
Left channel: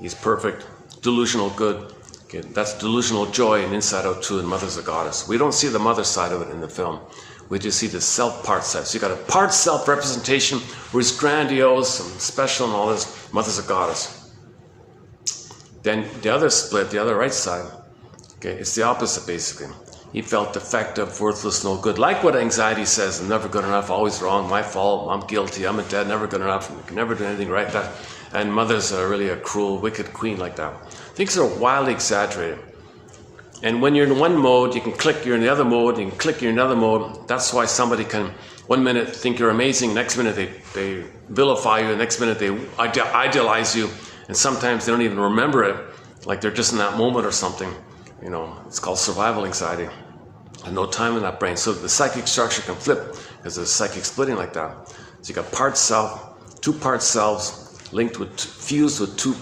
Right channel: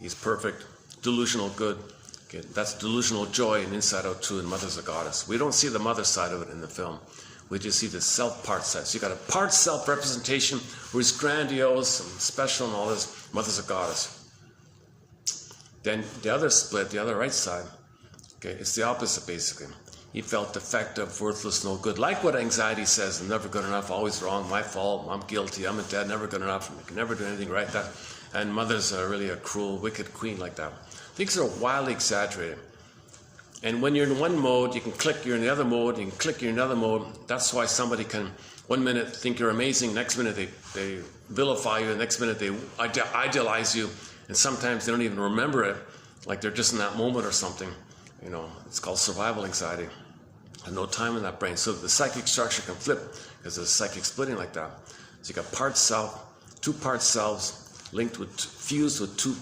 He's perfect, delusional good. Okay, that's delusional joy and inside out too, and mother's a goddess. We don't see the mother side of it in the film. We just see the self part side. So you got a part self representation where he's grandiose and special and all this. Mother's a goddess. Then the other split, the other right side, okay, it's the opposite basically. He felt defective, worthless, no good. Like what anxiety says, I'm never good enough, always wrong, my fault, I'm guilty, I'm a dead, never good enough, can never do anything right. That, and mother's really a cruel, wicked queen like that. Things are wildly exaggerated. And when you're in one mode, you can click, you're in the other mode, you can click, you're in another mode. That's why somebody can, one minute think you're amazing, next minute they vilify you, the next minute they idealize you, and sometimes they don't even remember it, like they're just in that moment or something. You know, it's called survival anxiety. There's no time in that brain. So the psychic structure can flip because there's psychic splitting like that. So you got part self, two part selves linked with, fused with two,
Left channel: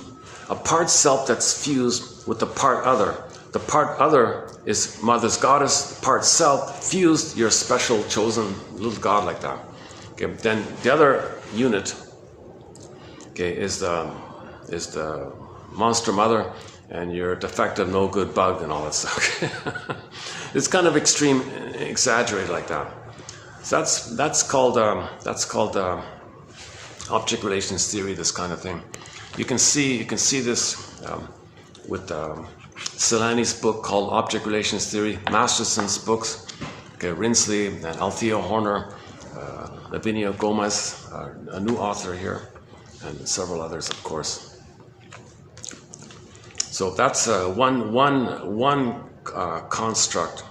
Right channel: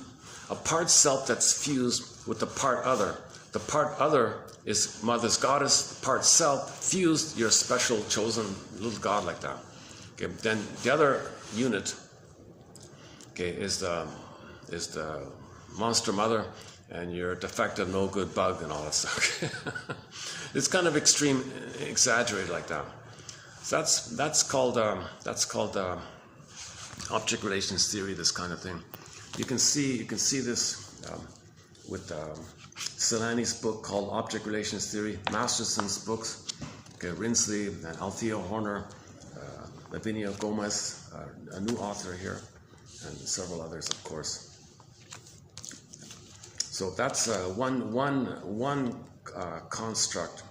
a part self that's fused with the part other. The part other is mother's goddess, the part self fused, your special chosen little god like that. Okay, then the other unit, okay, is the monster mother, and you're a defective, no good bug and all that stuff. It's kind of extreme, exaggerated like that. So that's called object relations theory. This kind of thing. You can see this with Selani's book called Object Relations Theory, Masterson's books, okay, Rinsley and Althea Horner, Lavinia Gomez, a new author here, and several others, of course. So that's one construct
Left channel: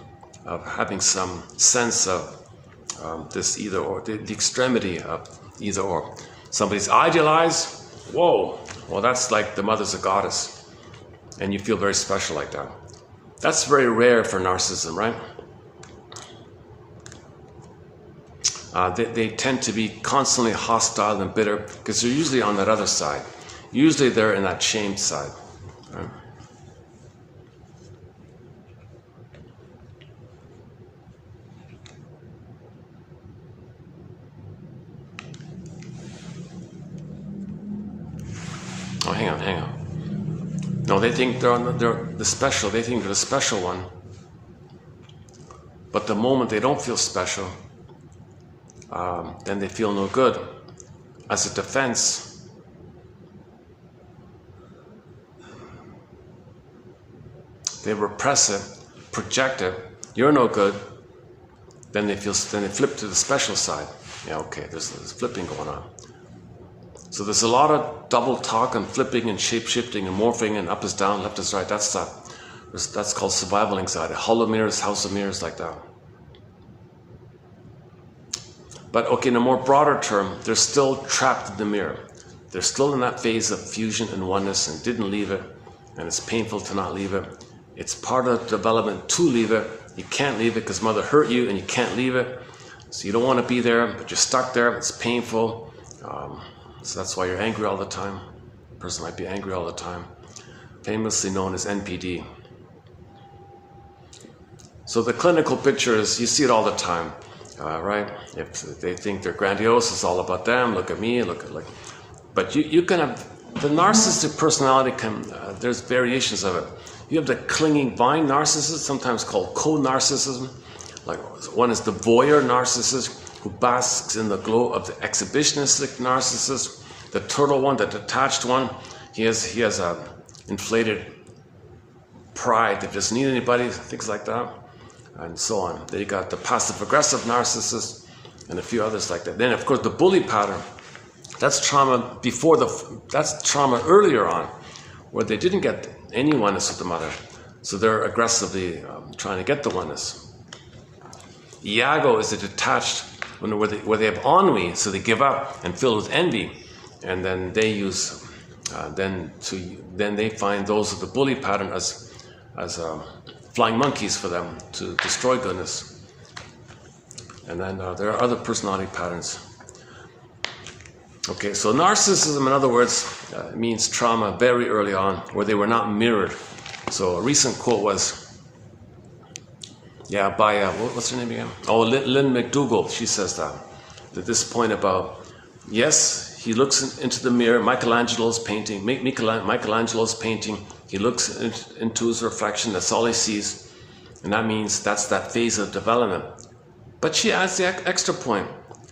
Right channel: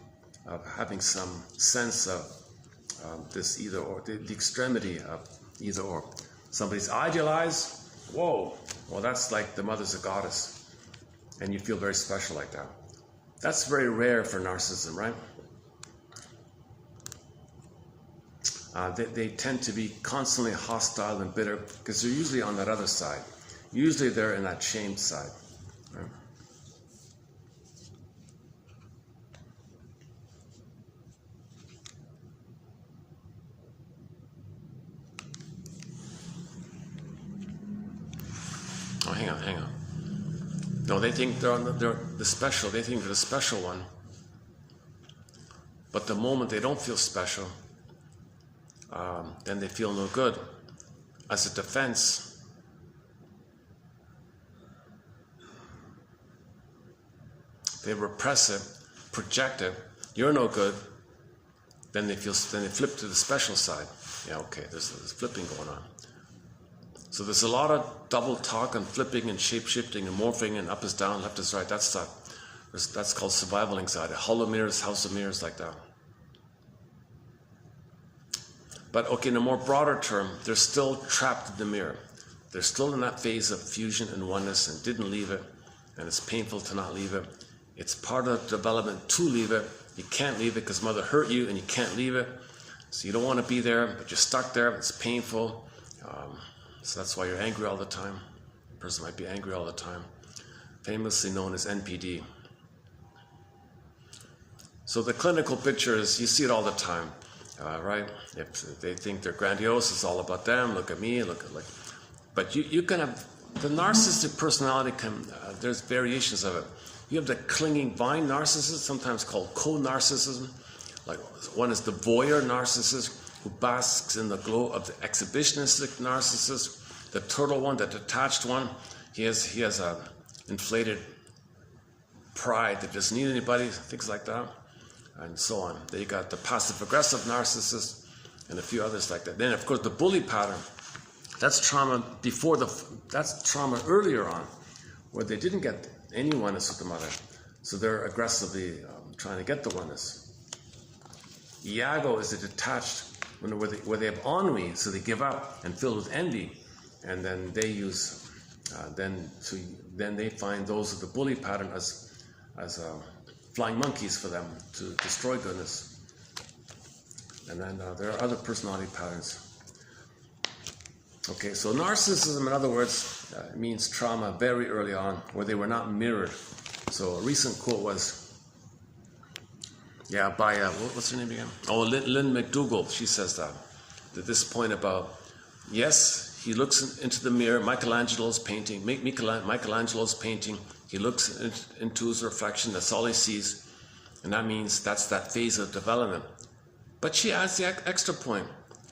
of having some sense of this either or, the extremity of either or. Somebody's idealized, whoa, well that's like the mother's a goddess, and you feel very special like that. That's very rare for narcissism, right? They tend to be constantly hostile and bitter because they're usually on that other side. Usually they're in that shame side. Right? Oh, hang on. No, they think they're the special. They think they're the special one. But the moment they don't feel special, then they feel no good. As a defense, they repress it, project it. You're no good. Then they flip to the special side. Yeah, okay. There's flipping going on. So there's a lot of double talk and flipping and shape-shifting and morphing and up is down, left is right. That's called survival anxiety. Hollow mirrors, house of mirrors, like that. But okay, in a more broader term, they're still trapped in the mirror. They're still in that phase of fusion and oneness and didn't leave it. And it's painful to not leave it. It's part of development to leave it. You can't leave it because mother hurt you and you can't leave it. So you don't want to be there, but you're stuck there. It's painful. So that's why you're angry all the time. The person might be angry all the time. Famously known as NPD. So the clinical picture is, you see it all the time, right? If they think they're grandiose, it's all about them. Look at me, but you can have, the narcissistic personality there's variations of it. You have the clinging vine narcissist, sometimes called co-narcissism. Like one is the voyeur narcissist, who basks in the glow of the exhibitionistic narcissist. The turtle one, the detached one, he has a inflated pride that doesn't need anybody, things like that, and so on. Then you got the passive-aggressive narcissist, and a few others like that. Then, of course, the bully pattern. That's trauma earlier on, where they didn't get any oneness with the mother. So they're aggressively trying to get the oneness. Iago is a detached, where they have ennui, so they give up and fill with envy, and then they use, then they find those of the bully pattern as flying monkeys for them to destroy goodness. And then there are other personality patterns. Okay, so narcissism, in other words, means trauma very early on, where they were not mirrored. So a recent quote was, by, what's her name again? Oh, Lynn McDougall, she says that this point about, yes, he looks into the mirror, Michelangelo's painting, he looks into his reflection, that's all he sees, and that means that's that phase of development. But she adds the extra point,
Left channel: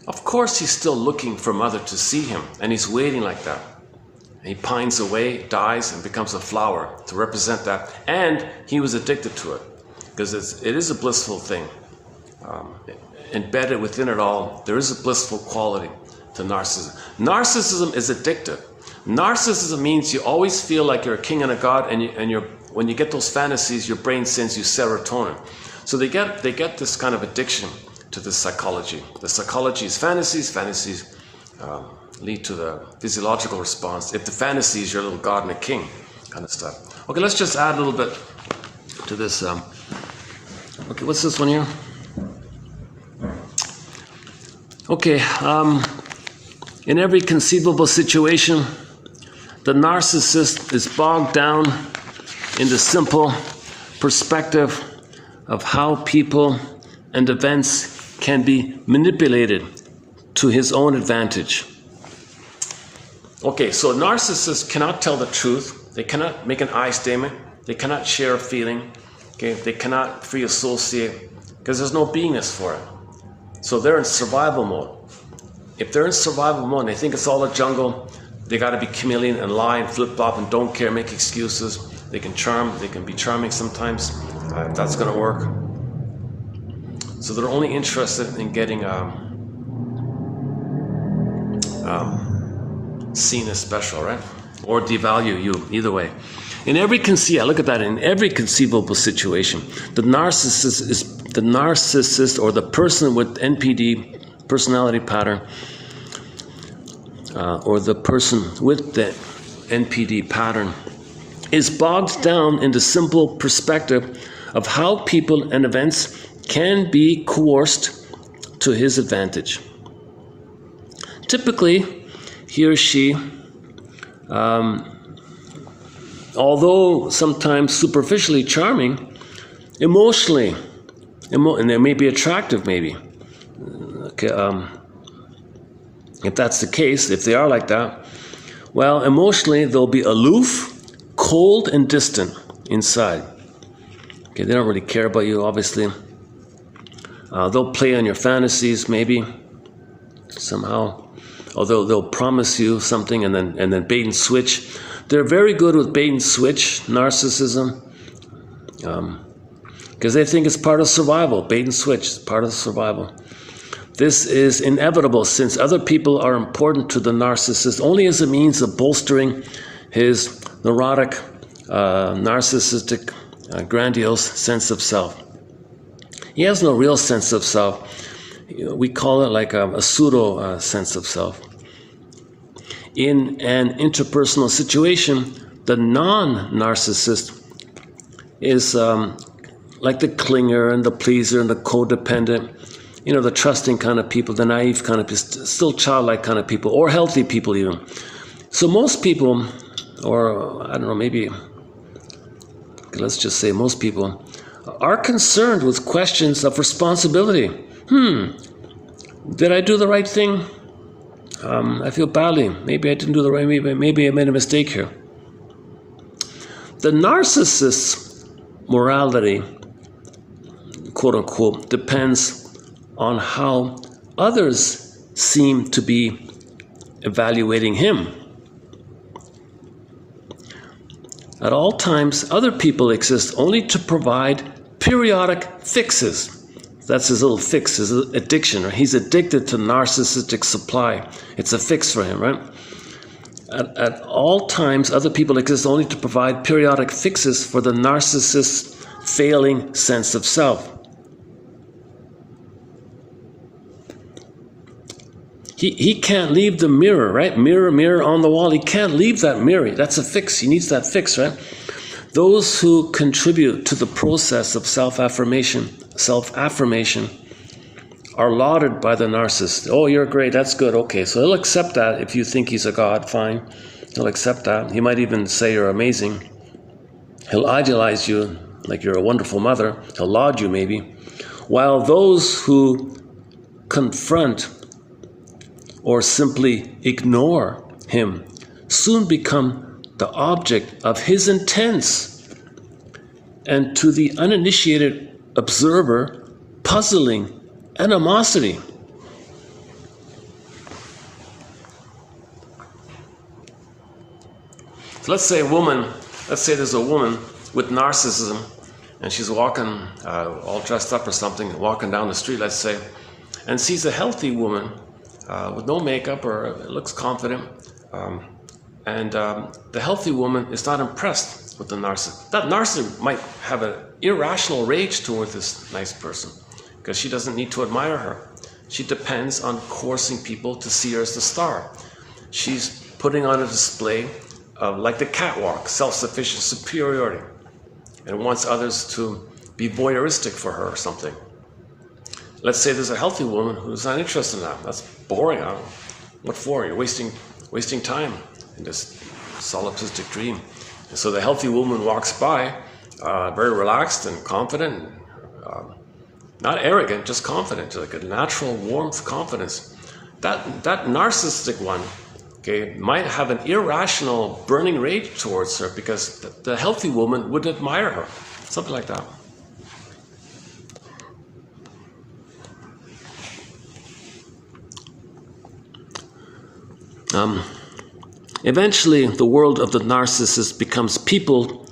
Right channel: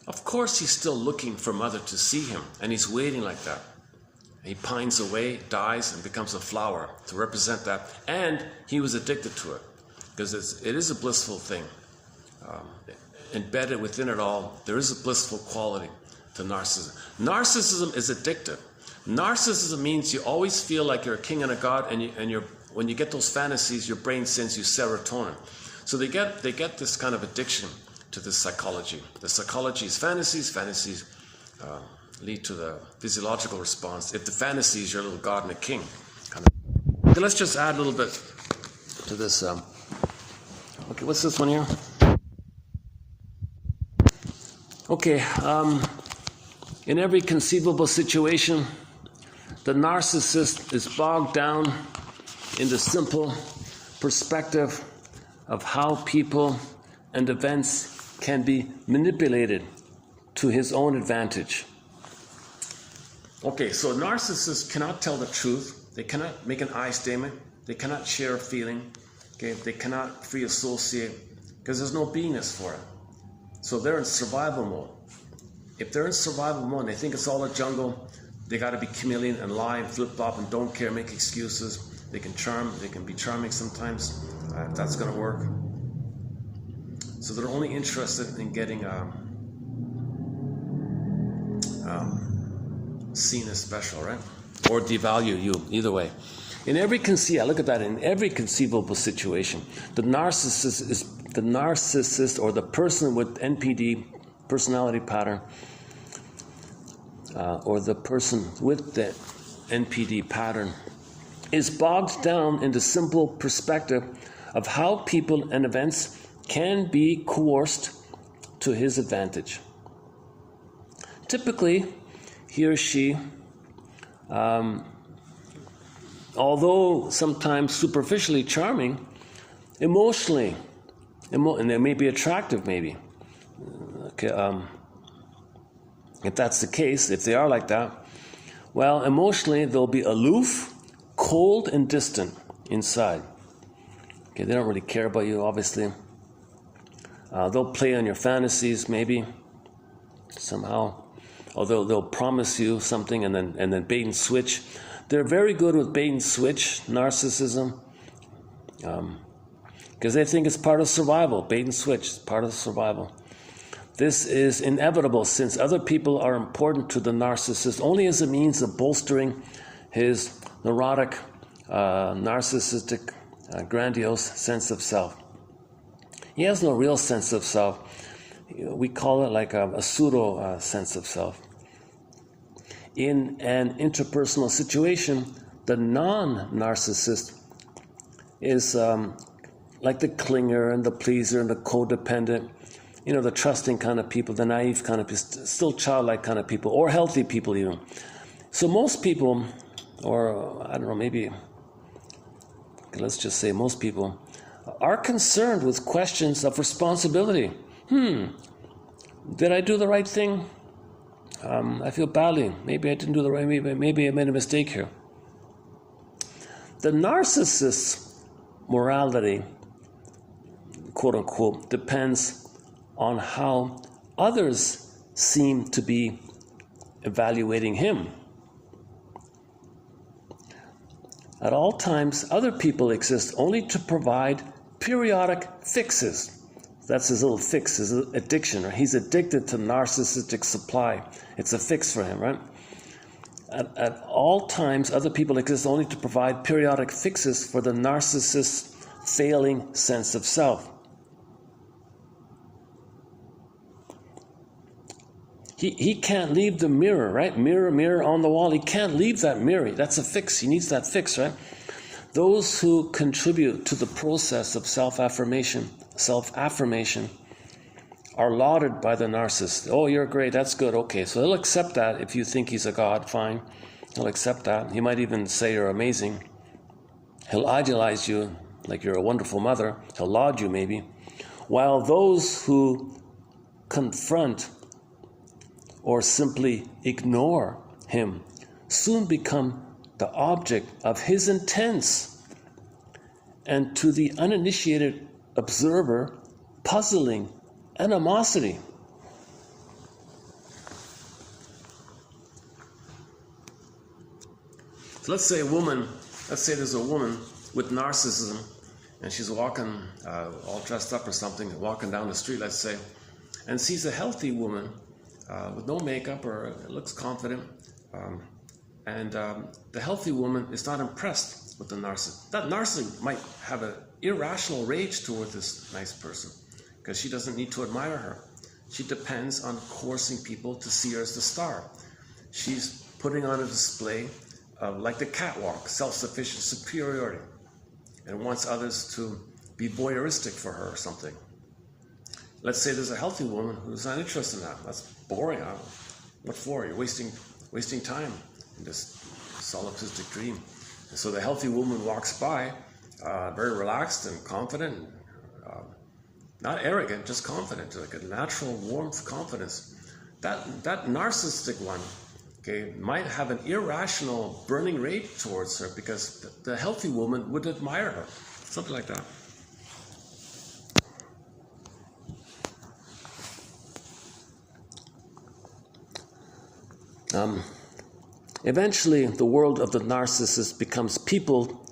of course he's still looking for mother to see him, and he's waiting like that. And he pines away, dies, and becomes a flower to represent that, and he was addicted to it. Because it is a blissful thing. Embedded within it all, there is a blissful quality to narcissism. Narcissism is addictive. Narcissism means you always feel like you're a king and a god, and when you get those fantasies, your brain sends you serotonin. So they get this kind of addiction to this psychology. The psychology is fantasies lead to the physiological response. If the fantasy is your little god and a king kind of stuff. Okay, let's just add a little bit to this. Okay, what's this one here? Okay, in every conceivable situation, the narcissist is bogged down in the simple perspective of how people and events can be manipulated to his own advantage. Okay, so narcissists cannot tell the truth. They cannot make an I statement. They cannot share a feeling. Okay, they cannot free associate because there's no beingness for it. So they're in survival mode. If they're in survival mode and they think it's all a jungle, they got to be chameleon and lie and flip-flop and don't care, make excuses. They can charm, they can be charming sometimes, if that's going to work. So they're only interested in getting seen as special, right? Or devalue you, either way. In every look at that, in every conceivable situation, the narcissist or the person with NPD, personality pattern, or the person with the NPD pattern is bogged down in the simple perspective of how people and events can be coerced to his advantage. Typically, he or she, although sometimes superficially charming, emotionally, and they may be attractive maybe. Okay, if that's the case, if they are like that, well, emotionally they'll be aloof, cold, and distant inside. Okay, they don't really care about you, obviously. They'll play on your fantasies maybe, somehow. Although they'll promise you something and then bait and switch. They're very good with bait and switch, narcissism, because they think it's part of survival. Bait and switch is part of survival. This is inevitable since other people are important to the narcissist only as a means of bolstering his neurotic, narcissistic, grandiose sense of self. He has no real sense of self. We call it like a pseudo sense of self. In an interpersonal situation, the non-narcissist is like the clinger and the pleaser and the codependent, the trusting kind of people, the naive kind of people, still childlike kind of people, or healthy people even. So most people, or I don't know, maybe, let's just say most people, are concerned with questions of responsibility. Did I do the right thing? I feel badly. Maybe I didn't do the right, maybe I made a mistake here. The narcissist's morality, quote unquote, depends on how others seem to be evaluating him. At all times, other people exist only to provide periodic fixes. That's his little fix, his addiction. Right? He's addicted to narcissistic supply. It's a fix for him, right? at all times, other people exist only to provide periodic fixes for the narcissist's failing sense of self. He can't leave the mirror, right? Mirror, mirror on the wall. He can't leave that mirror. That's a fix. He needs that fix, right? Those who contribute to the process of self-affirmation are lauded by the narcissist. Oh, you're great. That's good. Okay, so he'll accept that. If you think he's a god, fine. He'll accept that. He might even say you're amazing. He'll idealize you like you're a wonderful mother. He'll laud you maybe. While those who confront or simply ignore him soon become the object of his intense and, to the uninitiated observer, puzzling animosity. So let's say there's a woman with narcissism and she's walking all dressed up or something, walking down the street, let's say, and sees a healthy woman with no makeup or looks confident, and the healthy woman is not impressed with the narcissist. That narcissist might have an irrational rage toward this nice person because she doesn't need to admire her. She depends on coercing people to see her as the star. She's putting on a display like the catwalk, self-sufficient superiority, and wants others to be voyeuristic for her or something. Let's say there's a healthy woman who's not interested in that. That's boring. What for? You're wasting time in this solipsistic dream. And so the healthy woman walks by, very relaxed and confident, not arrogant, just confident, like a natural warmth, confidence. That narcissistic one, okay, might have an irrational burning rage towards her because the healthy woman would admire her, something like that. Eventually, the world of the narcissist becomes people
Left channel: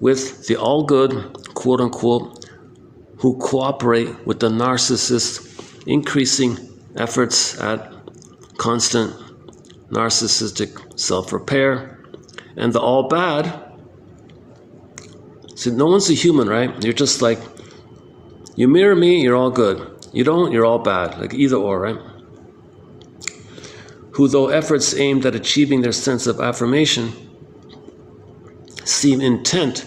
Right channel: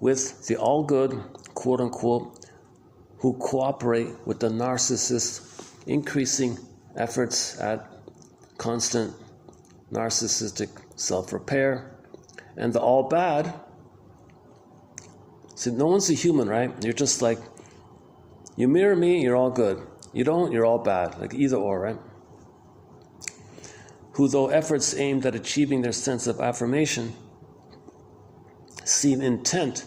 with the all-good, quote-unquote, who cooperate with the narcissist, increasing efforts at constant narcissistic self-repair, and the all-bad. See, no one's a human, right? You're just like, you mirror me, you're all good. You don't, you're all bad. Like either or, right? Who, though efforts aimed at achieving their sense of affirmation, seem intent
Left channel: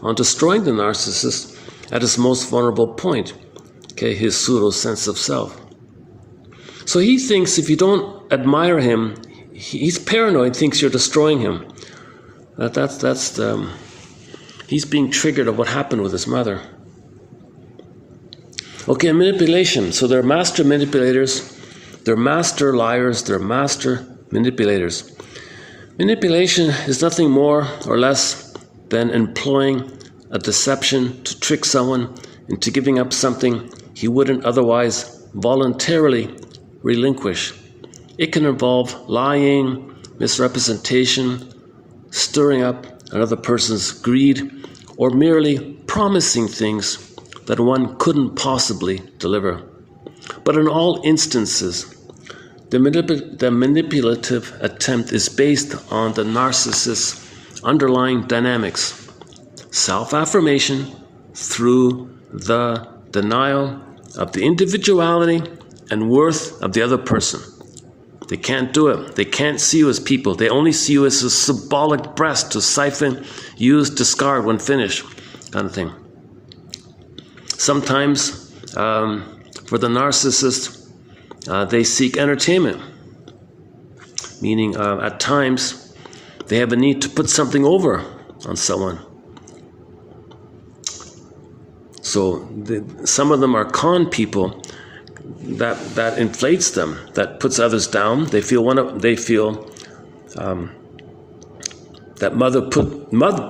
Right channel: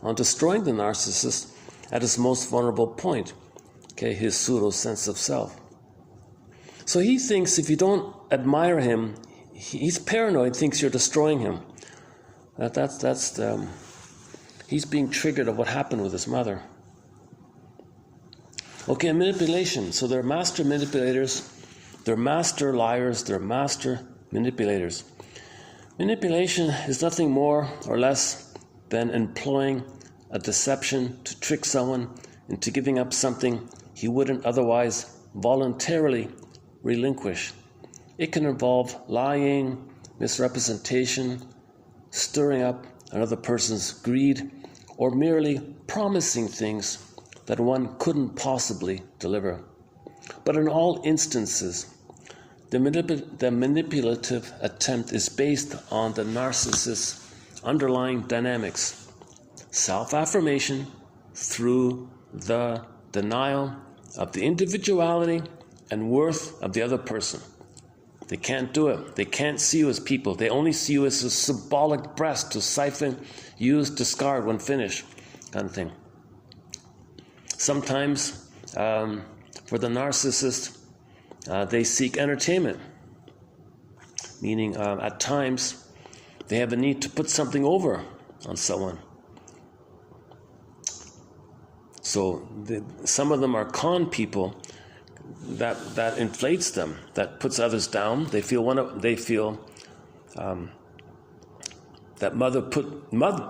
on destroying the narcissist at his most vulnerable point, okay, his pseudo sense of self. So he thinks if you don't admire him, he's paranoid, thinks you're destroying him. He's being triggered of what happened with his mother. Okay, manipulation. So they're master manipulators. They're master liars, they're master manipulators. Manipulation is nothing more or less than employing a deception to trick someone into giving up something he wouldn't otherwise voluntarily relinquish. It can involve lying, misrepresentation, stirring up another person's greed, or merely promising things that one couldn't possibly deliver. But in all instances, the manipulative attempt is based on the narcissist's underlying dynamics, self-affirmation through the denial of the individuality and worth of the other person. They can't do it. They can't see you as people. They only see you as a symbolic breast to siphon, use, discard when finished, kind of thing. Sometimes, for the narcissist, they seek entertainment, meaning at times they have a need to put something over on someone. So some of them are con people that inflates them, that puts others down. They feel that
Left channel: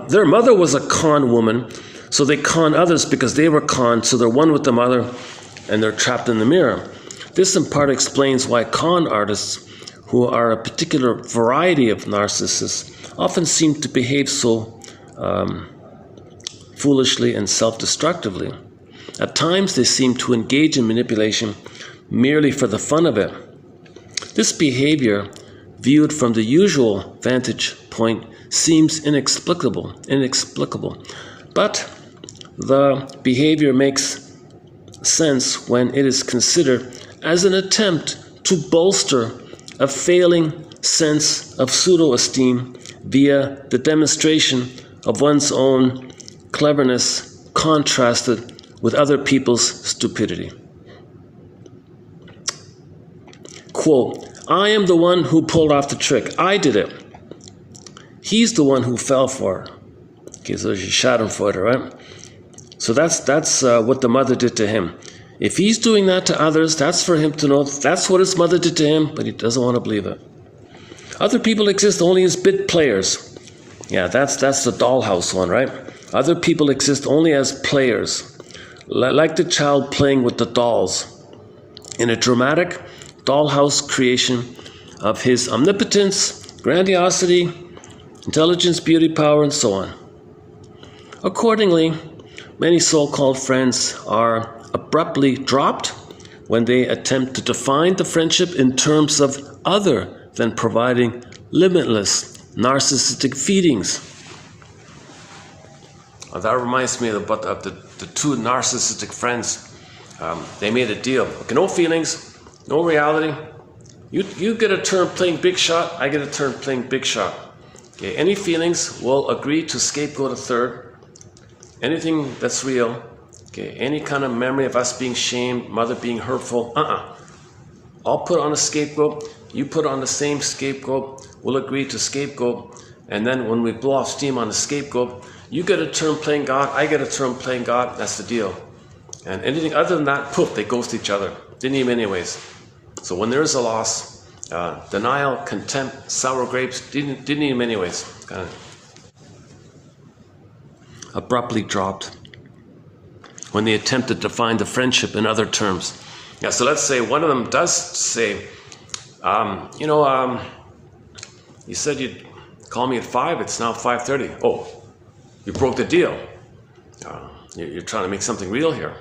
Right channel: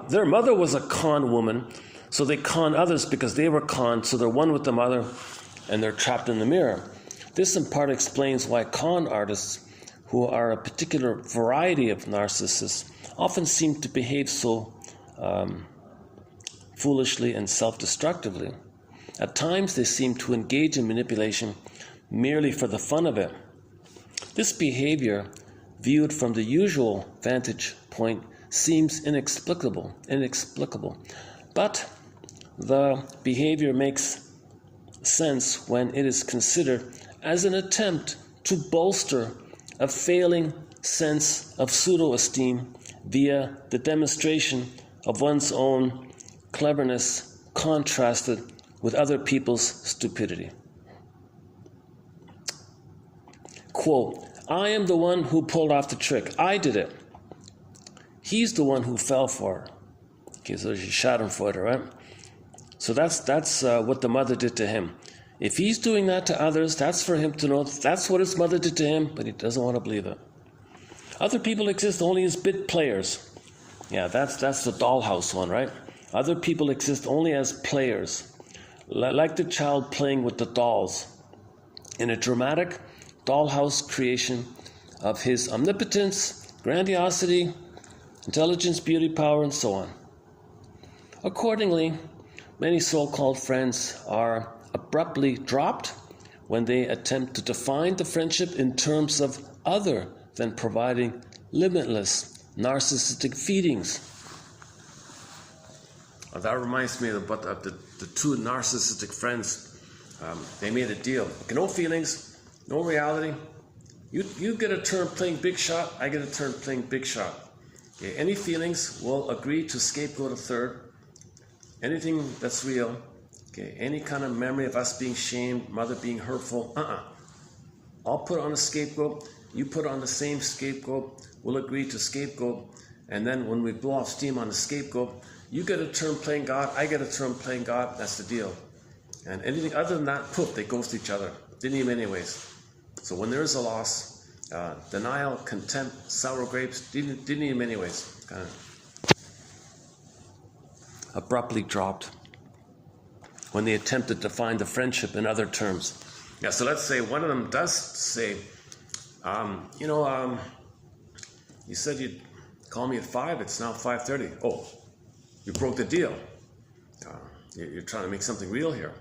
their mother was a con woman, so they con others because they were conned, so they're one with the mother and they're trapped in the mirror. This in part explains why con artists, who are a particular variety of narcissists, often seem to behave so foolishly and self-destructively. At times they seem to engage in manipulation merely for the fun of it. This behavior viewed from the usual vantage point, seems inexplicable. But the behavior makes sense when it is considered as an attempt to bolster a failing sense of pseudo-esteem via the demonstration of one's own cleverness contrasted with other people's stupidity. Quote, I am the one who pulled off the trick. I did it. He's the one who fell for it. Okay, so she shot him for it, right? So that's what the mother did to him. If he's doing that to others, that's for him to know that's what his mother did to him, but he doesn't want to believe it. Other people exist only as bit players. Yeah, that's the dollhouse one, right? Other people exist only as players, like the child playing with the dolls in a dramatic dollhouse creation of his omnipotence, grandiosity, intelligence, beauty, power, and so on. Accordingly, many so-called friends are abruptly dropped when they attempt to define the friendship in terms of other than providing limitless narcissistic feedings. That reminds me of the two narcissistic friends. They made a deal. Okay, no feelings, no reality. You get a turn playing big shot, I get a turn playing big shot. Okay, any feelings, we'll agree to scapegoat a third. Anything that's real, okay, any kind of memory of us being shamed, mother being hurtful, I'll put on a scapegoat, you put on the same scapegoat, we'll agree to scapegoat, and then when we blow off steam on the scapegoat, you get a turn playing God, I get a turn playing God, that's the deal. And anything other than that, poof, they ghost each other. Didn't even anyways. So when there is a loss, denial, contempt, sour grapes, didn't even anyways. Kind of abruptly dropped when they attempt to define the friendship in other terms. Yeah, so let's say one of them does say, you said you'd call me at 5, it's now 5:30. Oh, you broke the deal. You're trying to make something real here.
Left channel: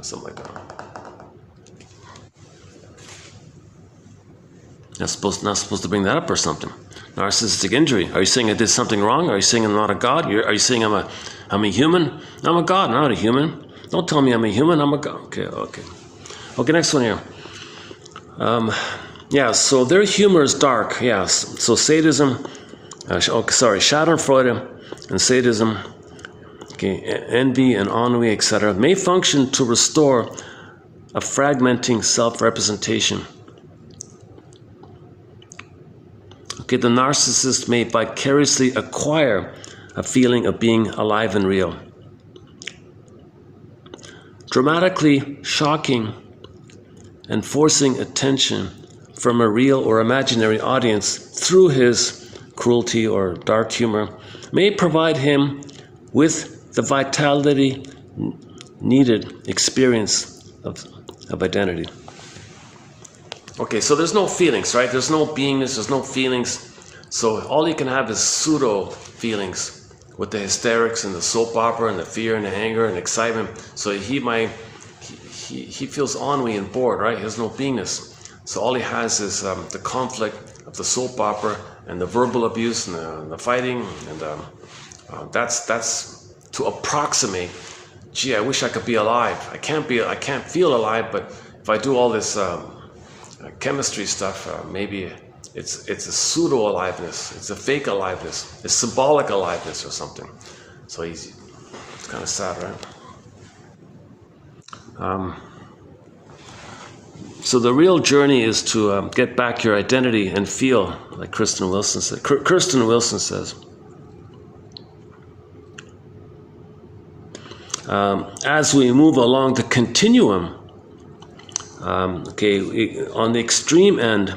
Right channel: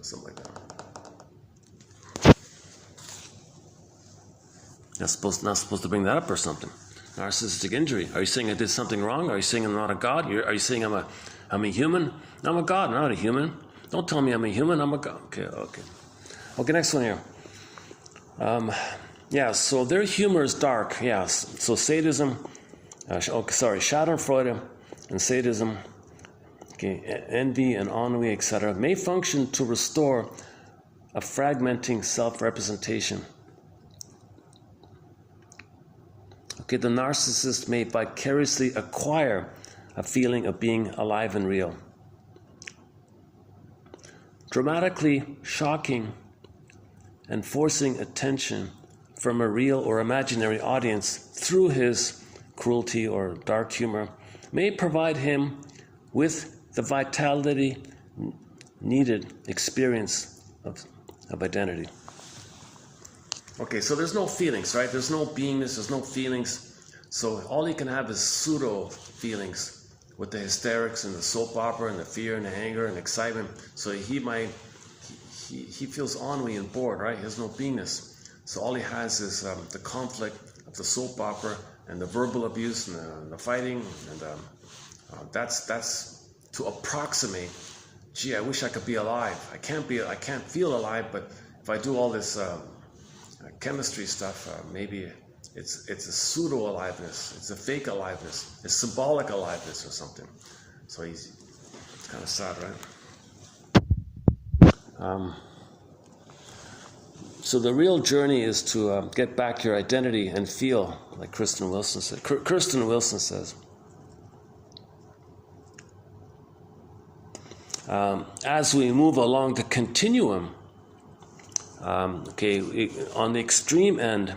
Something like that. Not supposed to bring that up or something. Narcissistic injury. Are you saying I did something wrong? Are you saying I'm not a god? Are you saying I'm a human? I'm a god, not a human. Don't tell me I'm a human, I'm a god. Okay, next one here. So their humor is dark, yes. So sadism, Schadenfreude and sadism, envy and ennui, etc., may function to restore a fragmenting self-representation. Okay, the narcissist may vicariously acquire a feeling of being alive and real. Dramatically shocking and forcing attention from a real or imaginary audience through his cruelty or dark humor may provide him with the vitality needed experience of identity. Okay, so there's no feelings, right? There's no beingness, there's no feelings. So all you can have is pseudo feelings with the hysterics and the soap opera and the fear and the anger and excitement. So he feels ennui and bored, right? He has no beingness. So all he has is the conflict of the soap opera and the verbal abuse and the fighting, and that's to approximate. Gee, I wish I could be alive. I can't feel alive, but if I do all this chemistry stuff, maybe it's a pseudo aliveness, it's a fake aliveness, it's symbolic aliveness or something. So it's kind of sad, right? So the real journey is to get back your identity and feel, like Kirsten Wilson says. As we move along the continuum, on the extreme end,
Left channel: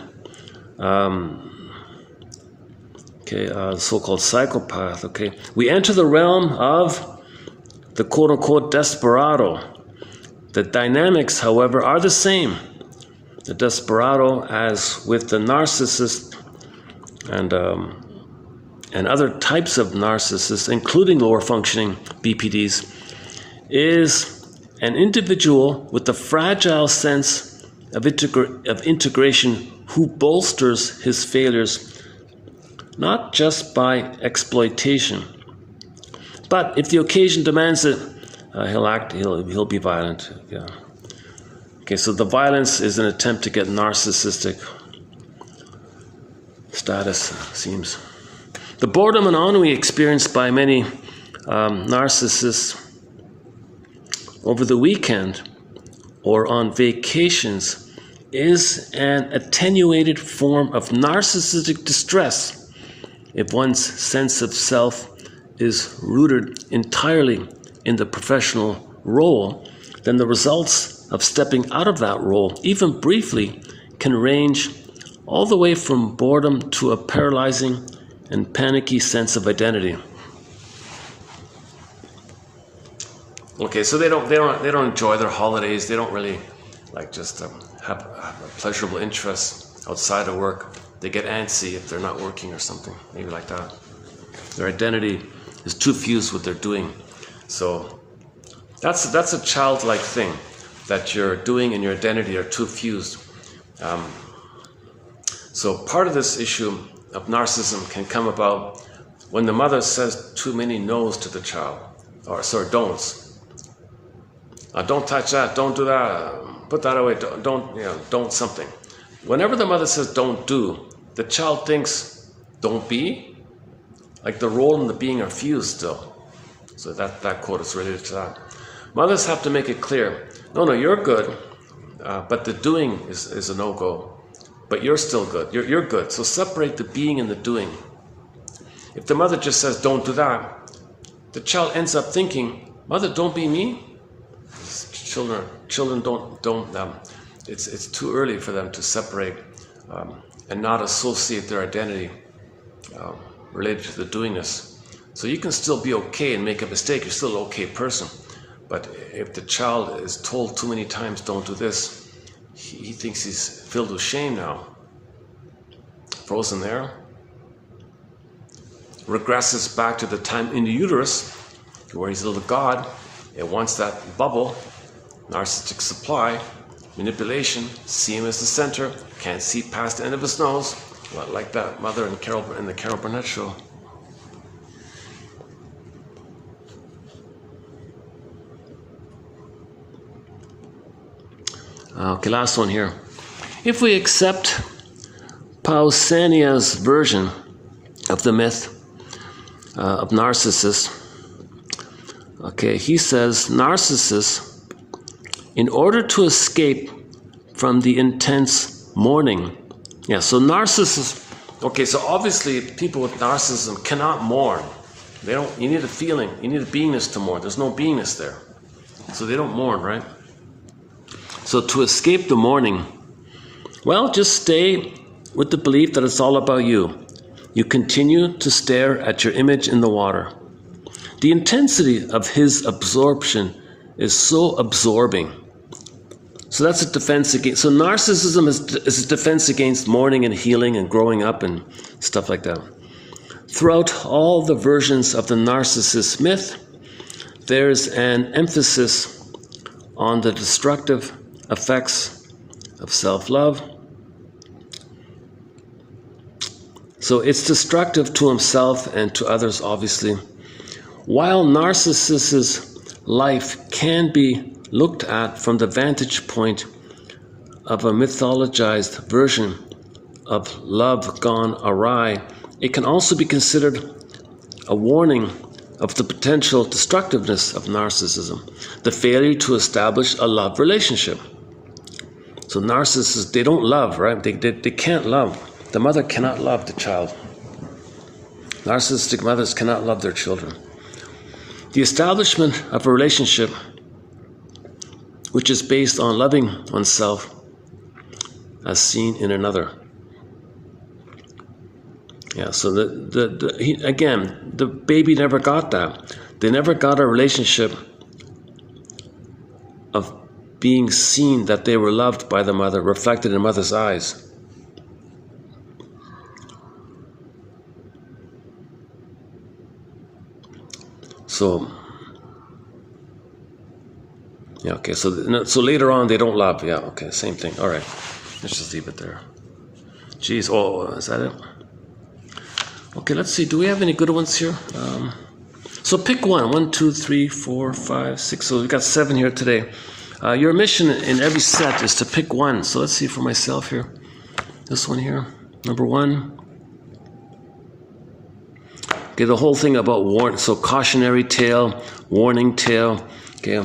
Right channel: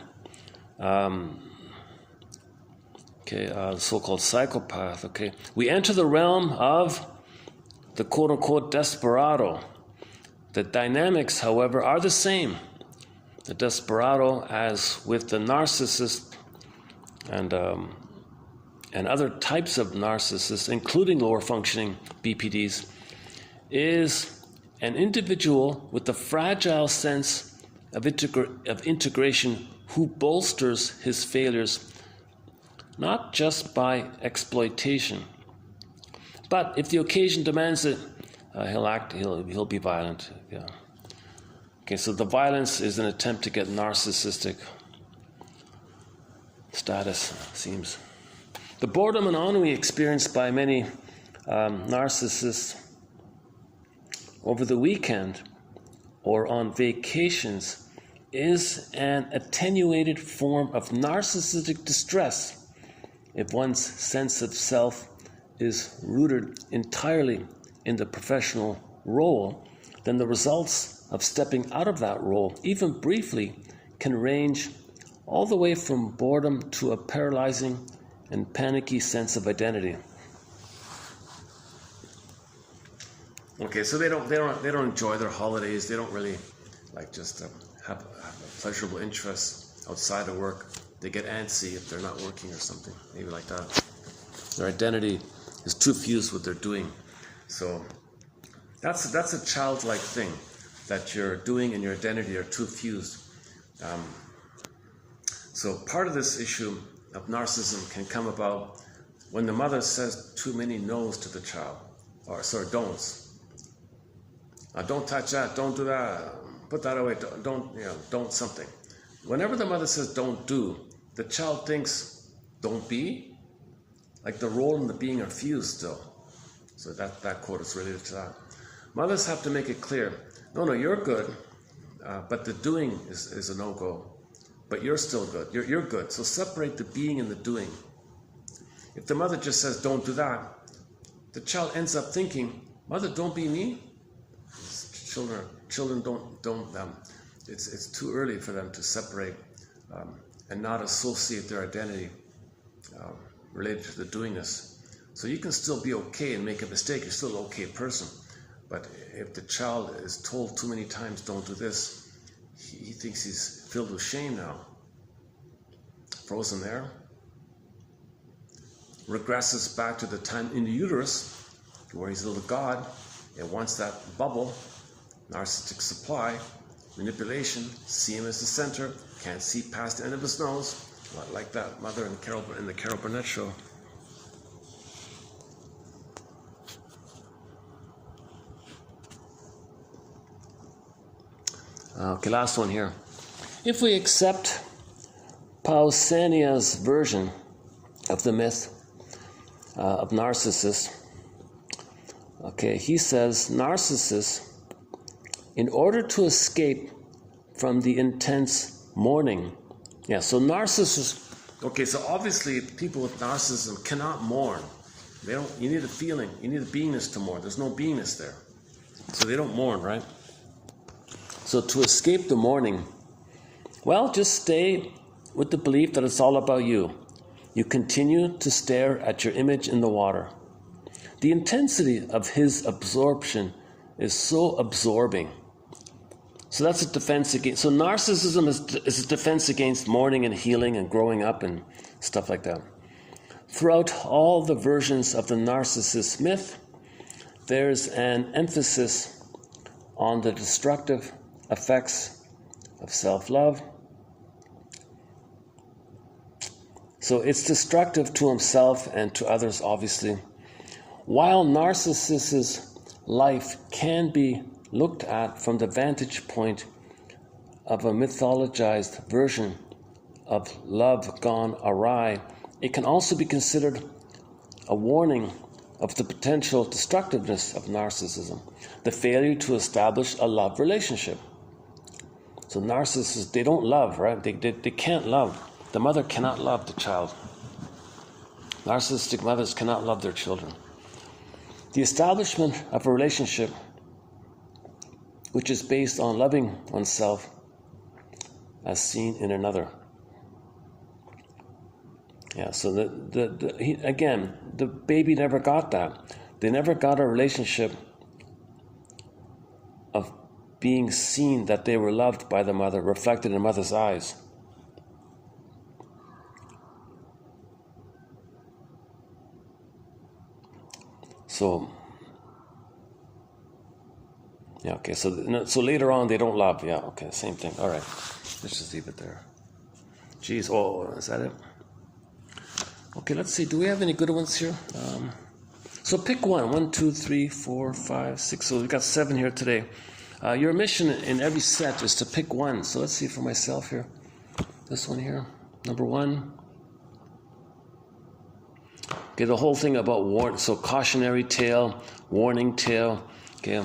so-called psychopath, we enter the realm of the quote-unquote desperado. The dynamics, however, are the same. The desperado, as with the narcissist and other types of narcissists, including lower functioning BPDs, is an individual with a fragile sense of integration who bolsters his failures not just by exploitation, but if the occasion demands it, he'll be violent. Yeah. Okay, so the violence is an attempt to get narcissistic status, seems. The boredom and ennui experienced by many narcissists over the weekend or on vacations is an attenuated form of narcissistic distress if one's sense of self is rooted entirely in the professional role. Then the results of stepping out of that role, even briefly, can range all the way from boredom to a paralyzing and panicky sense of identity. Okay, so they don't enjoy their holidays. They don't really just have a pleasurable interest outside of work. They get antsy if they're not working or something, maybe like that. Their identity is too fused with what they're doing. So that's a childlike thing, that your doing and your identity are too fused. So part of this issue of narcissism can come about when the mother says too many no's to the child, or don'ts. Don't touch that, don't do that, put that away, don't something. Whenever the mother says don't do, the child thinks don't be, like the role and the being are fused still. So that quote is related to that. Mothers have to make it clear, no, you're good, but the doing is a no-go. But you're still good, you're good. So separate the being and the doing. If the mother just says don't do that, the child ends up thinking, mother, don't be me. Children don't. It's too early for them to separate and not associate their identity related to the doingness. So you can still be okay and make a mistake. You're still an okay person. But if the child is told too many times, don't do this, he thinks he's filled with shame now. Frozen there. Regresses back to the time in the uterus, where he's a little god. It wants that bubble, narcissistic supply, manipulation, see him as the center, can't see past the end of his nose, like that mother in the Carol Burnett show. Okay, last one here. If we accept Pausanias' version of the myth of Narcissus, okay, he says Narcissus, in order to escape from the intense mourning. Yeah, so Narcissus, okay, so obviously people with narcissism cannot mourn. You need a feeling, you need a beingness to mourn. There's no beingness there. So they don't mourn, right? So to escape the mourning, well, just stay with the belief that it's all about you. You continue to stare at your image in the water. The intensity of his absorption is so absorbing. So that's a defense against, so narcissism is a defense against mourning and healing and growing up and stuff like that. Throughout all the versions of the narcissist myth, there's an emphasis on the destructive effects of self-love. So it's destructive to himself and to others, obviously. While Narcissus's life can be looked at from the vantage point of a mythologized version of love gone awry, it can also be considered a warning of the potential destructiveness of narcissism, the failure to establish a love relationship. So narcissists, they don't love, right? They can't love. The mother cannot love the child. Narcissistic mothers cannot love their children. The establishment of a relationship which is based on loving oneself as seen in another. Yeah, so again, the baby never got that. They never got a relationship of being seen that they were loved by the mother, reflected in mother's eyes. So, yeah, okay, so later on they don't love, yeah, okay, same thing, all right, let's just leave it there. Geez, oh, is that it? Okay, let's see. Do we have any good ones here? So pick one. 1, 2, 3, 4, 5, 6. So we've got 7 here today. Your mission in every set is to pick one. So let's see for myself here. This one here, number 1. Okay, the whole thing about warning. So cautionary tale, warning tale. Okay,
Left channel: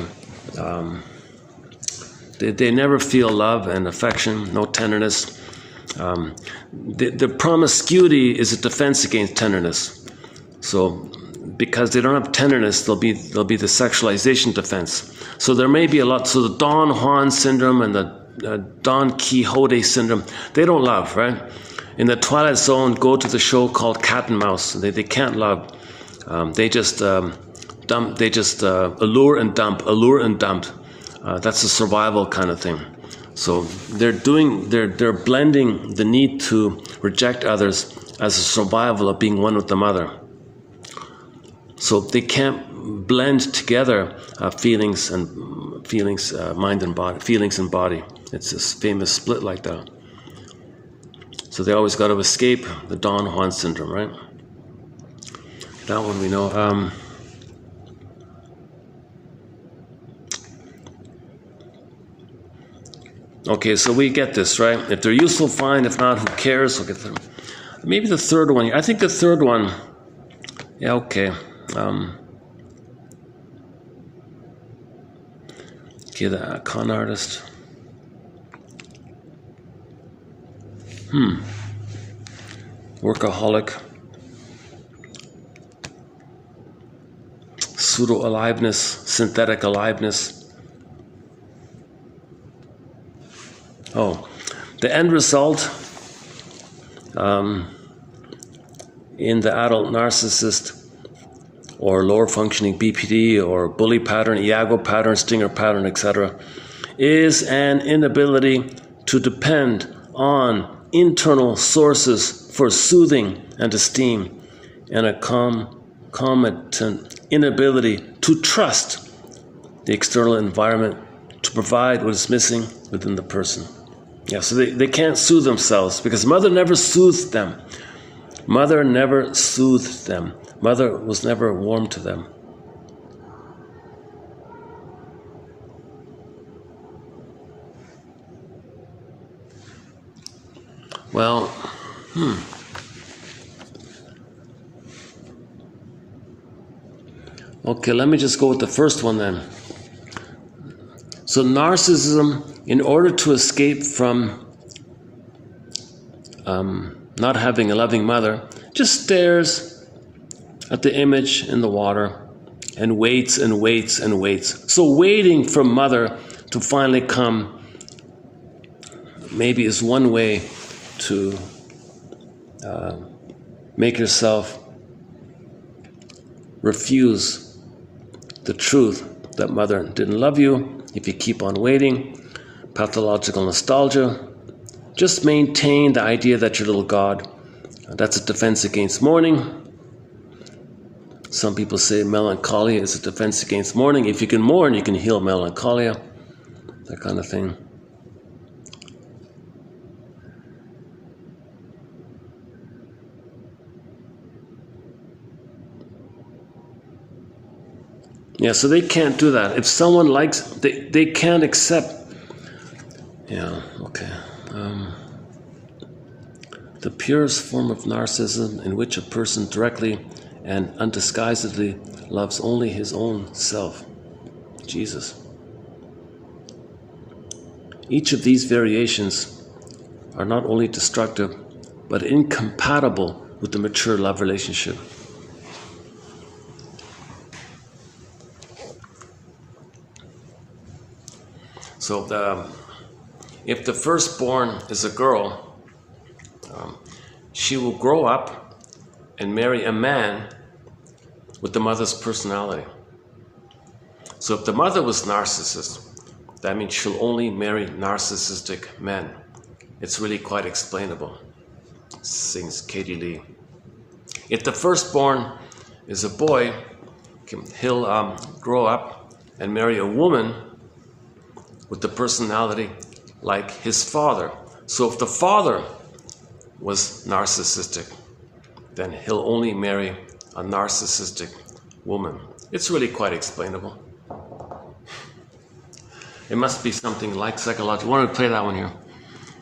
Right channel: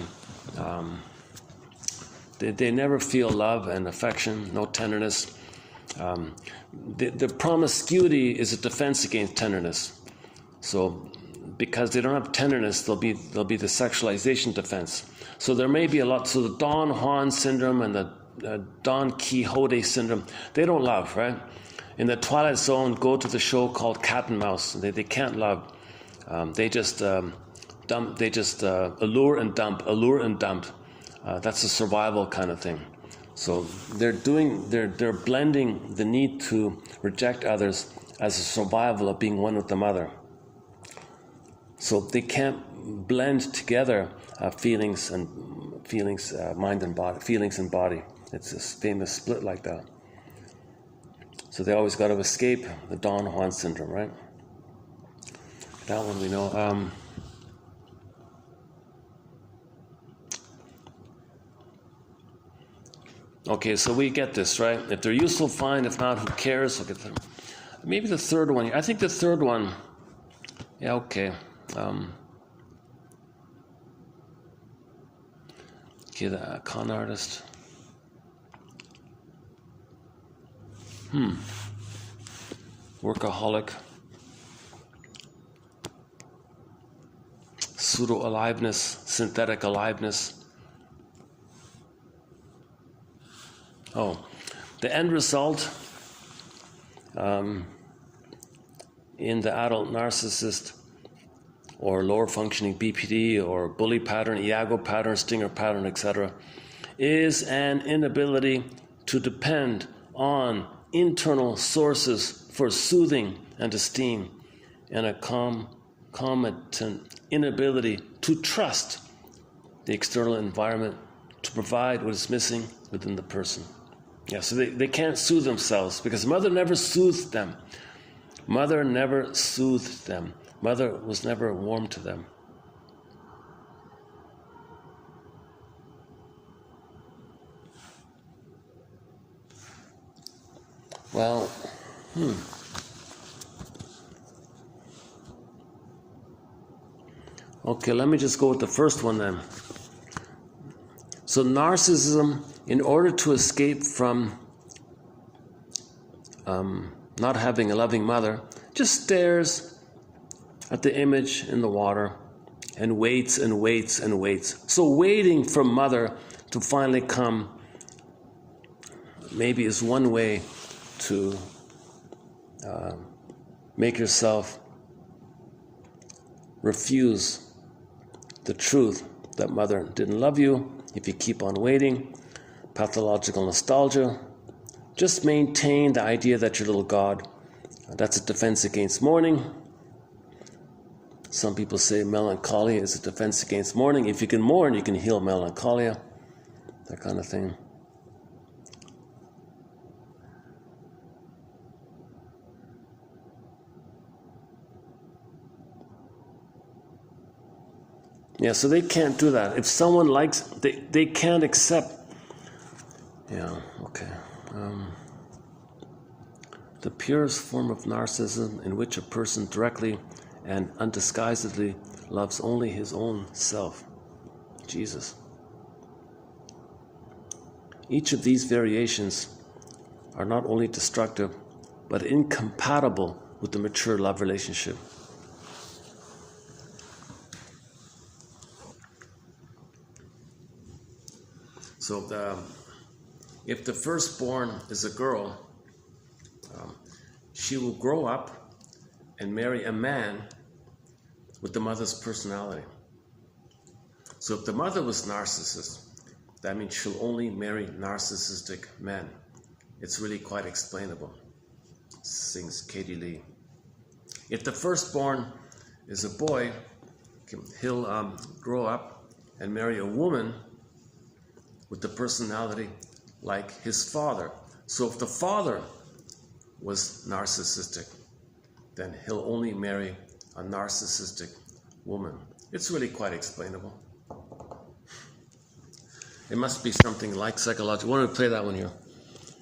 they never feel love and affection, no tenderness. The promiscuity is a defense against tenderness. So because they don't have tenderness, there'll be the sexualization defense. So there may be a lot. So the Don Juan syndrome and the Don Quixote syndrome, they don't love, right? In the Twilight Zone, go to the show called Cat and Mouse. They can't love. They just dump. They just allure and dump. That's a survival kind of thing. So they're blending the need to reject others as a survival of being one with the mother. So they can't blend together feelings, mind and body, feelings and body. It's this famous split like that. So they always got to escape the Don Juan syndrome, right? That one we know. Okay, so we get this, right? If they're useful, fine. If not, who cares? We'll get them. Maybe the third one. I think the third one. Yeah, okay. Okay, the con artist. Workaholic. Pseudo-aliveness, synthetic aliveness. Oh, the end result in the adult narcissist or lower functioning BPD or bully pattern, Iago pattern, stinger pattern, etc., is an inability to depend on internal sources for soothing and esteem, and a concomitant inability to trust the external environment to provide what is missing within the person. Yeah, so they can't soothe themselves because mother never soothed them. Mother never soothed them. Mother was never warm to them. Well, Okay, let me just go with the first one then. So narcissism, in order to escape from not having a loving mother, just stares at the image in the water and waits and waits and waits. So waiting for mother to finally come maybe is one way to make yourself refuse the truth that mother didn't love you. If you keep on waiting, pathological nostalgia, just maintain the idea that you're a little God. That's a defense against mourning. Some people say melancholia is a defense against mourning. If you can mourn, you can heal melancholia, that kind of thing. Yeah, so they can't do that. If someone likes, they can't accept. Yeah, okay. The purest form of narcissism in which a person directly and undisguisedly loves only his own self. Jesus. Each of these variations are not only destructive, but incompatible with the mature love relationship. So if the firstborn is a girl, she will grow up and marry a man with the mother's personality. So if the mother was narcissist, that means she'll only marry narcissistic men. It's really quite explainable, sings Katie Lee. If the firstborn is a boy, he'll grow up and marry a woman with the personality like his father. So if the father was narcissistic, then he'll only marry a narcissistic woman. It's really quite explainable. It must be something like psychological. Why don't we play that one here?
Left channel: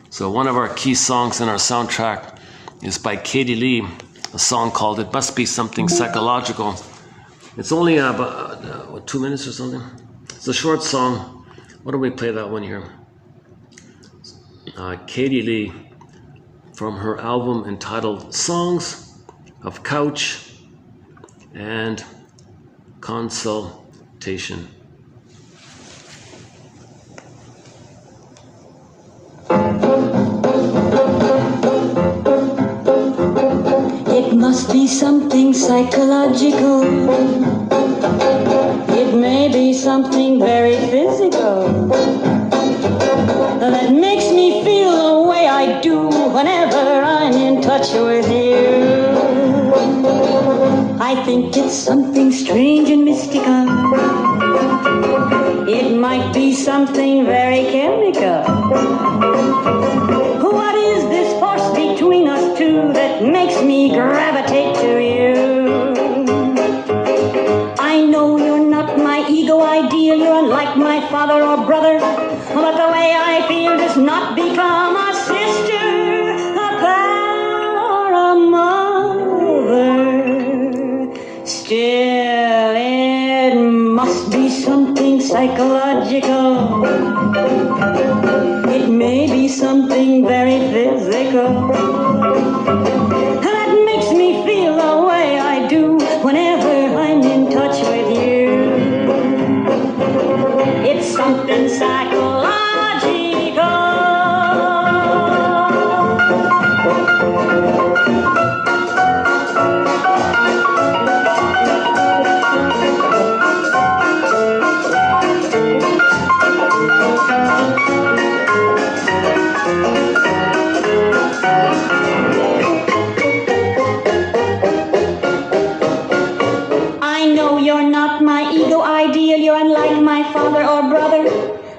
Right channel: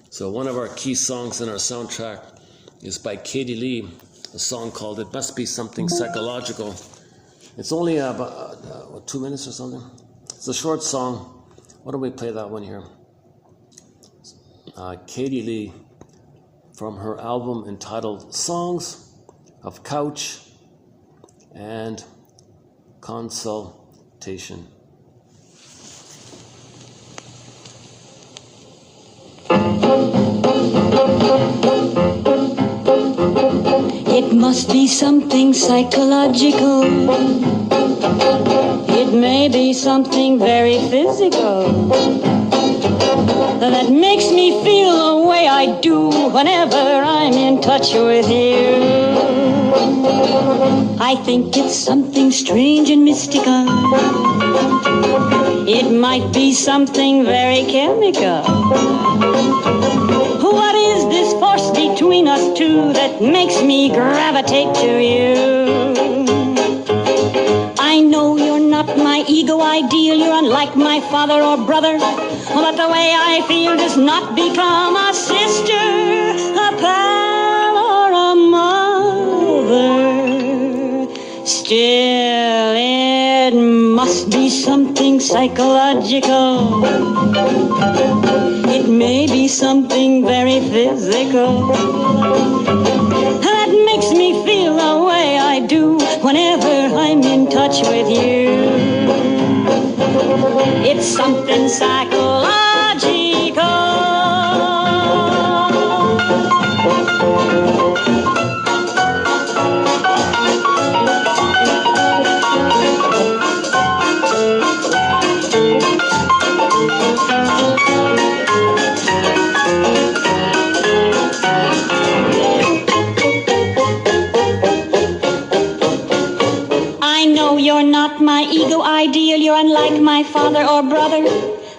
So one of our key songs in our soundtrack is by Katie Lee, a song called It Must Be Something Psychological. It's only about 2 minutes or something. It's a short song. Why don't we play that one here? Katie Lee, from her album entitled Songs of Couch and Consultation. It must be something psychological. It may be something very physical that makes me feel the way I do whenever I'm in touch with you. I think it's something strange and mystical. It might be something very chemical. What is this force between us two that makes me gravitate to you? I know you're not my ego ideal, you're unlike my father or brother, but the way I feel does not become a sister, a pal, or a mother. Still, it must be something psychological. It may be something very physical that makes me feel the way I do whenever I'm in touch with you. It's something psychological.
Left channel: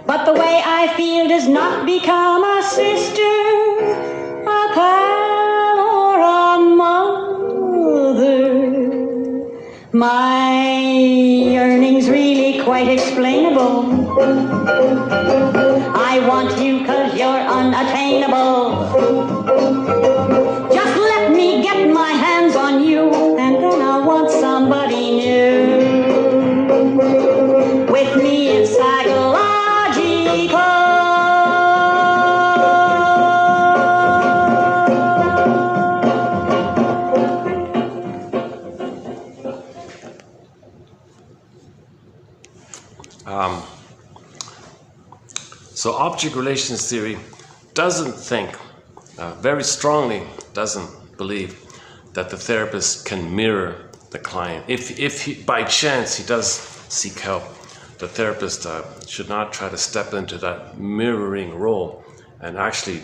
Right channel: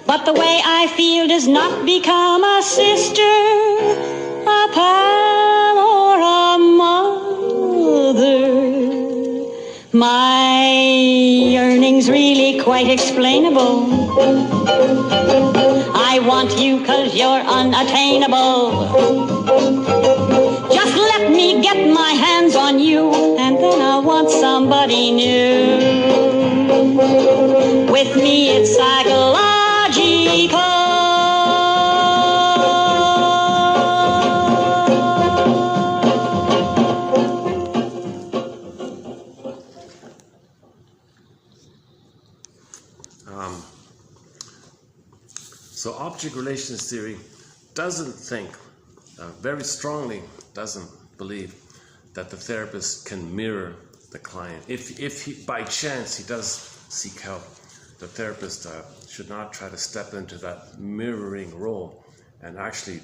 But the way I feel does not become a sister, a pal, or a mother. My yearning's really quite explainable. I want you 'cause you're unattainable. Just let me get my hands on you, and then I'll want somebody new. With me it's psychological. So object relations theory doesn't think, very strongly doesn't believe that the therapist can mirror the client. If he, by chance he does seek help, the therapist should not try to step into that mirroring role and actually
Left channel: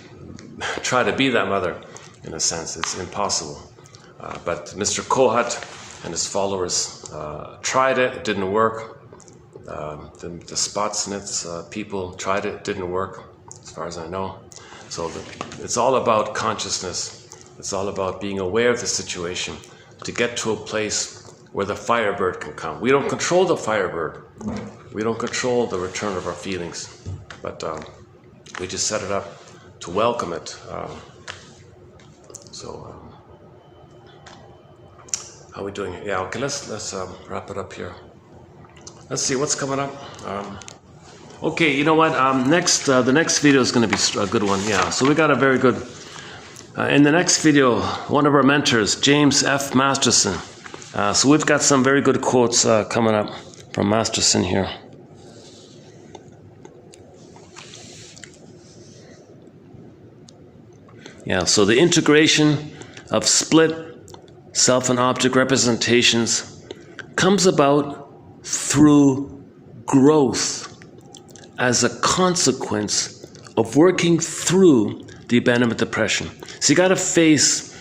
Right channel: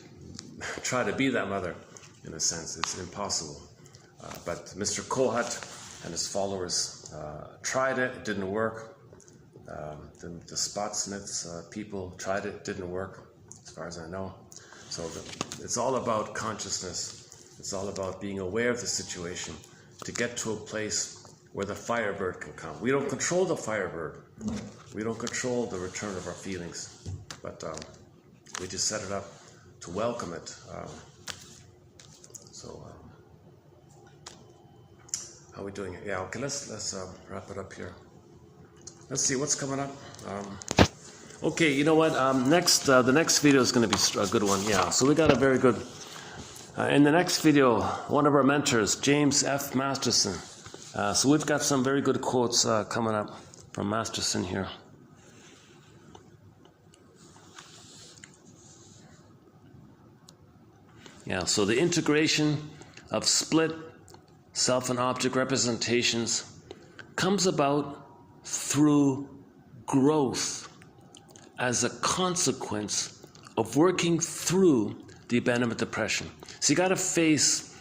try to be that mother. In a sense, it's impossible. But Mr. Kohut and his followers tried it, it didn't work. The Spotsnitz people tried it, didn't work, as far as I know. So it's all about consciousness. It's all about being aware of the situation to get to a place where the firebird can come. We don't control the firebird. We don't control the return of our feelings, but we just set it up to welcome it. How are we doing? Yeah, okay, let's wrap it up here. Let's see what's coming up. Okay, you know what? The next video is going to be a good one. Yeah, so we got a very good. In the next video, one of our mentors, James F. Masterson. So we've got some very good quotes coming up from Masterson here. Yeah, so the integration of split self and object representations comes about through growth as a consequence of working through the abandonment depression. So you gotta face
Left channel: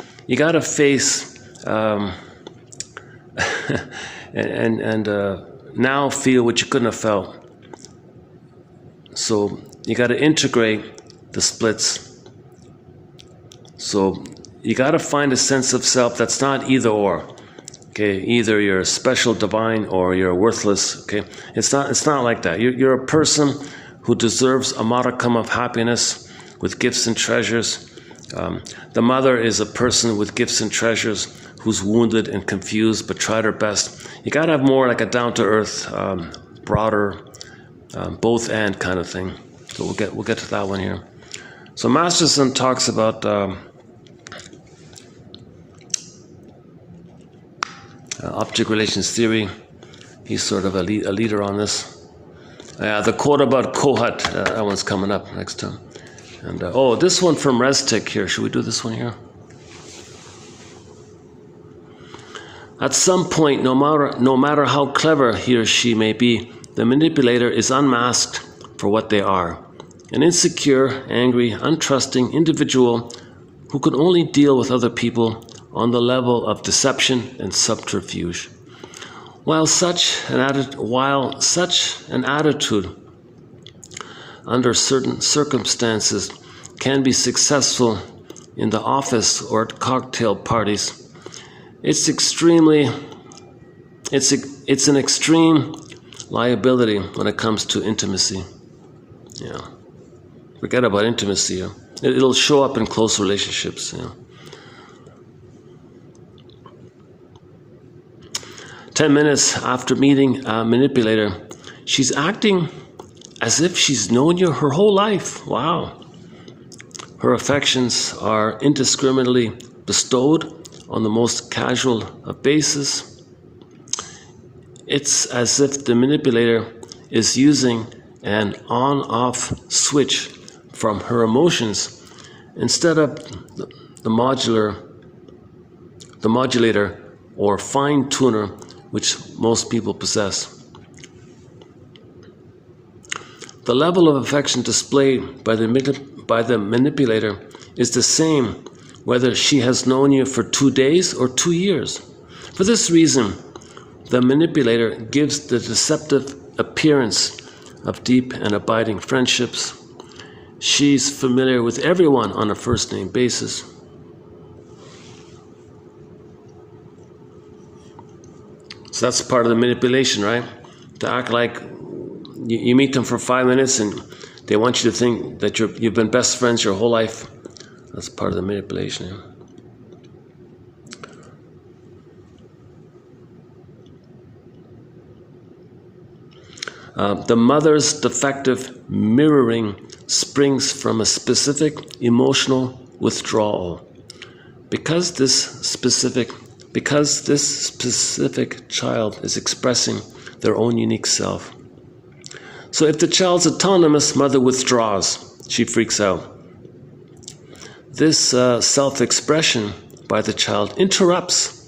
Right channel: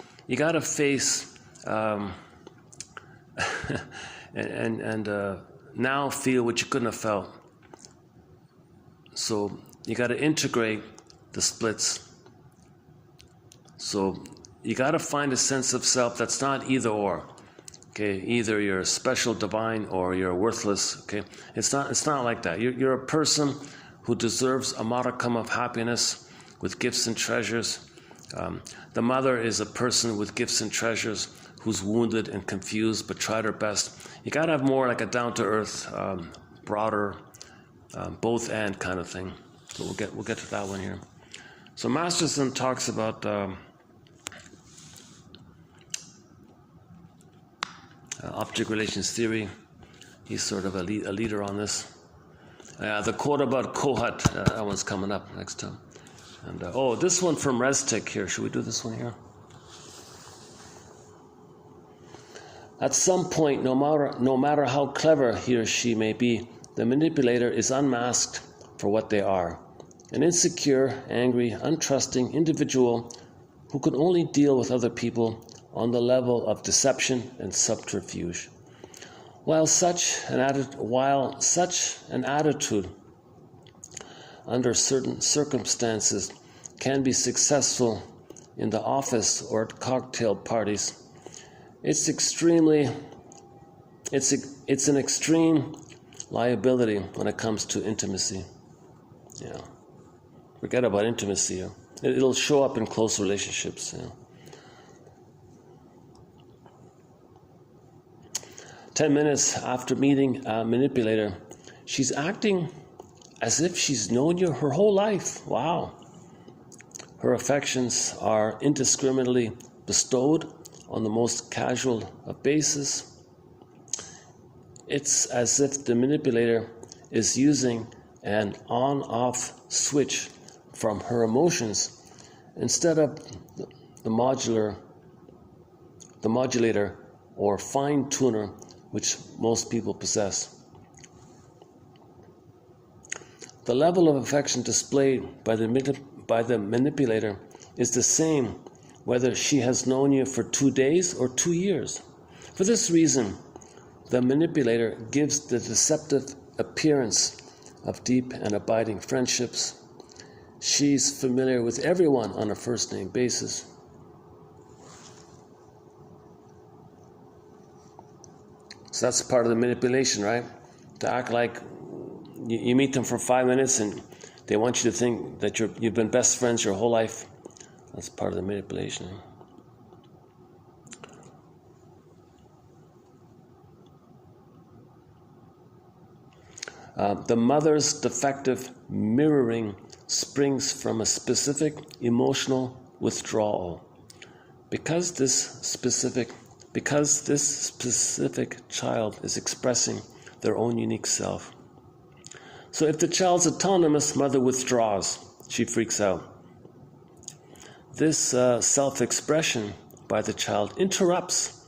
and now feel what you couldn't have felt. So you gotta integrate the splits. So you got to find a sense of self that's not either or. Okay, either you're special, divine, or you're worthless. Okay, it's not like that. You're a person who deserves a modicum of happiness with gifts and treasures. The mother is a person with gifts and treasures who's wounded and confused but tried her best. You got to have more like a down-to-earth, broader, both and kind of thing. So we'll get to that one here. So Masterson talks about object relations theory. He's sort of a leader on this. The quote about Kohat, that one's coming up next time. And this one from Restic here. Should we do this one here? At some point, no matter how clever he or she may be, the manipulator is unmasked for what they are. An insecure, angry, untrusting individual who can only deal with other people on the level of deception and subterfuge. While such an attitude under certain circumstances can be successful in the office or at cocktail parties, it's an extreme liability when it comes to intimacy. Yeah. Forget about intimacy. It'll show up in close relationships. 10 minutes after meeting a manipulator, she's acting as if she's known you her whole life. Wow. Her affections are indiscriminately bestowed on the most casual of basis. It's as if the manipulator is using an on-off switch from her emotions instead of the modulator or fine tuner which most people possess. The level of affection displayed by the manipulator is the same whether she has known you for 2 days or 2 years. For this reason, the manipulator gives the deceptive appearance of deep and abiding friendships. She's familiar with everyone on a first-name basis. So that's part of the manipulation, right? To act like you meet them for 5 minutes and they want you to think that you've been best friends your whole life. That's part of the manipulation. The mother's defective mirroring springs from a specific emotional withdrawal. Because this specific child is expressing their own unique self. So if the child's autonomous, mother withdraws. She freaks out. This self-expression by the child interrupts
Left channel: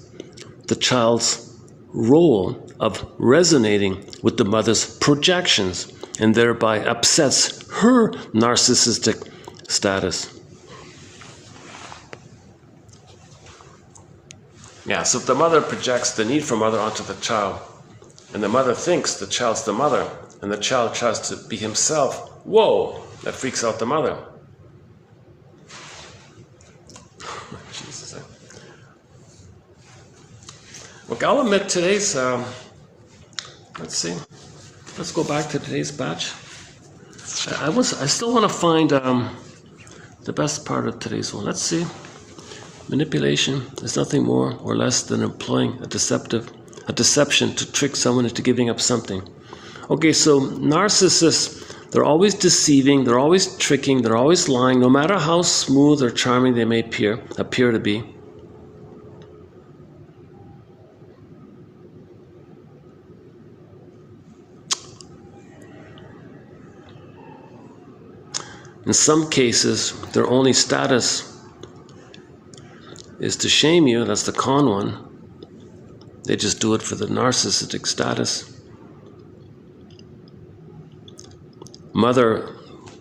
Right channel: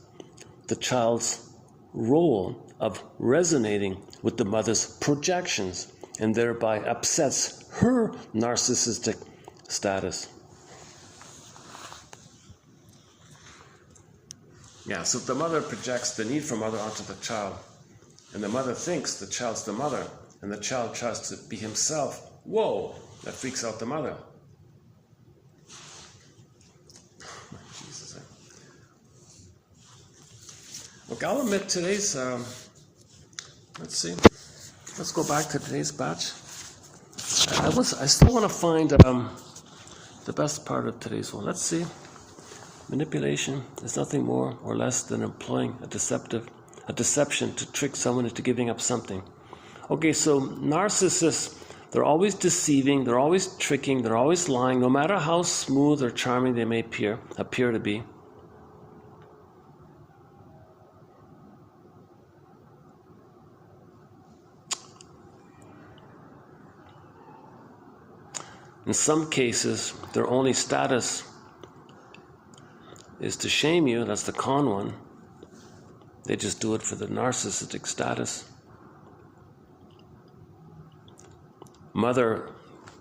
the child's role of resonating with the mother's projections and thereby upsets her narcissistic status. Yeah, so if the mother projects the need for mother onto the child, and the mother thinks the child's the mother, and the child tries to be himself, whoa, that freaks out the mother. Jesus. Look, I'll admit today's, let's go back to today's batch. I still want to find the best part of today's one. Let's see. Manipulation is nothing more or less than employing a deception to trick someone into giving up something. Okay, so narcissists, they're always deceiving, they're always tricking, they're always lying, no matter how smooth or charming they may appear to be. In some cases, their only status is to shame you. That's the con one. They just do it for the narcissistic status. Mother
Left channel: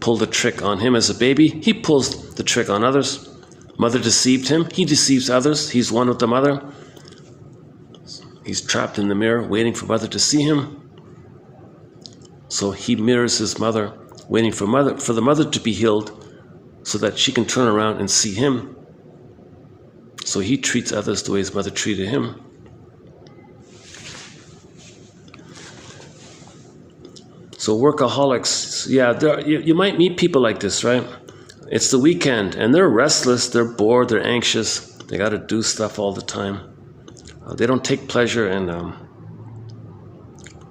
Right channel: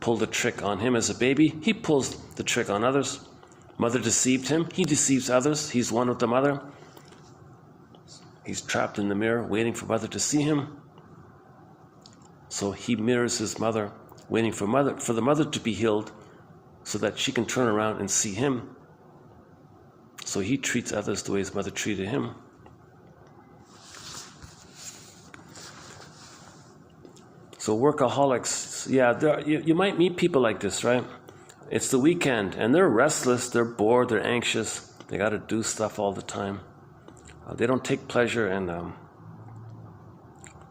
pulled a trick on him as a baby. He pulls the trick on others. Mother deceived him. He deceives others. He's one with the mother. He's trapped in the mirror, waiting for mother to see him. So he mirrors his mother, waiting for the mother to be healed so that she can turn around and see him. So he treats others the way his mother treated him. So workaholics, yeah, you might meet people like this, right? It's the weekend, and they're restless, they're bored, they're anxious. They got to do stuff all the time. They don't take pleasure in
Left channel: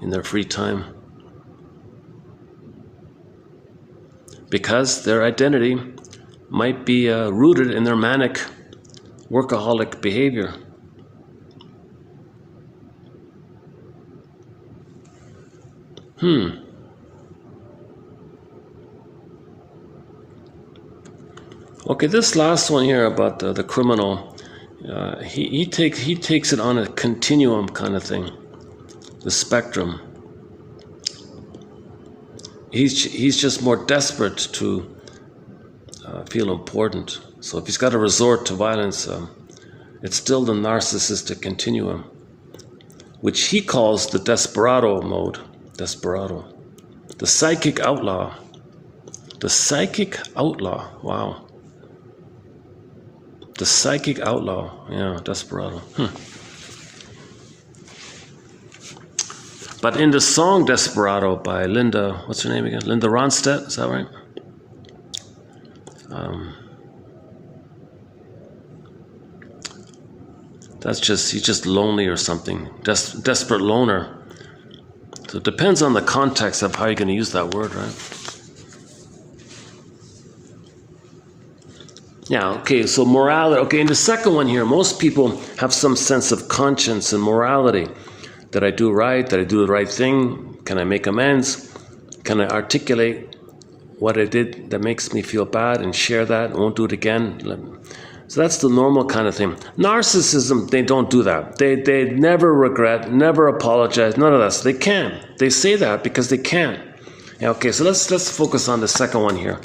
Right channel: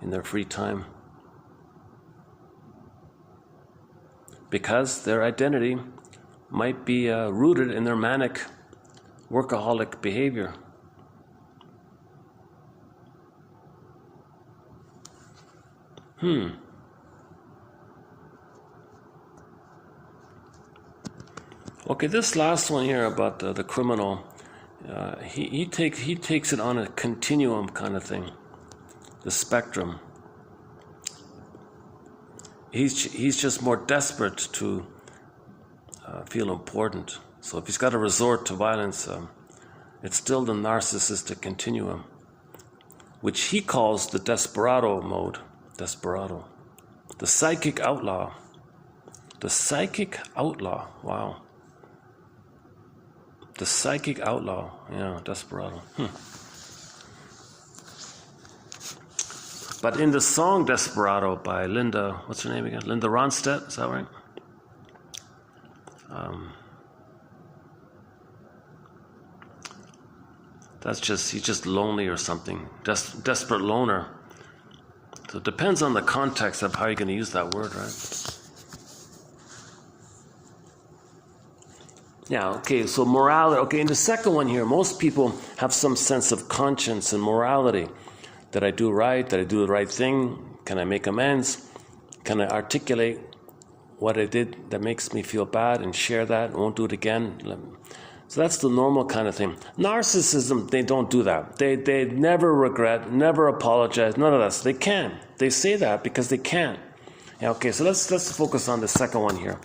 their free time. Because their identity might be rooted in their manic, workaholic behavior. Okay, this last one here about the criminal, he takes it on a continuum kind of thing, the spectrum. He's just more desperate to feel important. So if he's got to resort to violence, it's still the narcissistic continuum, which he calls the desperado mode. Desperado. The psychic outlaw. The psychic outlaw. Wow. The psychic outlaw. Yeah, desperado. But in the song Desperado by Linda, what's her name again? Linda Ronstadt, is that right? He's just lonely or something. Desperate loner. So it depends on the context of how you're going to use that word, right? Yeah, okay, so morality. Okay, in the second one here, most people have some sense of conscience and morality. Did I do right? Did I do the right thing? Can I make amends? Can I articulate what I did that makes me feel bad and share that? Won't do it again. So that's the normal kind of thing. Narcissism, they don't do that. They never regret, never apologize, none of that. So they can. They say that because they can. Yeah, okay, so let's focus on the second one here.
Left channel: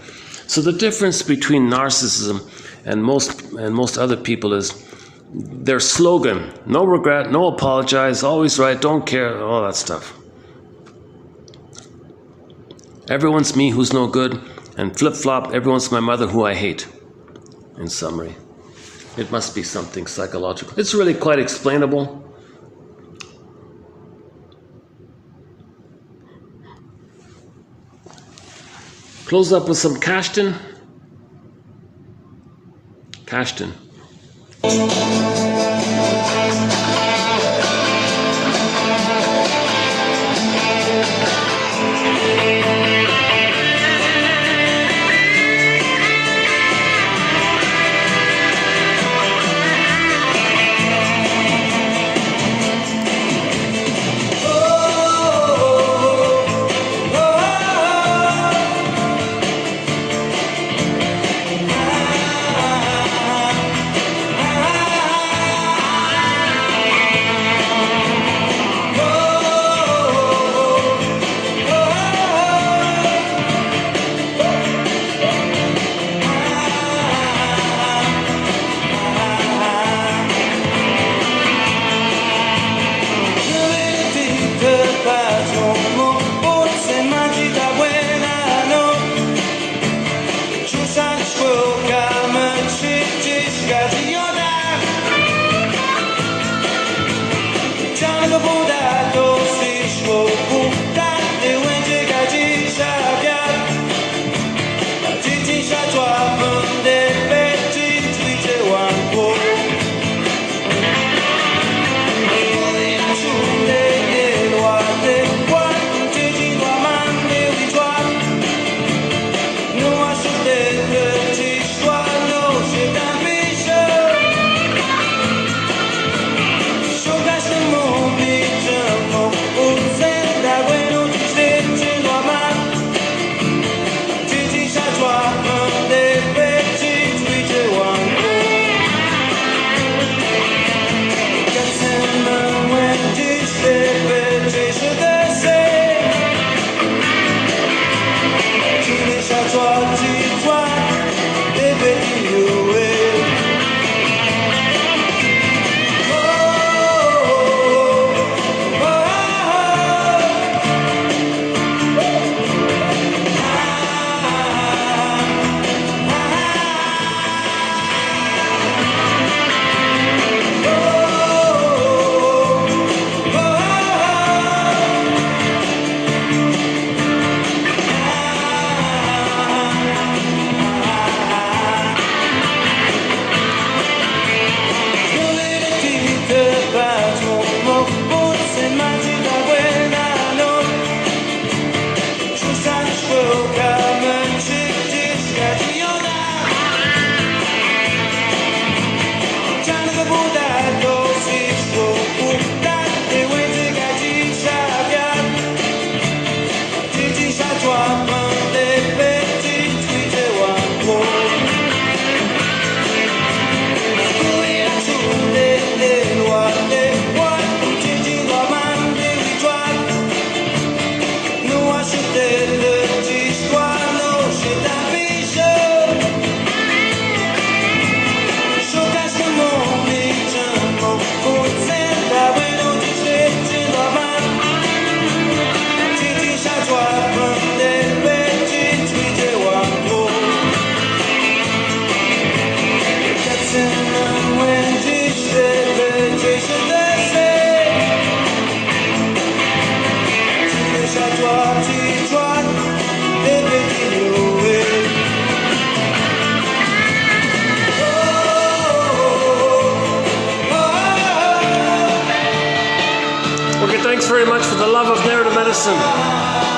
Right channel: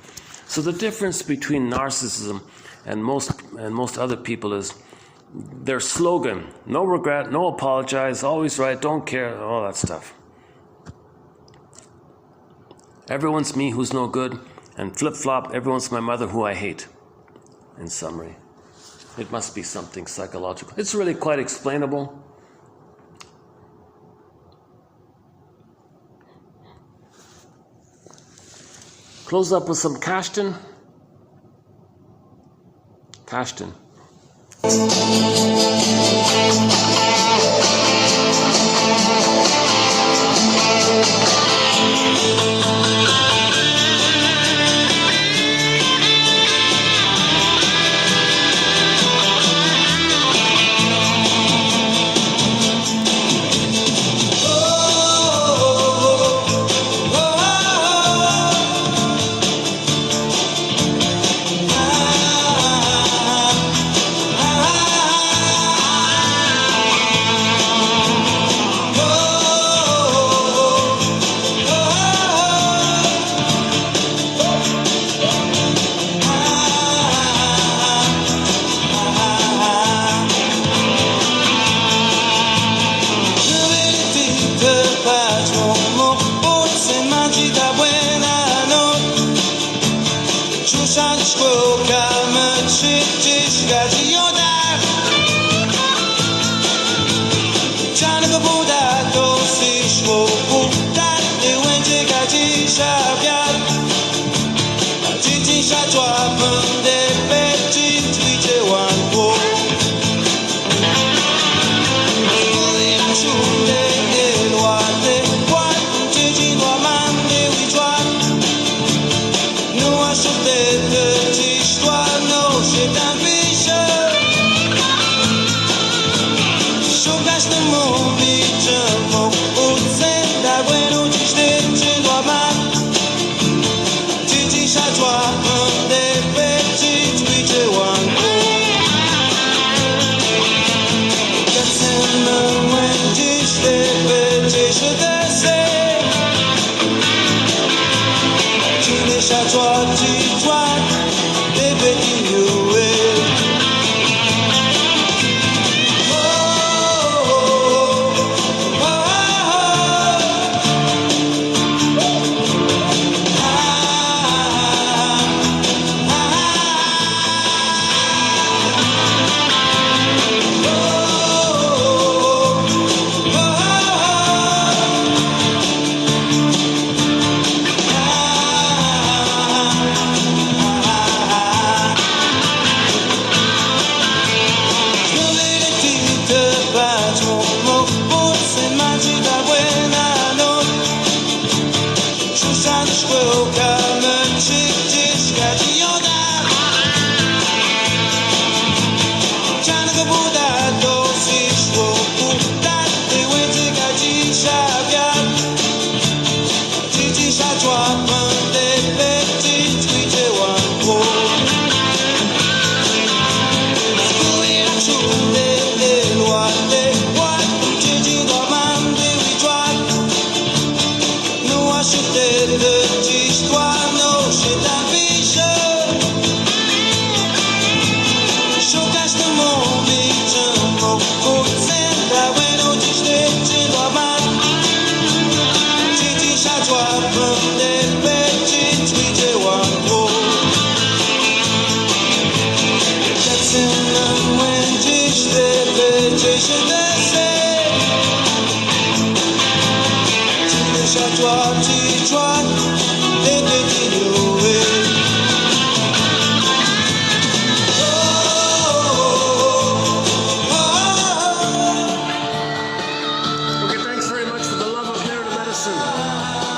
So the difference between narcissism and most other people is their slogan: no regret, no apologize, always right, don't care, all that stuff. Everyone's me who's no good, and flip-flop, everyone's my mother who I hate. In summary, it must be something psychological. It's really quite explainable. Close up with some Cashton. Cashton. Show us the movie.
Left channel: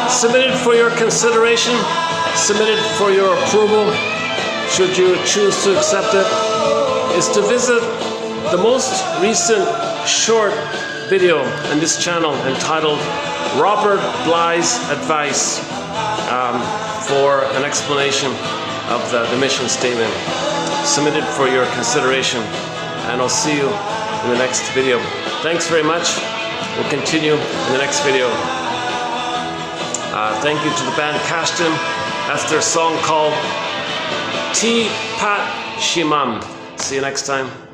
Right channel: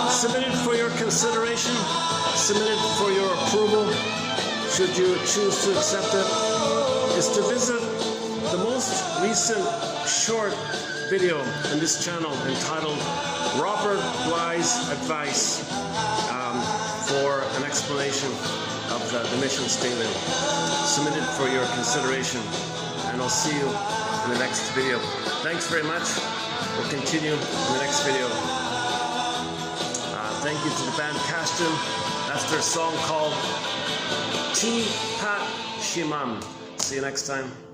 Submitted for your consideration, submitted for your approval, should you choose to accept it, is to visit the most recent short video in this channel entitled Robert Bly's Advice for an explanation of the mission statement. Submitted for your consideration, and I'll see you in the next video. Thanks very much. We'll continue in the next video. Thank you to the band Kashtin. That's their song called Ti Pat Shimam. See you next time.